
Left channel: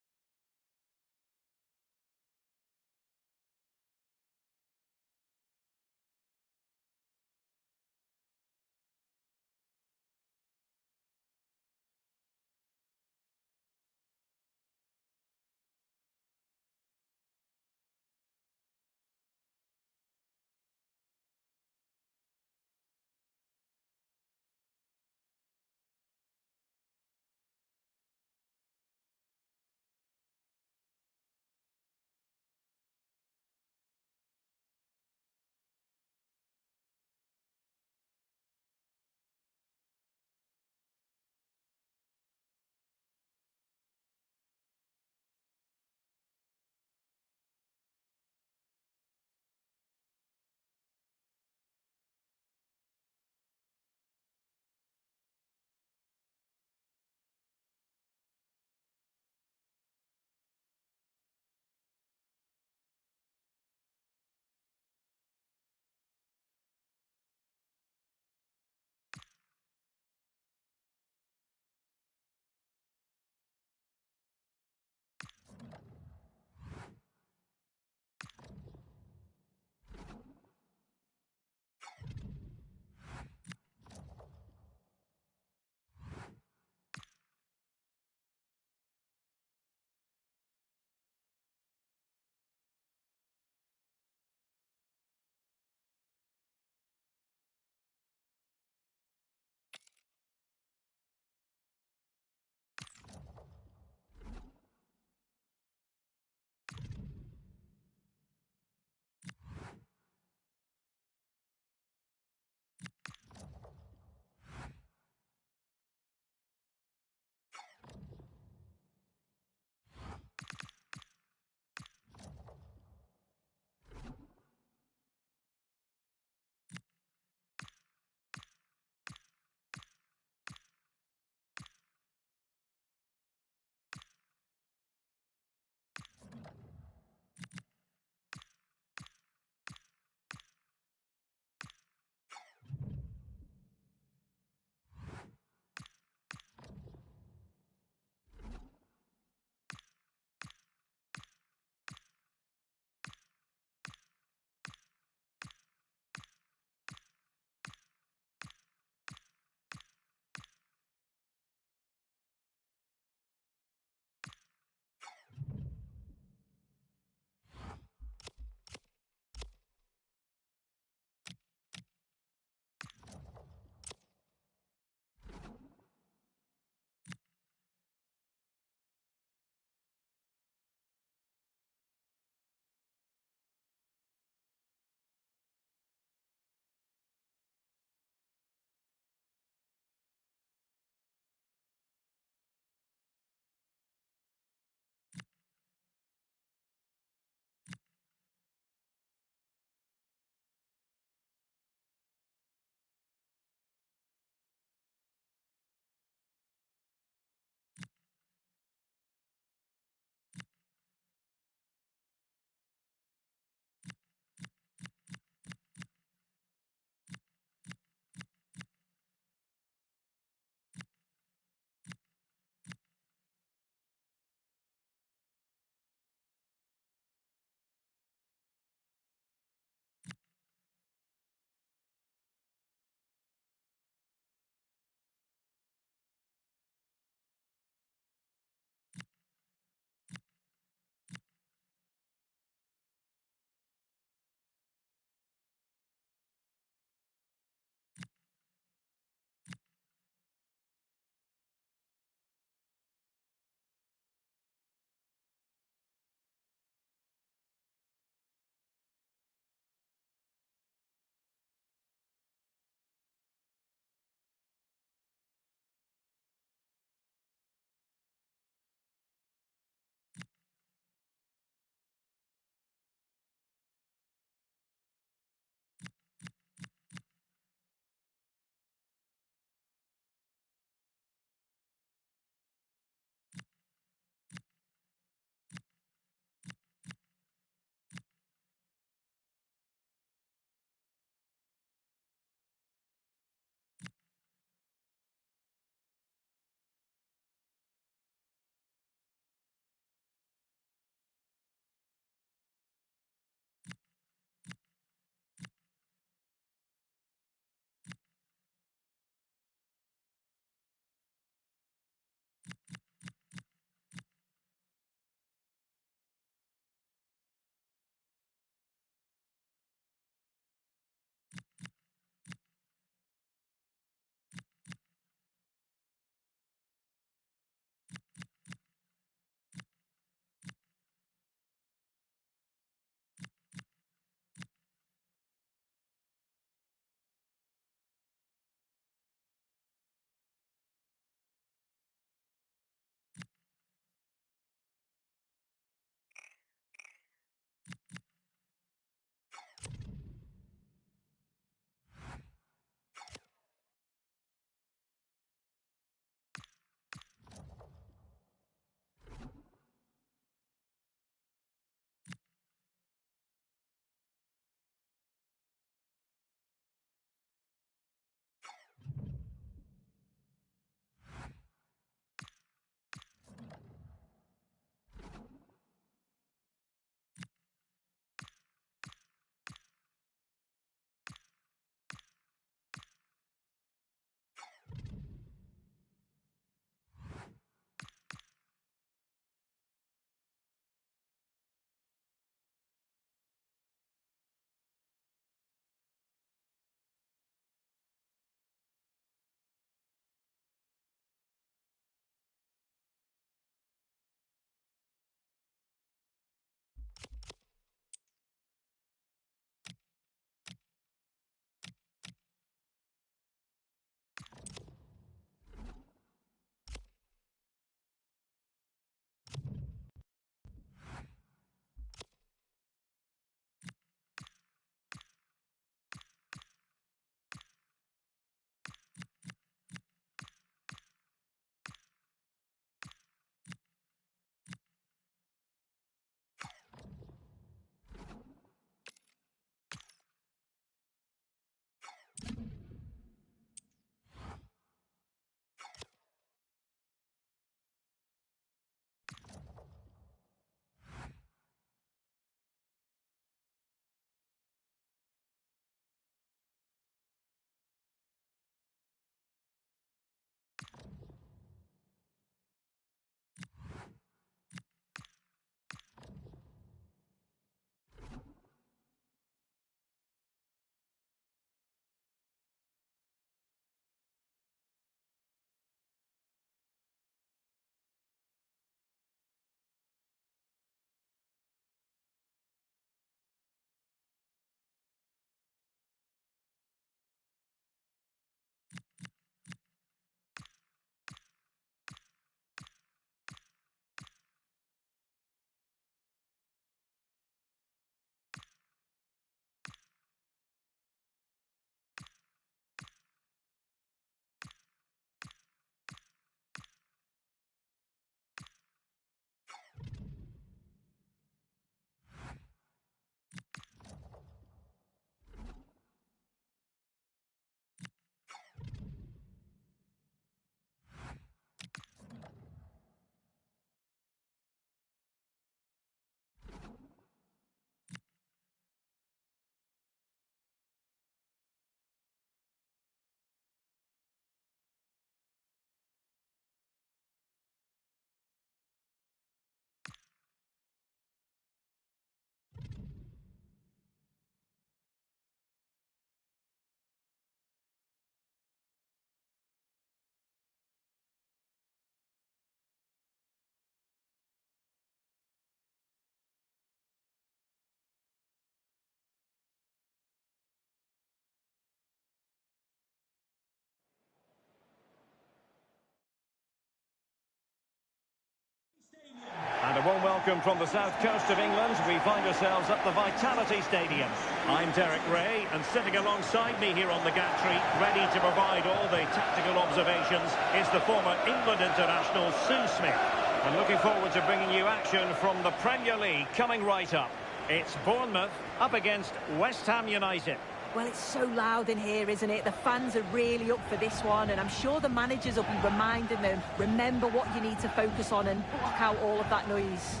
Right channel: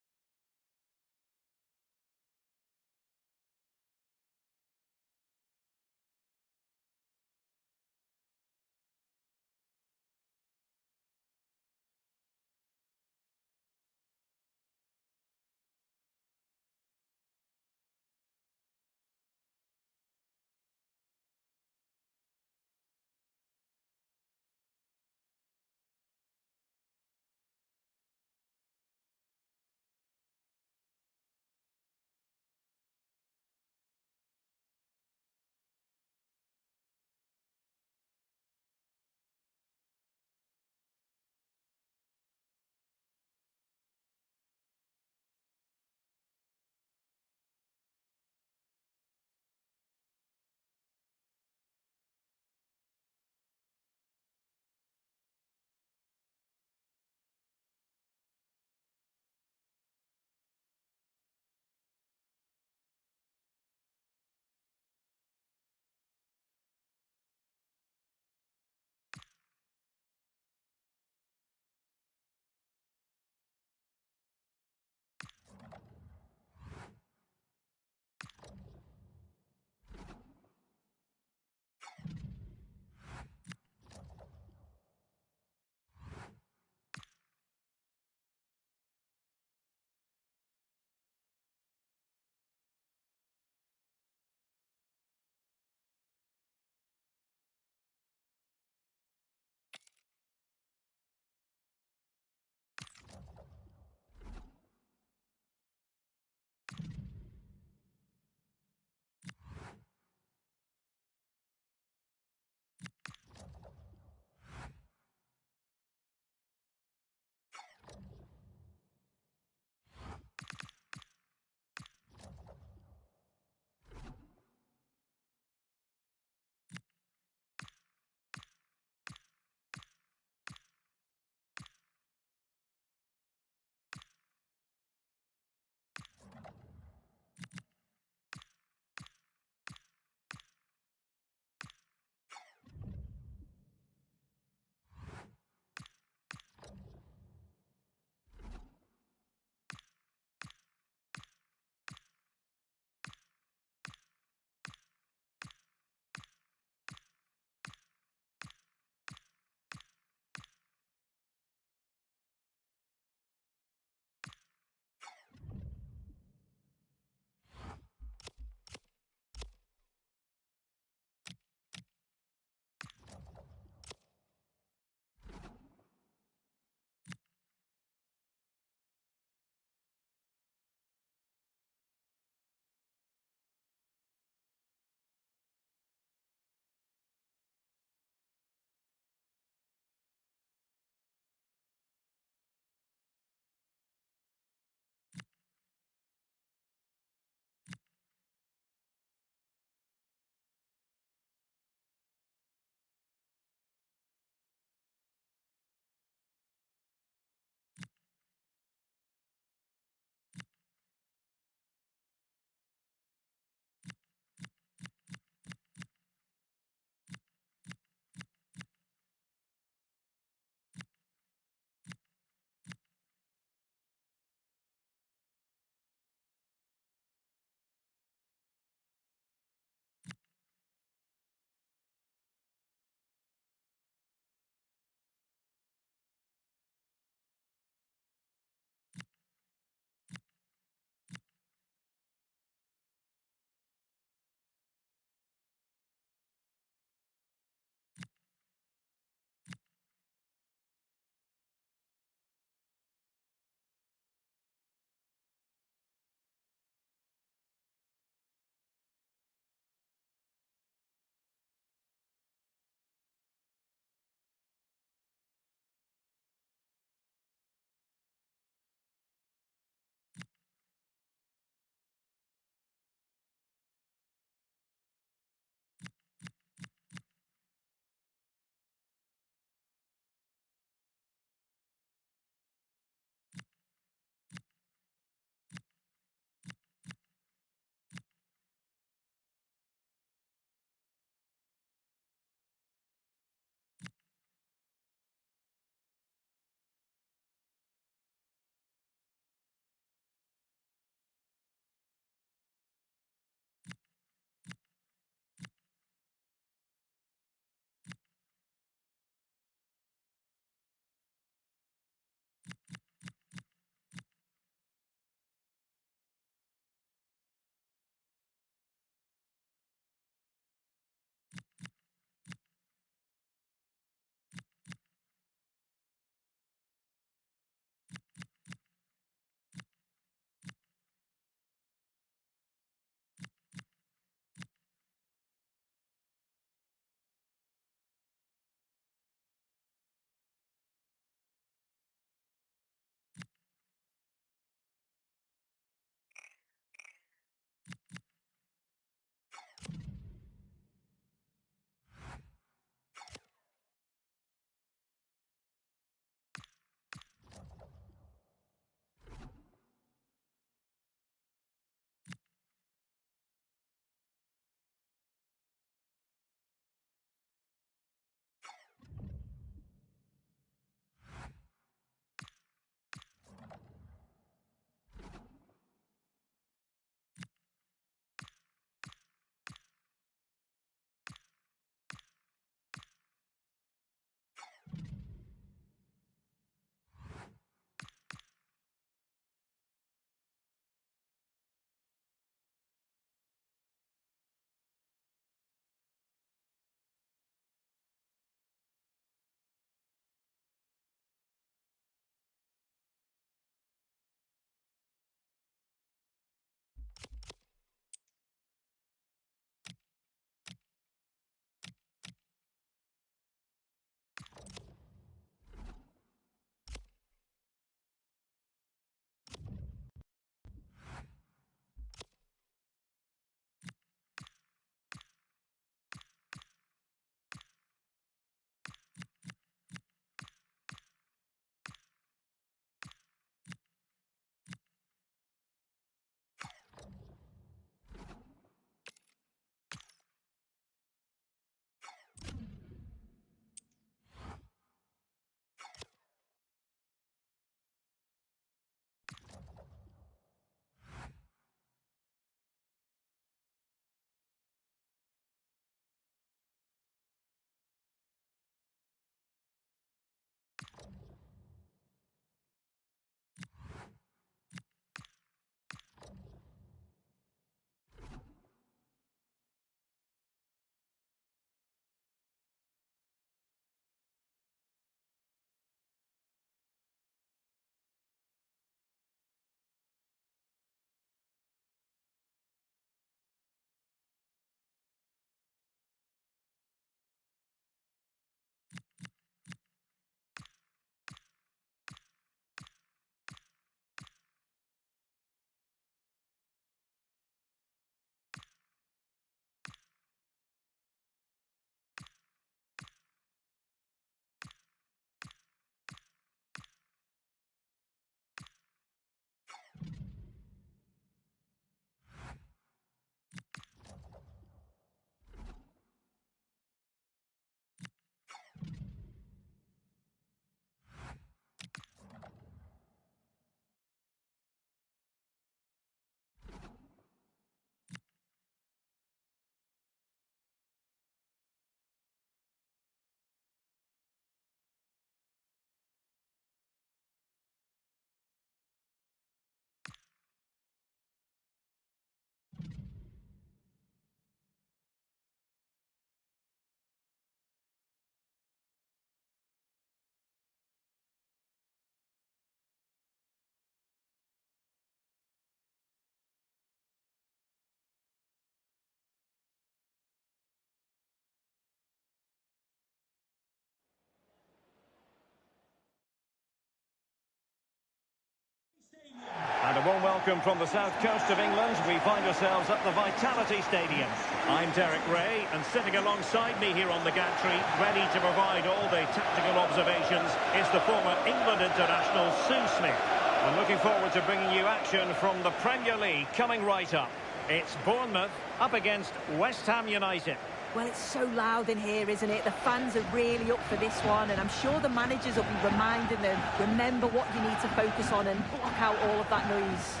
warm welcome from the south coast of England. We find ourselves at the Vitality Stadium. I'm Derek Ray, and sitting alongside me here on the gantry, ready to provide all the tactical observations, is the former England international Sue Smith. And looking forward to bringing you action from the Premier League coming right up. It's Bournemouth up against West Ham United. Well, it's so loud in here, isn't it? The fans are really up for this one, and I'm sure the managers will be reminding them, remember what you need to focus on and block out all of that noise.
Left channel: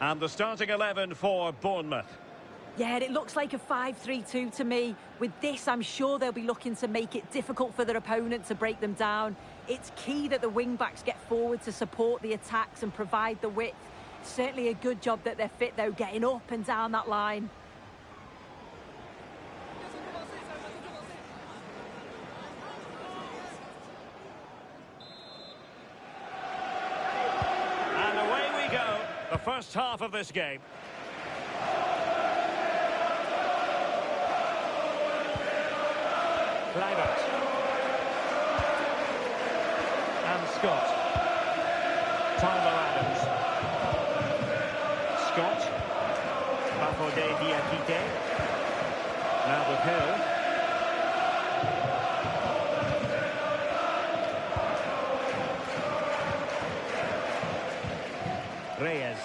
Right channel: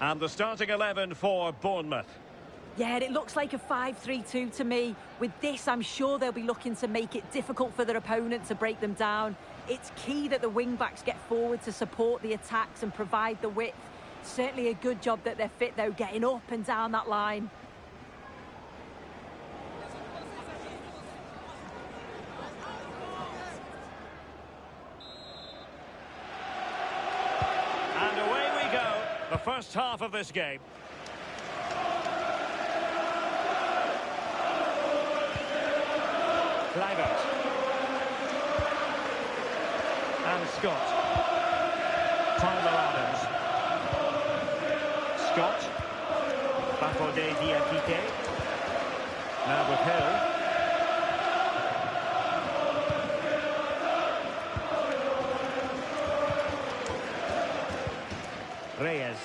And the starting 11 for Bournemouth. Yeah, and it looks like a 5-3-2 to me. With this, I'm sure they'll be looking to make it difficult for their opponent to break them down. It's key that the wing-backs get forward to support the attacks and provide the width. Certainly a good job that they're fit, though, getting up and down that line. And away we go, the first half of this game. Kluivert. And Scott. Tyler Adams. Scott. Bafodé Diakité. Now with Hill. Reyes.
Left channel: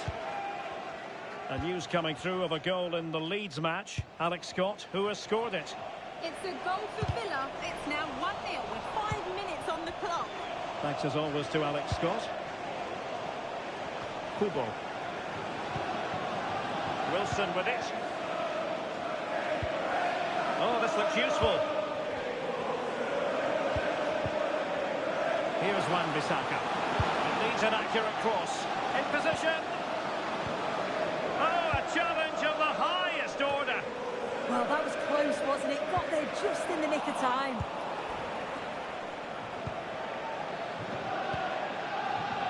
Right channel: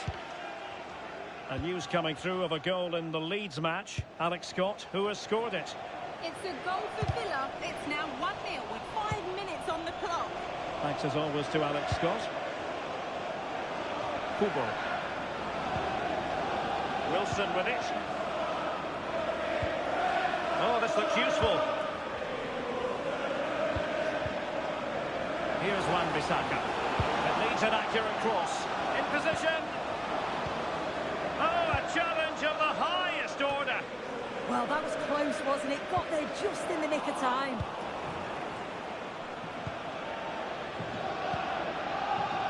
A news coming through of a goal in the Leeds match. Alex Scott, who has scored it. It's a goal for Villa. It's now 1-0 with 5 minutes on the clock. Thanks as always to Alex Scott. Kubo. Wilson with it. Oh, this looks useful. Here's Wan-Bissaka. It needs an accurate cross. In position. Oh, a challenge of the highest order. Well, that was close, wasn't it? Got there just in the nick of time.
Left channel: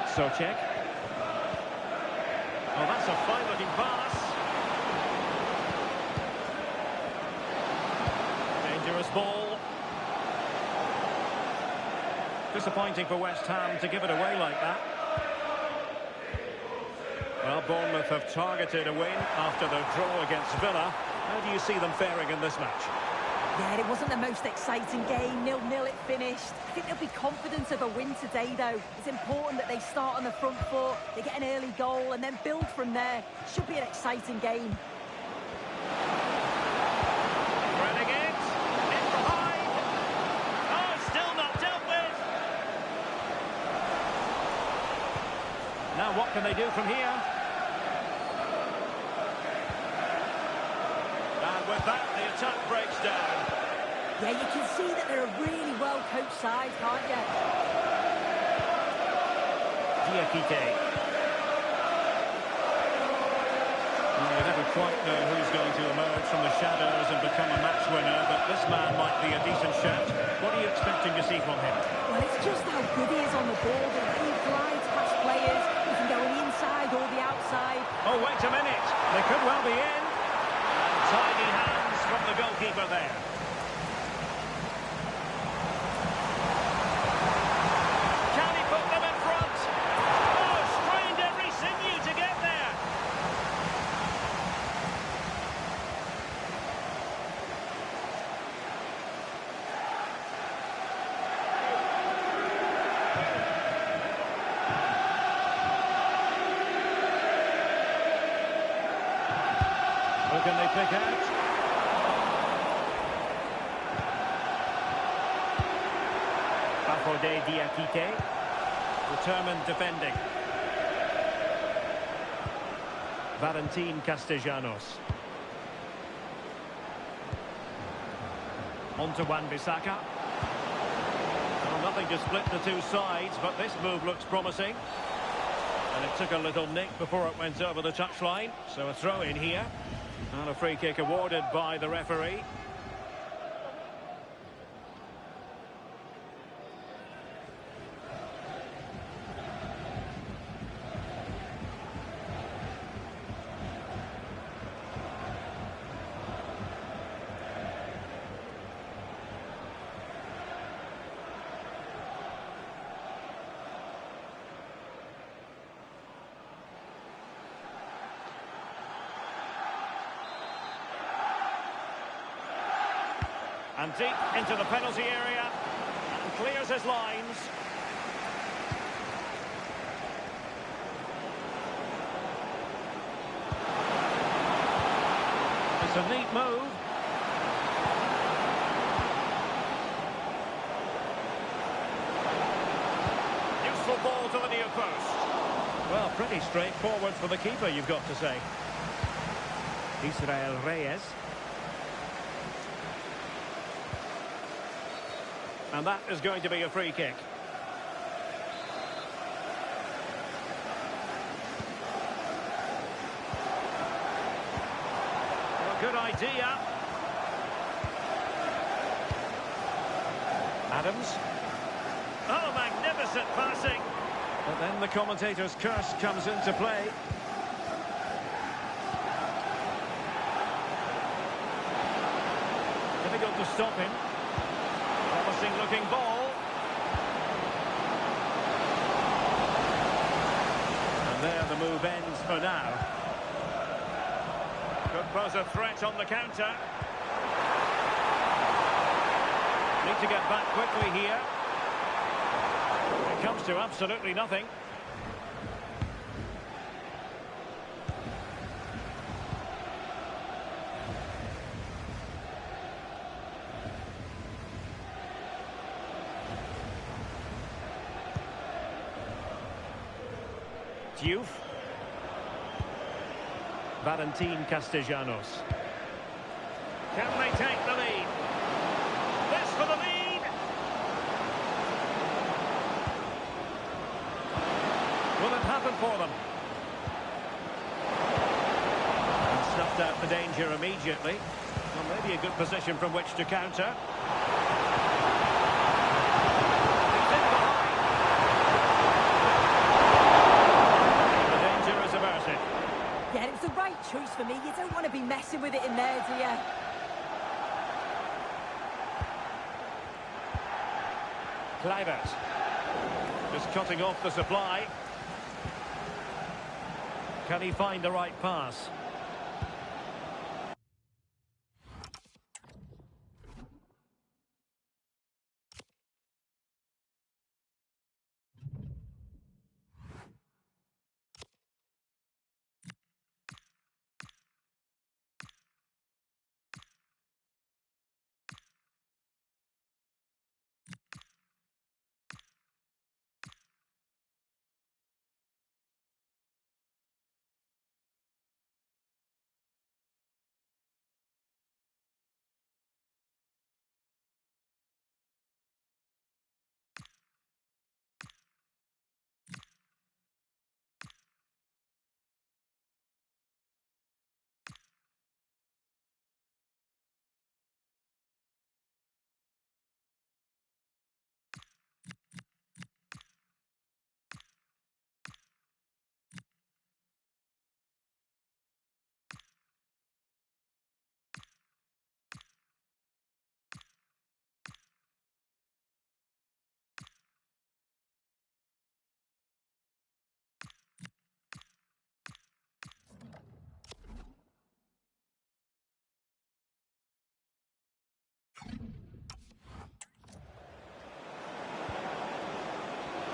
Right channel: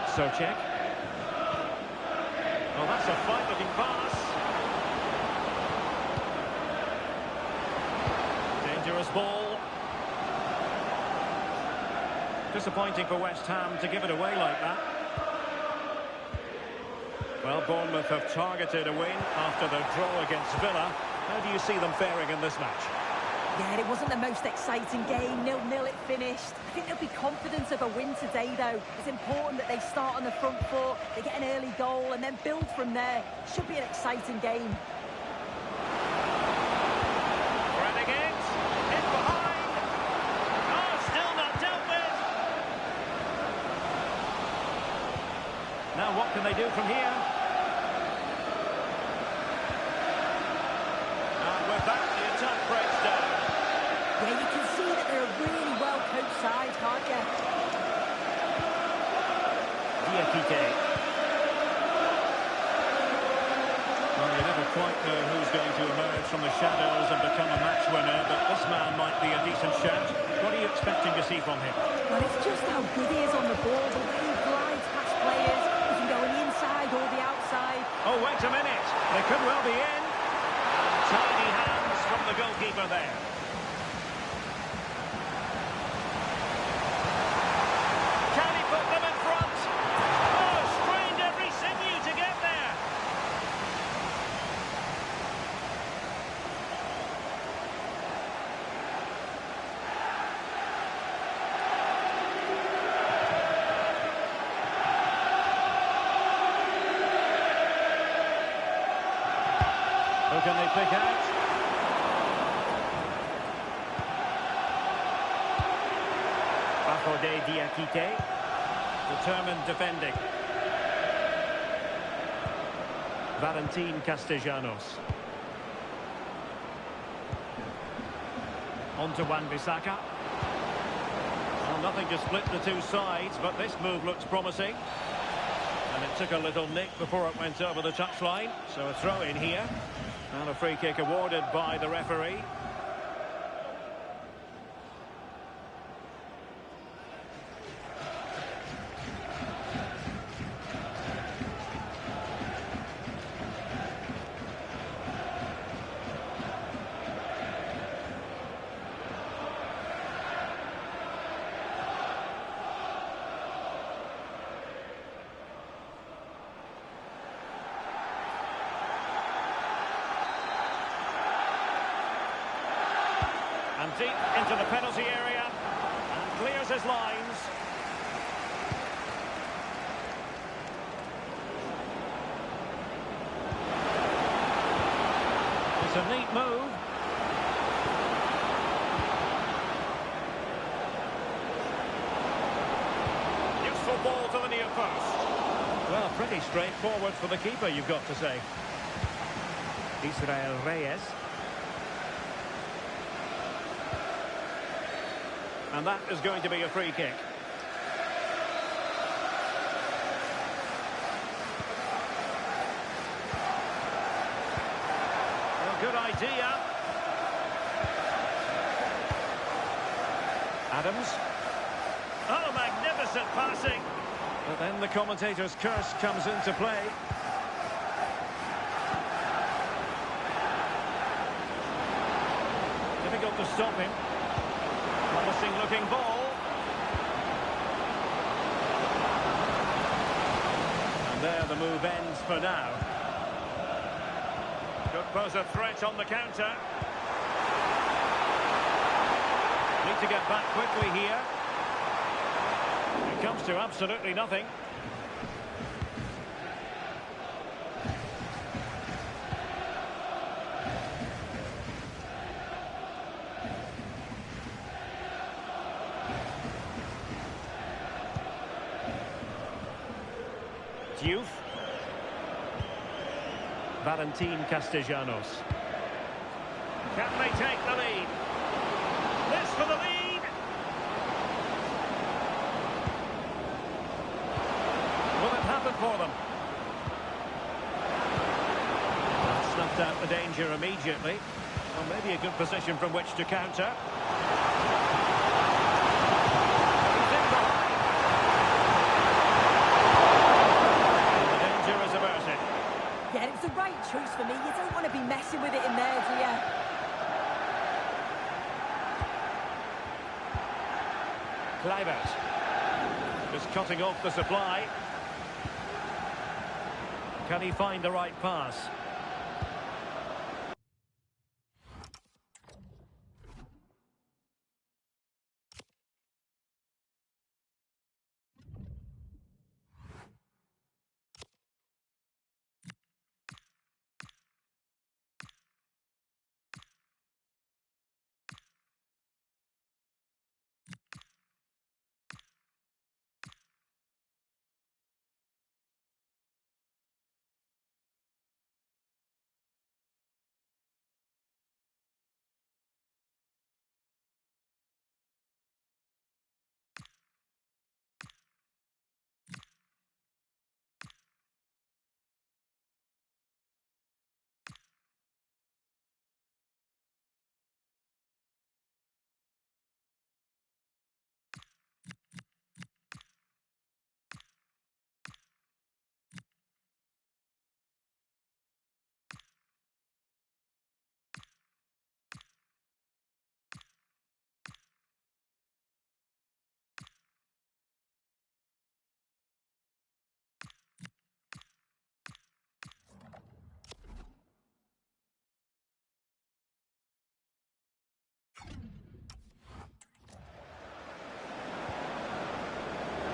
Souček. Oh, that's a fine-looking pass. Dangerous ball. Disappointing for West Ham to give it away like that. Well, Bournemouth have targeted a win after their draw against Villa. How do you see them faring in this match? Yeah, it wasn't the most exciting game. 0-0 it finished. I think they'll be confident of a win today, though. It's important that they start on the front foot, they get an early goal, and then build from there. Should be an exciting game. Threading it. In behind. Oh, still not dealt with. Now what can they do from here? And with that, the attack breaks down. Yeah, you can see that they're a really well-coached side, can't you? Diakité. Well, you never quite know who's going to emerge from the shadows and become a match winner, but this man might be a decent shout. What are you expecting to see from him? Well, it's just how good he is on the ball, the way he glides past players. He can go on the inside or the outside. Oh, wait a minute. They could well be in. And tidy hands from the goalkeeper there. Can he put them in front? Oh, strained every sinew to get there. Who can they pick out? Bafodé Diakité. Determined defending. Valentin Castellanos. On to Wan-Bissaka. Well, nothing to split the two sides, but this move looks promising. And it took a little nick before it went over the touchline. So a throw in here. And a free kick awarded by the referee. And deep into the penalty area. And clears his lines. It's a neat move. Useful ball to the near post. Well, pretty straightforward for the keeper, you've got to say. Israel Reyes. And that is going to be a free kick. Well, good idea. Adams. Oh, magnificent passing. But then the commentator's curse comes into play. Difficult to stop him. Promising looking ball. And there the move ends for now. Could pose a threat on the counter. Need to get back quickly here. It comes to absolutely nothing. Diouf. Valentin Castellanos. Can they take the lead? This for the lead. Will it happen for them? And snuffed out the danger immediately. Well, maybe a good position from which to counter. He's in behind. And the danger is averted. Yeah, it was the right choice for me. You don't want to be messing with it in there, do you? Kluivert. Just cutting off the supply. Can he find the right pass?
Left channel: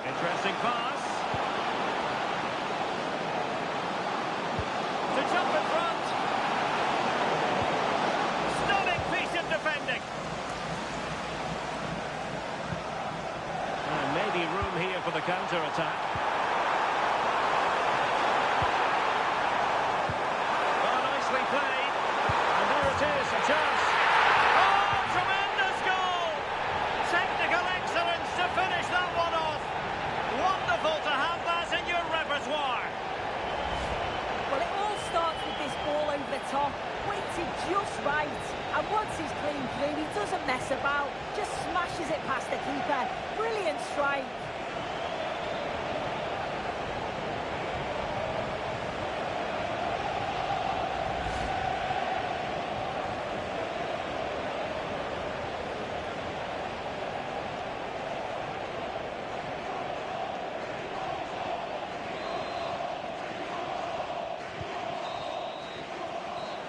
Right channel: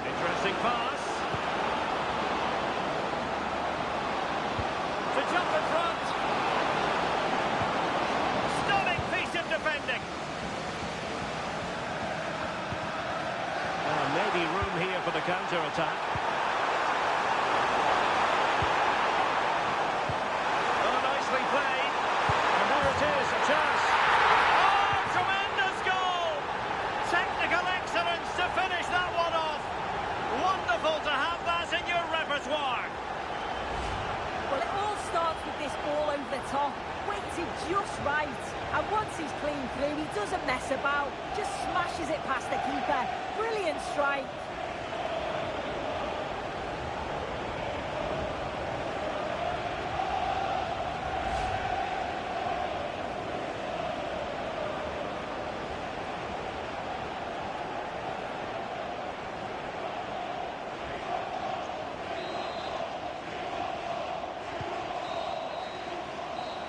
Interesting pass. To jump in front. Stunning piece of defending. Maybe room here for the counter-attack. Oh, nicely played. And there it is, a chance. Oh, tremendous goal! Technical excellence to finish that one off. Wonderful to have that in your repertoire. Well, it all starts with this ball over the top, weighted just right. And once he's clean through, he doesn't mess about, just smashes it past the keeper. Brilliant strike.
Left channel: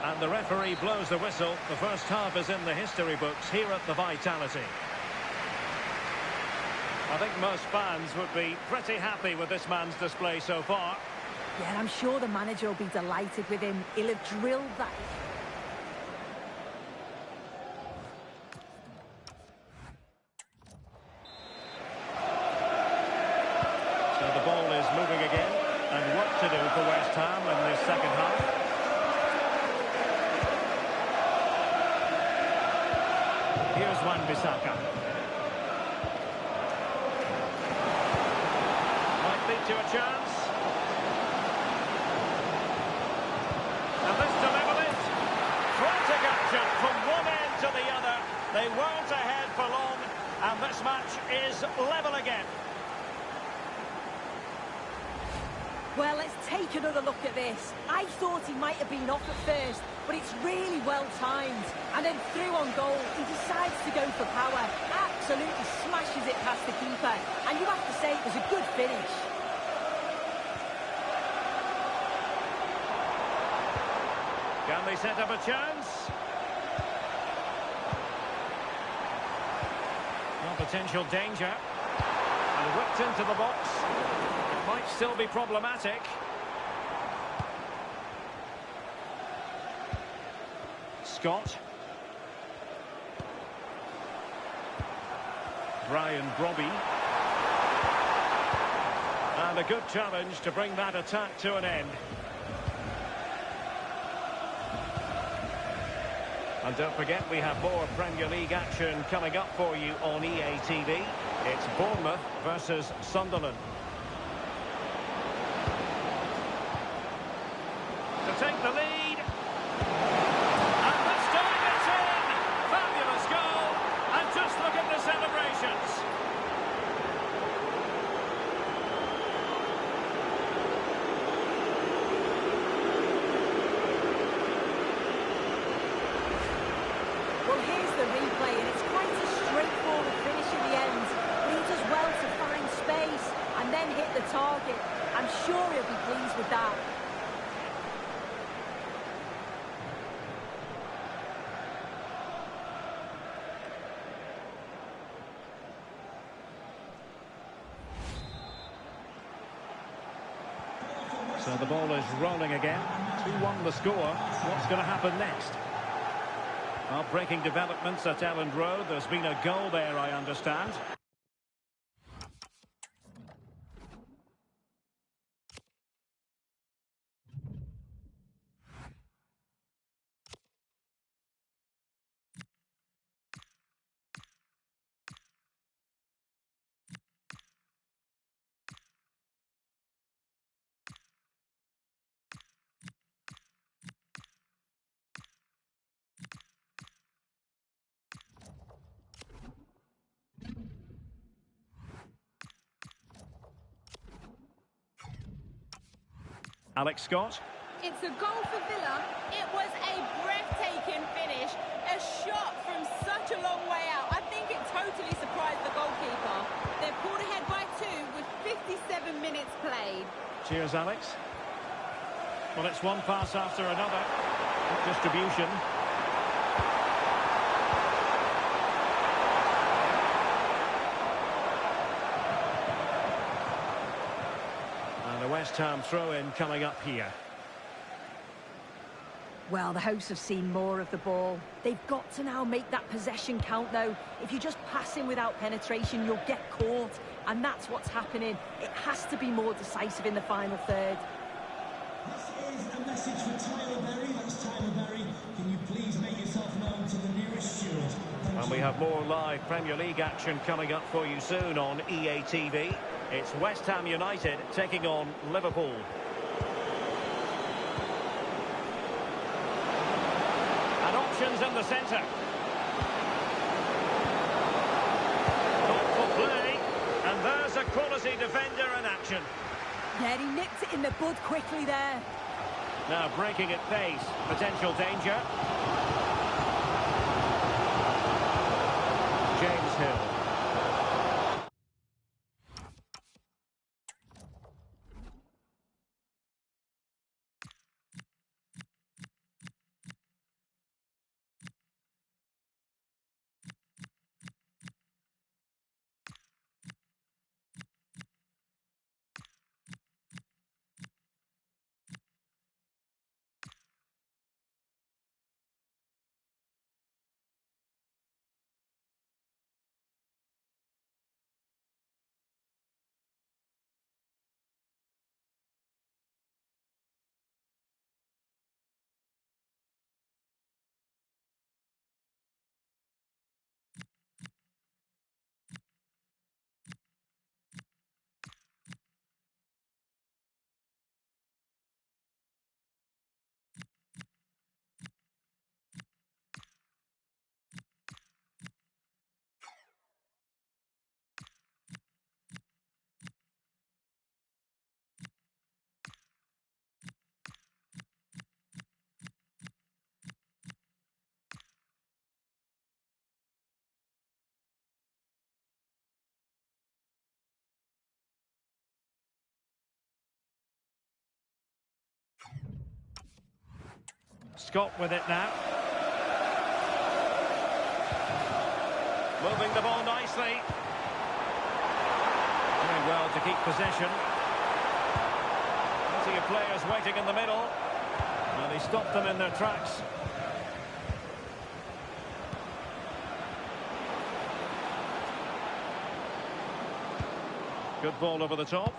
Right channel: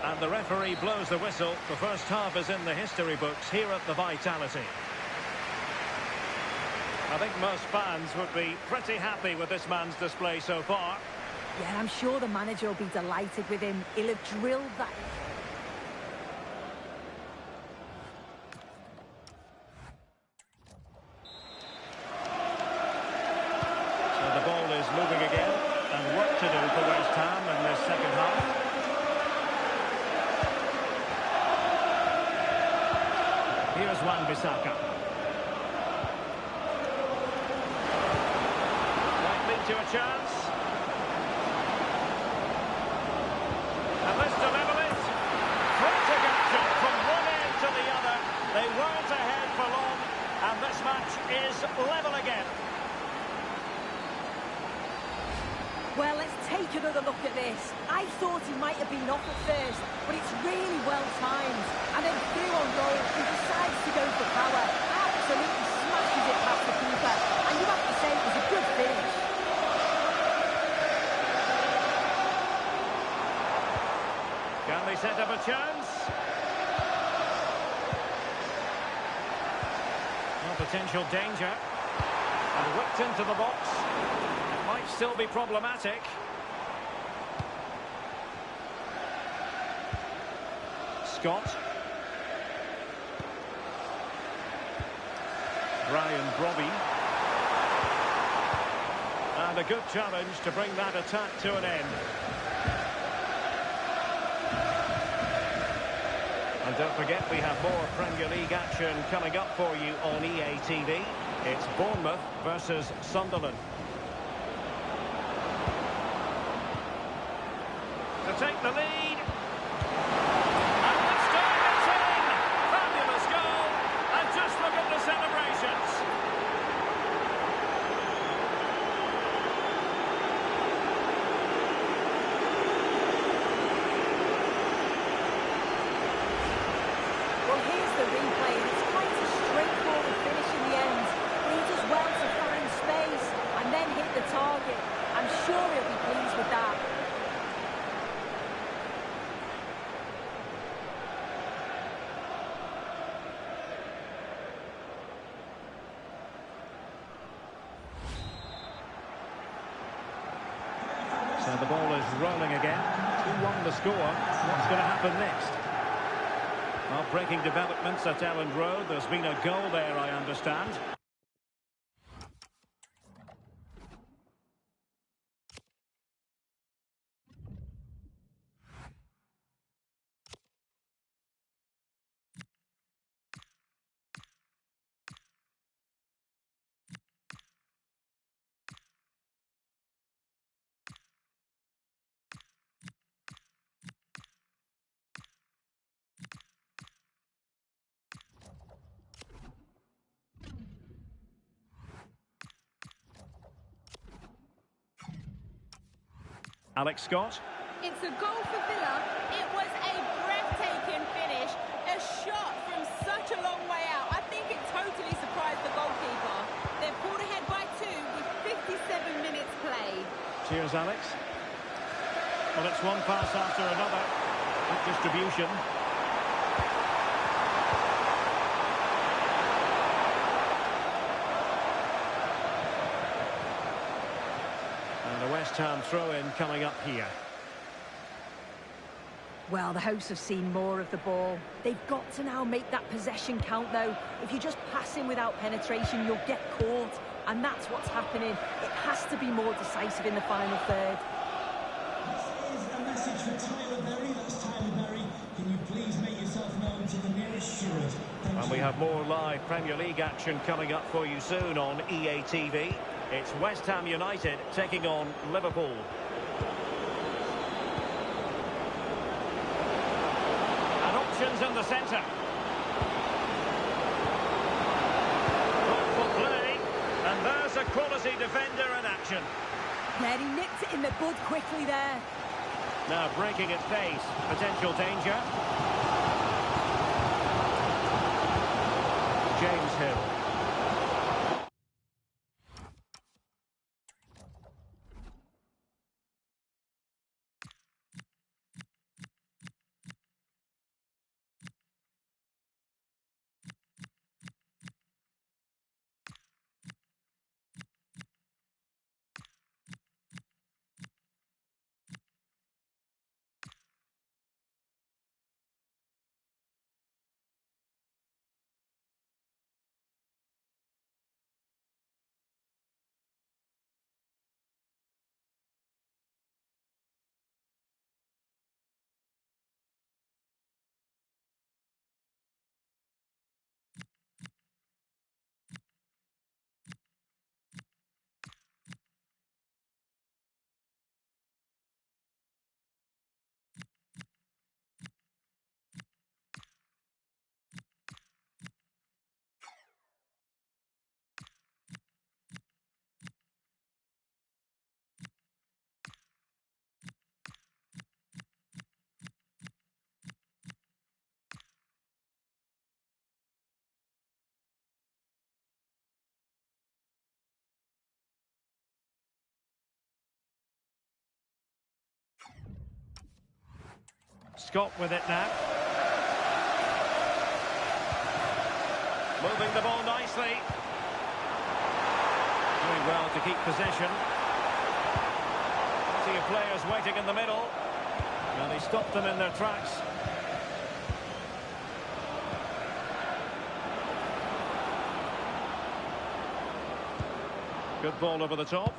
And the referee blows the whistle. The first half is in the history books here at the Vitality. I think most fans would be pretty happy with this man's display so far. Yeah, I'm sure the manager will be delighted with him. He'll have drilled that. So the ball is moving again, and work to do for West Ham in this second half. Here's Wan-Bissaka. Might lead to a chance. And this to level it. Frantic action from one end to the other. They weren't ahead for long, and this match is level again. Well, let's take another look at this. I thought he might have been off at first, but it's really well timed. And then through on goal, he decides to go for power. Absolutely smashes it past the keeper. And you have to say it was a good finish. Can they set up a chance? No potential danger. And whipped into the box. It might still be problematic. Scott. Brian Brobby. And a good challenge to bring that attack to an end. And don't forget, we have more Premier League action coming up for you on EA TV. It's Bournemouth versus Sunderland. To take the lead. And this time it's in! Fabulous goal! And just look at the celebrations. Well, here's the replay, and it's quite a straightforward finish in the end. But he does well to find space and then hit the target. I'm sure he'll be pleased with that. So the ball is rolling again. 2-1 the score. What's going to happen next? Well, breaking developments at Elland Road. There's been a goal there, I understand. Alex Scott. It's a goal for Villa. It was a breathtaking finish. A shot from such a long way out. I think it totally surprised the goalkeeper. They've pulled ahead by 2 with 57 minutes played. Cheers, Alex. Well, it's one pass after another. Good distribution. And a West Ham throw-in coming up here. Well, the hosts have seen more of the ball. They've got to now make that possession count, though. If you just pass in without penetration, you'll get caught. And that's what's happening. It has to be more decisive in the final third. This is a message for Tyler Berry. That's Tyler Berry. Can you please make yourself known to the nearest steward? Thank And you. we have more live Premier League action coming up for you soon on EA TV. It's West Ham United taking on Liverpool. And options in the centre. Thoughtful play. And there's a quality defender in action. Yeah, he nipped it in the bud quickly there. Now breaking at pace. Potential danger. James Hill. Scott with it now. Moving the ball nicely. Doing well to keep possession. Plenty of players waiting in the middle. And he stopped them in their tracks. Good ball over the top.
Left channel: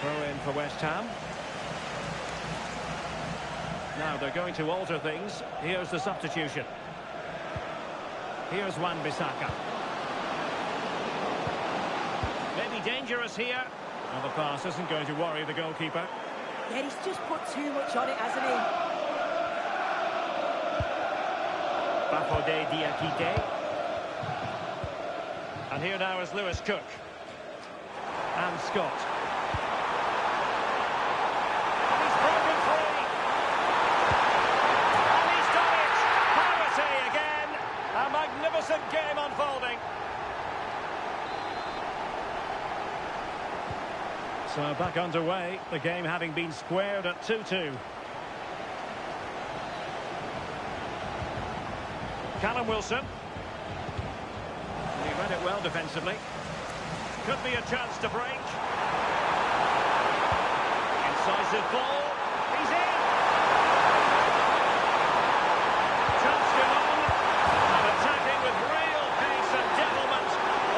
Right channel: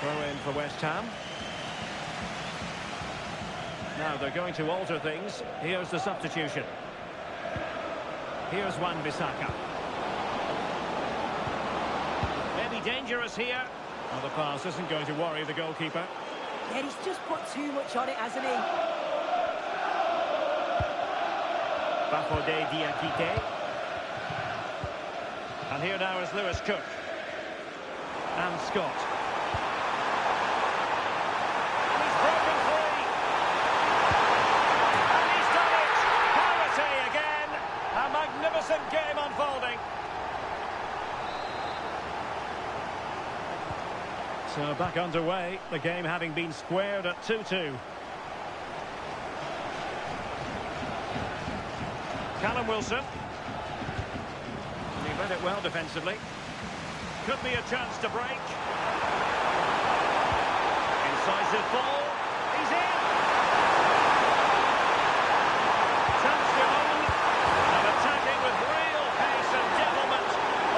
Throw in for West Ham. Now they're going to alter things. Here's the substitution. Here's Wan-Bissaka. Maybe dangerous here. Well, the pass isn't going to worry the goalkeeper. Yeah, he's just put too much on it, hasn't he? Bafodé Diakité. And here now is Lewis Cook. And Scott. And he's broken free. And he's done it. Parity again. A magnificent game unfolding. So back underway, the game having been squared at 2-2. Callum Wilson. And he read it well defensively. Could be a chance to break. Incisive ball. He's in. Touched him on. And attacking with real pace and devilment.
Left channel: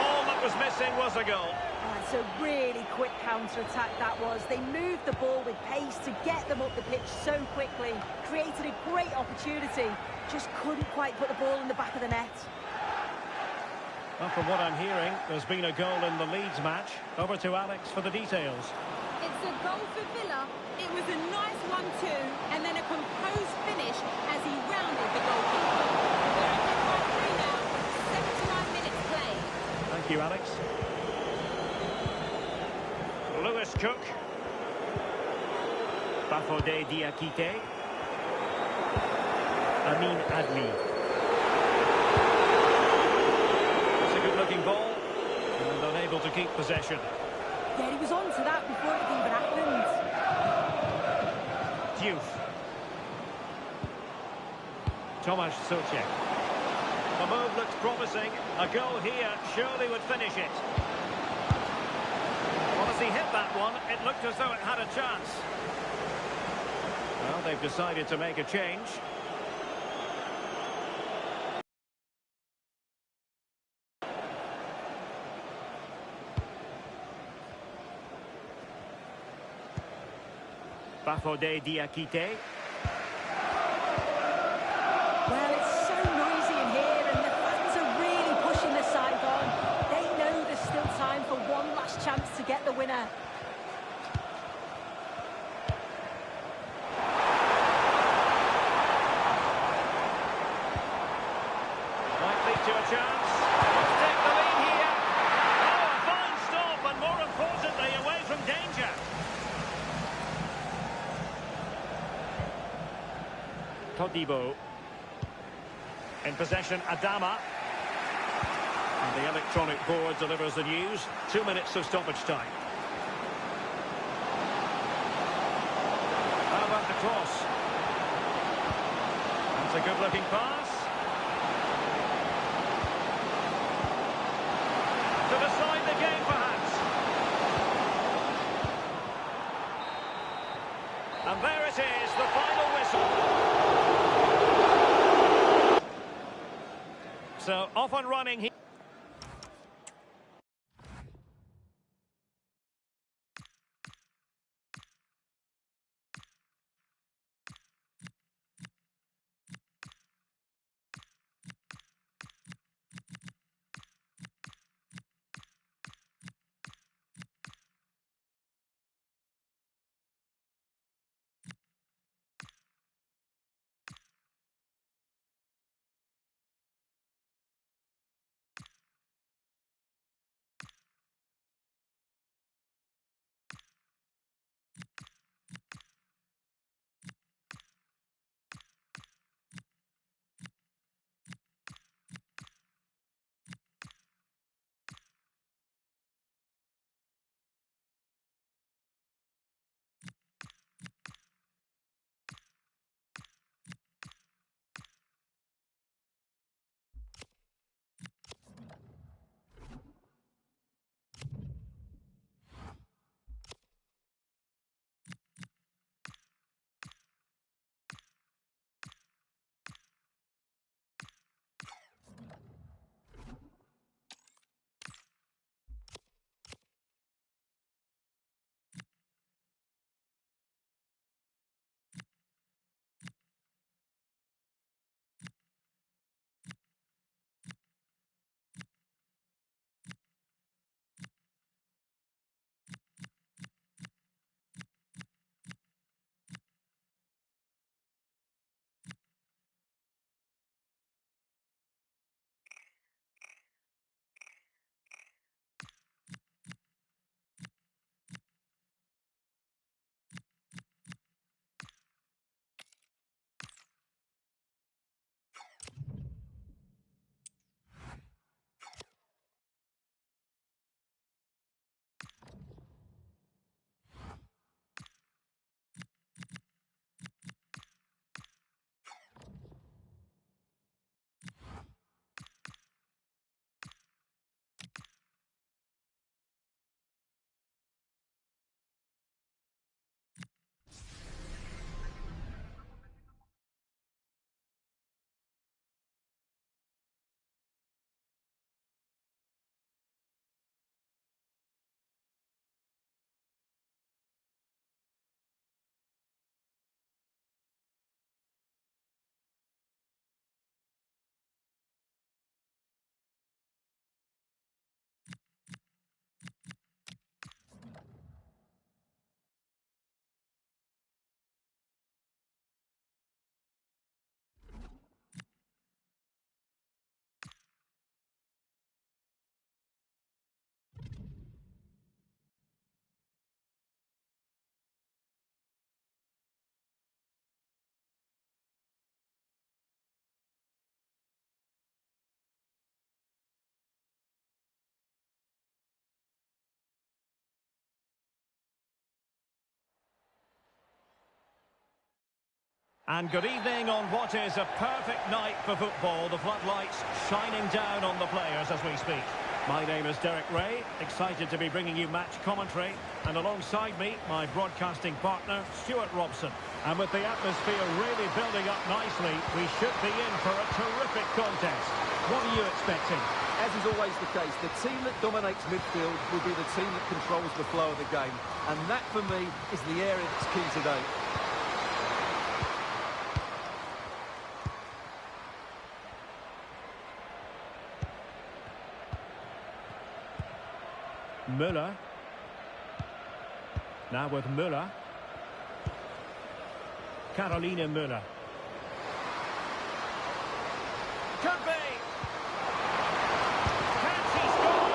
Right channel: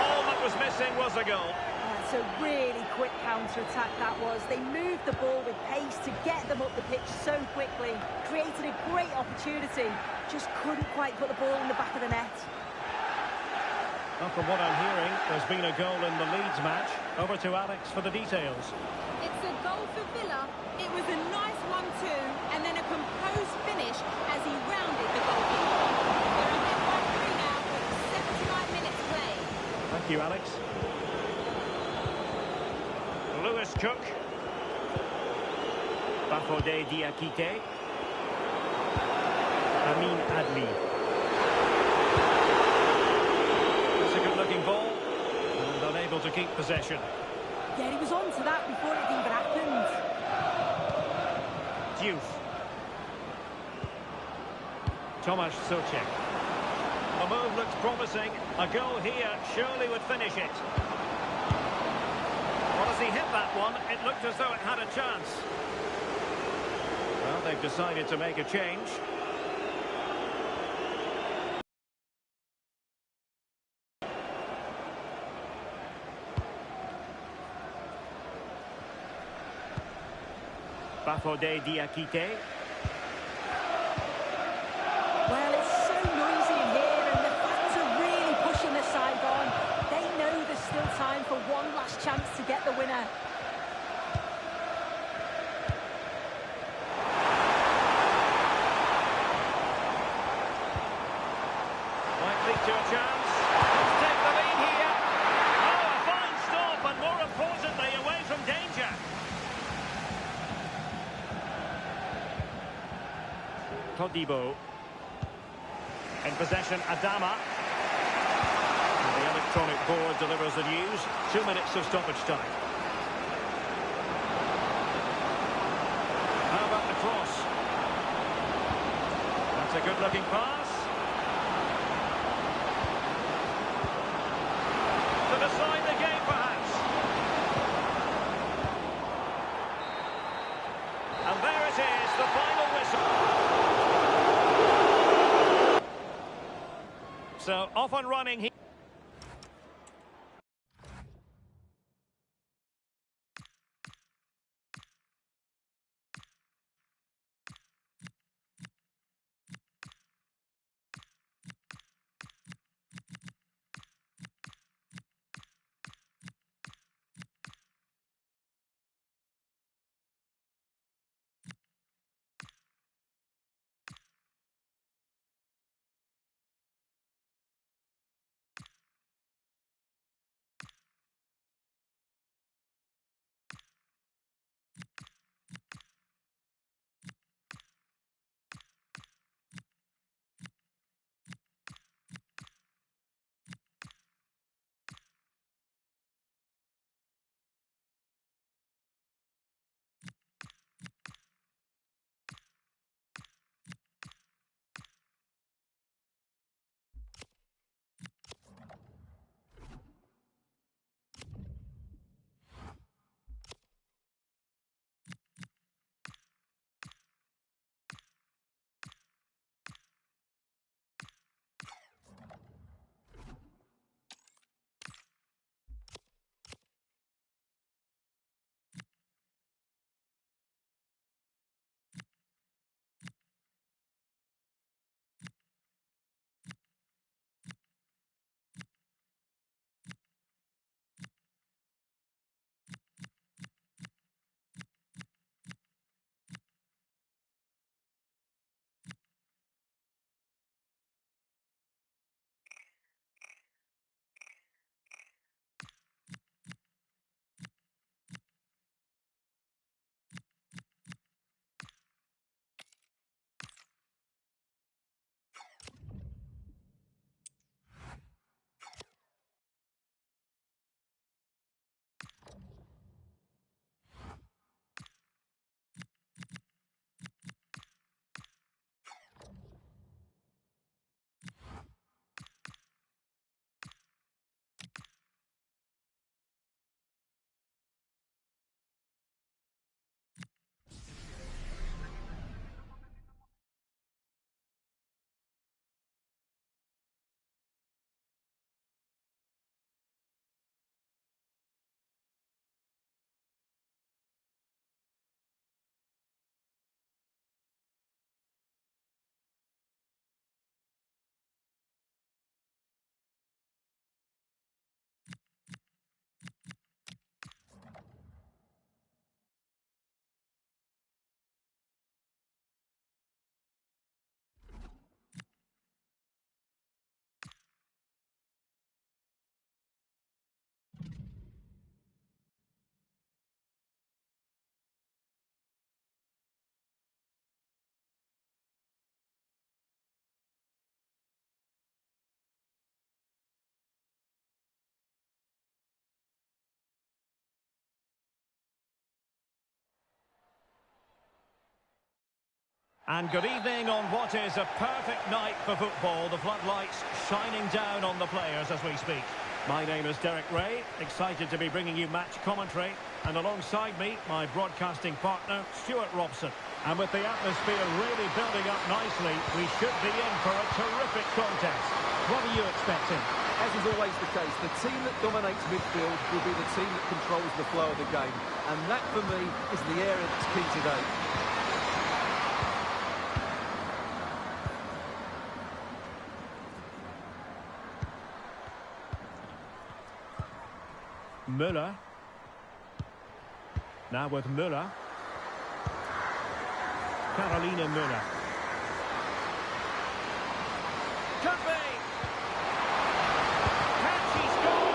All that was missing was a goal. It's a really quick counter-attack that was. They moved the ball with pace to get them up the pitch so quickly. Created a great opportunity. Just couldn't quite put the ball in the back of the net. Well, from what I'm hearing, there's been a goal in the Leeds match. Over to Alex for the details. It's a goal for Villa. It was a nice 1-2 and then a composed finish as he rounded the goalkeeper. They're ahead by 3 now with 79 minutes played. Thank you, Alex. Lewis Cook. Bafodé Diakité. Amin Adli. It's a good-looking ball. And unable to keep possession. Yeah, he was on to that before it even happened. Diouf. Tomasz Soucek. The move looks promising. A goal here surely would finish it. Well, as he hit that one, it looked as though it had a chance. Well, they've decided to make a change. Bafodé Diakité. Well, it's so noisy in here and the fans are really pushing the side on. They know there's still time for one last chance to get the winner. Might lead to a chance. Let's take the lead here. Oh, a fine stop and more importantly, away from danger. Todibo. In possession, Adama. And the electronic board delivers the news. 2 minutes of stoppage time. How about the cross? That's a good-looking pass. To decide the game, perhaps. And there it is, the final whistle. So, off and running here. And good evening on what is a perfect night for football. The floodlights shining down on the players as we speak. My name is Derek Ray, excited to be bringing you match commentary. And alongside me, my broadcasting partner, Stuart Robson. And with the atmosphere really building up nicely, we should be in for a terrific contest. What are you expecting? As is always the case, the team that dominates midfield will be the team that controls the flow of the game. And that, for me, is the area that's key today. Müller. Now with Müller. Carolina Müller. Could be. Can she score?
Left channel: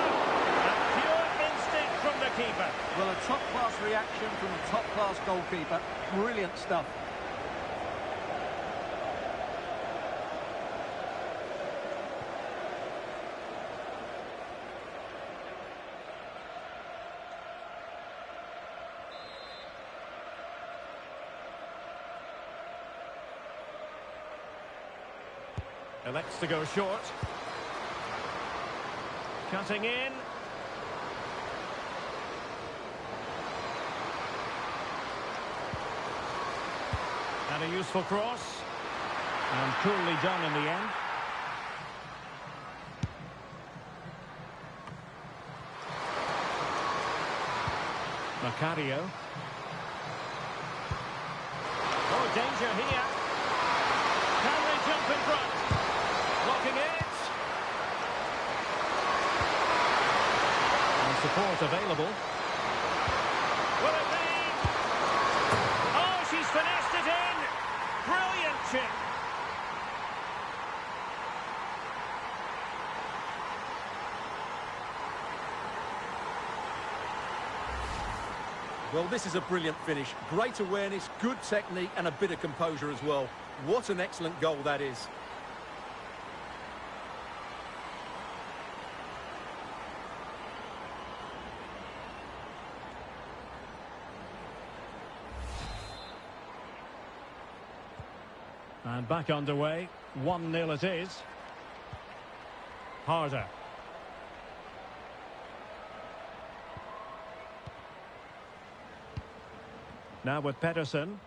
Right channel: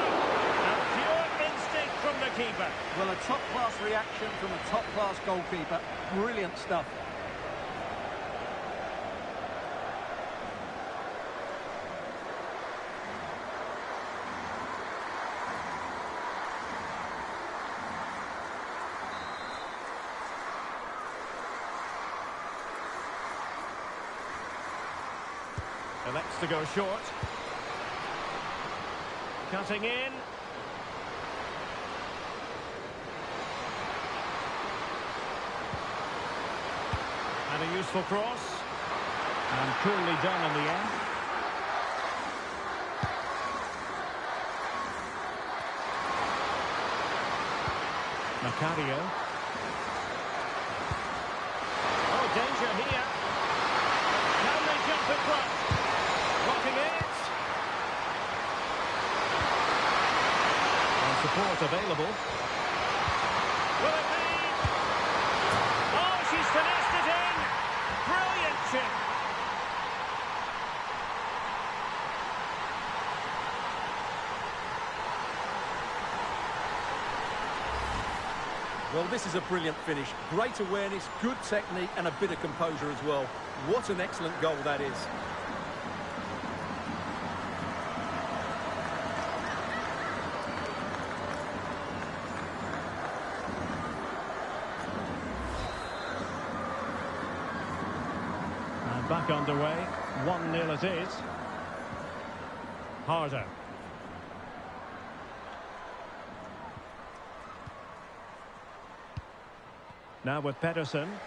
A pure instinct from the keeper. Well, a top-class reaction from a top-class goalkeeper. Brilliant stuff. Elects to go short. Cutting in. And a useful cross. And coolly done in the end. Macario. Oh, danger here. Can they jump in front? Blocking it. And support available. Will it be? Oh, she's finessed it in. Brilliant chip. Well, this is a brilliant finish. Great awareness, good technique, and a bit of composure as well. What an excellent goal that is. And back underway. 1-0 it is. Harder. Now with Pedersen.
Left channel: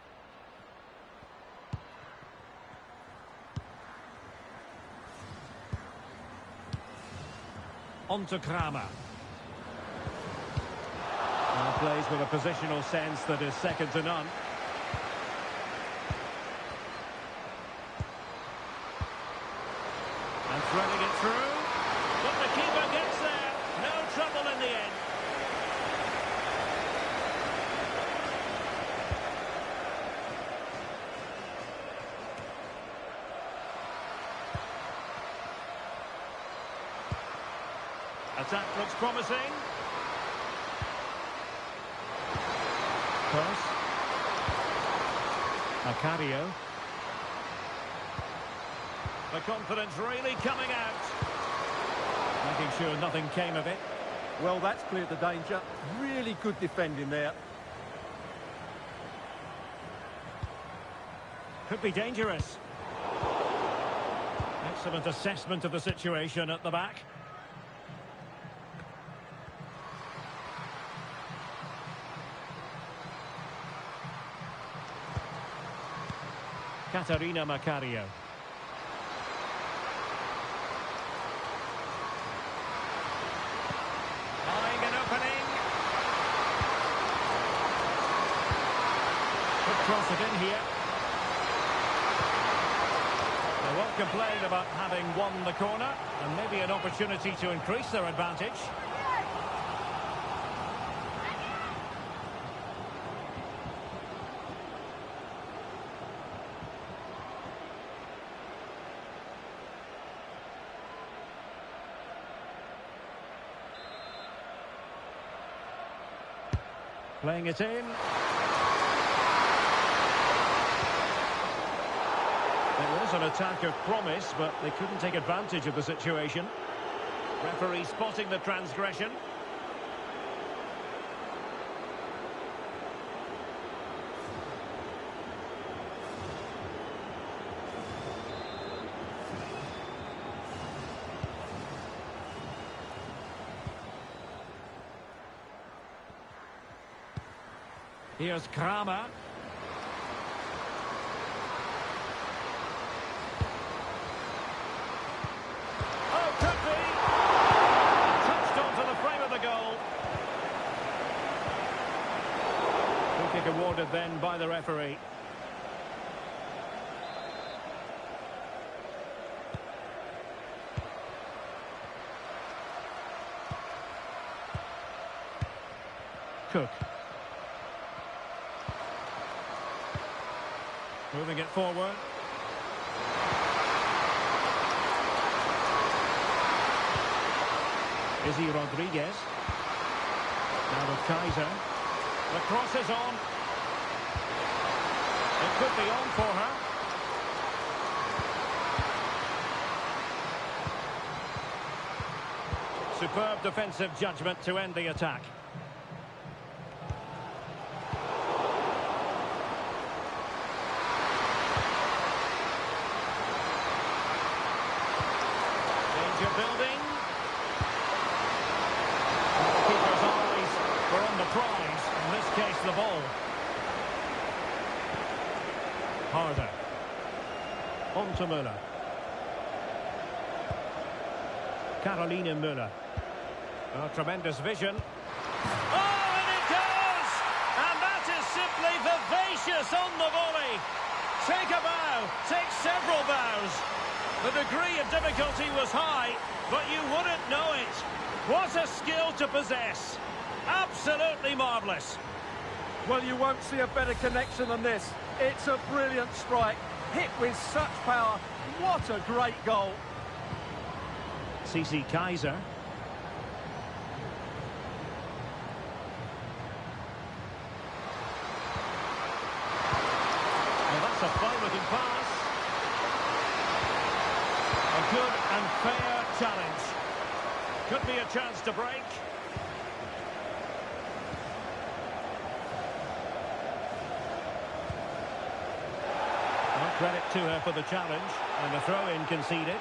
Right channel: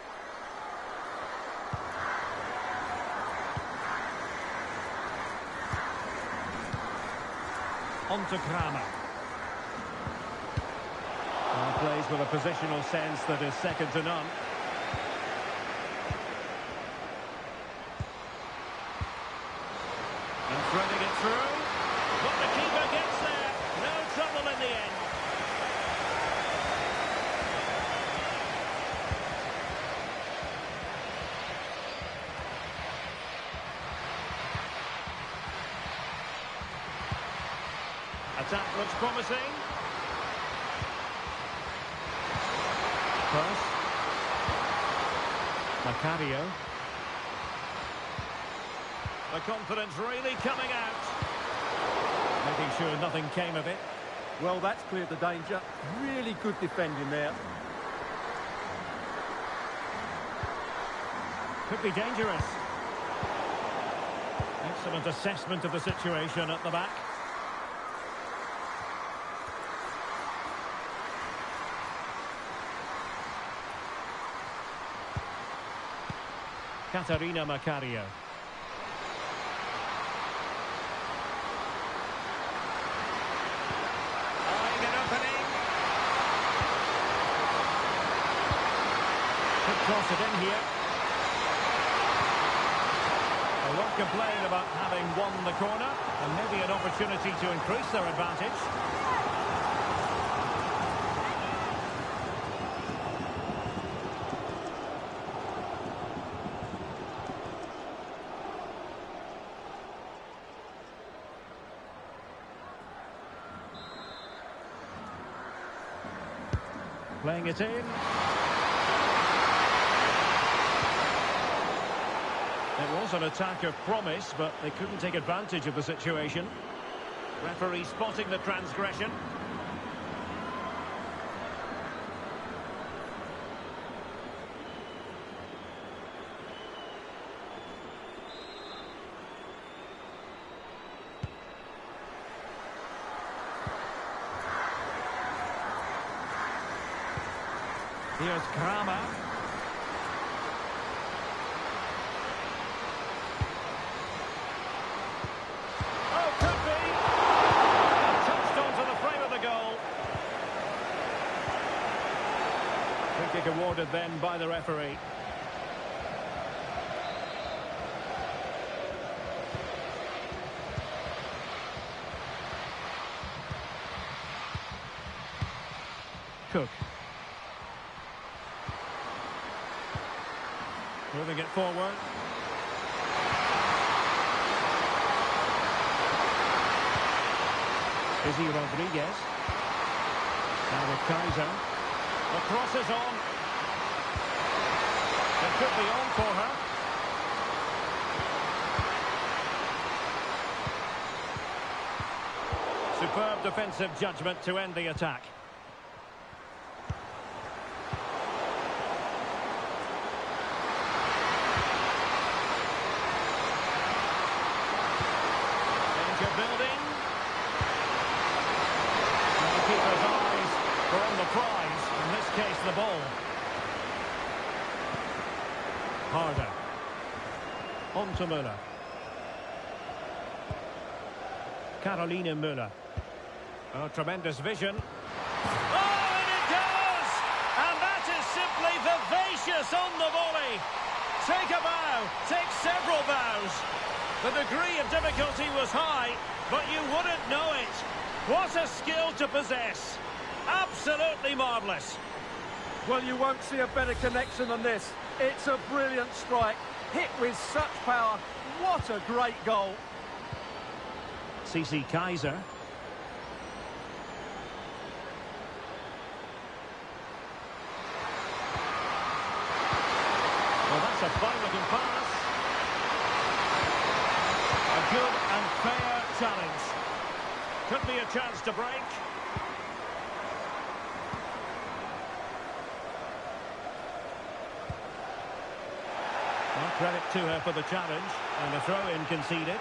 On to Kramer. Plays with a positional sense that is second to none. And threading it through. But the keeper gets there. No trouble in the end. Attack looks promising. Pass. Macario. The confidence really coming out. Making sure nothing came of it. Well, that's cleared the danger. Really good defending there. Could be dangerous. Excellent assessment of the situation at the back. Catarina Macario. Eyeing an opening. Could cross it in here. They won't complain about having won the corner, and maybe an opportunity to increase their advantage. Playing it in. It was an attack of promise, but they couldn't take advantage of the situation. Referee spotting the transgression. Here's Kramer. Oh, could be. Touched onto the frame of the goal. Free kick awarded then by the referee. Cook. Moving it forward. Izzy Rodriguez. Now with Kaiser. The cross is on. It could be on for her. Superb defensive judgment to end the attack. Danger building. And the keeper's eyes were on the prize, in this case the ball. Harder. On to Müller. Caroline Müller. Oh, tremendous vision. Oh, and it goes! And that is simply vivacious on the volley. Take a bow, take several bows. The degree of difficulty was high, but you wouldn't know it. What a skill to possess. Absolutely marvellous. Well, you won't see a better connection than this. It's a brilliant strike, hit with such power. What a great goal. CC Kaiser. Well, that's a fine-looking pass. A good and fair challenge. Could be a chance to break. Well, credit to her for the challenge, and a throw-in conceded.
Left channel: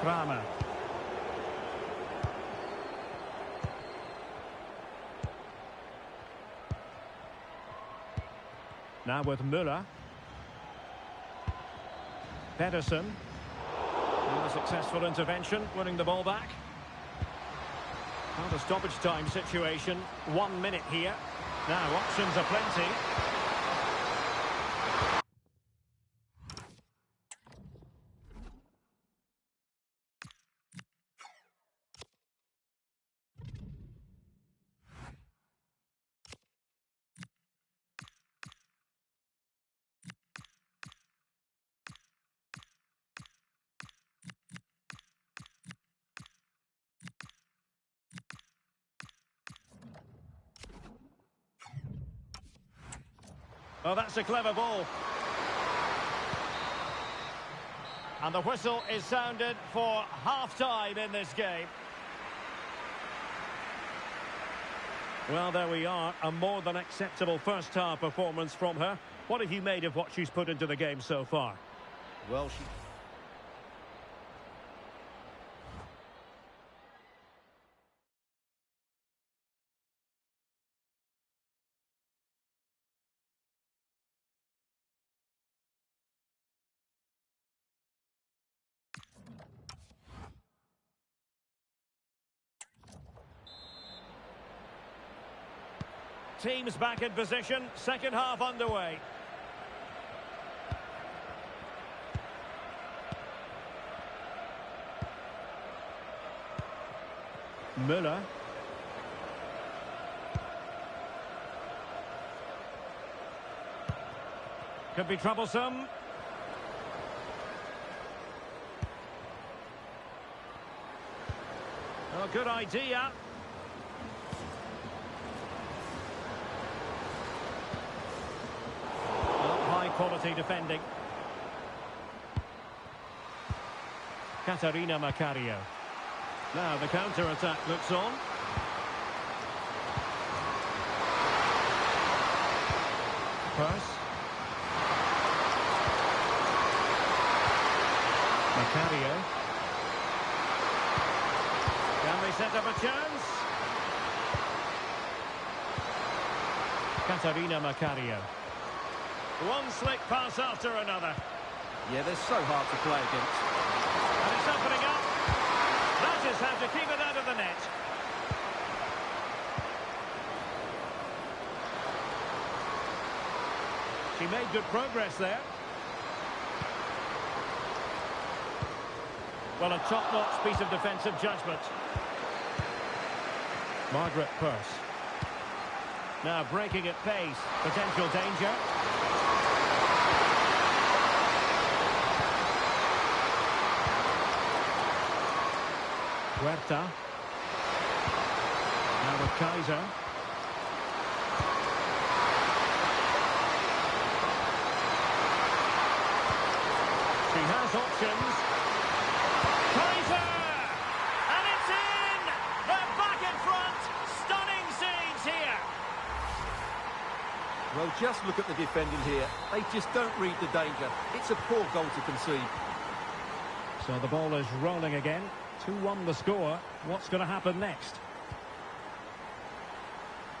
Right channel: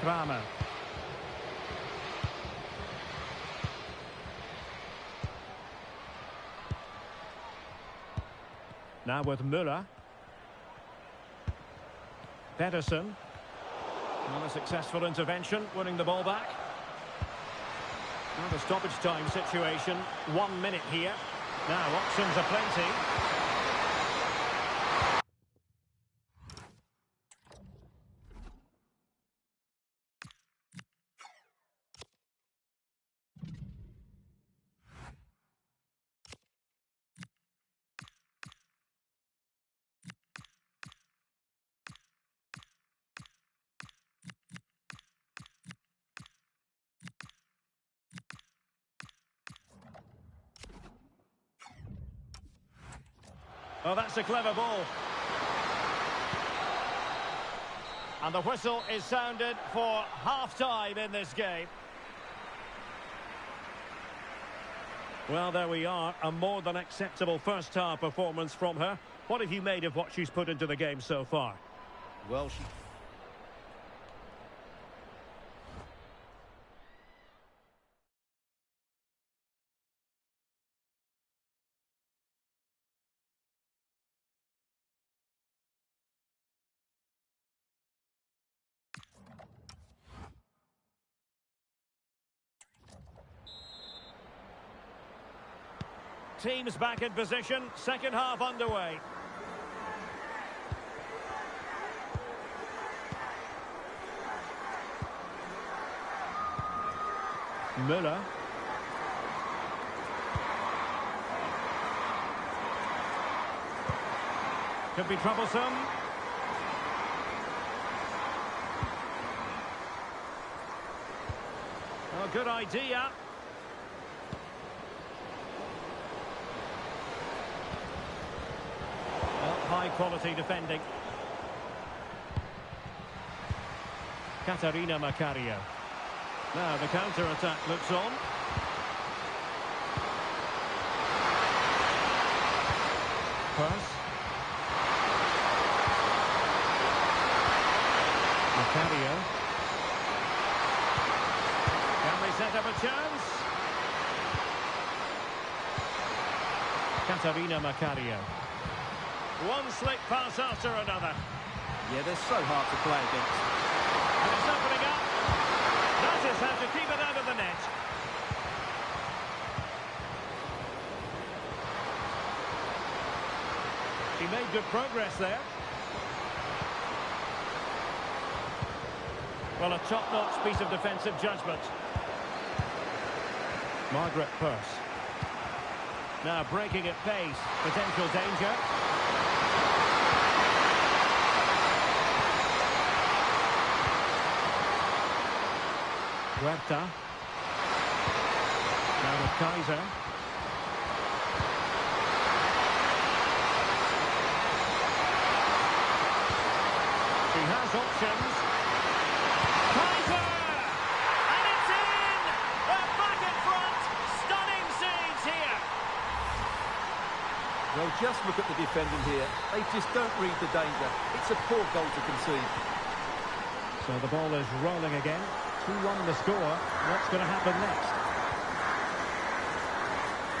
Kramer. Now with Müller. Pedersen. Well, a successful intervention, winning the ball back. Now the stoppage time situation. 1 minute here. Now options are plenty. Oh, that's a clever ball. And the whistle is sounded for half-time in this game. Well, there we are. A more than acceptable first-half performance from her. What have you made of what she's put into the game so far? Well, she... Teams back in position, second half underway. Müller. Could be troublesome. Oh, good idea. High quality defending. Katarina Macario. Now the counter-attack looks on. Purse. Macario. Can they set up a chance? Katarina Macario. One slick pass after another. Yeah, they're so hard to play against. And it's opening up. That is how to keep it out of the net. She made good progress there. Well, a top-notch piece of defensive judgment. Margaret Purse. Now breaking at pace. Potential danger. Huerta. Now with Kaiser. She has options. Kaiser! And it's in! They're back in front! Stunning scenes here! Well, just look at the defending here. They just don't read the danger. It's a poor goal to concede. So the ball is rolling again. 2-1 the score. What's going to happen next?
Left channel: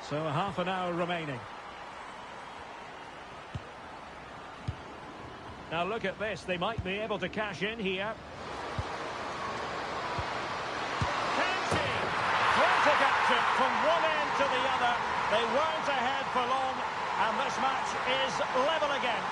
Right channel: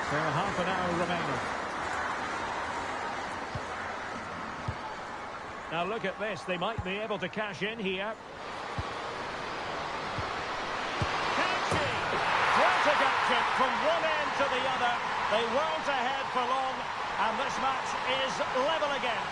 So half an hour remaining. Now look at this. They might be able to cash in here. Can she? Frantic action from one end to the other. They weren't ahead for long, and this match is level again.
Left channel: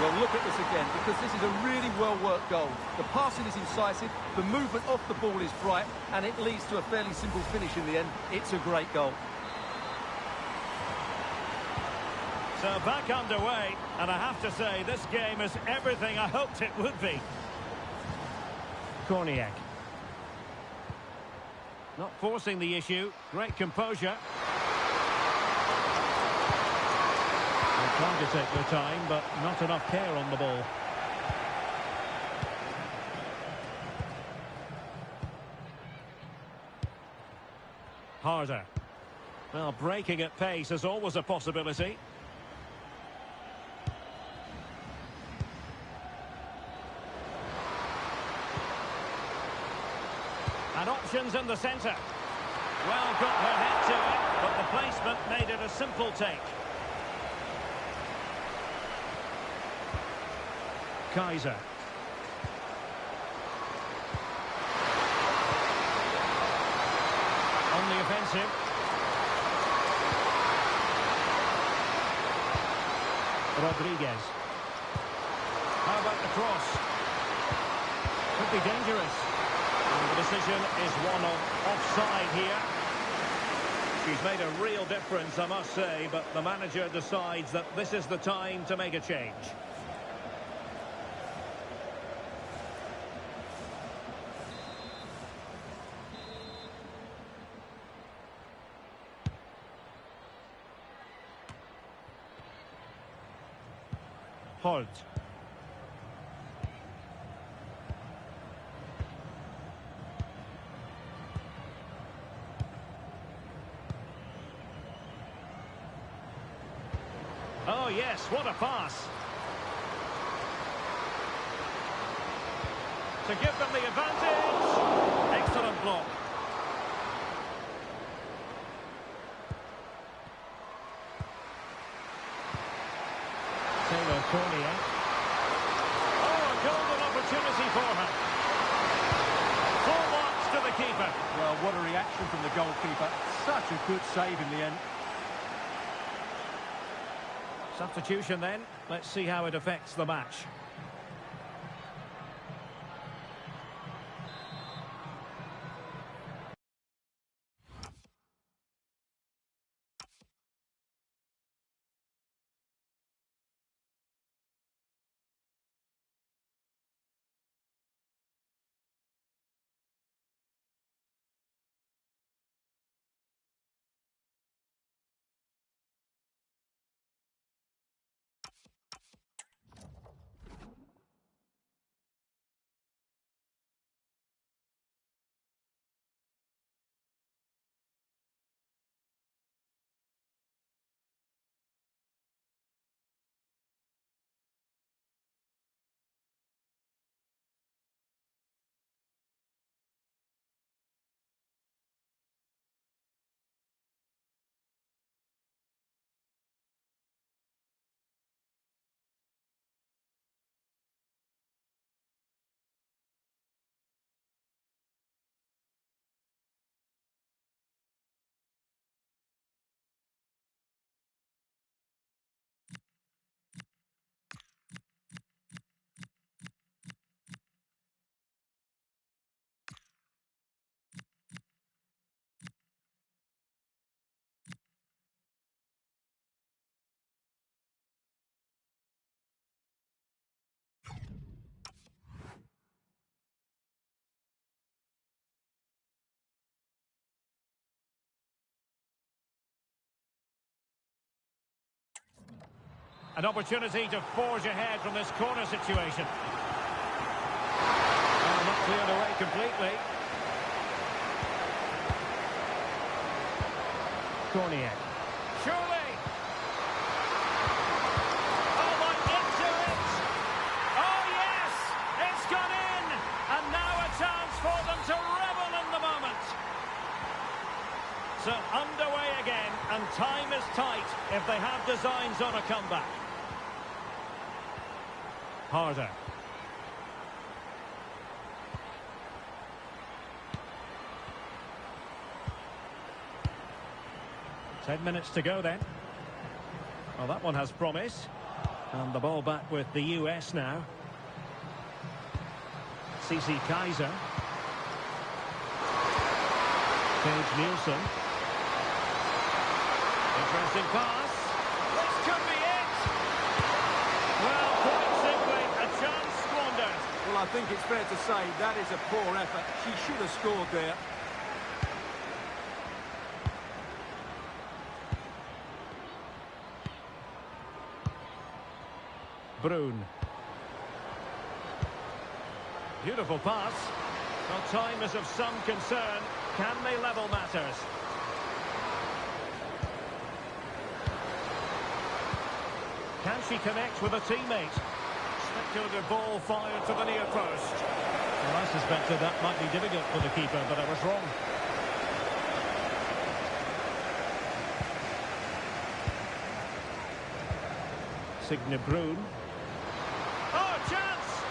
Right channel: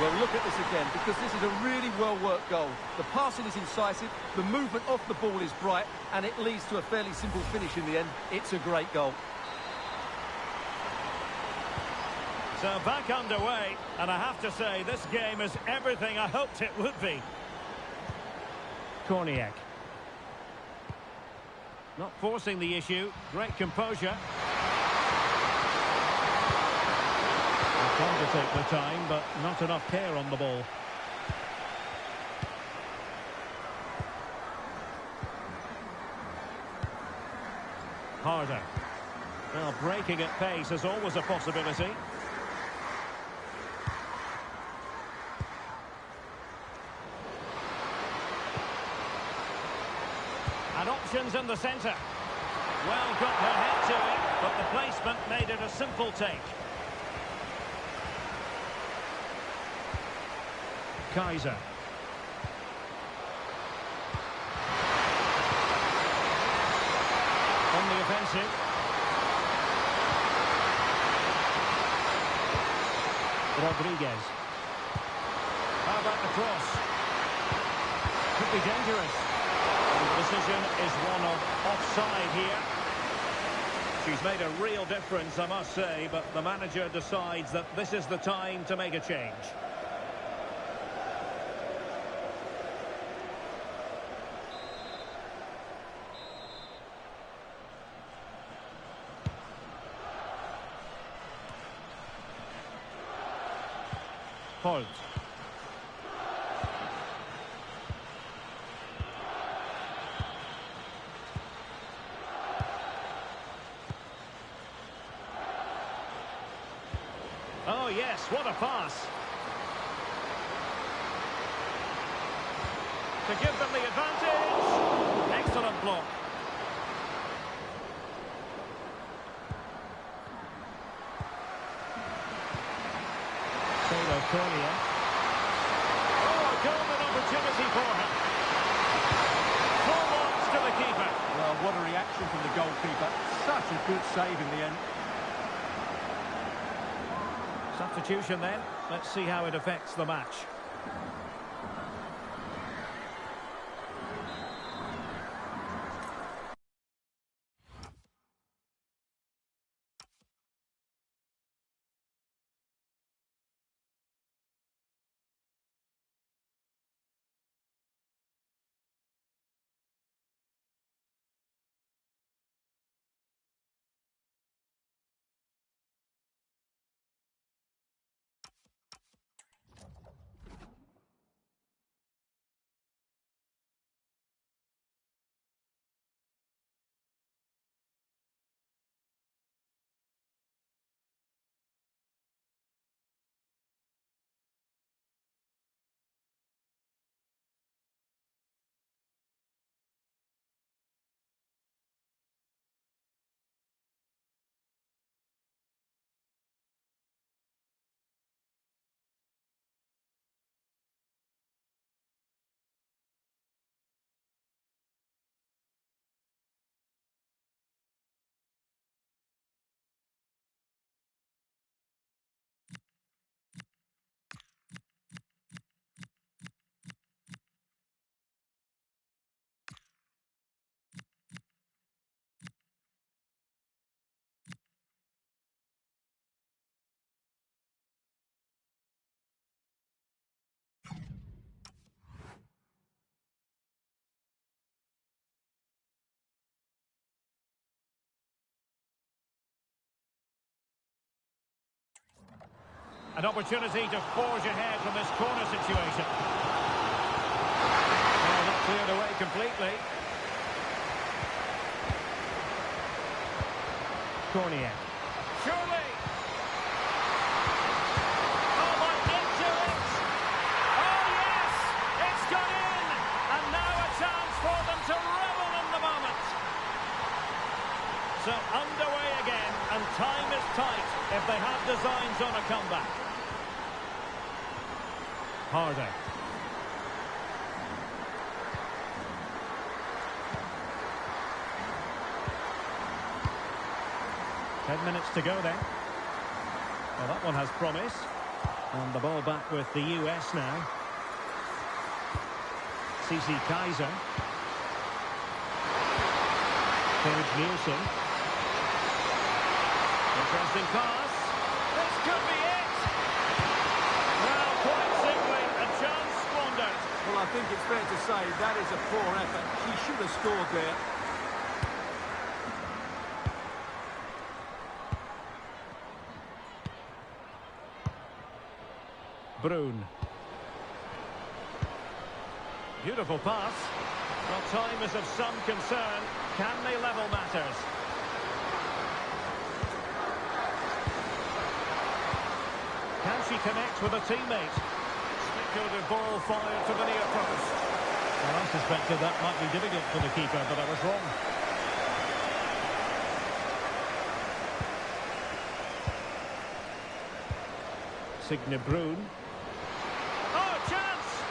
Well, look at this again, because this is a really well-worked goal. The passing is incisive, the movement off the ball is bright, and it leads to a fairly simple finish in the end. It's a great goal. So back underway, and I have to say, this game is everything I hoped it would be. Korniak. Not forcing the issue, great composure. Trying to take the time, but not enough care on the ball. Harder. Well, breaking at pace is always a possibility. And options in the centre. Well, got her head to it, but the placement made it a simple take. Kaiser. On the offensive. Rodriguez. How about the cross? Could be dangerous. And the decision is one of offside here. She's made a real difference, I must say, but the manager decides that this is the time to make a change. Holt. Oh yes, what a pass. To give them the advantage. Excellent block. Taylor Korniak. Oh, a golden opportunity for her. Full marks to the the keeper. Well, what a reaction from the goalkeeper. Such a good save in the end. Substitution then. Let's see how it affects the match. An opportunity to forge ahead from this corner situation. Well, not cleared away completely. Korniak. Surely! Oh, my, into it! Oh, yes! It's gone in! And now a chance for them to revel in the moment. So underway again, and time is tight if they have designs on a comeback. Harder. Ten minutes to go then. Well, that one has promise. And the ball back with the US now. CC Kaiser. Paige Nielsen. Interesting pass. This could be it. Well, quite simply, a chance squandered. Well, I think it's fair to say that is a poor effort. She should have scored there. Brun. Beautiful pass. Well, time is of some concern. Can they level matters? Can she connect with a teammate? Speculative ball fired to the near post. Well, I suspected that might be difficult for the keeper, but I was wrong. Signe Brun. Oh, chance!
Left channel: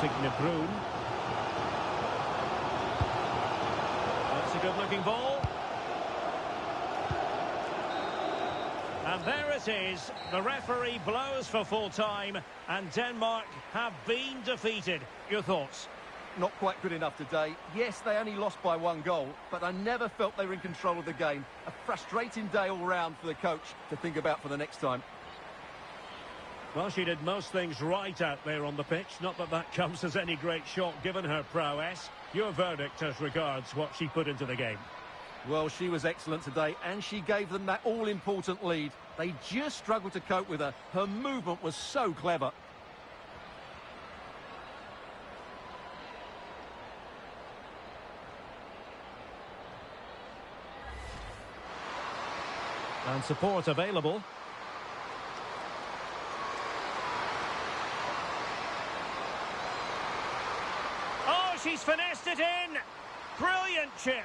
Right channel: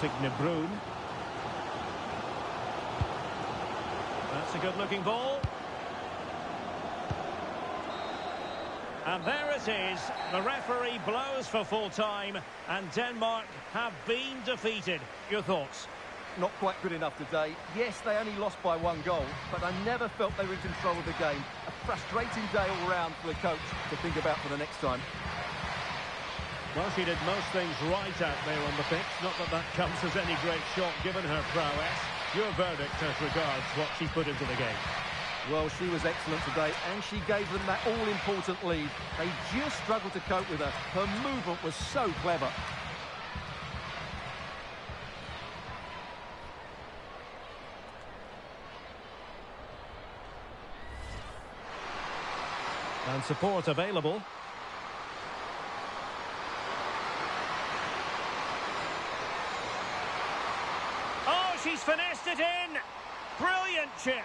Signe Brun. That's a good-looking ball. And there it is. The referee blows for full time, and Denmark have been defeated. Your thoughts? Not quite good enough today. Yes, they only lost by 1 goal, but I never felt they were in control of the game. A frustrating day all round for the coach to think about for the next time. Well, she did most things right out there on the pitch. Not that that comes as any great shock given her prowess. Your verdict as regards what she put into the game? Well, she was excellent today, and she gave them that all-important lead. They just struggled to cope with her. Her movement was so clever. And support available. Oh, she's finessed it in! Brilliant chip!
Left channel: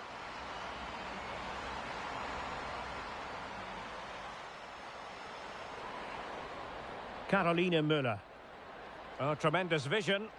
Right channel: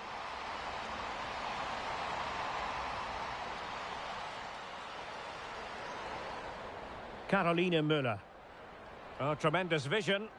Carolina Müller. Oh, tremendous vision.